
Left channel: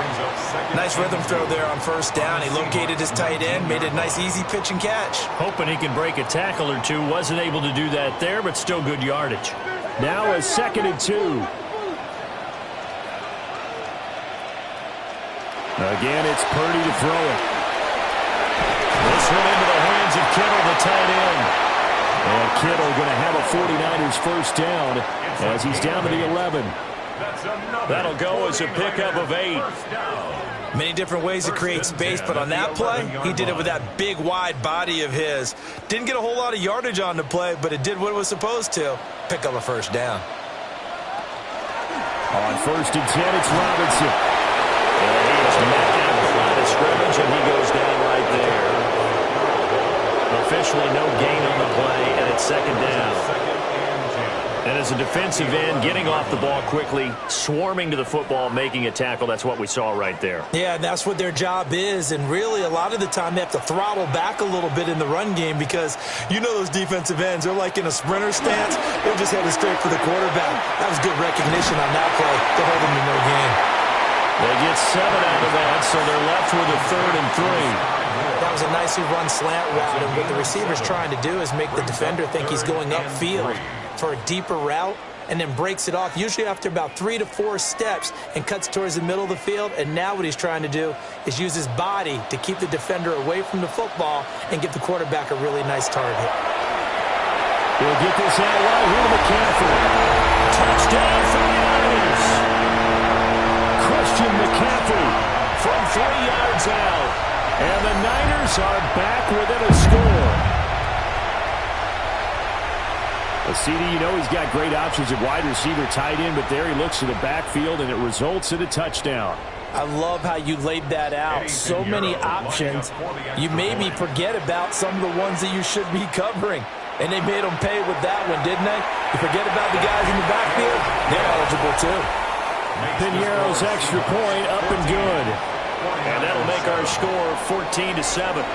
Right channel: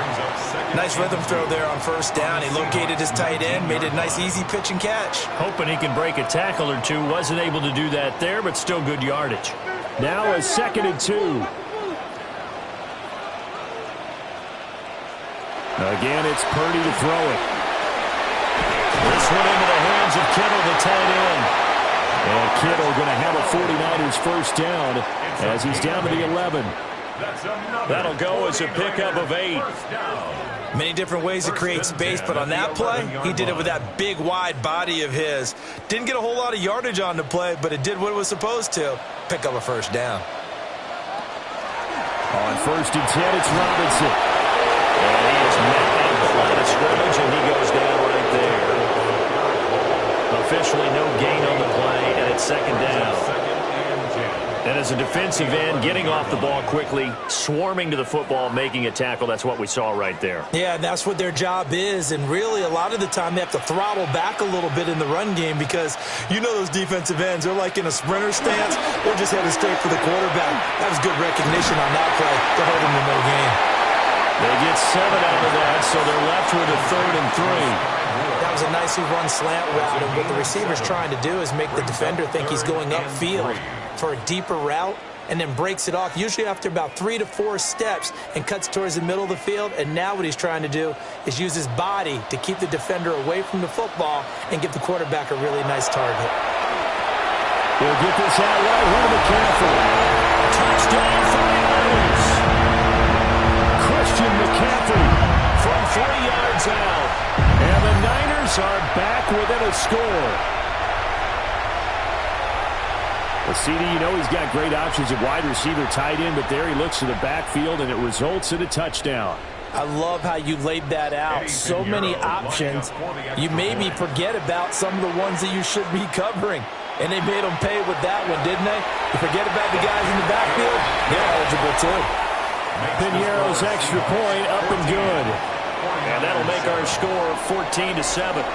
Nice rhythm throw there on 1st down. He located his tight end, made it a nice easy pitch and catch. Hoping he can break a tackle or two. Wasn't able to do that there, but still good yardage. Now a 2nd and 2. Again, it's Purdy to throw it. This one into the hands of Kittle, the tight end. And Kittle going to have a 49ers first down as he's down to the 11. That'll go as a pickup of 8. Many different ways to create space, but on that play, he did it with that big, wide body of his. Didn't get a whole lot of yardage on the play, but it did what it was supposed to. Pick up a 1st down. On 1st and 10, it's Robinson. And he is met at the line of scrimmage, and he goes down right there. Officially no gain on the play, and it's 2nd down. And as a defensive end, getting off the ball quickly, swarming to the football, making a tackle, that's what we saw right there. Yeah, and that's what their job is, and really a lot of the time they have to throttle back a little bit in the run game because you know those defensive ends, they're like in a sprinter stance. They're just headed straight for the quarterback. That was good recognition on that play to hold them to no gain. They get 7 out of that, so they're left with a 3rd and 3. That was a nicely run slant route, and what the receiver's trying to do is make the defender think he's going upfield for a deeper route and then breaks it off, usually after about 3 to 4 steps, and cuts towards the middle of the field. And now what he's trying to do is use his body to keep the defender away from the football and give the quarterback a really nice target. He'll get this out right here to McCaffrey. Touchdown 49ers! Christian McCaffrey from 3 yards out. And the Niners are back within a score. Well, CD, you know he's got great options at wide receiver, tight end, but there he looks to the backfield, and it results in a touchdown. I love how you laid that out. So many options. You maybe forget about some of the ones that you should be covering. And they made them pay with that one, didn't they? You forget about the guys in the backfield, they're eligible too. Piñeiro's extra point up and good. And that'll make our score 14-7.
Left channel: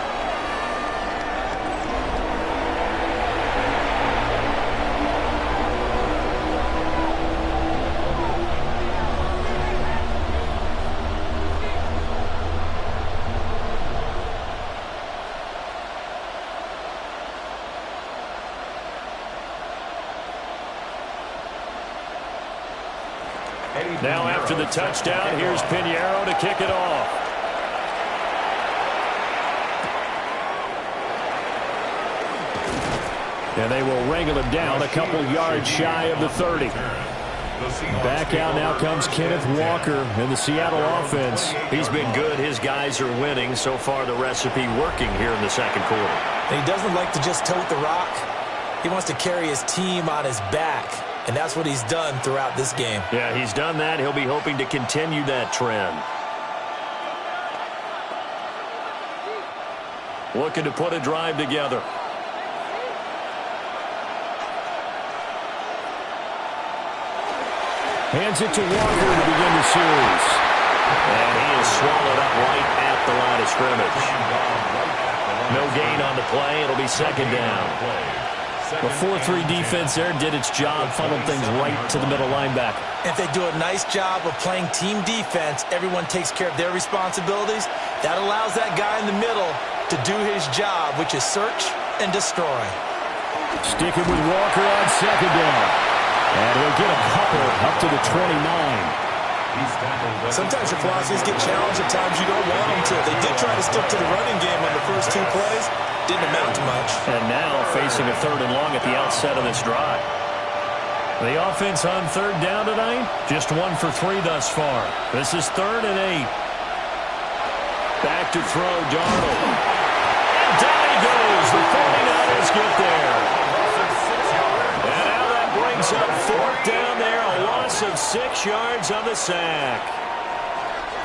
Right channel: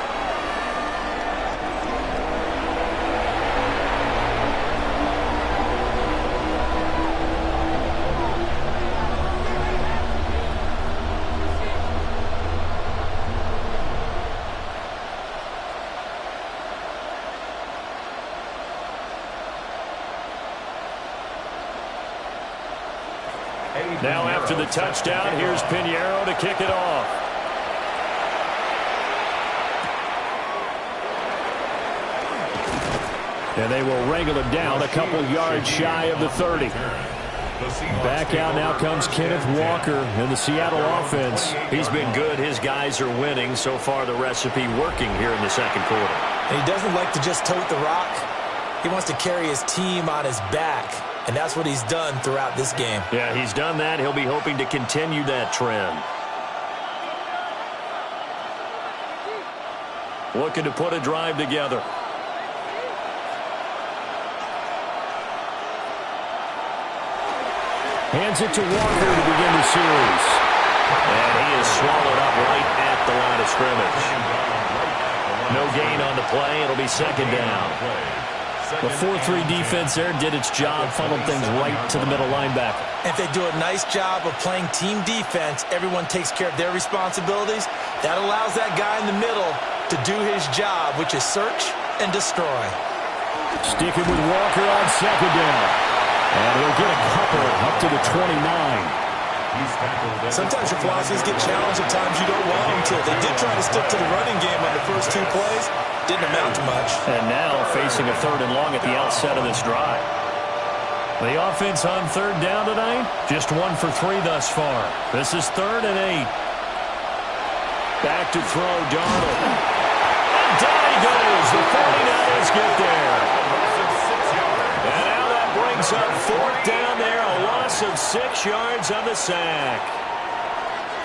Now after the touchdown, here's Piñeiro to kick it off. And they will wrangle him down a couple yards shy of the 30. Back out now comes Kenneth Walker in the Seattle offense. He's been good. His guys are winning. So far, the recipe working here in the second quarter. And he doesn't like to just tote the rock. He wants to carry his team on his back. And that's what he's done throughout this game. Yeah, he's done that. He'll be hoping to continue that trend. Looking to put a drive together. Hands it to Walker to begin the series. And he is swallowed up right at the line of scrimmage. No gain on the play. It'll be second down. The 4-3 defense there did its job, funneled things right to the middle linebacker. If they do a nice job of playing team defense, everyone takes care of their responsibilities. That allows that guy in the middle to do his job, which is search and destroy. Sticking with Walker on second down. And he'll get a couple up to the 29. Sometimes your philosophies get challenged at times you don't want them to. They did try to stick to the running game on the first 2 plays. Didn't amount to much. And now facing a 3rd and long at the outset of this drive. The offense on 3rd down tonight, just 1 for 3 thus far. This is 3rd and 8. Back to throw, Darnold. And down he goes. The 49ers get there. And now that brings up 4th down there. A loss of 6 yards on the sack.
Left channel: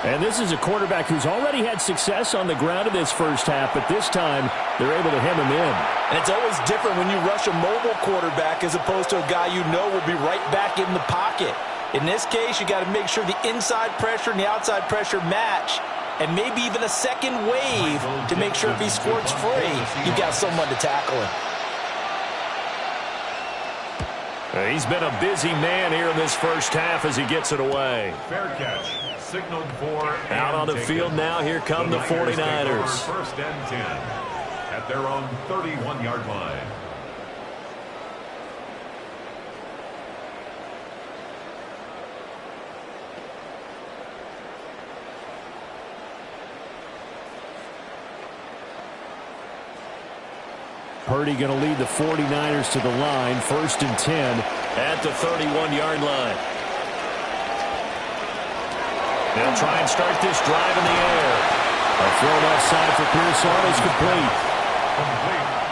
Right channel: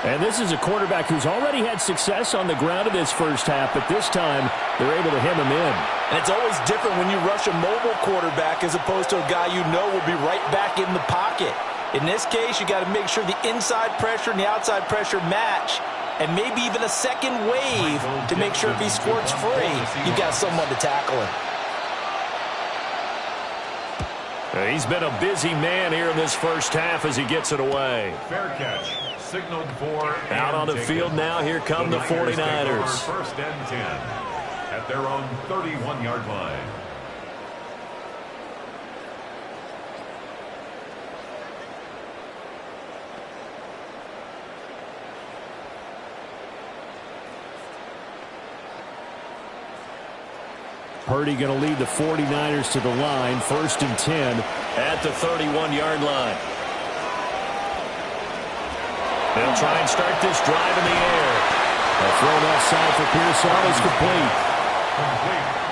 And this is a quarterback who's already had success on the ground in this first half, but this time they're able to hem him in. And it's always different when you rush a mobile quarterback as opposed to a guy you know will be right back in the pocket. In this case, you got to make sure the inside pressure and the outside pressure match, and maybe even a second wave to make sure if he squirts free, you got someone to tackle him. He's been a busy man here in this first half as he gets it away. Fair catch. Signaled for. Out on the field now. Here come the 49ers. 1st and 10 at their own 31-yard line. Purdy going to lead the 49ers to the line. 1st and 10 at the 31-yard line. They'll try and start this drive in the air. A throw left side for Pearson is complete.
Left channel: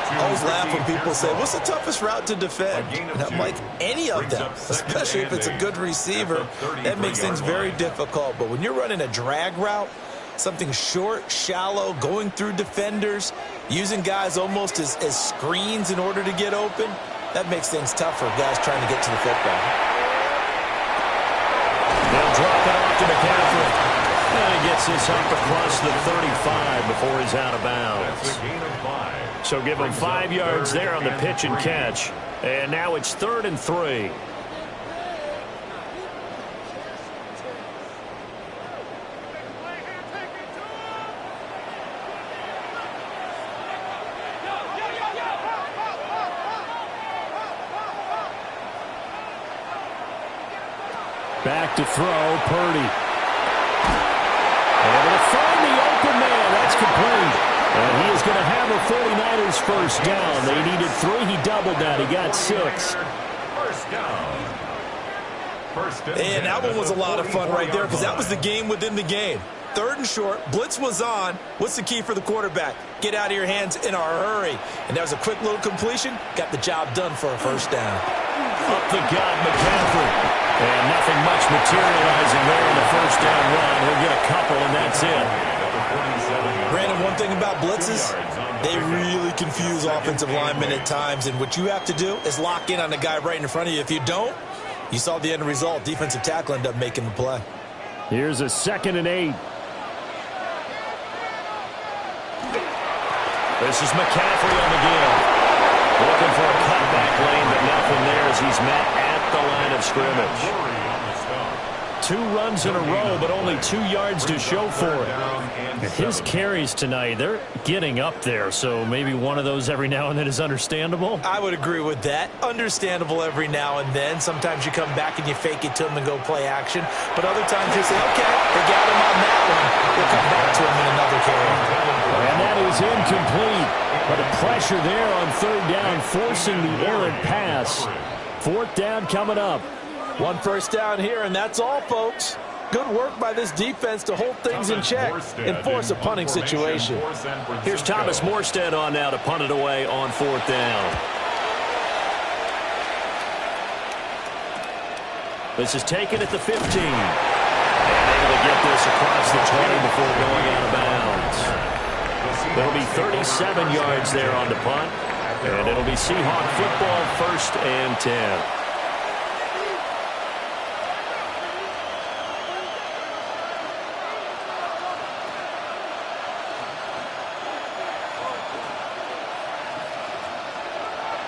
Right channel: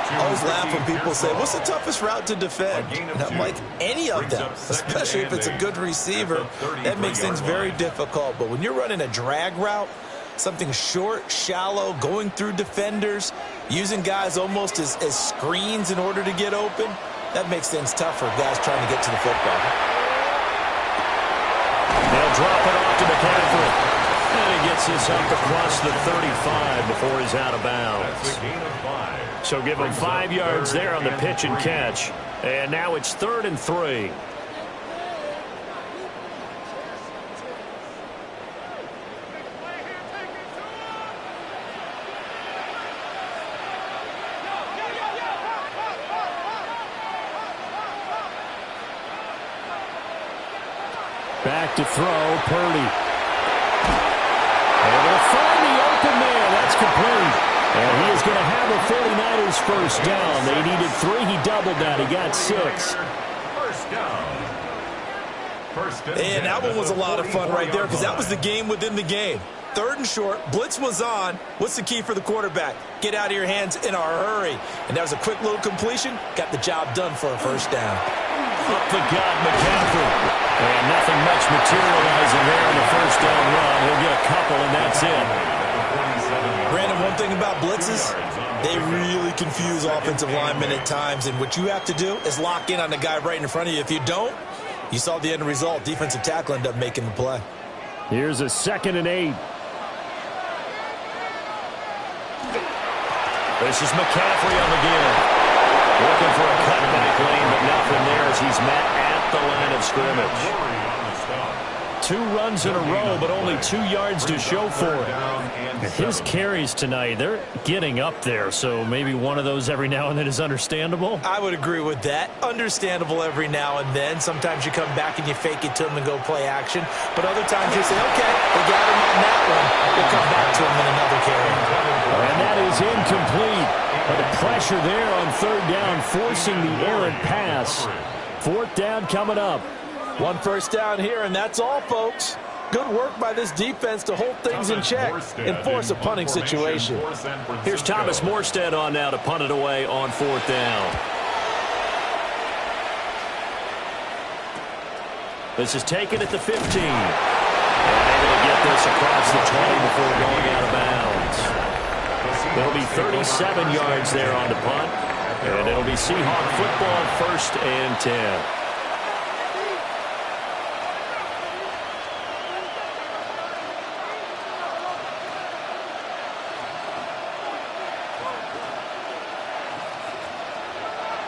I always laugh when people say, what's the toughest route to defend? And I'm like, any of them, especially if it's a good receiver. That makes things very difficult. But when you're running a drag route, something short, shallow, going through defenders, using guys almost as screens in order to get open, that makes things tough for guys trying to get to the football. They'll drop it off to McCaffrey. And he gets this up across the 35 before he's out of bounds. So give him 5 yards there on the pitch and catch. And now it's 3rd and 3. Back to throw, Purdy. Able to find the open man. That's complete. And he is going to have a 49ers first down. They needed 3. He doubled that. He got 6. First down. And that one was a lot of fun right there because that was the game within the game. 3rd and short. Blitz was on. What's the key for the quarterback? Get out of your hands in a hurry. And that was a quick little completion. Got the job done for a first down. Up the gut, McCaffrey. And nothing much materializing there on the first down run. He'll get a couple, and that's it. Brandon, one thing about blitzes, they really confuse offensive linemen at times. And what you have to do is lock in on the guy right in front of you. If you don't, you saw the end result. Defensive tackle ended up making the play. Here's a 2nd and 8. This is McCaffrey on the give. Looking for a cutback lane, but nothing there as he's met at the line of scrimmage. 2 runs in a row, but only 2 yards to show for it. His carries tonight, they're getting up there, so maybe one of those every now and then is understandable. I would agree with that. Understandable every now and then. Sometimes you come back and you fake it to him and go play action. But other times you say, okay, they got him on that one. We'll come back to him in another carry. And that is incomplete. But the pressure there on 3rd down, forcing the errant pass. 4th down coming up. 1 first down here, and that's all, folks. Good work by this defense to hold things in check and force a punting situation. Here's Thomas Morstead on now to punt it away on 4th down. This is taken at the 15. And able to get this across the 20 before going out of bounds. There'll be 37 yards there on the punt. And it'll be Seahawk football, 1st and 10.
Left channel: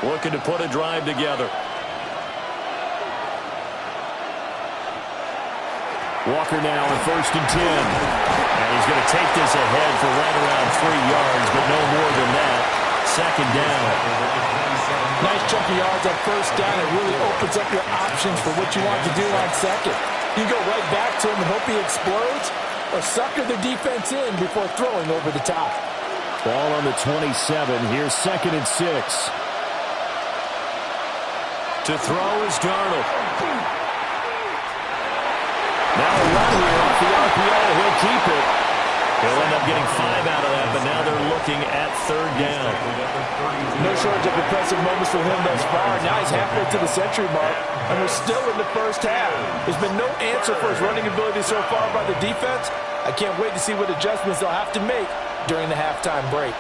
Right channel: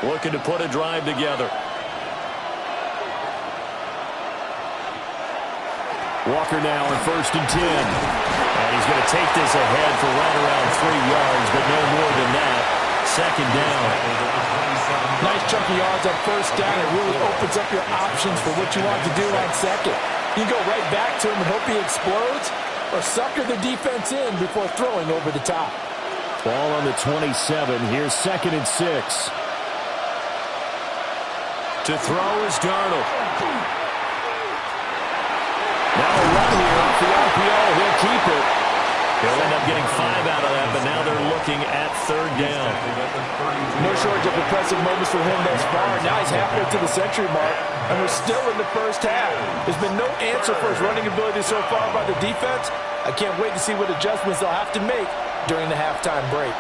looking to put a drive together. Walker now on 1st and 10. And he's going to take this ahead for right around 3 yards, but no more than that. 2nd down. Nice chunky yards on 1st down. It really opens up your options for what you want to do on 2nd. You can go right back to him and hope he explodes, or sucker the defense in before throwing over the top. Ball on the 27. Here's 2nd and 6. To throw is Darnold. Now a run here off the RPO. He'll keep it. He'll end up getting 5 out of that, but now they're looking at 3rd down. No shortage of impressive moments for him thus far. Now he's halfway to the century mark, and we're still in the 1st half. There's been no answer for his running ability so far by the defense. I can't wait to see what adjustments they'll have to make during the halftime break.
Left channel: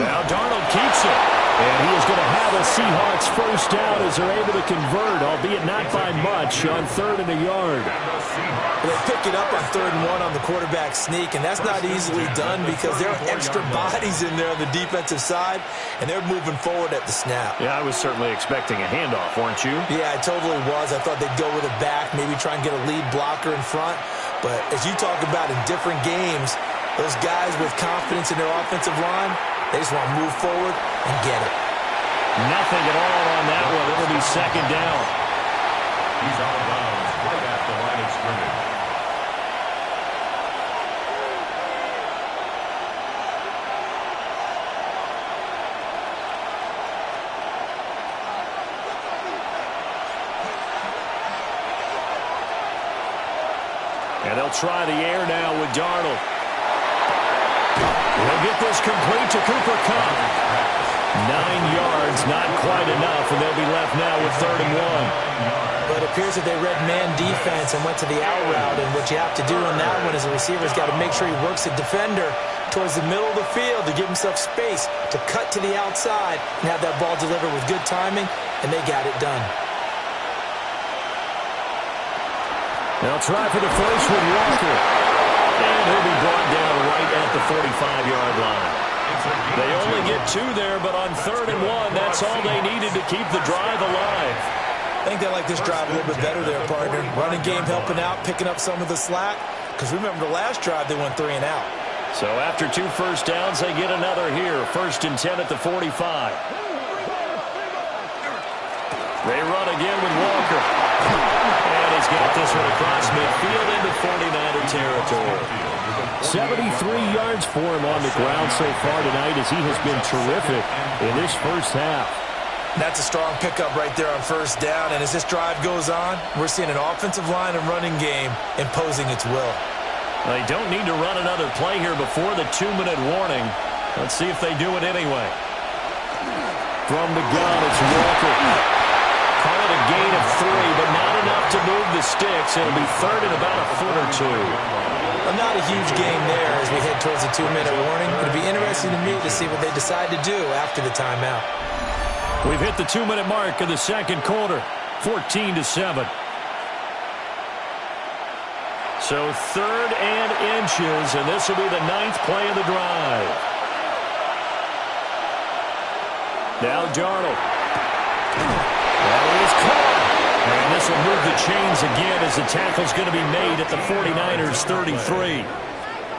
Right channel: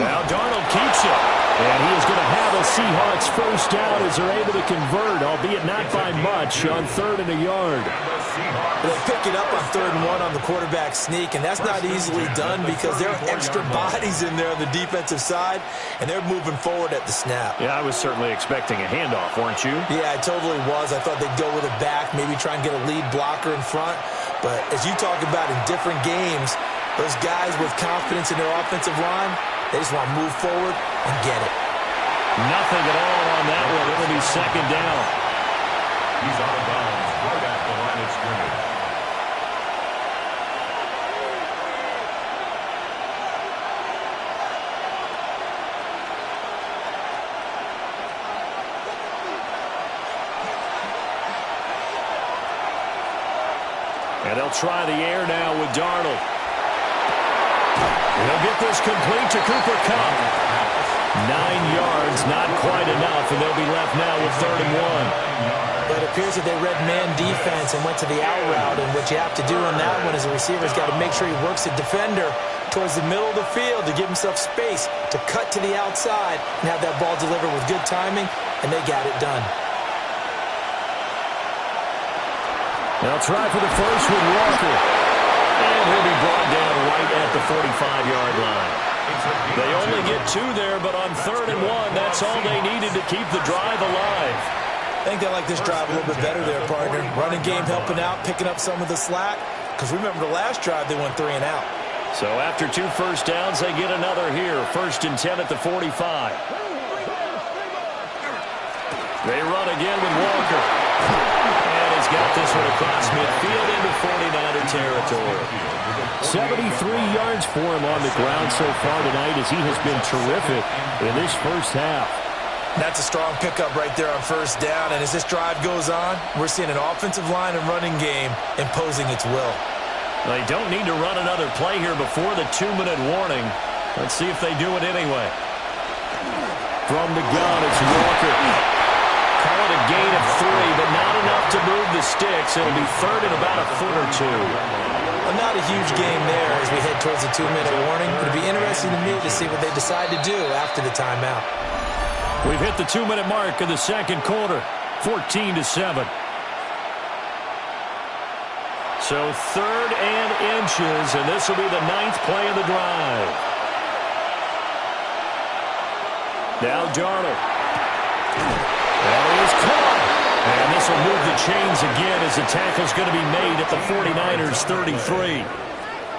Now Darnold keeps it. And he is going to have a Seahawks 1st down as they're able to convert, albeit not by much, on 3rd and a yard. They pick it up on 3rd and 1 on the quarterback sneak, and that's not easily done because there are extra bodies in there on the defensive side, and they're moving forward at the snap. Yeah, I was certainly expecting a handoff, weren't you? Yeah, I totally was. I thought they'd go with it back, maybe try and get a lead blocker in front. But as you talk about in different games, those guys with confidence in their offensive line, they just want to move forward and get it. Nothing at all on that one. It'll be 2nd down. He's out of bounds right at the line of scrimmage. And they'll try the air now with Darnold. He'll get this complete to Cooper Kupp. 9 yards, not quite enough, and they'll be left now with 3rd and 1. But it appears that they read man defense and went to the out route, and what you have to do on that one is the receiver's got to make sure he works the defender towards the middle of the field to give himself space to cut to the outside and have that ball delivered with good timing, and they got it done. They'll try for the first with Walker. And he'll be brought down right at the 45-yard line. They only get 2 there, but on 3rd and 1, that's all they needed to keep the drive alive. I think they like this drive a little bit better there, partner. Running game helping out, picking up some of the slack. Because remember the last drive, they went 3 and out. So after 2 first downs, they get another here. 1st and 10 at the 45. They run again with Walker. And he's got this one across midfield into 49er territory. 73 yards for him on the ground so far tonight as he has been terrific in this 1st half. That's a strong pickup right there on 1st down. And as this drive goes on, we're seeing an offensive line and running game imposing its will. They don't need to run another play here before the 2-minute warning. Let's see if they do it anyway. From the gun, it's Walker. Call it a gain of 3, but not enough to move the sticks. It'll be 3rd and about a foot or 2. Well, not a huge gain there as we head towards the 2-minute warning. It'll be interesting to me to see what they decide to do after the timeout. We've hit the 2-minute mark of the 2nd quarter, 14-7. So 3rd and inches, and this will be the 9th play of the drive. Now Darnold. That is caught. And this will move the chains again as the tackle's going to be made at the 49ers 33.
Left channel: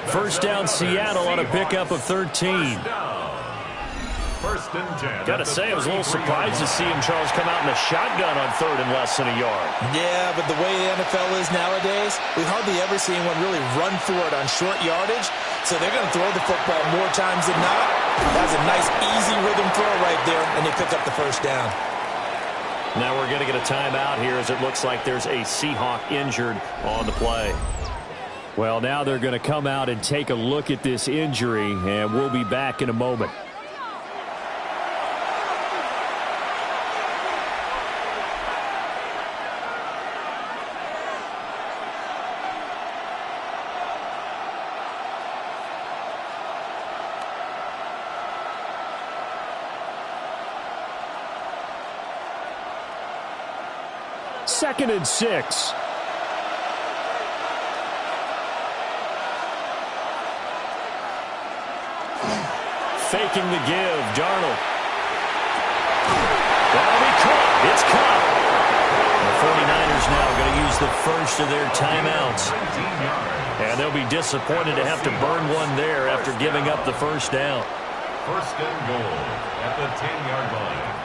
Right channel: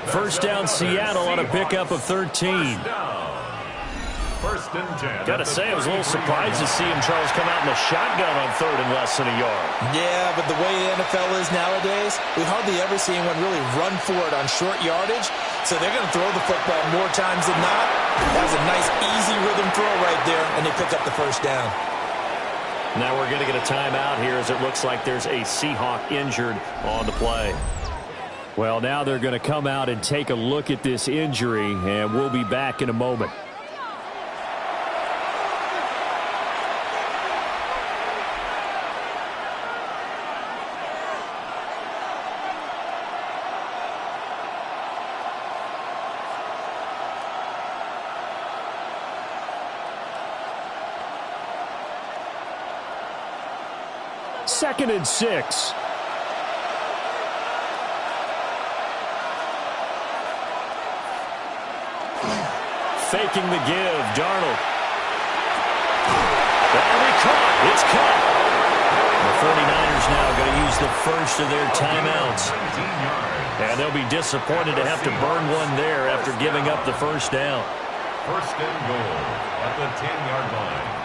1st down Seattle on a pickup of 13. 1st and 10. Got to say, I was a little surprised to see him, Charles, come out in a shotgun on 3rd and less than a yard. Yeah, but the way the NFL is nowadays, we hardly ever see anyone really run for it on short yardage. So they're going to throw the football more times than not. That was a nice, easy rhythm throw right there, and they pick up the 1st down. Now we're going to get a timeout here as it looks like there's a Seahawk injured on the play. Well, now they're going to come out and take a look at this injury, and we'll be back in a moment. Second and 6. Faking the give, Darnold. That'll be caught. It's caught. The 49ers now going to use the first of their timeouts. And they'll be disappointed to have to burn one there after giving up the first down. First and goal at the 10-yard line.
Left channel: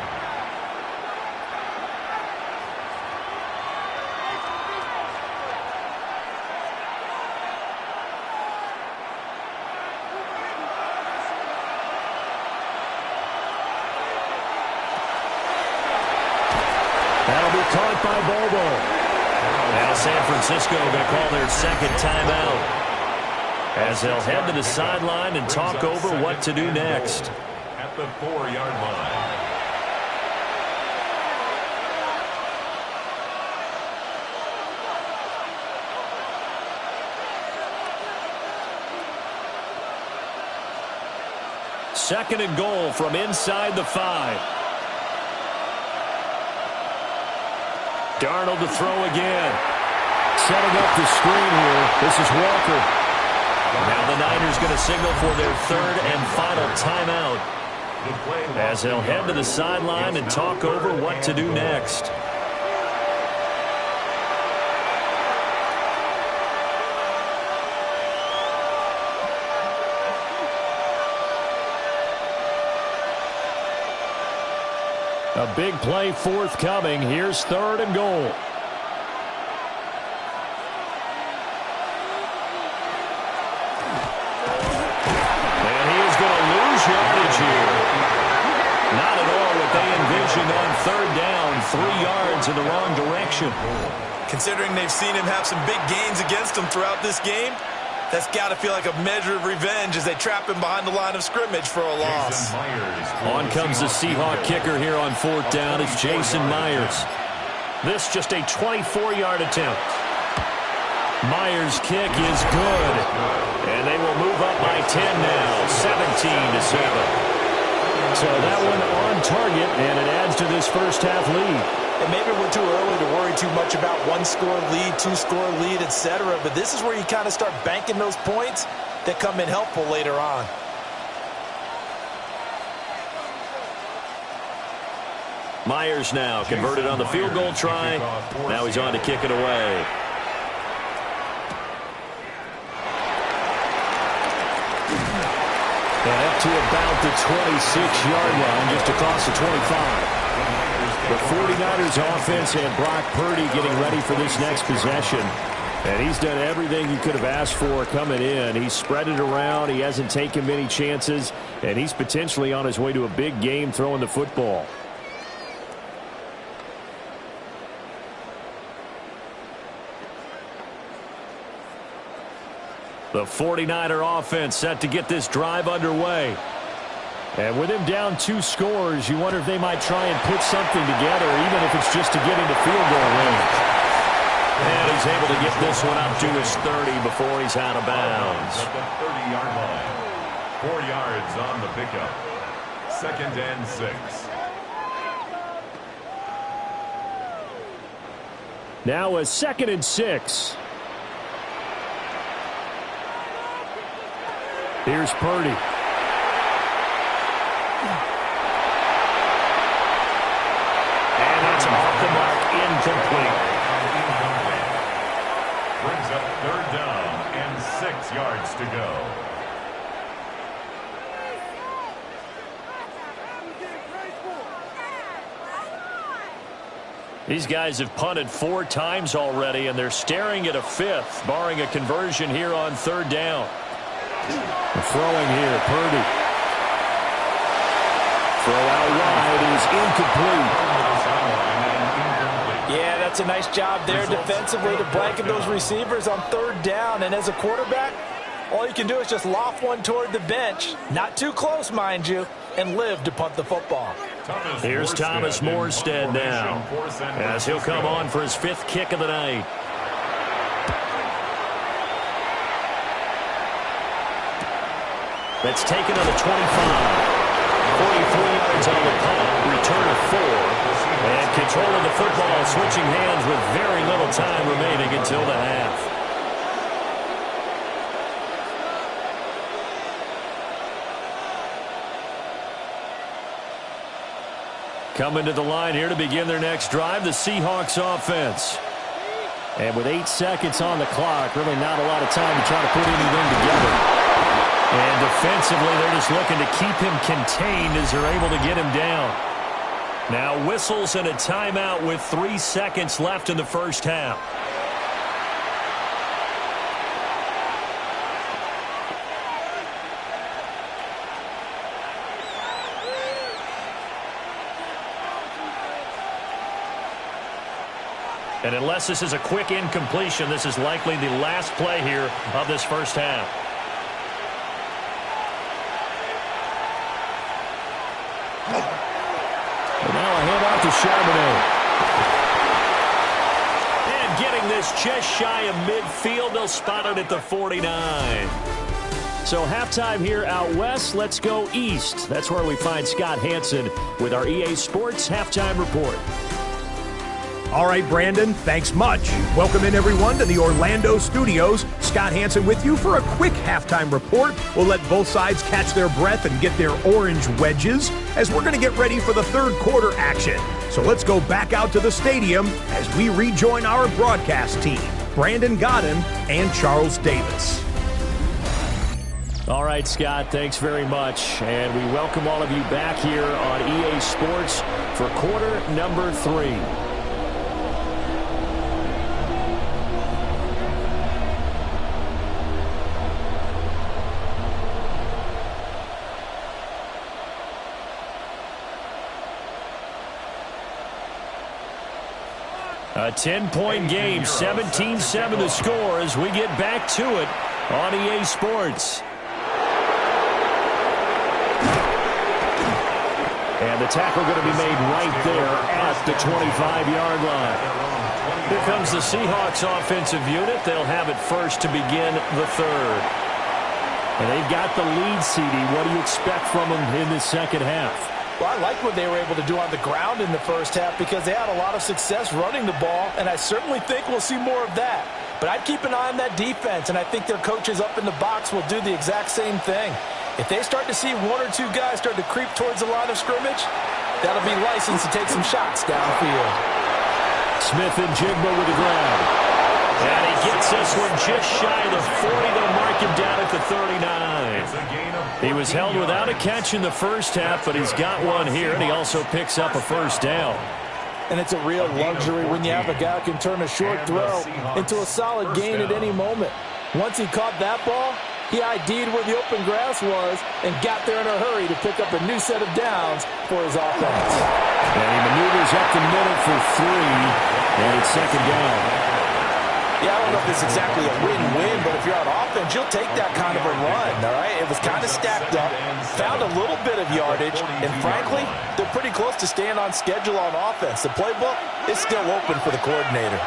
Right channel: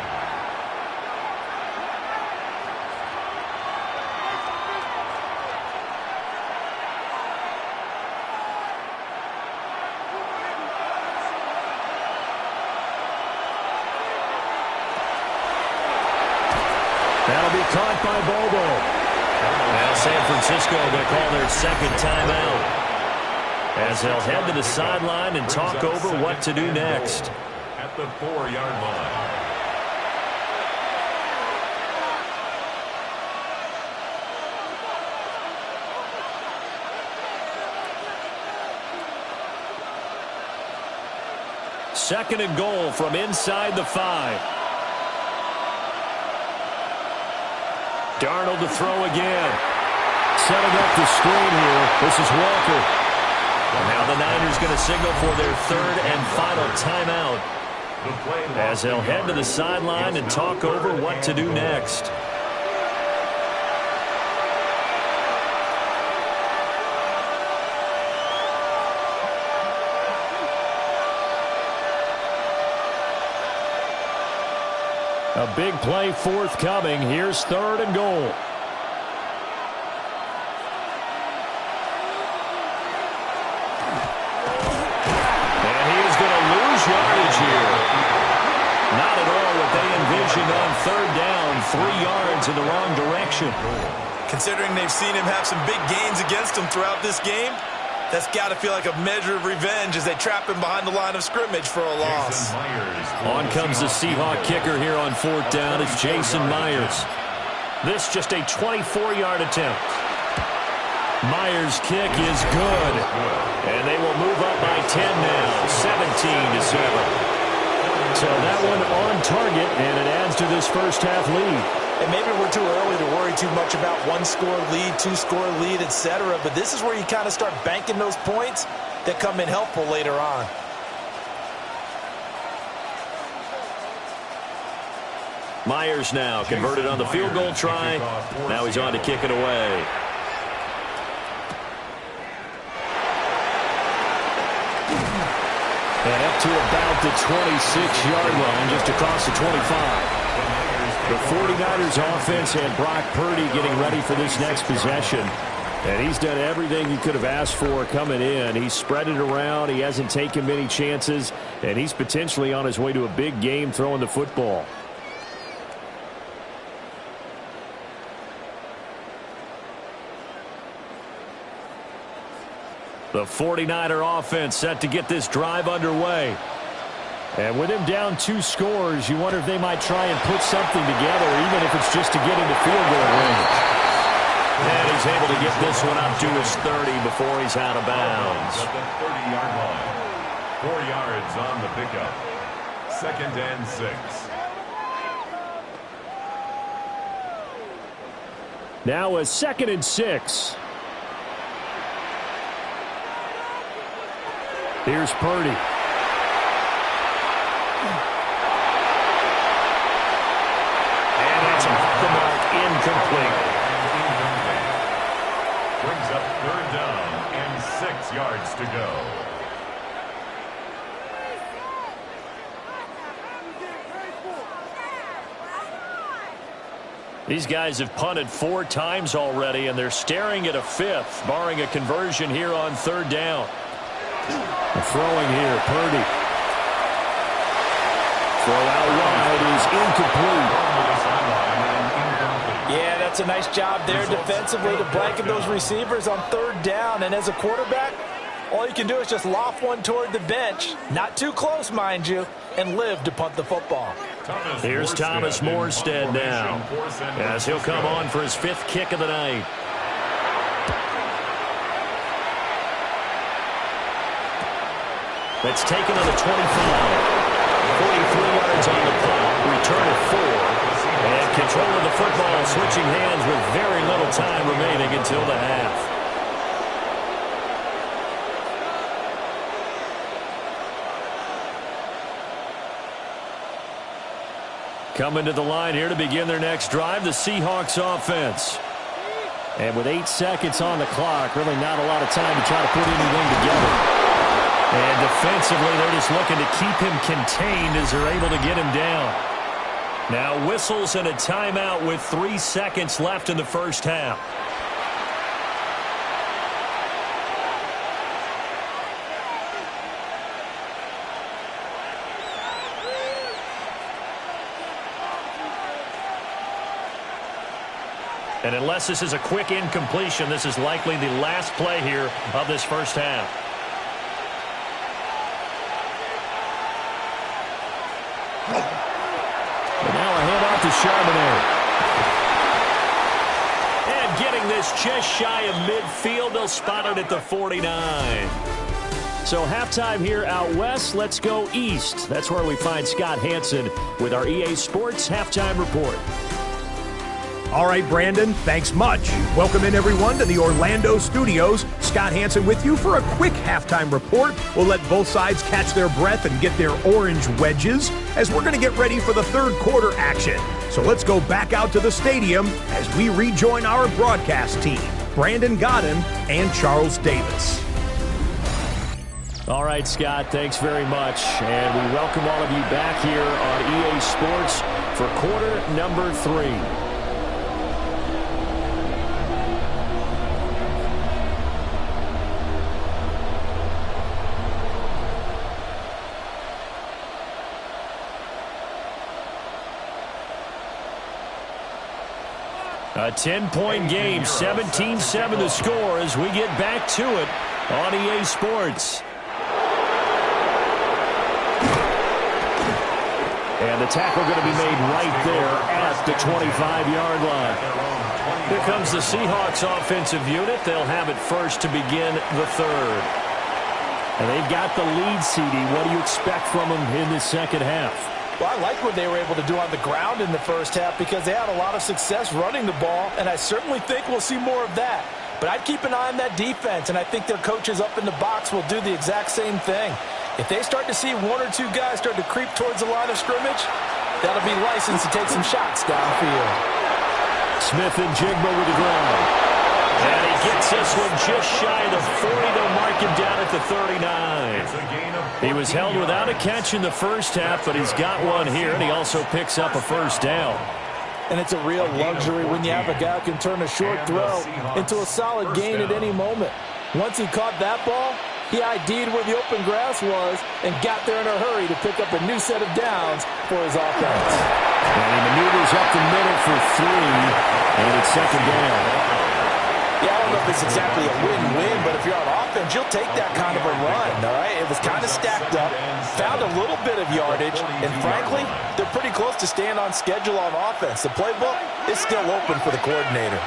That'll be caught by Bobo. Now San Francisco going to call their second timeout, as they'll head to the sideline and talk over what to do next. At the 4-yard line. Second and goal from inside the 5. Darnold to throw again. Setting up the screen here. This is Walker. Now the Niners going to signal for their third and final timeout, as they'll head to the sideline and talk over what to do next. A big play forthcoming. Here's third and goal. And he is going to lose yardage here. Not at all what they envisioned on third down. 3 yards in the wrong direction. Considering they've seen him have some big gains against him throughout this game, that's got to feel like a measure of revenge as they trap him behind the line of scrimmage for a loss. On comes the Seahawk kicker here on fourth down. It's Jason Myers. This just a 24-yard attempt. Myers' kick is good. And they will move up by 10 now, 17-7. So that one on target, and it adds to this first half lead. And maybe we're too early to worry too much about 1-score lead, 2-score lead, etc. But this is where you kind of start banking those points that come in helpful later on. Myers now converted on the field goal try. Now he's on to kick it away. And up to about the 26-yard line, just across the 25. The 49ers offense had Brock Purdy getting ready for this next possession. And he's done everything you could have asked for coming in. He's spread it around. He hasn't taken many chances. And he's potentially on his way to a big game throwing the football. The 49er offense set to get this drive underway. And with him down 2 scores, you wonder if they might try and put something together, even if it's just to get into field goal range. And he's able to get this one up to his 30 before he's out of bounds. At the 30-yard line. 4 yards on the pickup. 2nd and 6. Now a 2nd and 6. Here's Purdy. And that's off the mark, incomplete. Brings up 3rd down and 6 yards to go. These guys have punted 4 times already, and they're staring at a 5th, barring a conversion here on 3rd down. Throwing here, Purdy. Throw out wide is incomplete. Yeah, that's a nice job there defensively to blanket those receivers on 3rd down. And as a quarterback, all you can do is just loft one toward the bench. Not too close, mind you, and live to punt the football. Here's Thomas Morstead now, as he'll come on for his 5th kick of the night. That's taken on the 25. 43 yards on the punt, return of 4, and control of the football, switching hands with very little time remaining until the half. Coming to the line here to begin their next drive, the Seahawks offense. And with 8 seconds on the clock, really not a lot of time to try to put anything together. And defensively, they're just looking to keep him contained as they're able to get him down. Now whistles and a timeout with 3 seconds left in the first half. And unless this is a quick incompletion, this is likely the last play here of this first half. And now a handoff to Charbonnet. And getting this just shy of midfield, they'll spot it at the 49. So halftime here out west, let's go east. That's where we find Scott Hanson with our EA Sports Halftime Report. All right, Brandon, thanks much. Welcome in, everyone, to the Orlando studios. Scott Hanson with you for a quick halftime report. We'll let both sides catch their breath and get their orange wedges as we're going to get ready for the third quarter action. So let's go back out to the stadium as we rejoin our broadcast team, Brandon Godden and Charles Davis. All right, Scott, thanks very much. And we welcome all of you back here on EA Sports for quarter number 3. A 10-point game, 17-7 to score as we get back to it on EA Sports. And the tackle going to be made right there at the 25-yard line. Here comes the Seahawks offensive unit. They'll have it first to begin the third. And they've got the lead, CD. What do you expect from them in this second half? Well, I like what they were able to do on the ground in the first half because they had a lot of success running the ball, and I certainly think we'll see more of that. But I'd keep an eye on that defense, and I think their coaches up in the box will do the exact same thing. If they start to see 1 or 2 guys start to creep towards the line of scrimmage, that'll be licensed to take some shots downfield. Smith and Jigba with the ground. And he gets this one just shy of the 40. They'll mark him down at the 39. He was held without a catch in the first half, but he's got one here, and he also picks up a first down. And it's a real luxury when you have a guy who can turn a short throw into a solid gain at any moment. Once he caught that ball, he ID'd where the open grass was and got there in a hurry to pick up a new set of downs for his offense. And he maneuvers up the middle for 3, and it's second down. Yeah, I don't know if it's exactly a win-win, but if you're on offense, you'll take that kind of a run, all right? It was kind of stacked up, found a little bit of yardage, and frankly, they're pretty close to staying on schedule on offense. The playbook is still open for the coordinator.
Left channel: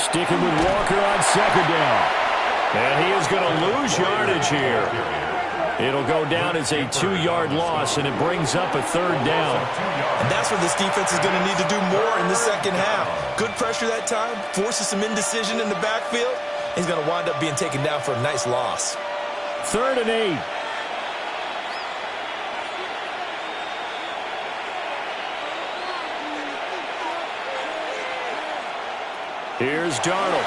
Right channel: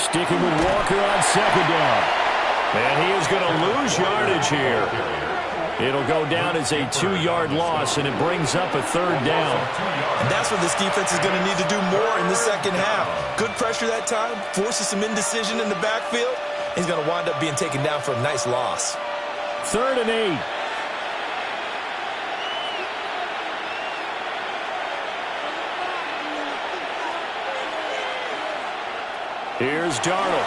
Sticking with Walker on second down. And he is going to lose yardage here. It'll go down as a 2-yard loss, and it brings up a third down. And that's what this defense is going to need to do more in the second half. Good pressure that time, forces some indecision in the backfield. He's going to wind up being taken down for a nice loss. 3rd and 8. Here's Darnold.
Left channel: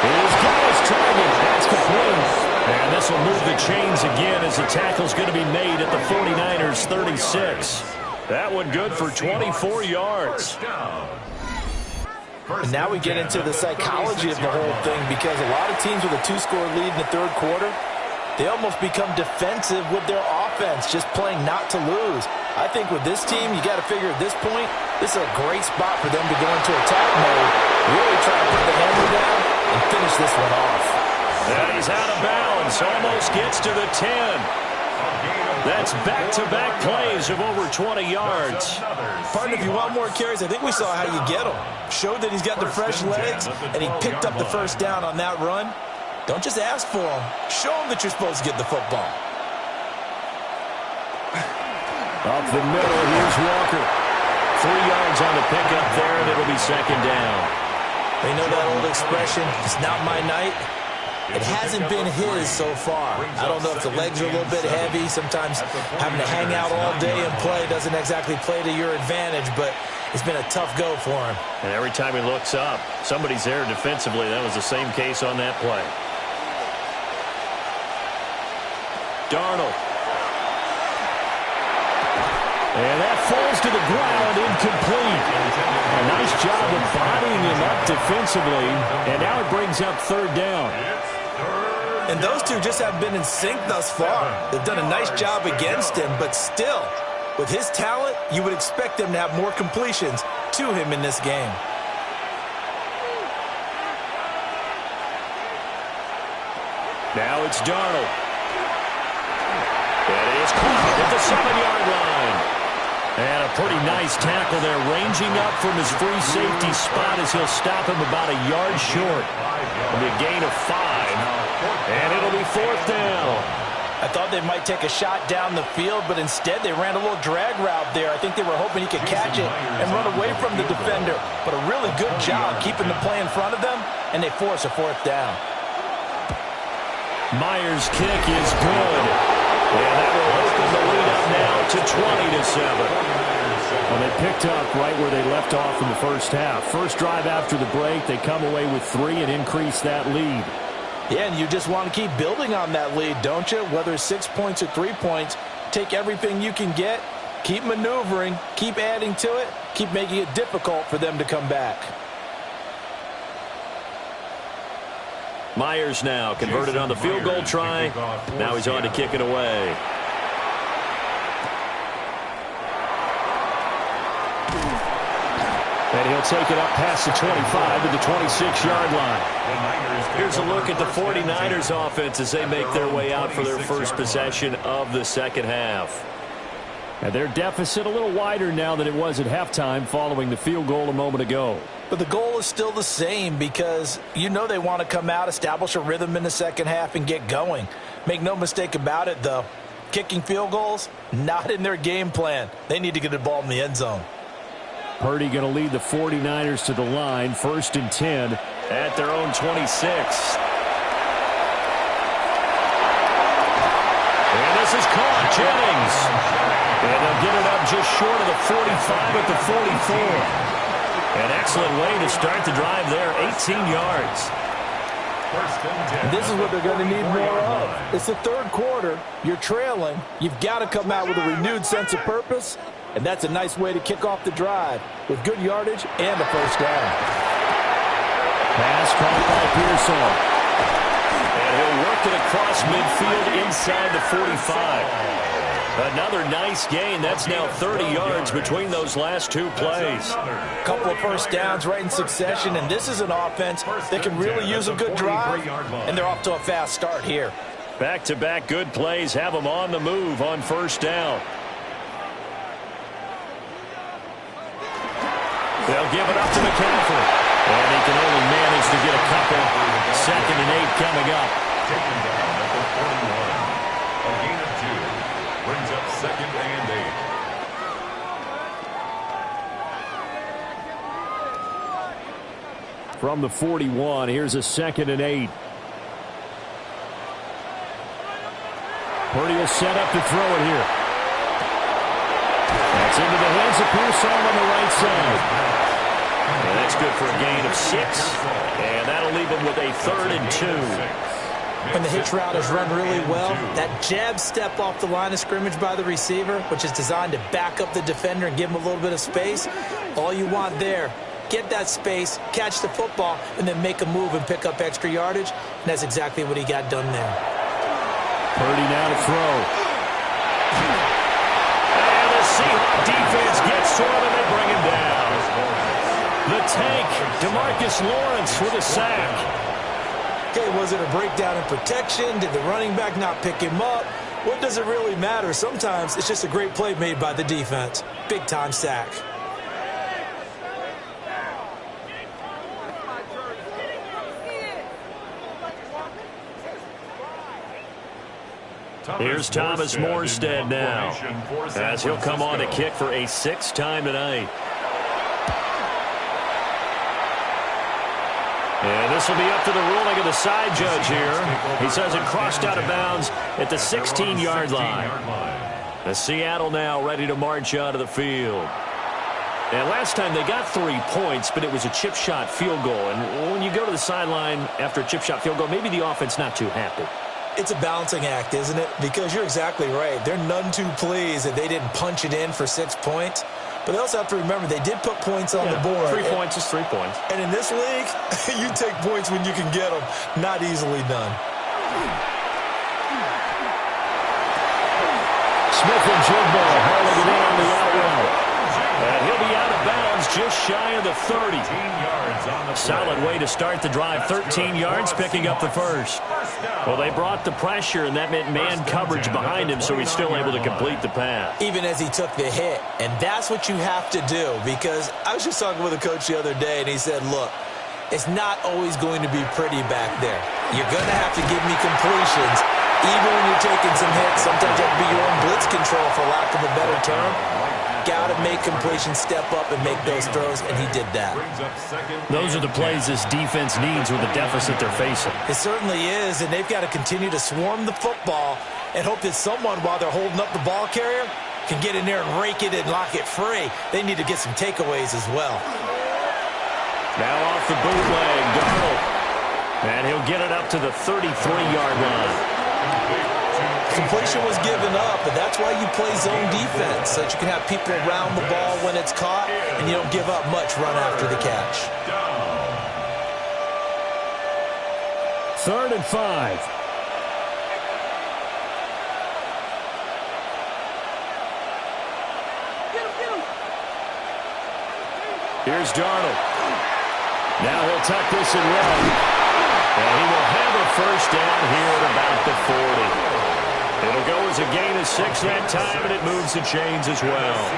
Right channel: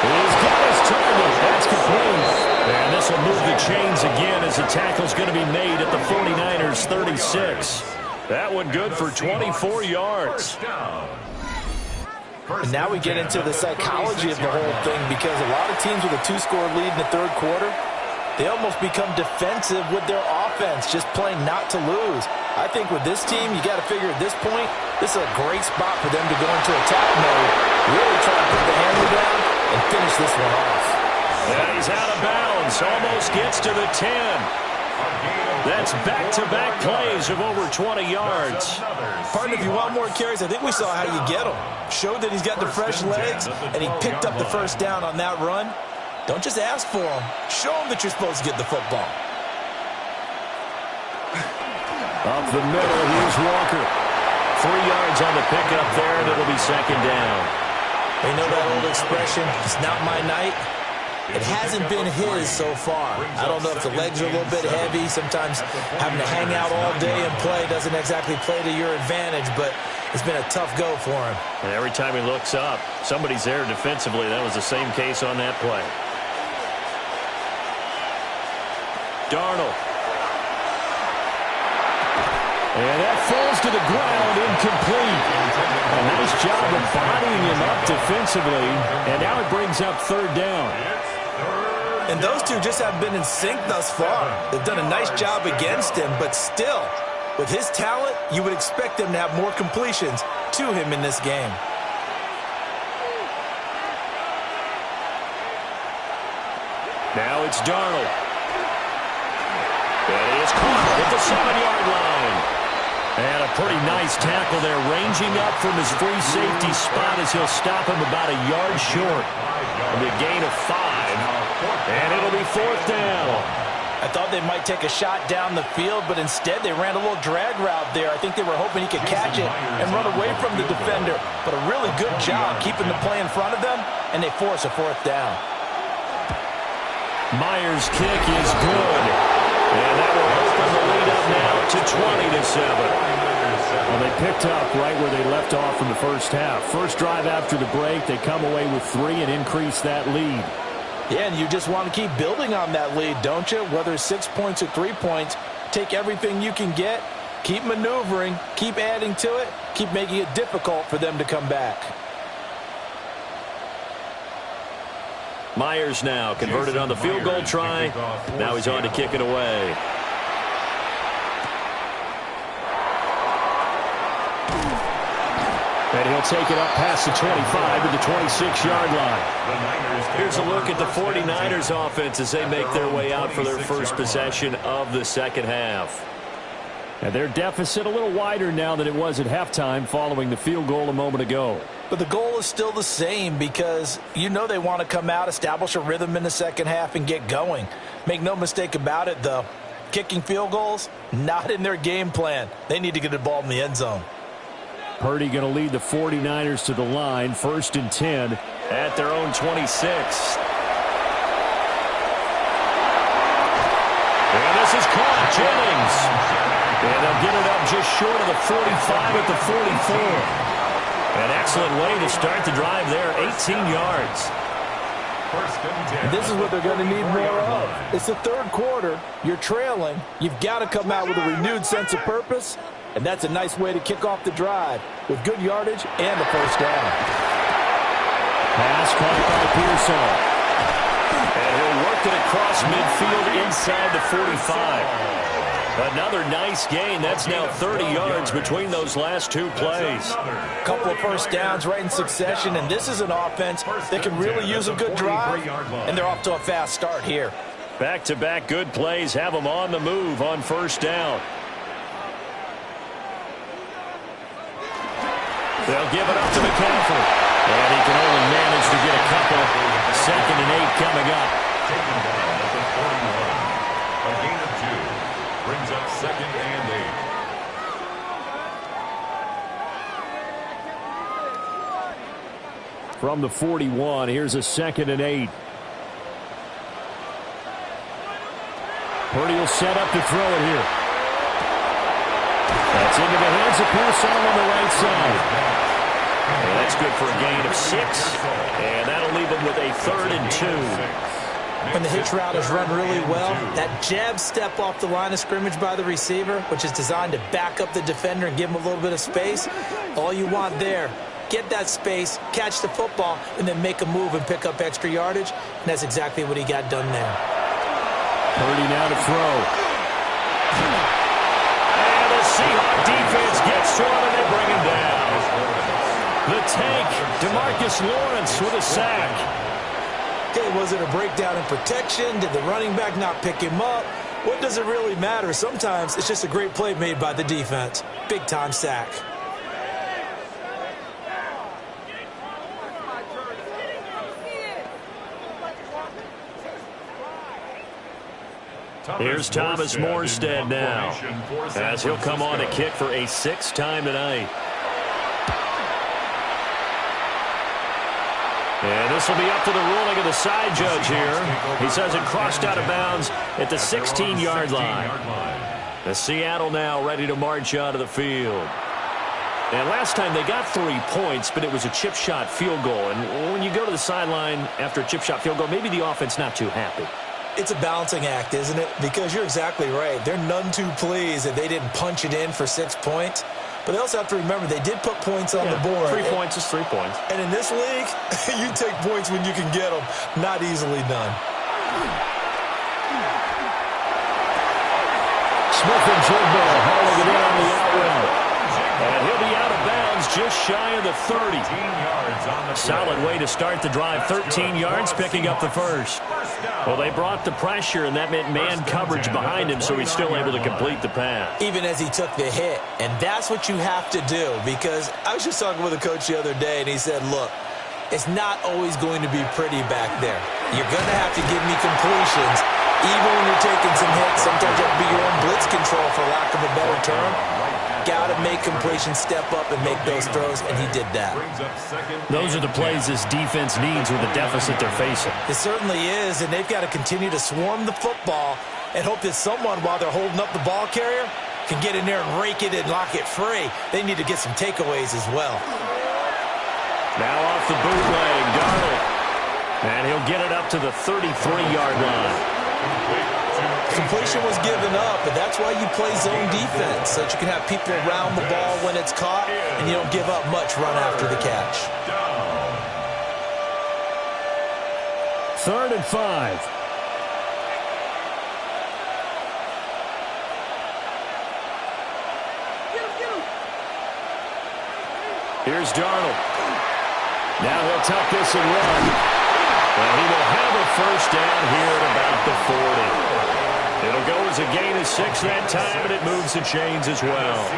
He's got his target. That's complete. And this will move the chains again as the tackle's going to be made at the 49ers 36. That one good for 24 yards. And now we get into the psychology of the whole thing because a lot of teams with a 2-score lead in the third quarter, they almost become defensive with their offense, just playing not to lose. I think with this team, you got to figure at this point, this is a great spot for them to go into attack mode, really try to put the hammer down and finish this one off. And he's out of bounds, almost gets to the 10. That's back-to-back plays of over 20 yards. Partner, if you want more carries, I think we saw how you get them. Showed that he's got the fresh legs, and he picked up the first down on that run. Don't just ask for them. Show them that you're supposed to get the football. Up the middle, here's Walker. 3 yards on the pickup there, and it'll be second down. You know that old expression, it's not my night? it hasn't been his so far. I don't know if the legs are a little bit heavy. Sometimes having to hang out all day and play doesn't exactly play to your advantage, but it's been a tough go for him. And every time he looks up, somebody's there defensively. That was the same case on that play. Darnold. And that falls to the ground, incomplete. A nice job of bodying him up defensively. And now it brings up third down. And those two just haven't been in sync thus far. They've done a nice job against him, but still, with his talent, you would expect them to have more completions to him in this game. Now it's Darnold. It is caught at the 7-yard line. And a pretty nice tackle there, ranging up from his free safety spot as he'll stop him about a yard short. It'll be a gain of 5, and it'll be fourth down. I thought they might take a shot down the field, but instead they ran a little drag route there. I think they were hoping he could catch it and run away from the defender. But a really good job keeping the play in front of them, and they force a fourth down. Myers' kick is good. And that will open the lead up now to 20-7. Well, they picked up right where they left off in the first half. First drive after the break, they come away with 3 and increase that lead. Yeah, and you just want to keep building on that lead, don't you? Whether it's 6 points or 3 points, take everything you can get, keep maneuvering, keep adding to it, keep making it difficult for them to come back. Myers now converted on the field goal try. Now he's on to kick it away. And he'll take it up past the 25 to the 26-yard line. Here's a look at the 49ers offense as they make their way out for their first possession of the second half. And their deficit a little wider now than it was at halftime following the field goal a moment ago. But the goal is still the same because you know they want to come out, establish a rhythm in the second half, and get going. Make no mistake about it, though. Kicking field goals, not in their game plan. They need to get the ball in the end zone. Purdy going to lead the 49ers to the line, 1st and 10 at their own 26. And this is caught. Jennings. And they'll get it up just short of the 45 at the 44. An excellent way to start the drive there, 18 yards. This is what they're going to need more of. It's the third quarter. You're trailing. You've got to come out with a renewed sense of purpose, and that's a nice way to kick off the drive with good yardage and a first down. Pass caught by Pearson. And he'll work it across midfield inside the 45. Another nice gain. That's now 30 yards between those last two plays. A couple of first downs right in succession, and this is an offense that can really use a good drive, and they're off to a fast start here. Back-to-back good plays have them on the move on first down. They'll give it up to McCaffrey. And he can only manage to get a couple. 2nd and 8 coming up. Taken down at the 41. A gain of 2. Brings up 2nd and 8. From the 41, here's a 2nd and 8. Purdy will set up to throw it here. That's into the hands of Pearson on the right side. And that's good for a gain of 6. And that'll leave him with a 3rd and 2. When the hitch route is run really well, that jab step off the line of scrimmage by the receiver, which is designed to back up the defender and give him a little bit of space, all you want there, get that space, catch the football, and then make a move and pick up extra yardage. And that's exactly what he got done there. Purdy now to throw. And the Seahawks defense gets to him and they bring him down. The tank, DeMarcus Lawrence with a sack. Okay, was it a breakdown in protection? Did the running back not pick him up? What does it really matter? Sometimes it's just a great play made by the defense. Big-time sack. Here's Thomas Morstead now, as he'll come on to kick for a 6th time tonight. And this will be up to the ruling of the side judge here. He says it crossed out of bounds at the 16-yard line. The Seattle now ready to march out of the field. And last time they got 3 points, but it was a chip shot field goal. And when you go to the sideline after a chip shot field goal, maybe the offense not too happy. It's a balancing act, isn't it? Because you're exactly right. They're none too pleased that they didn't punch it in for 6 points. But they also have to remember they did put points on the board. 3 points is 3 points. And in this league, you take points when you can get them. Not easily done. Smith-Njigba hauling it in on the out route. And he'll be out of bounds just shy of the 30. Solid way to start the drive. 13 yards, picking up the first. Well, they brought the pressure, and that meant man coverage behind him, so he's still able to complete the pass. Even as he took the hit. And that's what you have to do, because I was just talking with a coach the other day, and he said, look, it's not always going to be pretty back there. You're going to have to give me completions. Even when you're taking some hits, sometimes you have to be your own blitz control, for lack of a better term. Got to make completions, step up and make those throws, and he did that. Those are the plays this defense needs with the deficit they're facing. It certainly is, and they've got to continue to swarm the football and hope that someone, while they're holding up the ball carrier, can get in there and rake it and lock it free. They need to get some takeaways as well. Now off the bootleg, Darnold. And he'll get it up to the 33-yard line. Completion was given up, but that's why you play zone defense, so that you can have people around the ball when it's caught, and you don't give up much run after the catch. 3rd and 5. Here's Darnold. Now he'll tuck this and run. And he will have a first down here at about the 40. It'll go as a gain of 6 that time, and it moves the chains as well.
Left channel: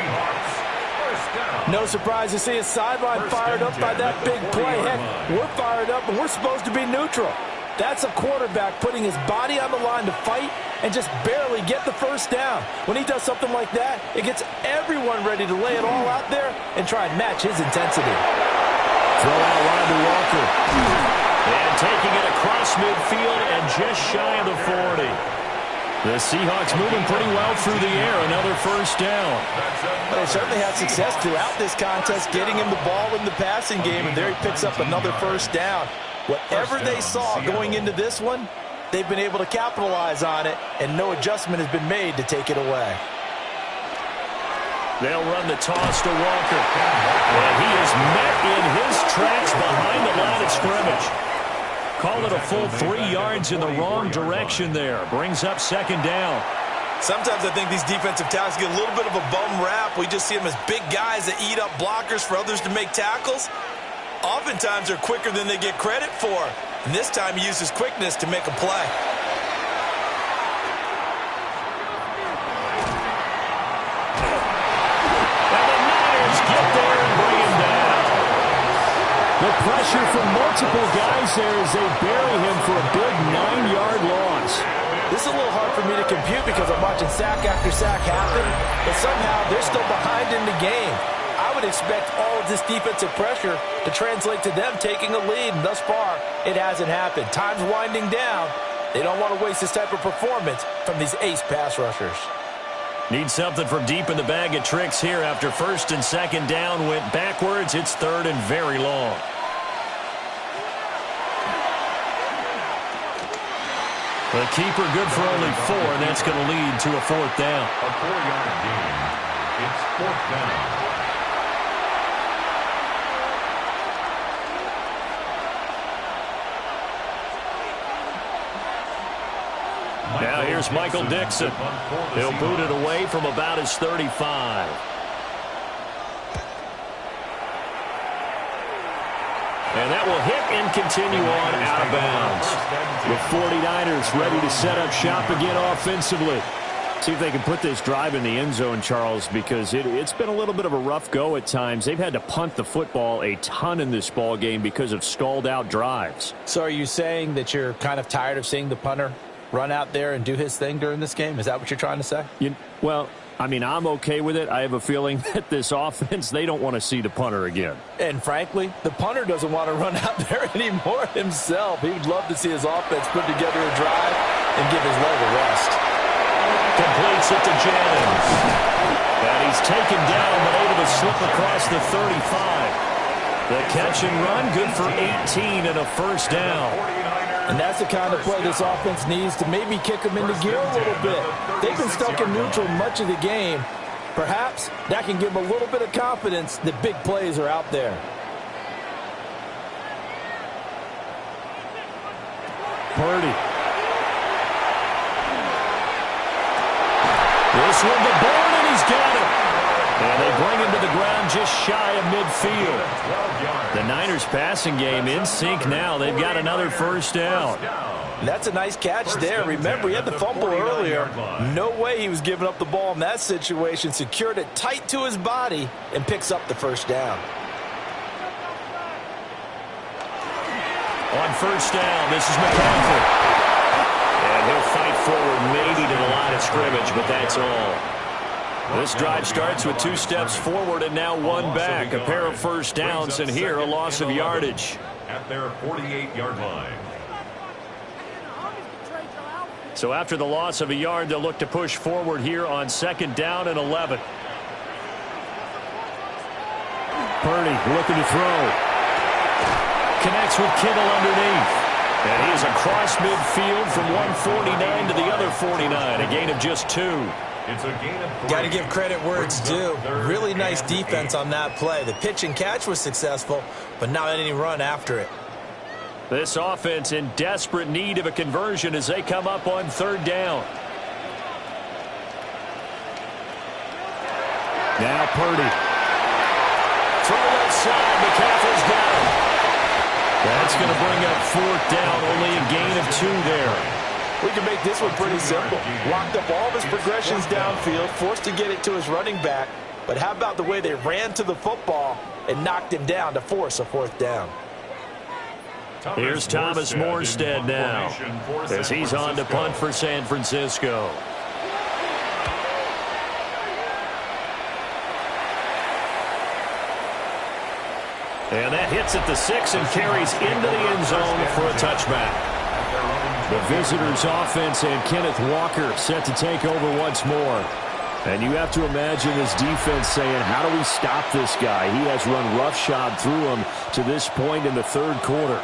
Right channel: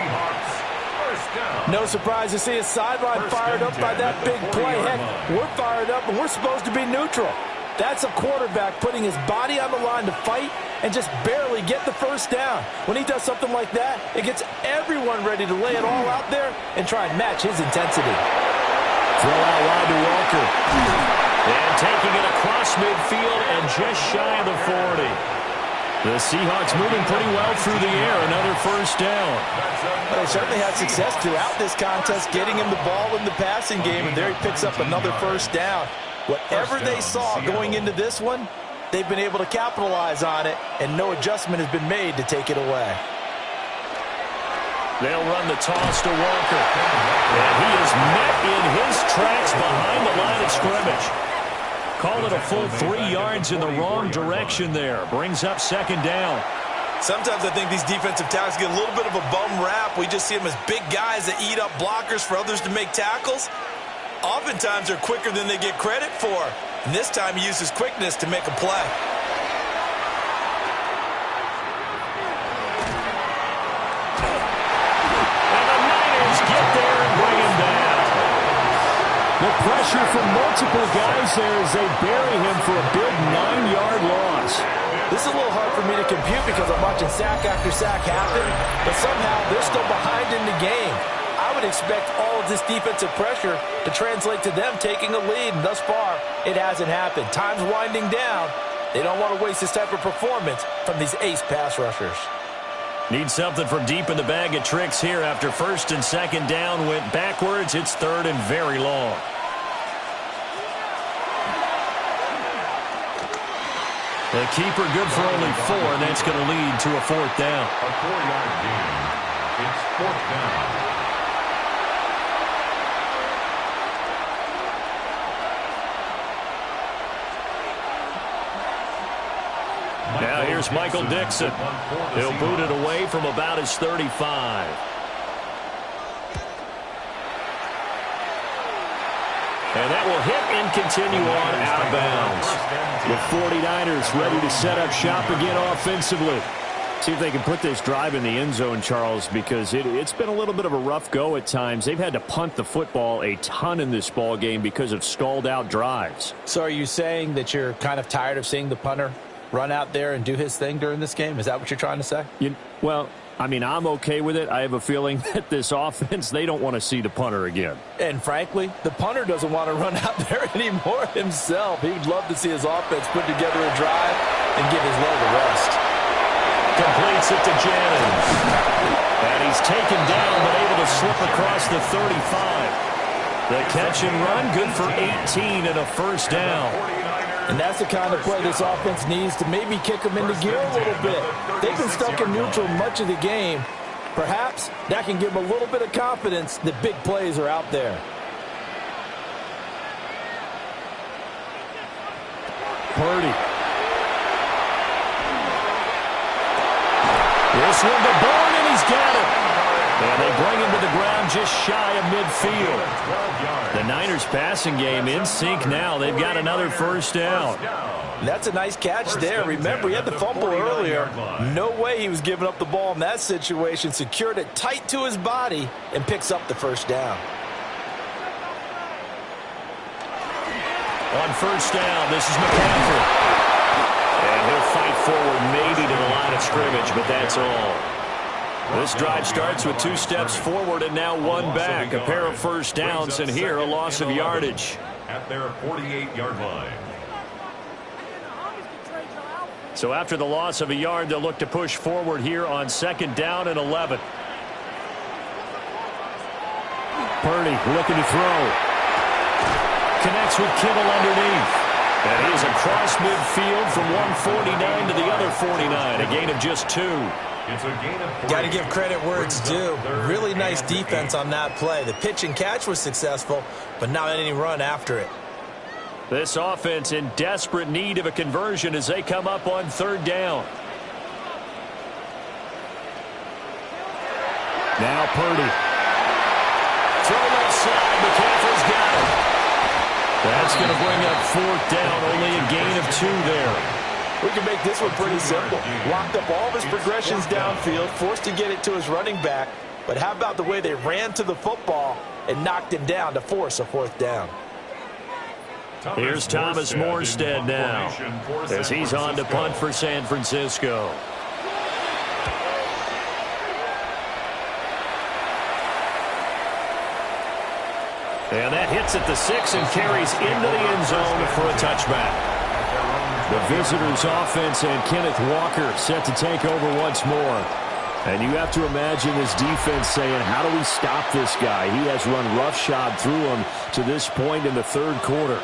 No surprise to see a sideline fired up by that big play. Heck, we're fired up, and we're supposed to be neutral. That's a quarterback putting his body on the line to fight and just barely get the first down. When he does something like that, it gets everyone ready to lay it all out there and try and match his intensity. Throw out wide to Walker. And taking it across midfield and just shy of the 40. The Seahawks moving pretty well through the air. Another first down. Well, they certainly had success throughout this contest, getting him the ball in the passing game, and there he picks up another first down. Whatever they saw going into this one, they've been able to capitalize on it, and no adjustment has been made to take it away. They'll run the toss to Walker. And he is met in his tracks behind the line of scrimmage. Call it a full 3 yards in the wrong direction there. Brings up 2nd down. Sometimes I think these defensive tackles get a little bit of a bum rap. We just see them as big guys that eat up blockers for others to make tackles. Oftentimes they're quicker than they get credit for. And this time he uses quickness to make a play. And the Niners get there and bring him down. The pressure from multiple guys there as they bury him for a big 9-yard loss. This is a little hard for me to compute because I'm watching sack after sack happen, but somehow they're still behind in the game. I would expect all of this defensive pressure to translate to them taking a lead, and thus far, it hasn't happened. Time's winding down. They don't want to waste this type of performance from these ace pass rushers. Need something from deep in the bag of tricks here after 1st and 2nd down went backwards. It's 3rd and very long. The keeper good for only 4, and that's going to lead to a 4th down. A 4-yard gain. It's 4th down. Now here's Michael Dixon. He'll boot it away from about his 35. And that will hit and continue on out of bounds. The 49ers ready to set up shop again offensively. See if they can put this drive in the end zone, Charles, because it's been a little bit of a rough go at times. They've had to punt the football a ton in this ball game because of stalled out drives. So are you saying that you're kind of tired of seeing the punter run out there and do his thing during this game? Is that what you're trying to say? Well, I mean, I'm okay with it. I have a feeling that this offense, they don't want to see the punter again. And frankly, the punter doesn't want to run out there anymore himself. He would love to see his offense put together a drive and give his leg a rest. Completes it to Jennings. And he's taken down but able to slip across the 35. The catch and run, good for 18 and a first down. And that's the kind of play this offense needs to maybe kick them into gear a little bit. They've been stuck in neutral much of the game. Perhaps that can give them a little bit of confidence that big plays are out there. Purdy. This one to Bourne, and he's got it. And they bring him to the ground just shy of midfield. The Niners passing game in sync now. They've got another first down. That's a nice catch there. Remember, he had the fumble earlier. No way he was giving up the ball in that situation. Secured it tight to his body and picks up the first down. On first down, this is McCaffrey. And he'll fight forward maybe to the line of scrimmage, but that's all. This drive starts with 2 steps forward and now 1 back. A pair of first downs, and here a loss of yardage. At their 48-yard line. So after the loss of a yard, they'll look to push forward here on 2nd down and 11. Purdy looking to throw. Connects with Kittle underneath. And he is across midfield from 149 to the other 49. A gain of just 2. It's a gain of 3. Got to give credit where it's due. Really nice defense on that play. The pitch and catch was successful, but not any run after it. This offense in desperate need of a conversion as they come up on 3rd down. Now Purdy. Throw left side. McCaffrey's got it. That's going to bring up 4th down. Only a gain of 2 there. We can make this one pretty simple. Locked up all of his progressions downfield, forced to get it to his running back. But how about the way they ran to the football and knocked him down to force a 4th down? Here's Thomas Morstead now as he's on to punt for San Francisco. And that hits at the 6 and carries into the end zone for a touchback. The visitors' offense and Kenneth Walker set to take over once more. And you have to imagine this defense saying, how do we stop this guy? He has run roughshod through him to this point in the 3rd quarter.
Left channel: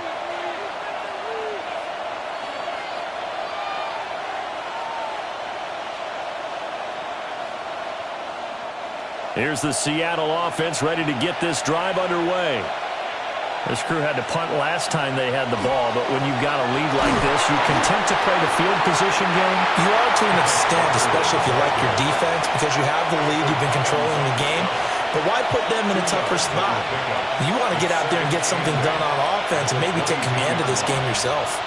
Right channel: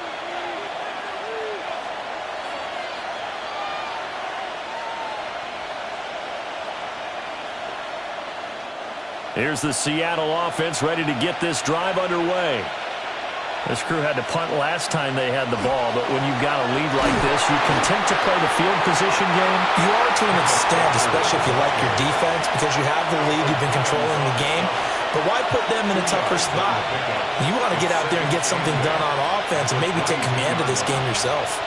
Here's the Seattle offense ready to get this drive underway. This crew had to punt last time they had the ball, but when you've got a lead like this, you content to play the field position game? You are to an extent, especially if you like your defense, because you have the lead, you've been controlling the game. But why put them in a tougher spot? You want to get out there and get something done on offense and maybe take command of this game yourself.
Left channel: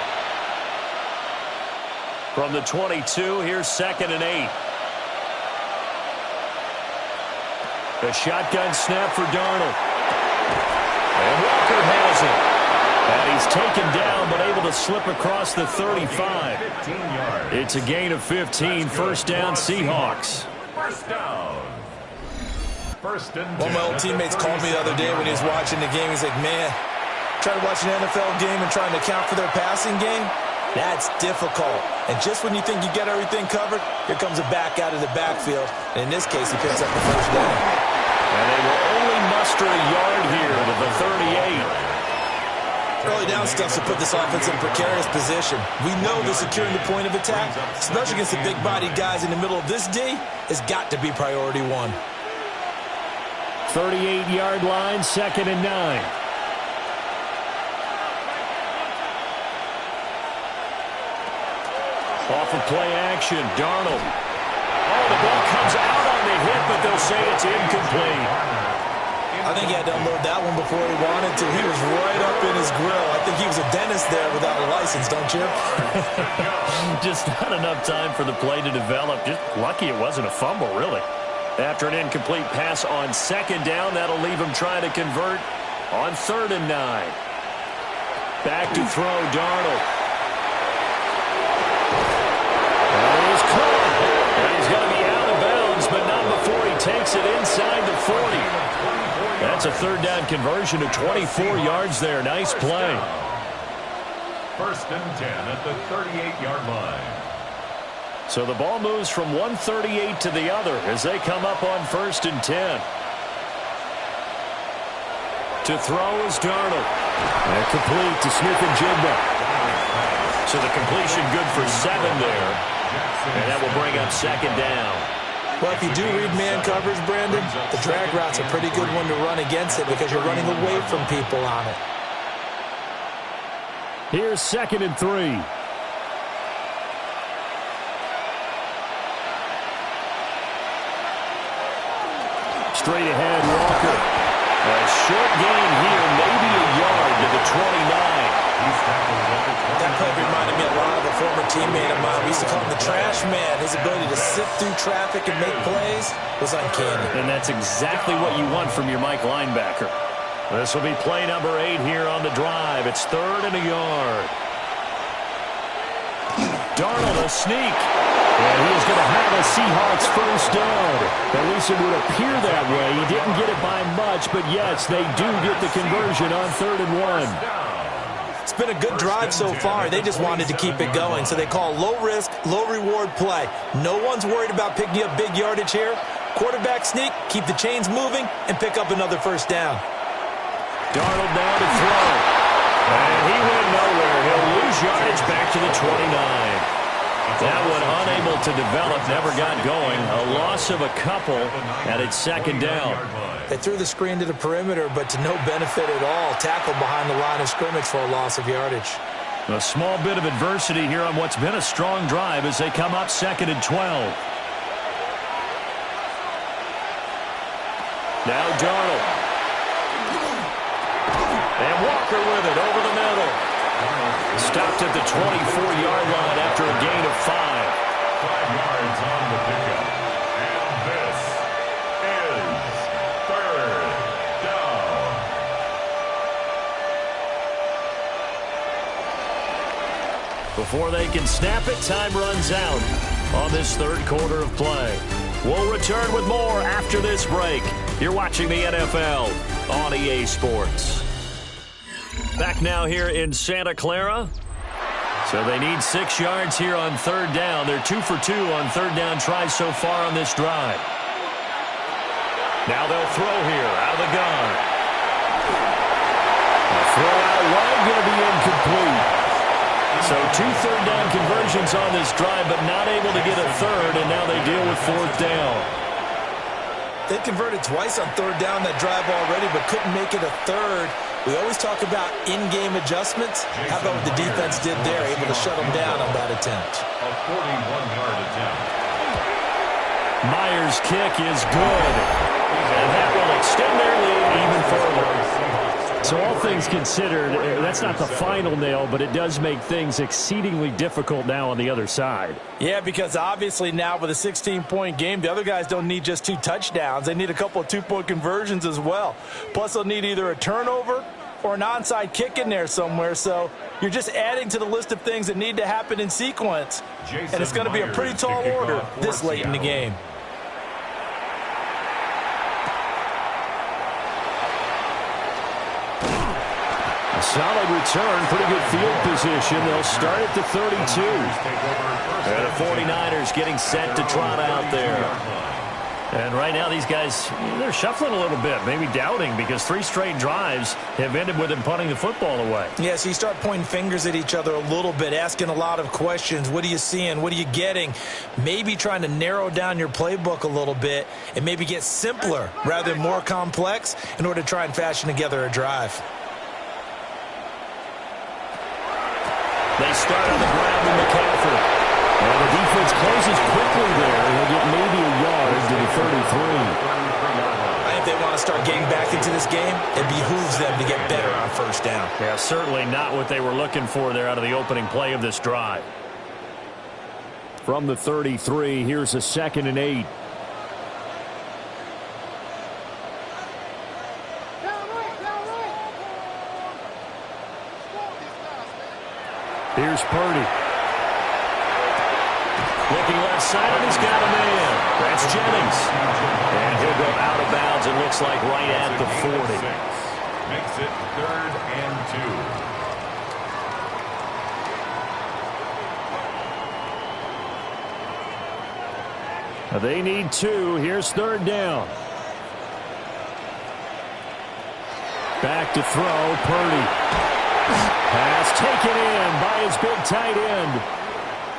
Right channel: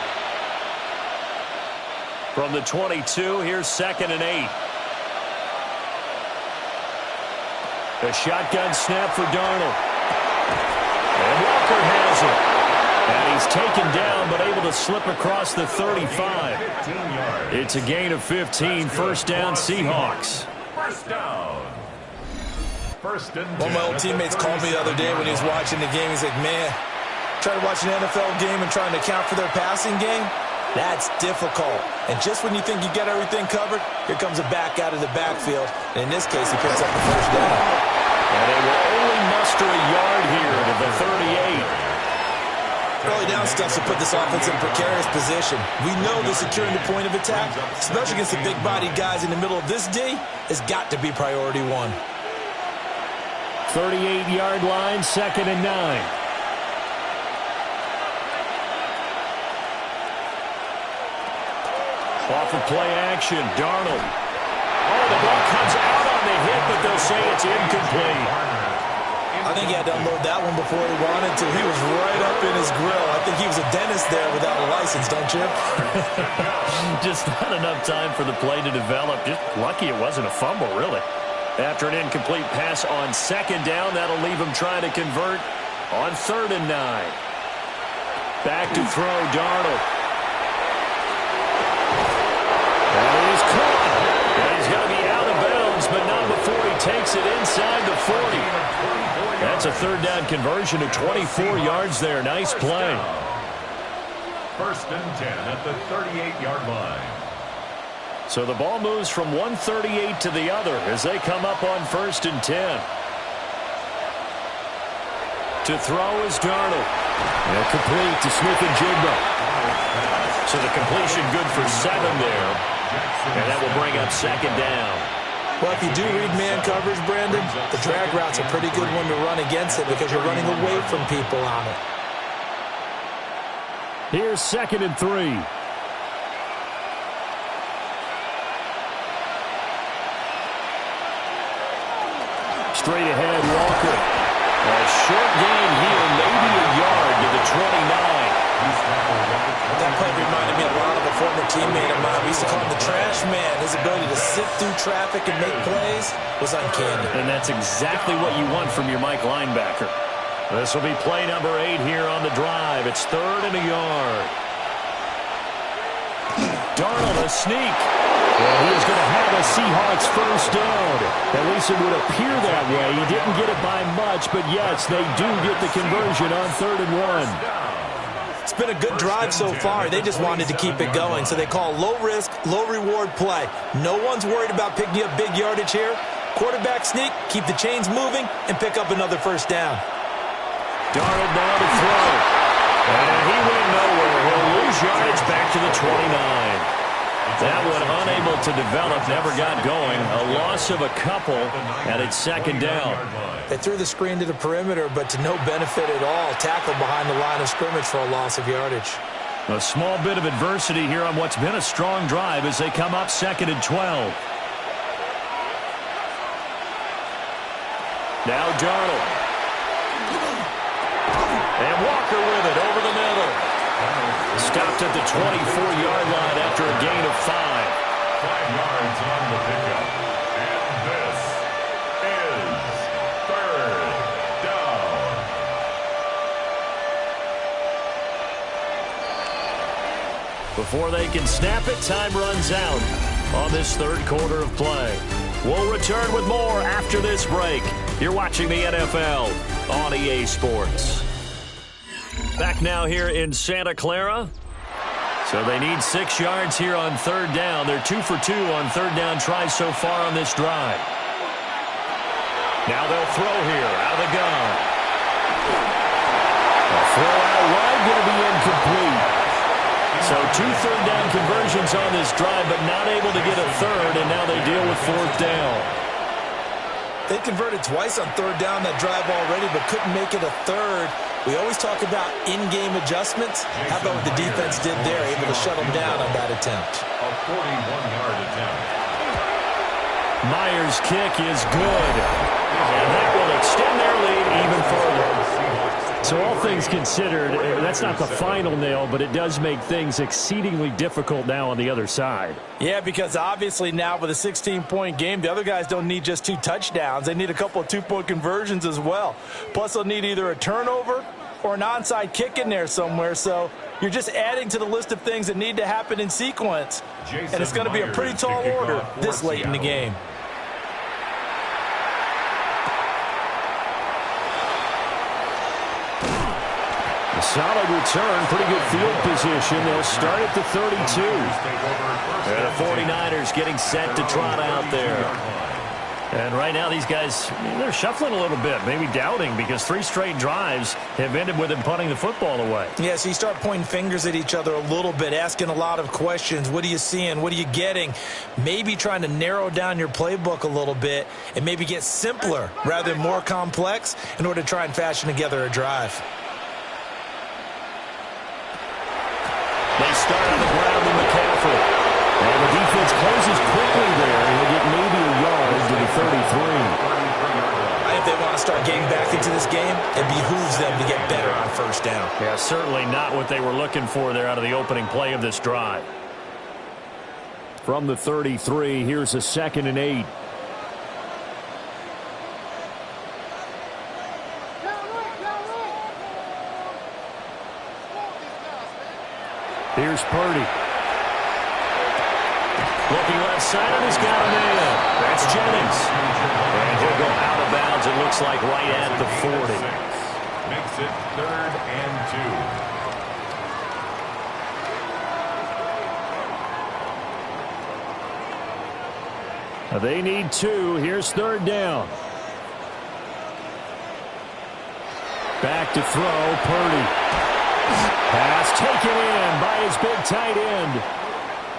From the 22, here's 2nd and 8. A shotgun snap for Darnold. And Walker has it. And he's taken down but able to slip across the 35. It's a gain of 15. First down, Seahawks. First down. One of my old teammates called me the other day when he was watching the game. He's like, man, trying to watch an NFL game and trying to account for their passing game, that's difficult. And just when you think you get everything covered, here comes a back out of the backfield. And in this case, he picks up the first down. And they will only muster a yard here to the 38. Early down stuff to put this offense in a precarious position. We know that securing the point of attack, especially against the big-bodied guys in the middle of this D, has got to be priority 1. 38-yard line, 2nd and 9. Off of play action, Darnold. Oh, the ball comes out on the hit, but they'll say it's incomplete. I think he had to unload that one before he wanted to. He was right up in his grill. I think he was a dentist there without a license, don't you? Just not enough time for the play to develop. Just lucky it wasn't a fumble, really. After an incomplete pass on 2nd down, that'll leave him trying to convert on 3rd and 9. Back to throw, Darnold. That is caught. And he's going to be out of bounds, but not takes it inside the 40. That's a third down conversion of 24 yards there. Nice play. First and 10 at the 38-yard line. So the ball moves from 138 to the other as they come up on first and 10. To throw is Darnold. And complete to Smith-Njigba. So the completion good for 7 there. And that will bring up second down. Well, if you do read man coverage, Brandon, the drag route's a pretty good one to run against it because you're running away from people on it. Here's second and 3. Straight ahead, Walker. A short gain here, maybe a yard to the 29. That play reminded me a lot of a former teammate of mine. We used to call him the trash man. His ability to sift through traffic and make plays was uncanny. And that's exactly what you want from your Mike linebacker. This will be play number 8 here on the drive. It's 3rd and a yard. Darnold, a sneak. And he is going to have a Seahawks first down. At least it would appear that way. He didn't get it by much, but yes, they do get the conversion on 3rd and 1. It's been a good drive so far. They just wanted to keep it going, so they call low-risk, low-reward play. No one's worried about picking up big yardage here. Quarterback sneak, keep the chains moving, and pick up another first down. Darnold now to throw. And he went nowhere. He'll lose yardage back to the 29. That one unable to develop, never got going. A loss of a couple, and it's second down. They threw the screen to the perimeter, but to no benefit at all. Tackled behind the line of scrimmage for a loss of yardage. A small bit of adversity here on what's been a strong drive as they come up 2nd and 12. Now Darnold. And Walker with it over the middle. Stopped at the 24-yard line after a gain of 5. 5 yards on the pickup. And this is 3rd down. Before they can snap it, time runs out on this 3rd quarter of play. We'll return with more after this break. You're watching the NFL on EA Sports. Back now here in Santa Clara. So they need 6 yards here on 3rd down. They're 2 for 2 on 3rd down tries so far on this drive. Now they'll throw here out of the gun. A throw out wide, going to be incomplete. So 2 third down conversions on this drive, but not able to get a third, and now they deal with 4th down. They converted twice on 3rd down that drive already, but couldn't make it a third. We always talk about in-game adjustments. How about what the defense did there, able to shut them down on that attempt? A 41-yard attempt. Myers' kick is good. And that will extend their lead even further. So all things considered, that's not the final nail, but it does make things exceedingly difficult now on the other side. Yeah, because obviously now with a 16-point game, the other guys don't need just 2 touchdowns. They need a couple of 2-point conversions as well. Plus, they'll need either a turnover or an onside kick in there somewhere. So you're just adding to the list of things that need to happen in sequence. And it's going to be a pretty tall order this late in the game. A solid return, pretty good field position. They'll start at the 32. And the 49ers getting set to trot out there. And right now these guys, they're shuffling a little bit, maybe doubting, because 3 straight drives have ended with them punting the football away. Yeah, so you start pointing fingers at each other a little bit, asking a lot of questions. What are you seeing? What are you getting? Maybe trying to narrow down your playbook a little bit and maybe get simpler rather than more complex in order to try and fashion together a drive. They start on the ground with McCaffrey. And the defense closes quickly there. He'll get maybe a yard to the 33. I think they want to start getting back into this game. It behooves them to get better on 1st down. Yeah, certainly not what they were looking for there out of the opening play of this drive. From the 33, here's a 2nd and 8. Here's Purdy. Looking left side, and he's got a man. That's Jennings. And he'll go out of bounds, it looks like, right at the 40. Makes it 3rd and 2. They need 2. Here's 3rd down. Back to throw, Purdy. Pass taken in by his big tight end.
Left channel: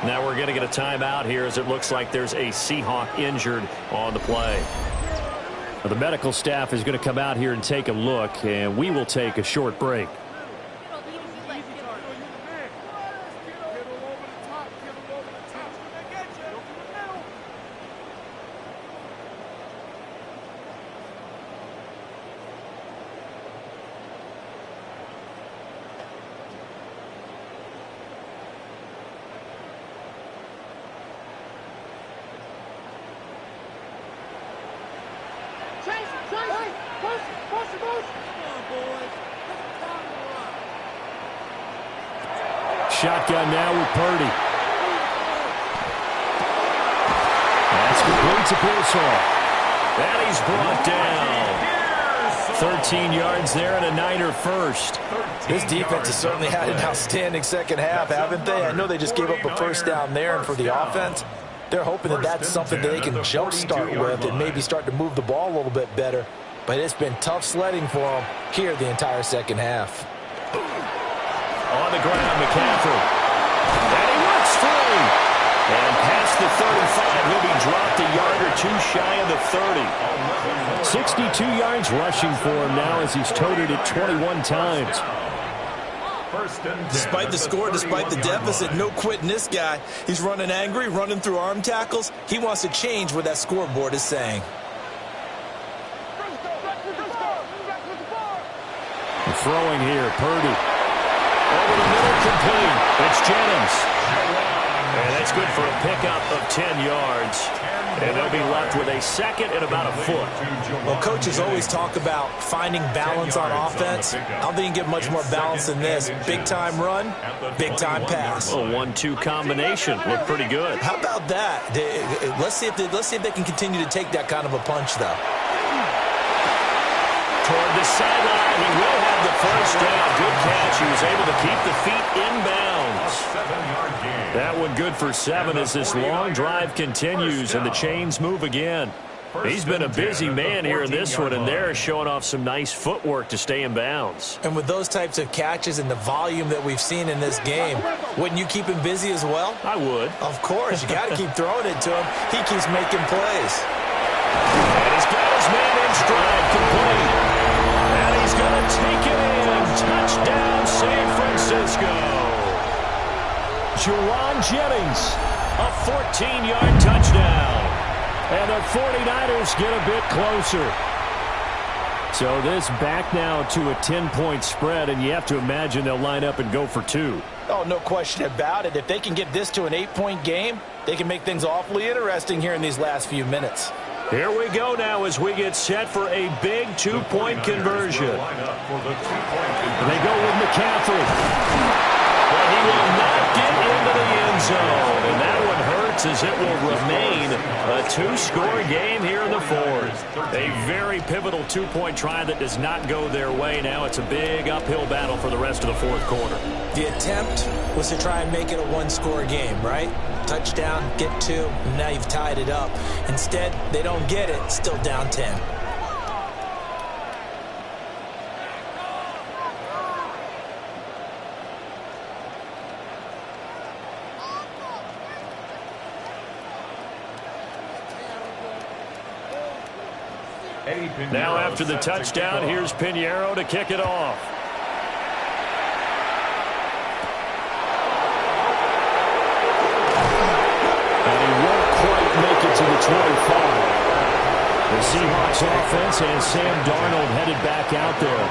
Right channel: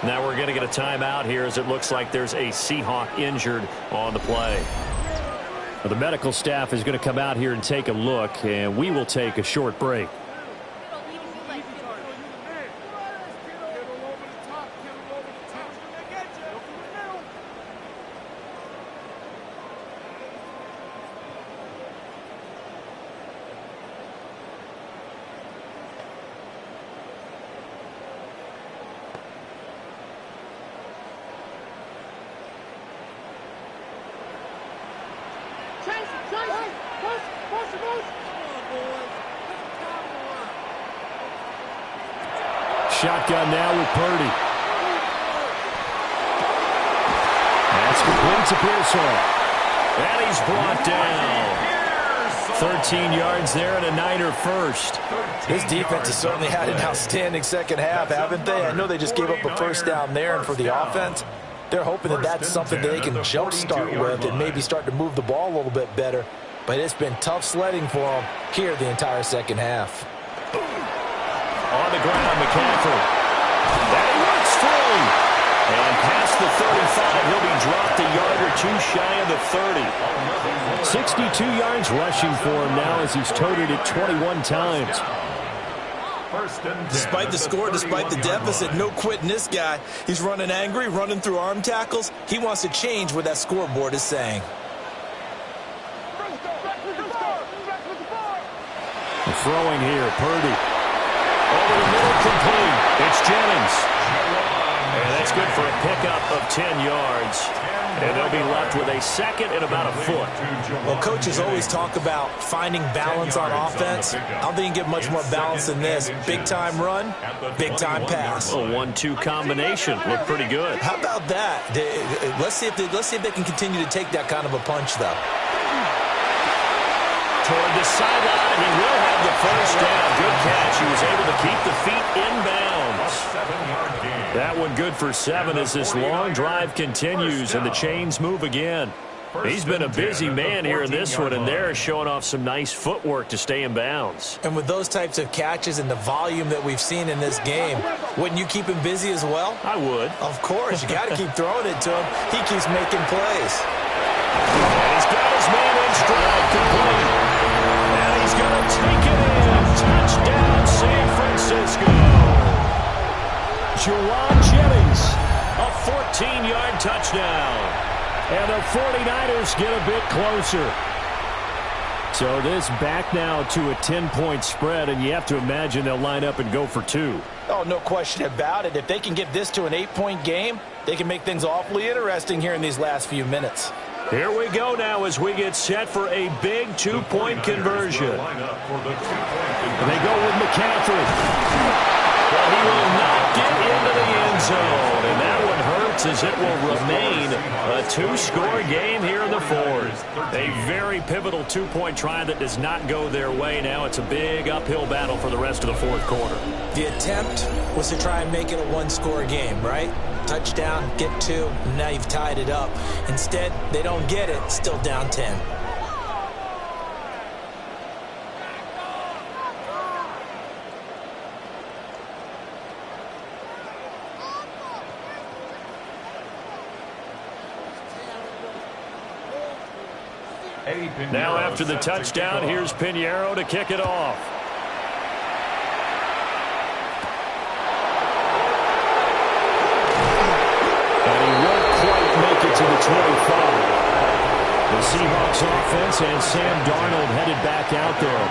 Now we're going to get a timeout here as it looks like there's a Seahawk injured on the play. Well, the medical staff is going to come out here and take a look, and we will take a short break. Shotgun now with Purdy. That's complete to Pearsall. And he's brought down. 13 yards there and a Niner first. This defense has certainly had an outstanding second half, haven't they? I know they just gave up a first down there, and for the offense, they're hoping that that's something that they can jumpstart with and maybe start to move the ball a little bit better. But it's been tough sledding for them here the entire second half. On the ground, McCaffrey. And he works free. And past the 35, he'll be dropped a yard or 2 shy of the 30. 62 yards rushing for him now as he's toted it 21 times. Despite the score, despite the deficit, no quitting this guy. He's running angry, running through arm tackles. He wants to change what that scoreboard is saying. Throwing here, Purdy. Over the middle, complete. It's Jennings. And that's good for a pickup of 10 yards. And they'll be left with a second and about a foot. Well, coaches always talk about finding balance on offense. I don't think you can get much more balance than this. Big-time run, big-time pass. A 1-2 combination. Looked pretty good. How about that? Let's see if they can continue to take that kind of a punch, though. Toward the sideline, he will have the first down. Good catch. He was able to keep the feet inbounds. That one good for 7 as this long drive continues and the chains move again. He's been a busy man here in this one, and they're showing off some nice footwork to stay in bounds. And with those types of catches and the volume that we've seen in this game, wouldn't you keep him busy as well? I would. Of course. You got to keep throwing it to him. He keeps making plays. And he's got his man in stride, complete. And he's going to take it in. Touchdown, San Francisco. Juwan Jennings. A 14-yard touchdown. And the 49ers get a bit closer. So this back now to a 10-point spread, and you have to imagine they'll line up and go for 2. Oh, no question about it. If they can get this to an 8-point game, they can make things awfully interesting here in these last few minutes. Here we go now as we get set for a big 2-point conversion. And they go with McCaffrey. But he will not get into the end zone. And that one hurts as it will remain a 2-score game here in the fourth. A very pivotal 2-point try that does not go their way. Now it's a big uphill battle for the rest of the fourth quarter. The attempt was to try and make it a 1-score game, right? Touchdown, get 2, and now you've tied it up. Instead, they don't get it, still down 10. Now after the touchdown, here's Pinheiro to kick it off. And he won't quite make it to the 25. The Seahawks offense and Sam Darnold headed back out there.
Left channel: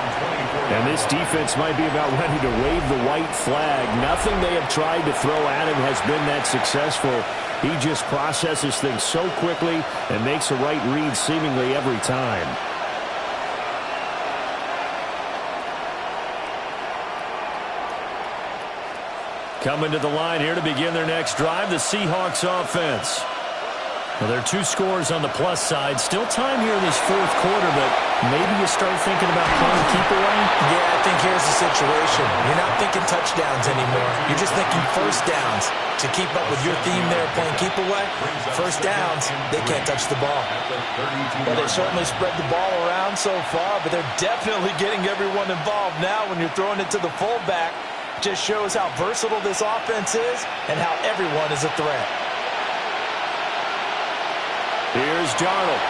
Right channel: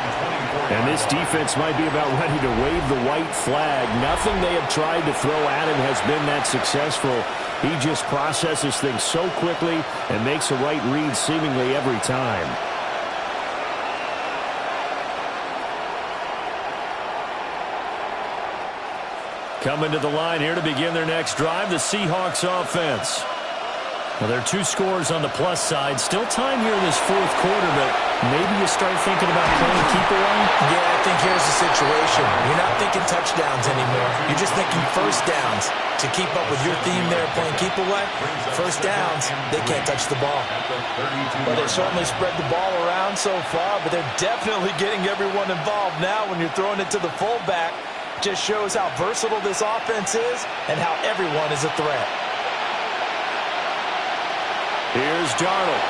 And this defense might be about ready to wave the white flag. Nothing they have tried to throw at him has been that successful. He just processes things so quickly and makes a right read seemingly every time. Coming to the line here to begin their next drive, the Seahawks offense. Well, there are 2 scores on the plus side. Still time here in this fourth quarter, but maybe you start thinking about playing keep away? Yeah, I think here's the situation. You're not thinking touchdowns anymore. You're just thinking first downs. To keep up with your theme there, playing keep away, first downs, they can't touch the ball. Well, they certainly spread the ball around so far, but they're definitely getting everyone involved now when you're throwing it to the fullback. Just shows how versatile this offense is and how everyone is a threat. Here's Darnold.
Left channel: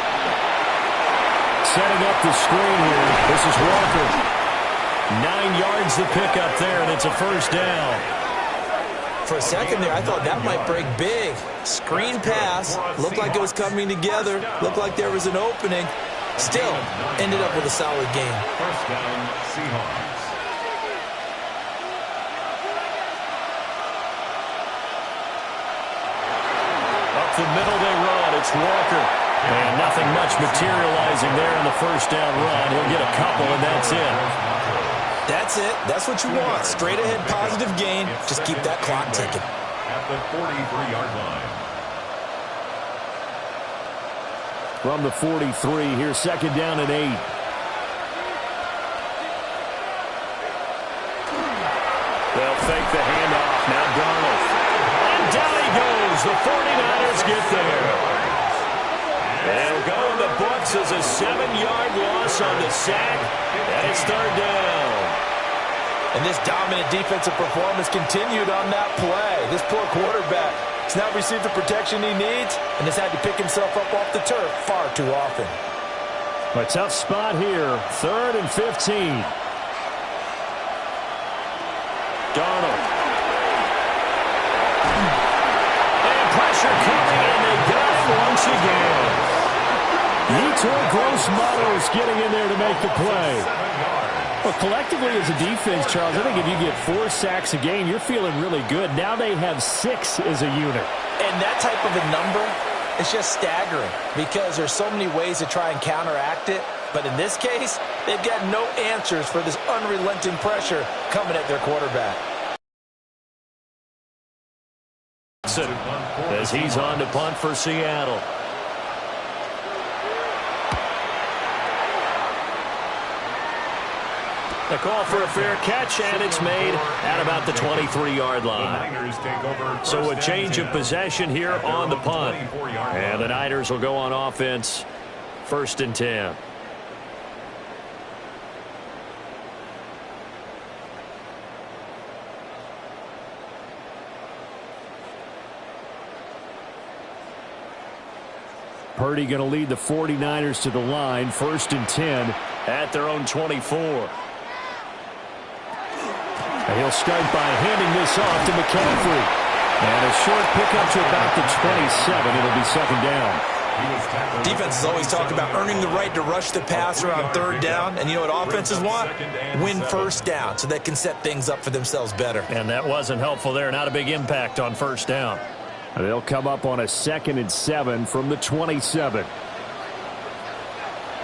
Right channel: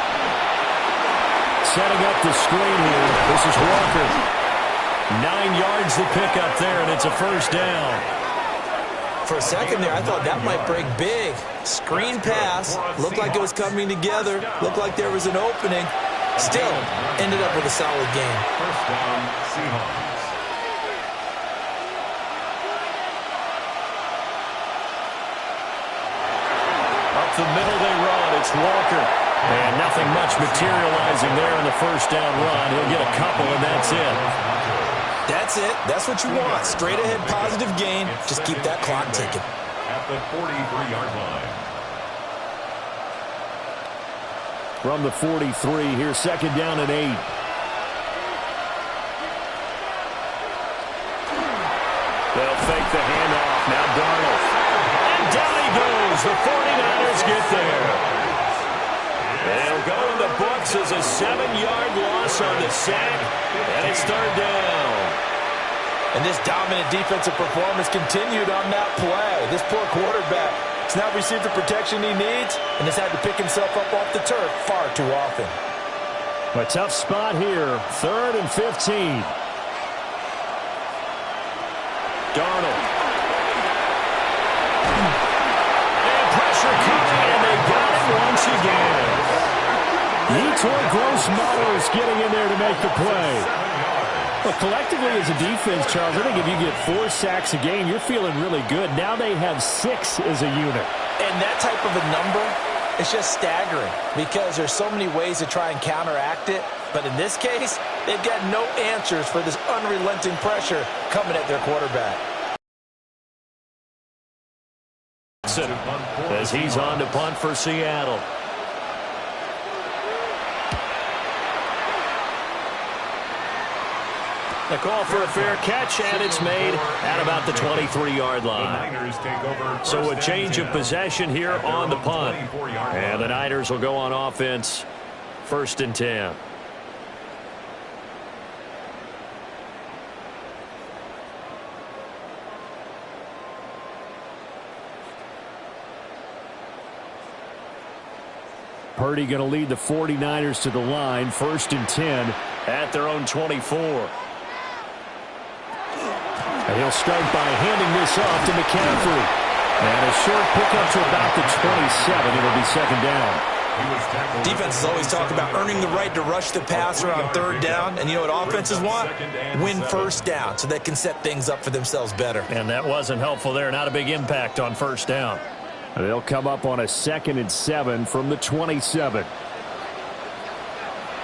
Setting up the screen here. This is Walker. 9 yards to pick up there, and it's a first down. For a second there, I thought that might break big. Screen pass. Looked like it was coming together. Looked like there was an opening. Still, ended up with a solid game. First down, Seahawks. Up the middle they run. It's Walker. And nothing much materializing there on the first down run. He'll get a couple, and that's it. That's it. That's what you want. Straight ahead positive gain. Just keep that clock ticking. At the 43-yard line. From the 43, here's second down and 8. They'll fake the handoff. Now Darnold. And down he goes. The 49ers get there. They'll go in the books as a 7-yard loss on the sack. And it's third down. And this dominant defensive performance continued on that play. This poor quarterback has now received the protection he needs and has had to pick himself up off the turf far too often. A tough spot here. 3rd and 15. Darnold. And pressure coming, and they got him once again. Yetur Gross-Matos getting in there to make the play. Well, collectively as a defense, Charles, I think if you get 4 sacks a game, you're feeling really good. Now they have 6 as a unit. And that type of a number is just staggering because there's so many ways to try and counteract it. But in this case, they've got no answers for this unrelenting pressure coming at their quarterback. As he's on to punt for Seattle. The call for a fair catch, and it's made at about the 23-yard line. So a change of possession here on the punt. And the Niners will go on offense, 1st and 10. Purdy going to lead the 49ers to the line, 1st and 10 at their own 24. And he'll start by handing this off to McCaffrey. And a short pickup to about the 27. It'll be second down. Defenses always talk about earning the right to rush the passer on 3rd down. And you know what offenses want? Win first down so they can set things up for themselves better. And that wasn't helpful there. Not a big impact on 1st down. They'll come up on a 2nd and 7 from the 27.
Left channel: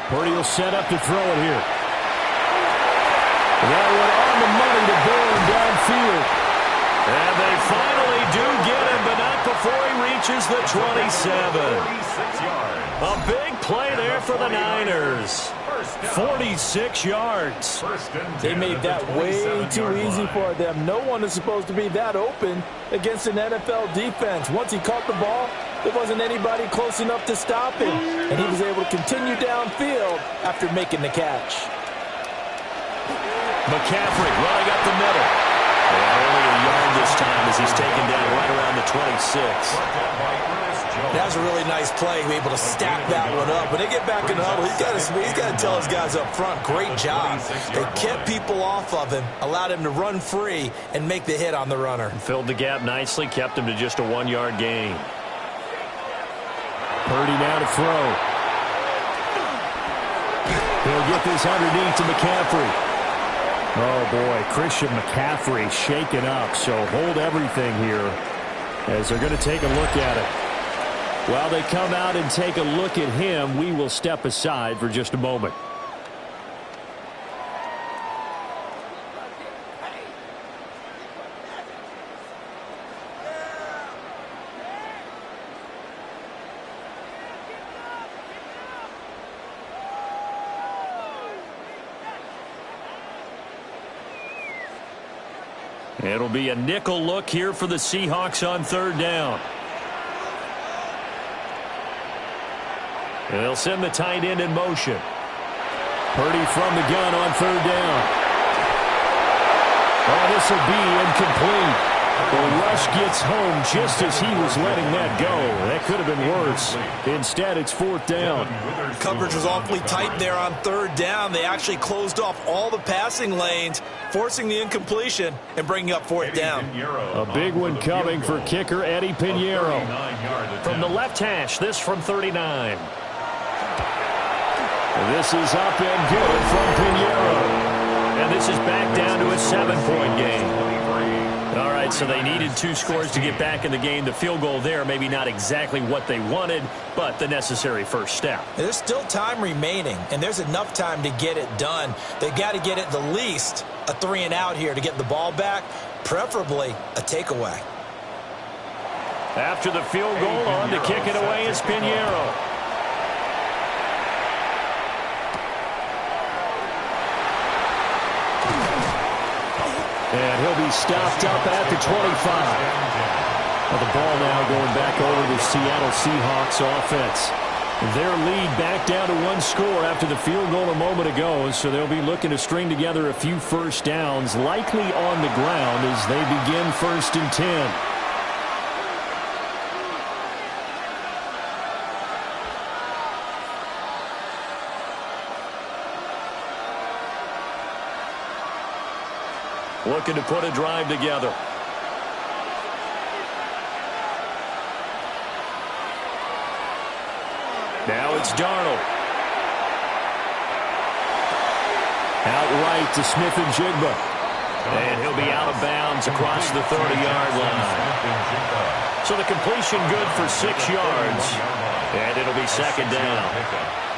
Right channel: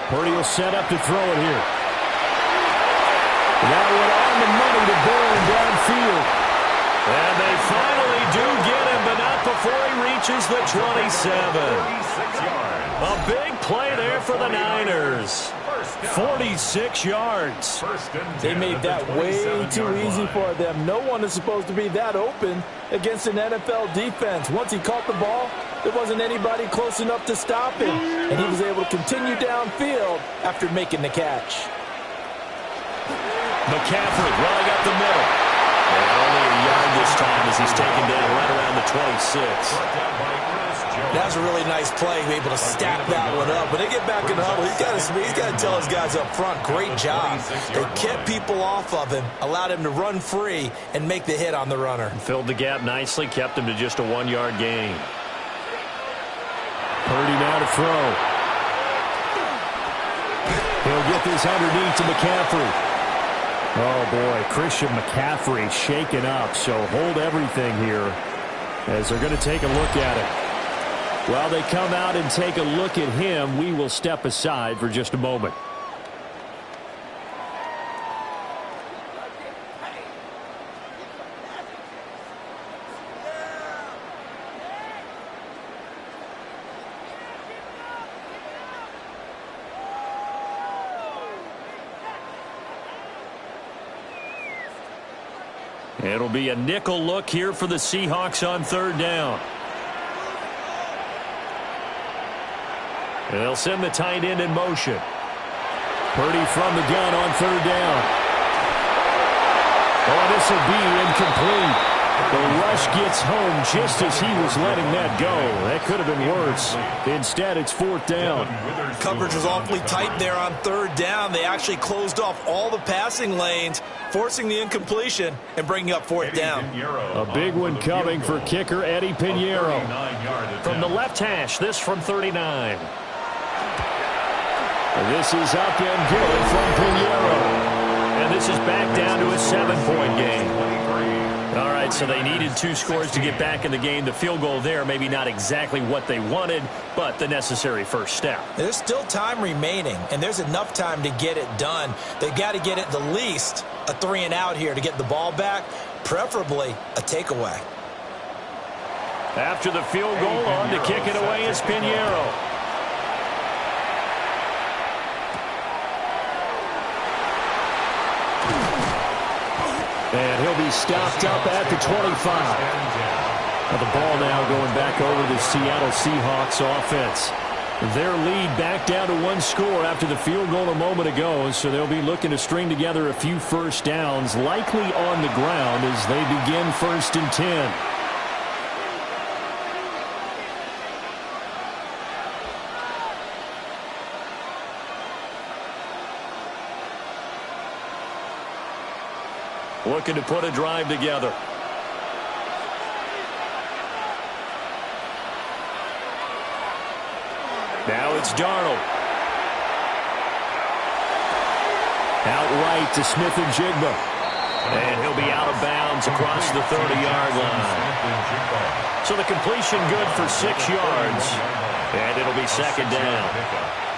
Purdy will set up to throw it here. That one on the money to Bourne downfield. And they finally do get him, but not before he reaches the 27. A big play there for the Niners. 46 yards. They made that way too easy for them. No one is supposed to be that open against an NFL defense. Once he caught the ball, there wasn't anybody close enough to stop him. And he was able to continue downfield after making the catch. McCaffrey running up the middle. And only a yard this time as he's taken down right around the 26. That was a really nice play, able to stack that one up. When they get back in the huddle, he's got to tell his guys up front, great job. They kept people off of him, allowed him to run free and make the hit on the runner. Filled the gap nicely, kept him to just a 1-yard gain. Purdy now to throw. He'll get this underneath to McCaffrey. Oh, boy, Christian McCaffrey shaken up, so hold everything here as they're going to take a look at it. While they come out and take a look at him, we will step aside for just a moment. It'll be a nickel look here for the Seahawks on third down. And they'll send the tight end in motion. Purdy from the gun on third down. Oh, this will be incomplete. The rush gets home just as he was letting that go. That could have been worse. Instead, it's fourth down. Coverage was awfully tight there on third down. They actually closed off all the passing lanes, forcing the incompletion and bringing up fourth down. A big one coming for kicker Eddie Pinheiro. From the left hash, this from 39. This is up and good from Pinheiro. And this is back down to a 7-point game. All right, so they needed 2 scores to get back in the game. The field goal there, maybe not exactly what they wanted, but the necessary first step. There's still time remaining, and there's enough time to get it done. They've got to get at the least a 3-and-out here to get the ball back, preferably a takeaway. After the field goal, on to kick it away is Pinheiro. And he'll be stopped up at the 25. Well, the ball now going back over the Seattle Seahawks offense. Their lead back down to 1 score after the field goal a moment ago, so they'll be looking to string together a few first downs, likely on the ground as they begin 1st and 10. Looking to put a drive together. Now it's Darnold. Outright to Smith and Jigba. And he'll be out of bounds across the 30-yard line. So the completion good for 6 yards. And it'll be 2nd down.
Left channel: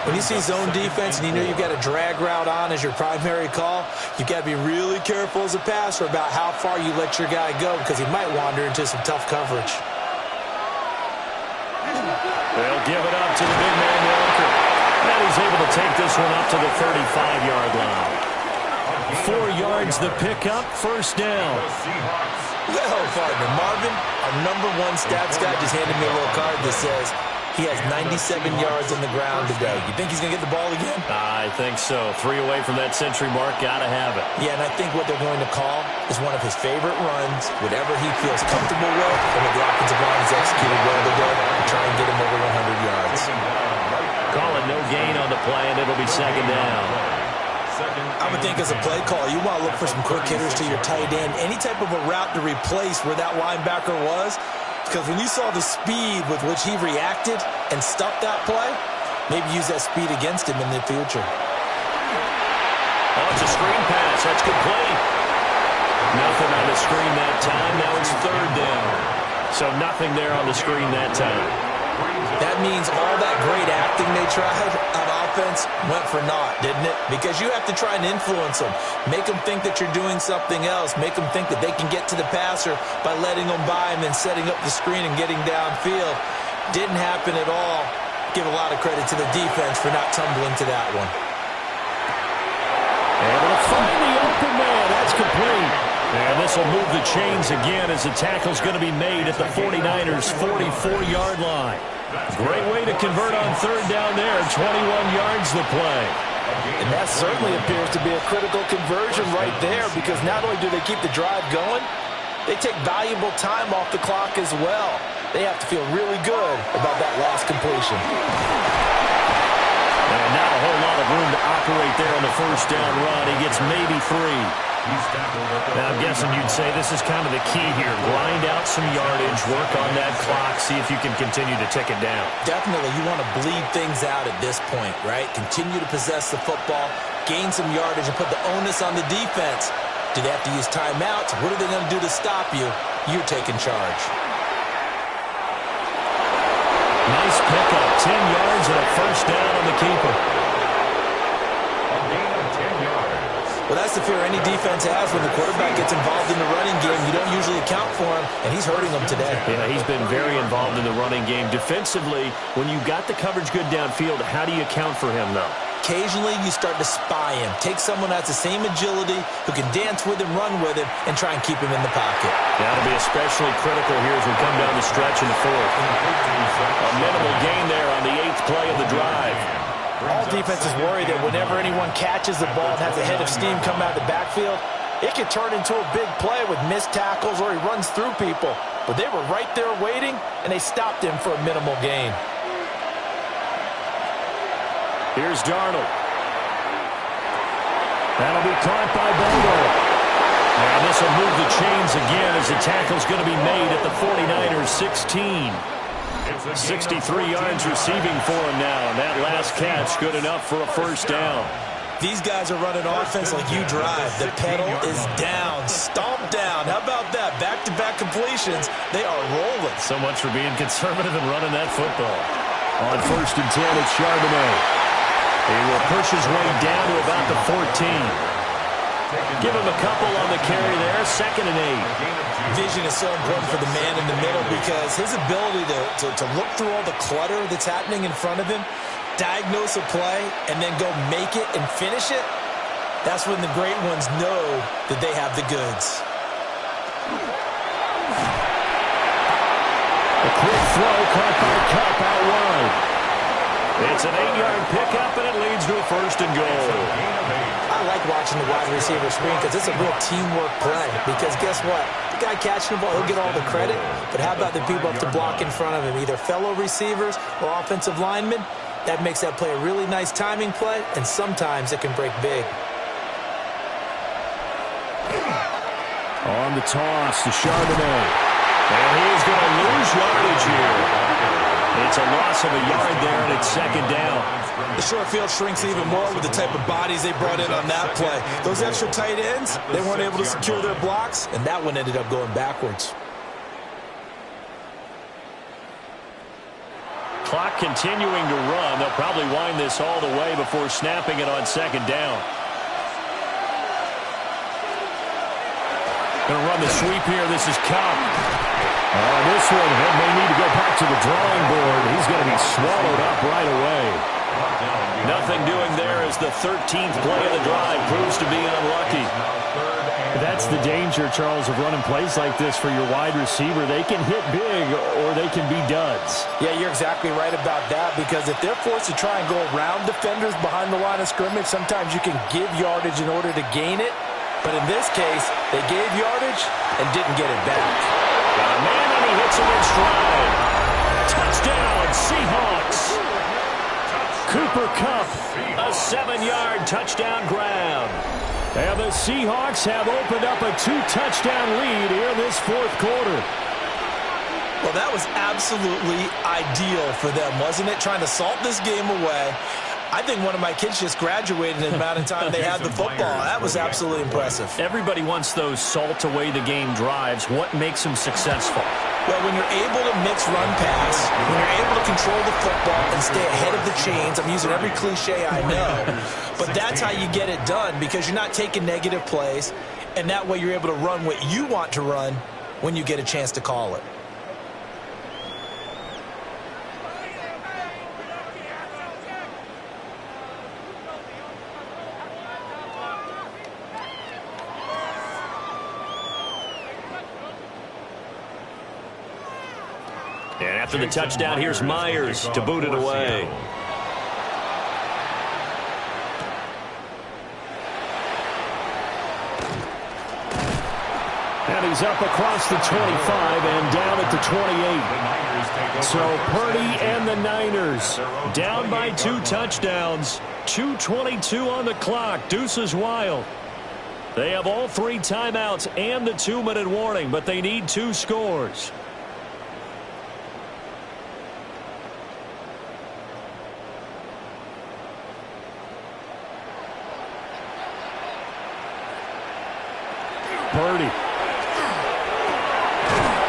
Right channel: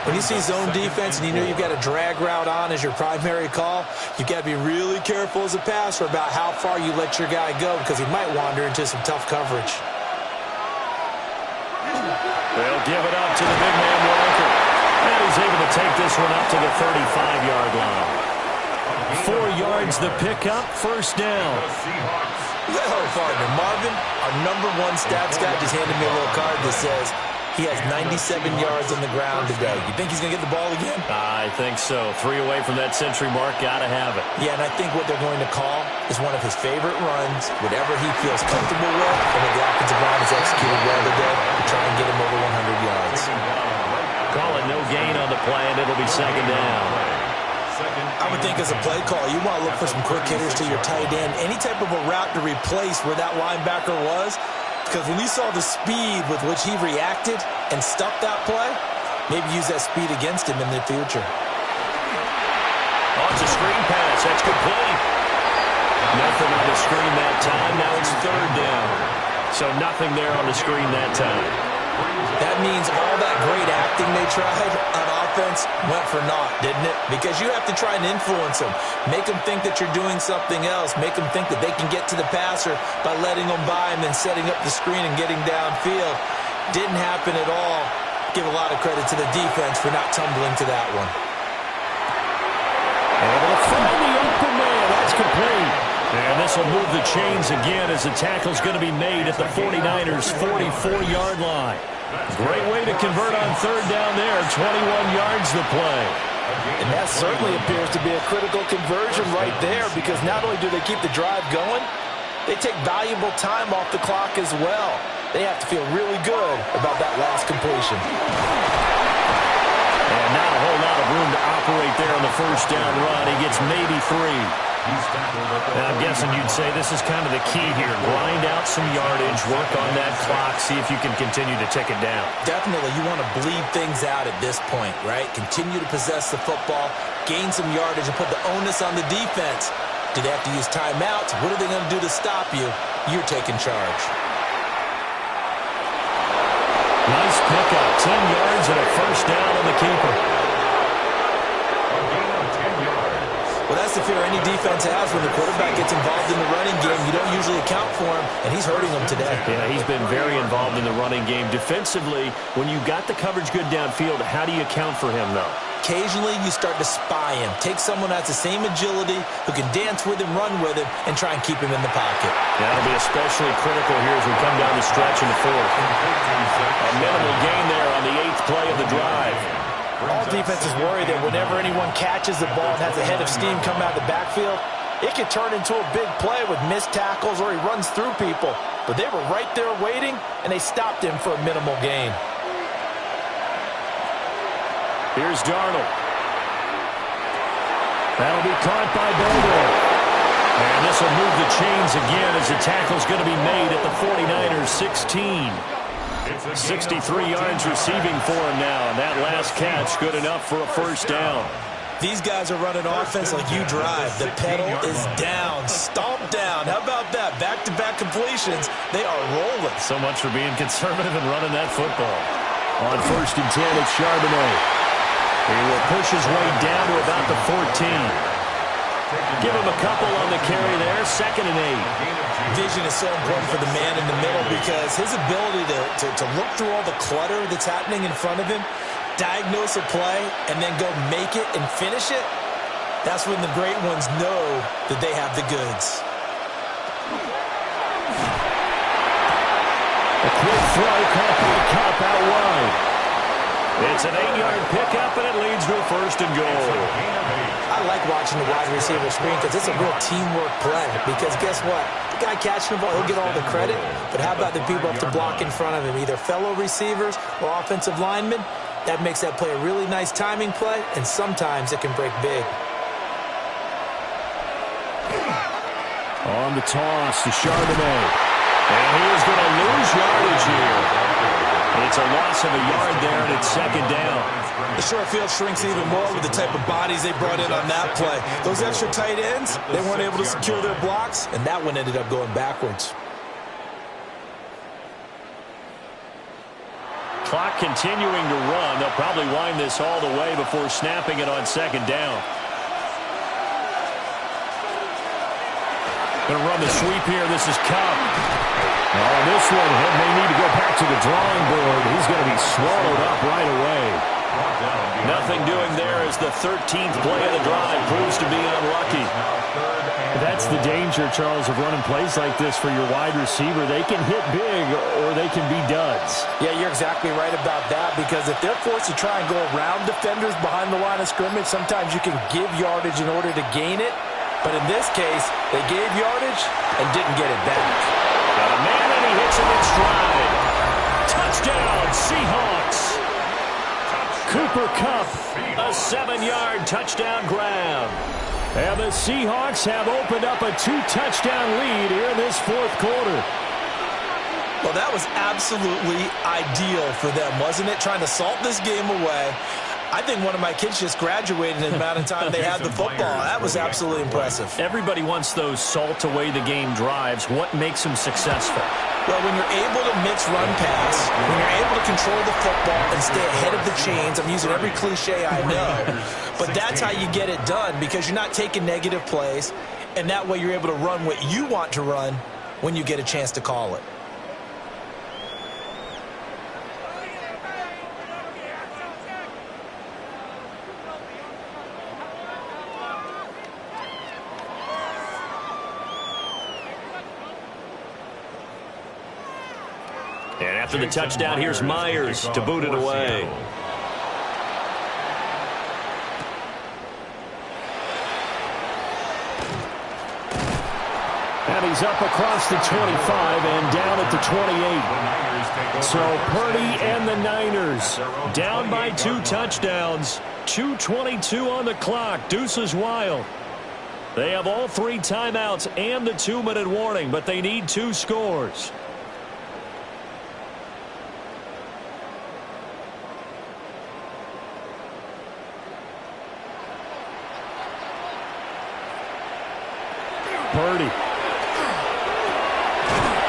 When you see zone defense and you know you've got a drag route on as your primary call, you've got to be really careful as a passer about how far you let your guy go because he might wander into some tough coverage. They'll give it up to the big man Walker. And he's able to take this one up to the 35-yard line. 4 yards the pickup, 1st down. Well, partner, Marvin, our #1 stats guy just handed me a little card that says he has 97 yards on the ground today. You think he's going to get the ball again? I think so. 3 away from that century mark. Got to have it. Yeah, and I think what they're going to call is one of his favorite runs, whatever he feels comfortable with, and what the offensive line has executed well today to try and get him over 100 yards. Call it no gain on the play, and it'll be 2nd down. I would think as a play call, you want to look for some quick hitters to your tight end. Any type of a route to replace where that linebacker was. Because when you saw the speed with which he reacted and stuffed that play, maybe use that speed against him in the future. Oh, it's a screen pass. That's complete. Nothing on the screen that time. Now it's 3rd down. So nothing there on the screen that time. That means all that great acting they tried on offense went for naught, didn't it? Because you have to try and influence them. Make them think that you're doing something else. Make them think that they can get to the passer by letting them by and then setting up the screen and getting downfield. Didn't happen at all. Give a lot of credit to the defense for not tumbling to that one. Able to find the open man. That's complete. And this will move the chains again as the tackle's going to be made at the 49ers' 44-yard line. Great way to convert on 3rd down there. 21 yards to play. And that certainly appears to be a critical conversion right there because not only do they keep the drive going, they take valuable time off the clock as well. They have to feel really good about that last completion. And not a whole lot of room to operate there on the 1st down run. He gets maybe 3. Now, I'm guessing you'd say this is kind of the key here. Grind out some yardage, work on that clock, see if you can continue to tick it down. Definitely, you want to bleed things out at this point, right? Continue to possess the football, gain some yardage, and put the onus on the defense. Do they have to use timeouts? What are they going to do to stop you? You're taking charge. Nice pickup, 10 yards and a 1st down on the keeper. Well, that's the fear any defense has when the quarterback gets involved in the running game. You don't usually account for him, and he's hurting them today. Yeah, he's been very involved in the running game. Defensively, when you got the coverage good downfield, how do you account for him, though? occasionally you start to spy him. Take someone that has the same agility, who can dance with him, run with him, and try and keep him in the pocket. Yeah, it'll be especially critical here as we come down the stretch in the fourth. A minimal gain there on the 8th play of the drive. All defenses worry that whenever anyone catches the ball and has a head of steam come out of the backfield, it can turn into a big play with missed tackles or he runs through people. But they were right there waiting, and they stopped him for a minimal gain. Here's Darnold. That'll be caught by Bogle. And this will move the chains again as the tackle's going to be made at the 49ers 16. 63 yards receiving for him now, and that last catch good enough for a first down. These guys are running offense like you drive. The pedal is down, stomped down. How about that? Back-to-back completions. They are rolling. So much for being conservative and running that football. On 1st and 10, it's Charbonnet. He will push his way down to about the 14. Give him a couple on the carry there. 2nd and 8. Vision is so important for the man in the middle because his ability to look through all the clutter that's happening in front of him, diagnose a play, and then go make it and finish it, that's when the great ones know that they have the goods. A quick throw caught by Kupp out wide. It's an 8-yard pickup, and it leads to a 1st and goal. I like watching the wide receiver screen because it's a real teamwork play. Because guess what? The guy catching the ball, he'll get all the credit. But how about the people up to block in front of him, either fellow receivers or offensive linemen? That makes that play a really nice timing play, and sometimes it can break big. On the toss to Charbonnet. And he is going to lose yardage here. It's a loss of a yard there, and it's 2nd down. The short field shrinks even more with the type of bodies they brought in on that play. Those extra tight ends, they weren't able to secure their blocks, and that one ended up going backwards. Clock continuing to run. They'll probably wind this all the way before snapping it on 2nd down. Going to run the sweep here. This is Kupp. Oh, this one may need to go back to the drawing board. He's going to be swallowed up right away. Nothing doing there as the 13th play of the drive proves to be unlucky. That's the danger, Charles, of running plays like this for your wide receiver. They can hit big or they can be duds. Yeah, you're exactly right about that because if they're forced to try and go around defenders behind the line of scrimmage, sometimes you can give yardage in order to gain it. But in this case, they gave yardage and didn't get it back. Got a man and he hits him in stride. Touchdown, Seahawks. Cooper Kupp, a 7-yard touchdown grab. And the Seahawks have opened up a 2-touchdown lead here in this 4th quarter. Well, that was absolutely ideal for them, wasn't it? Trying to salt this game away. I think one of my kids just graduated in the amount of time they had the football. That was absolutely impressive. Everybody wants those salt-away-the-game drives. What makes them successful? Well, when you're able to mix run-pass, when you're able to control the football and stay ahead of the chains, I'm using every cliche I know, but that's how you get it done because you're not taking negative plays, and that way you're able to run what you want to run when you get a chance to call it. And after the touchdown, here's Myers to boot it away. And he's up across the 25 and down at the 28. So Purdy and the Niners down by 2 touchdowns. 2:22 on the clock. Deuces wild. They have all 3 timeouts and the 2-minute warning, but they need 2 scores. Purdy.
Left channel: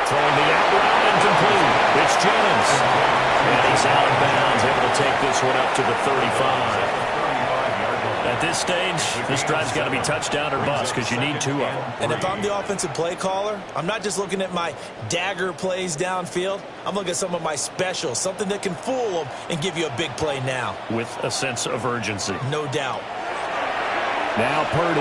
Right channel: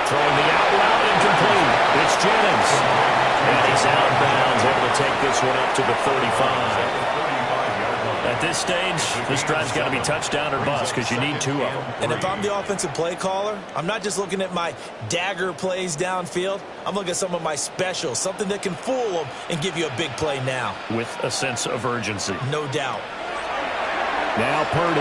Throwing the out route incomplete. It's Jennings. And he's out of bounds, able to take this one up to the 35. That At this stage, this drive's got to be touchdown or bust because you need 2 of them. And if I'm the offensive play caller, I'm not just looking at my dagger plays downfield. I'm looking at some of my specials, something that can fool them and give you a big play now. With a sense of urgency. No doubt. Now Purdy.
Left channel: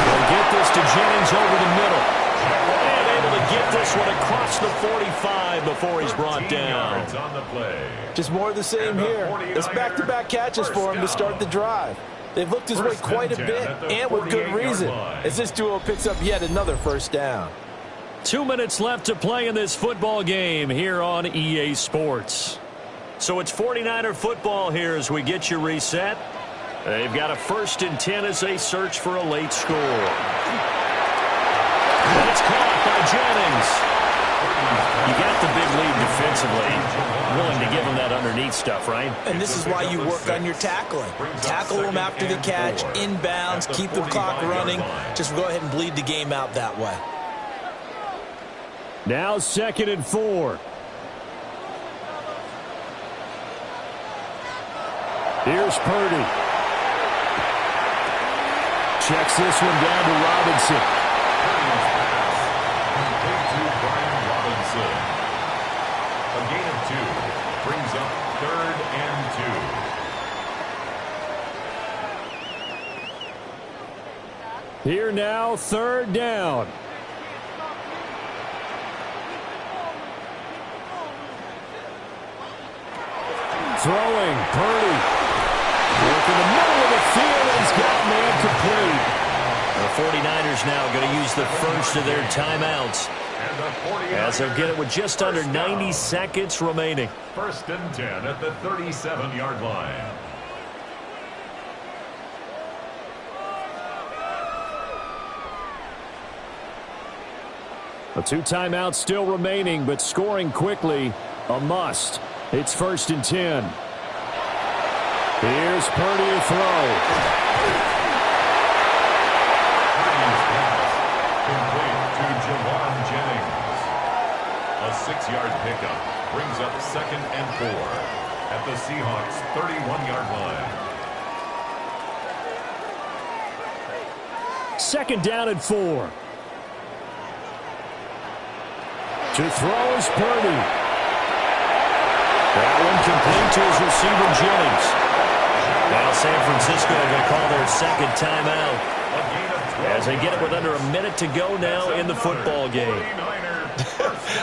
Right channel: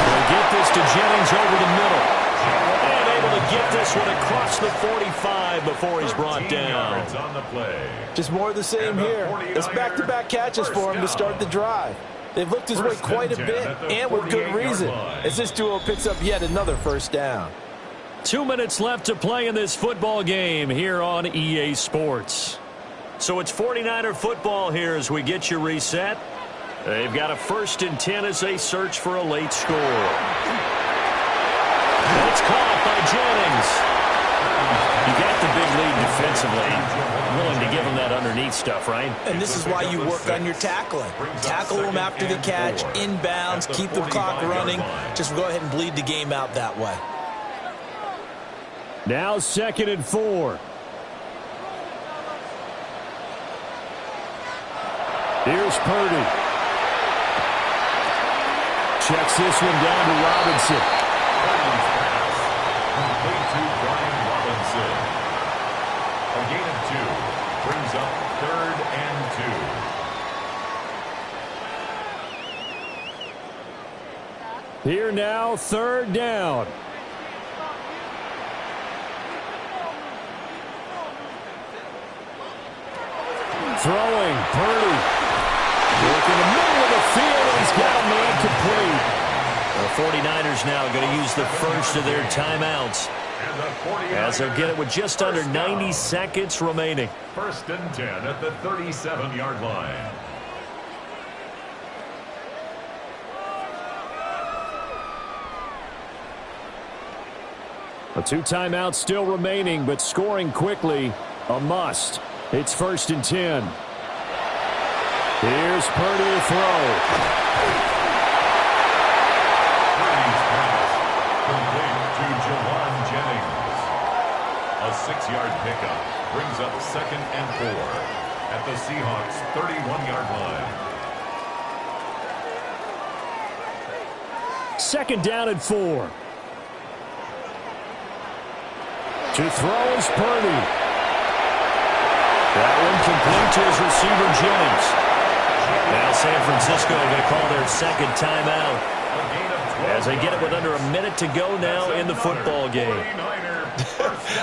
Will get this to Jennings over the middle. And able to get this one across the 45 before he's brought down. On the play. Just more of the same here. It's back-to-back catches for him to start the drive. They've looked his way quite a bit, and with good reason, as this duo picks up yet another first down. 2 minutes left to play in this football game here on EA Sports. So it's 49er football here as we get you reset. They've got a 1st and 10 as they search for a late score. And it's caught by Jennings. You got the big lead defensively. Willing to give him that underneath stuff, right? And this is why you work on your tackling. Tackle them after the catch, inbounds, keep the clock running. Just go ahead and bleed the game out that way. Now 2nd and 4. Here's Purdy. Checks this one down to Robinson. Purdy's pass complete to Brian Robinson. A gain of 2 brings up 3rd and 2. Here now, 3rd down. Throwing, Purdy. Working the middle of the field, and he's got a man complete. The 49ers now going to use the first of their timeouts, as they'll get it with just under 90 seconds remaining. 1st and 10 at the 37-yard line. The 2 timeouts still remaining, but scoring quickly, a must. It's 1st and 10. Here's Purdy to throw. Purdy's pass complete to Jawan Jennings. A 6-yard pickup brings up 2nd and 4 at the Seahawks 31-yard line. 2nd down and 4. To throw is Purdy. That one complete to his receiver, Jennings. Now San Francisco are going to call their 2nd timeout, as they get it with under a minute to go now in the football game.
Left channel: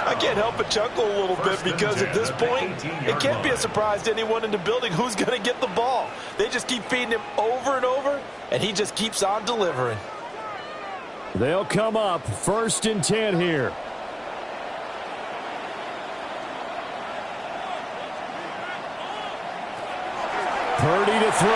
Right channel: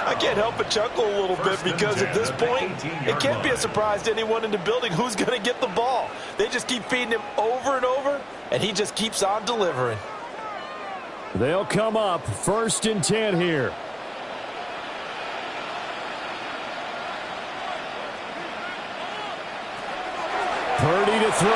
I can't help but chuckle a little bit because at this point, it can't be a surprise to anyone in the building who's going to get the ball. They just keep feeding him over and over, and he just keeps on delivering. They'll come up 1st and 10 here. Purdy to throw.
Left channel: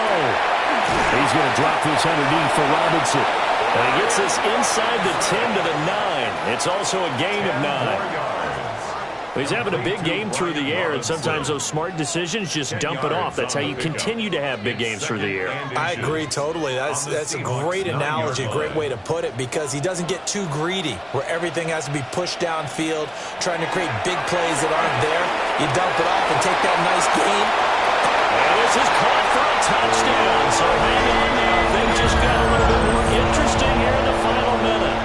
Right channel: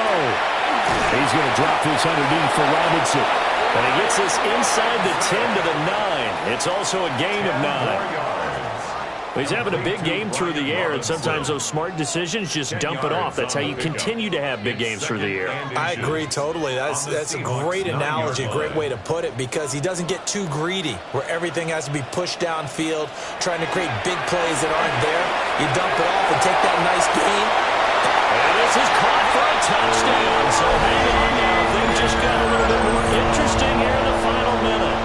He's going to drop this underneath for Robinson. And he gets this inside the 10 to the 9. It's also a gain of 9. He's having a big game through the air, and sometimes those smart decisions just dump it off. That's how you continue to have big games through the air. I agree totally. That's a great analogy, a great way to put it, because he doesn't get too greedy where everything has to be pushed downfield, trying to create big plays that aren't there. You dump it off and take that nice gain. And this is caught for a touchdown. So hang on now. Things just got a little bit more interesting here in the final minute.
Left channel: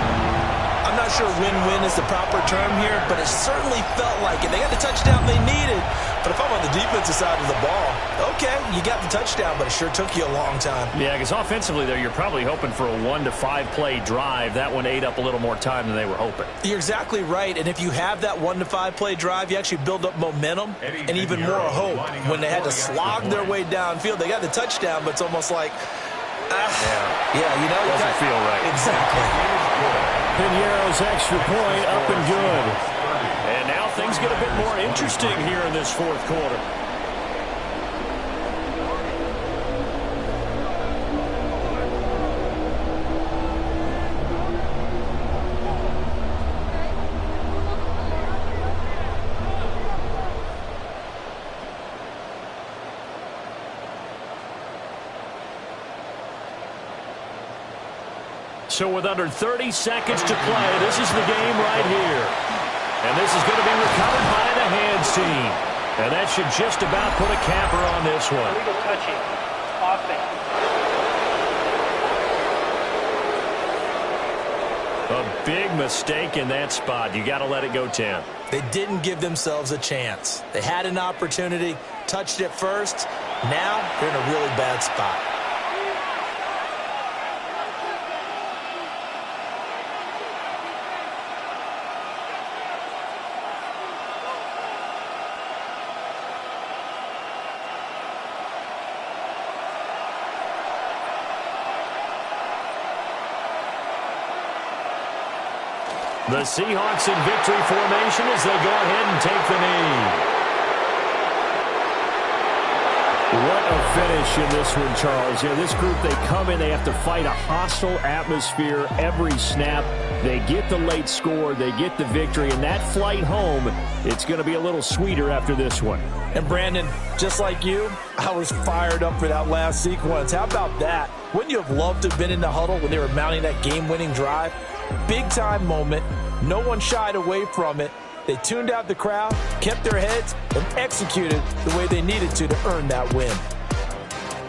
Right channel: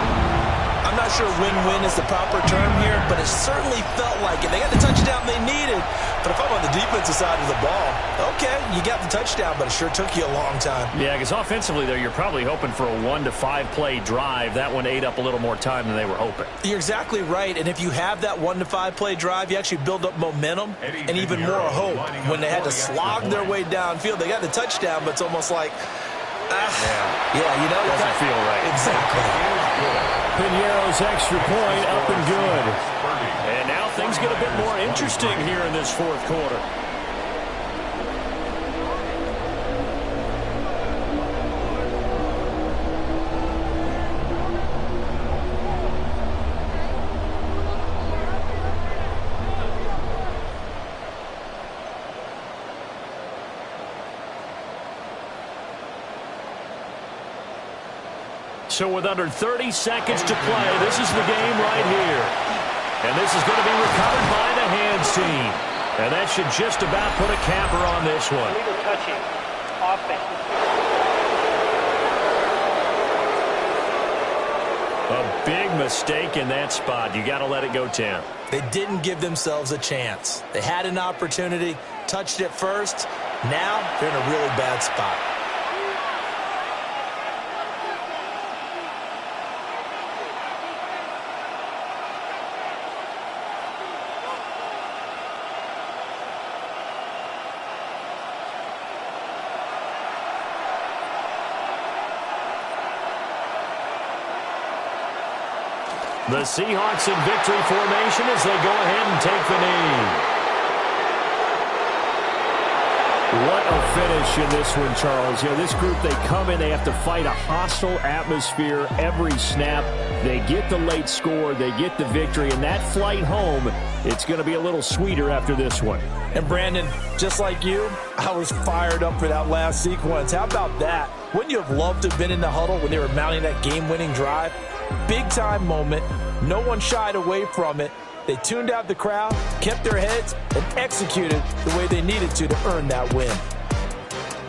I'm not sure win-win is the proper term here, but it certainly felt like it. They got the touchdown they needed, but if I'm on the defensive side of the ball, okay, you got the touchdown, but it sure took you a long time. Yeah, because offensively there, you're probably hoping for a 1 to 5 play drive. That one ate up a little more time than they were hoping. You're exactly right, and if you have that 1 to 5 play drive, you actually build up momentum and even more hope. When they had to slog their way downfield, they got the touchdown, but it's almost like, yeah, you know, it doesn't feel right. Exactly. Piñeiro's extra point up and good. And now things get a bit more interesting here in this 4th quarter. So with under 30 seconds to play, this is the game right here. And this is going to be recovered by the hands team. And that should just about put a capper on this one. Illegal touching. offense. A big mistake in that spot. You got to let it go 10. They didn't give themselves a chance. They had an opportunity, touched it first. Now they're in a really bad spot. The Seahawks in victory formation as they go ahead and take the knee. What a finish in this one, Charles. You know, this group, they come in, they have to fight a hostile atmosphere every snap. They get the late score, they get the victory, and that flight home, it's going to be a little sweeter after this one. And Brandon, just like you, I was fired up for that last sequence. How about that? Wouldn't you have loved to have been in the huddle when they were mounting that game-winning drive? Big-time moment. No one shied away from it. They tuned out the crowd, kept their heads, and executed the way they needed to earn that win.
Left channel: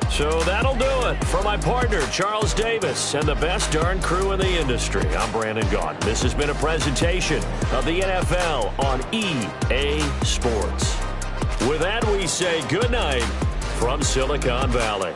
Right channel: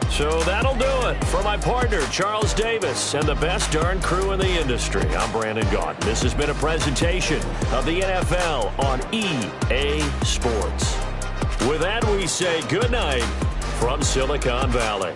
So that'll do it. For my partner, Charles Davis, and the best darn crew in the industry, I'm Brandon Gaudin. This has been a presentation of the NFL on EA Sports. With that, we say good night from Silicon Valley.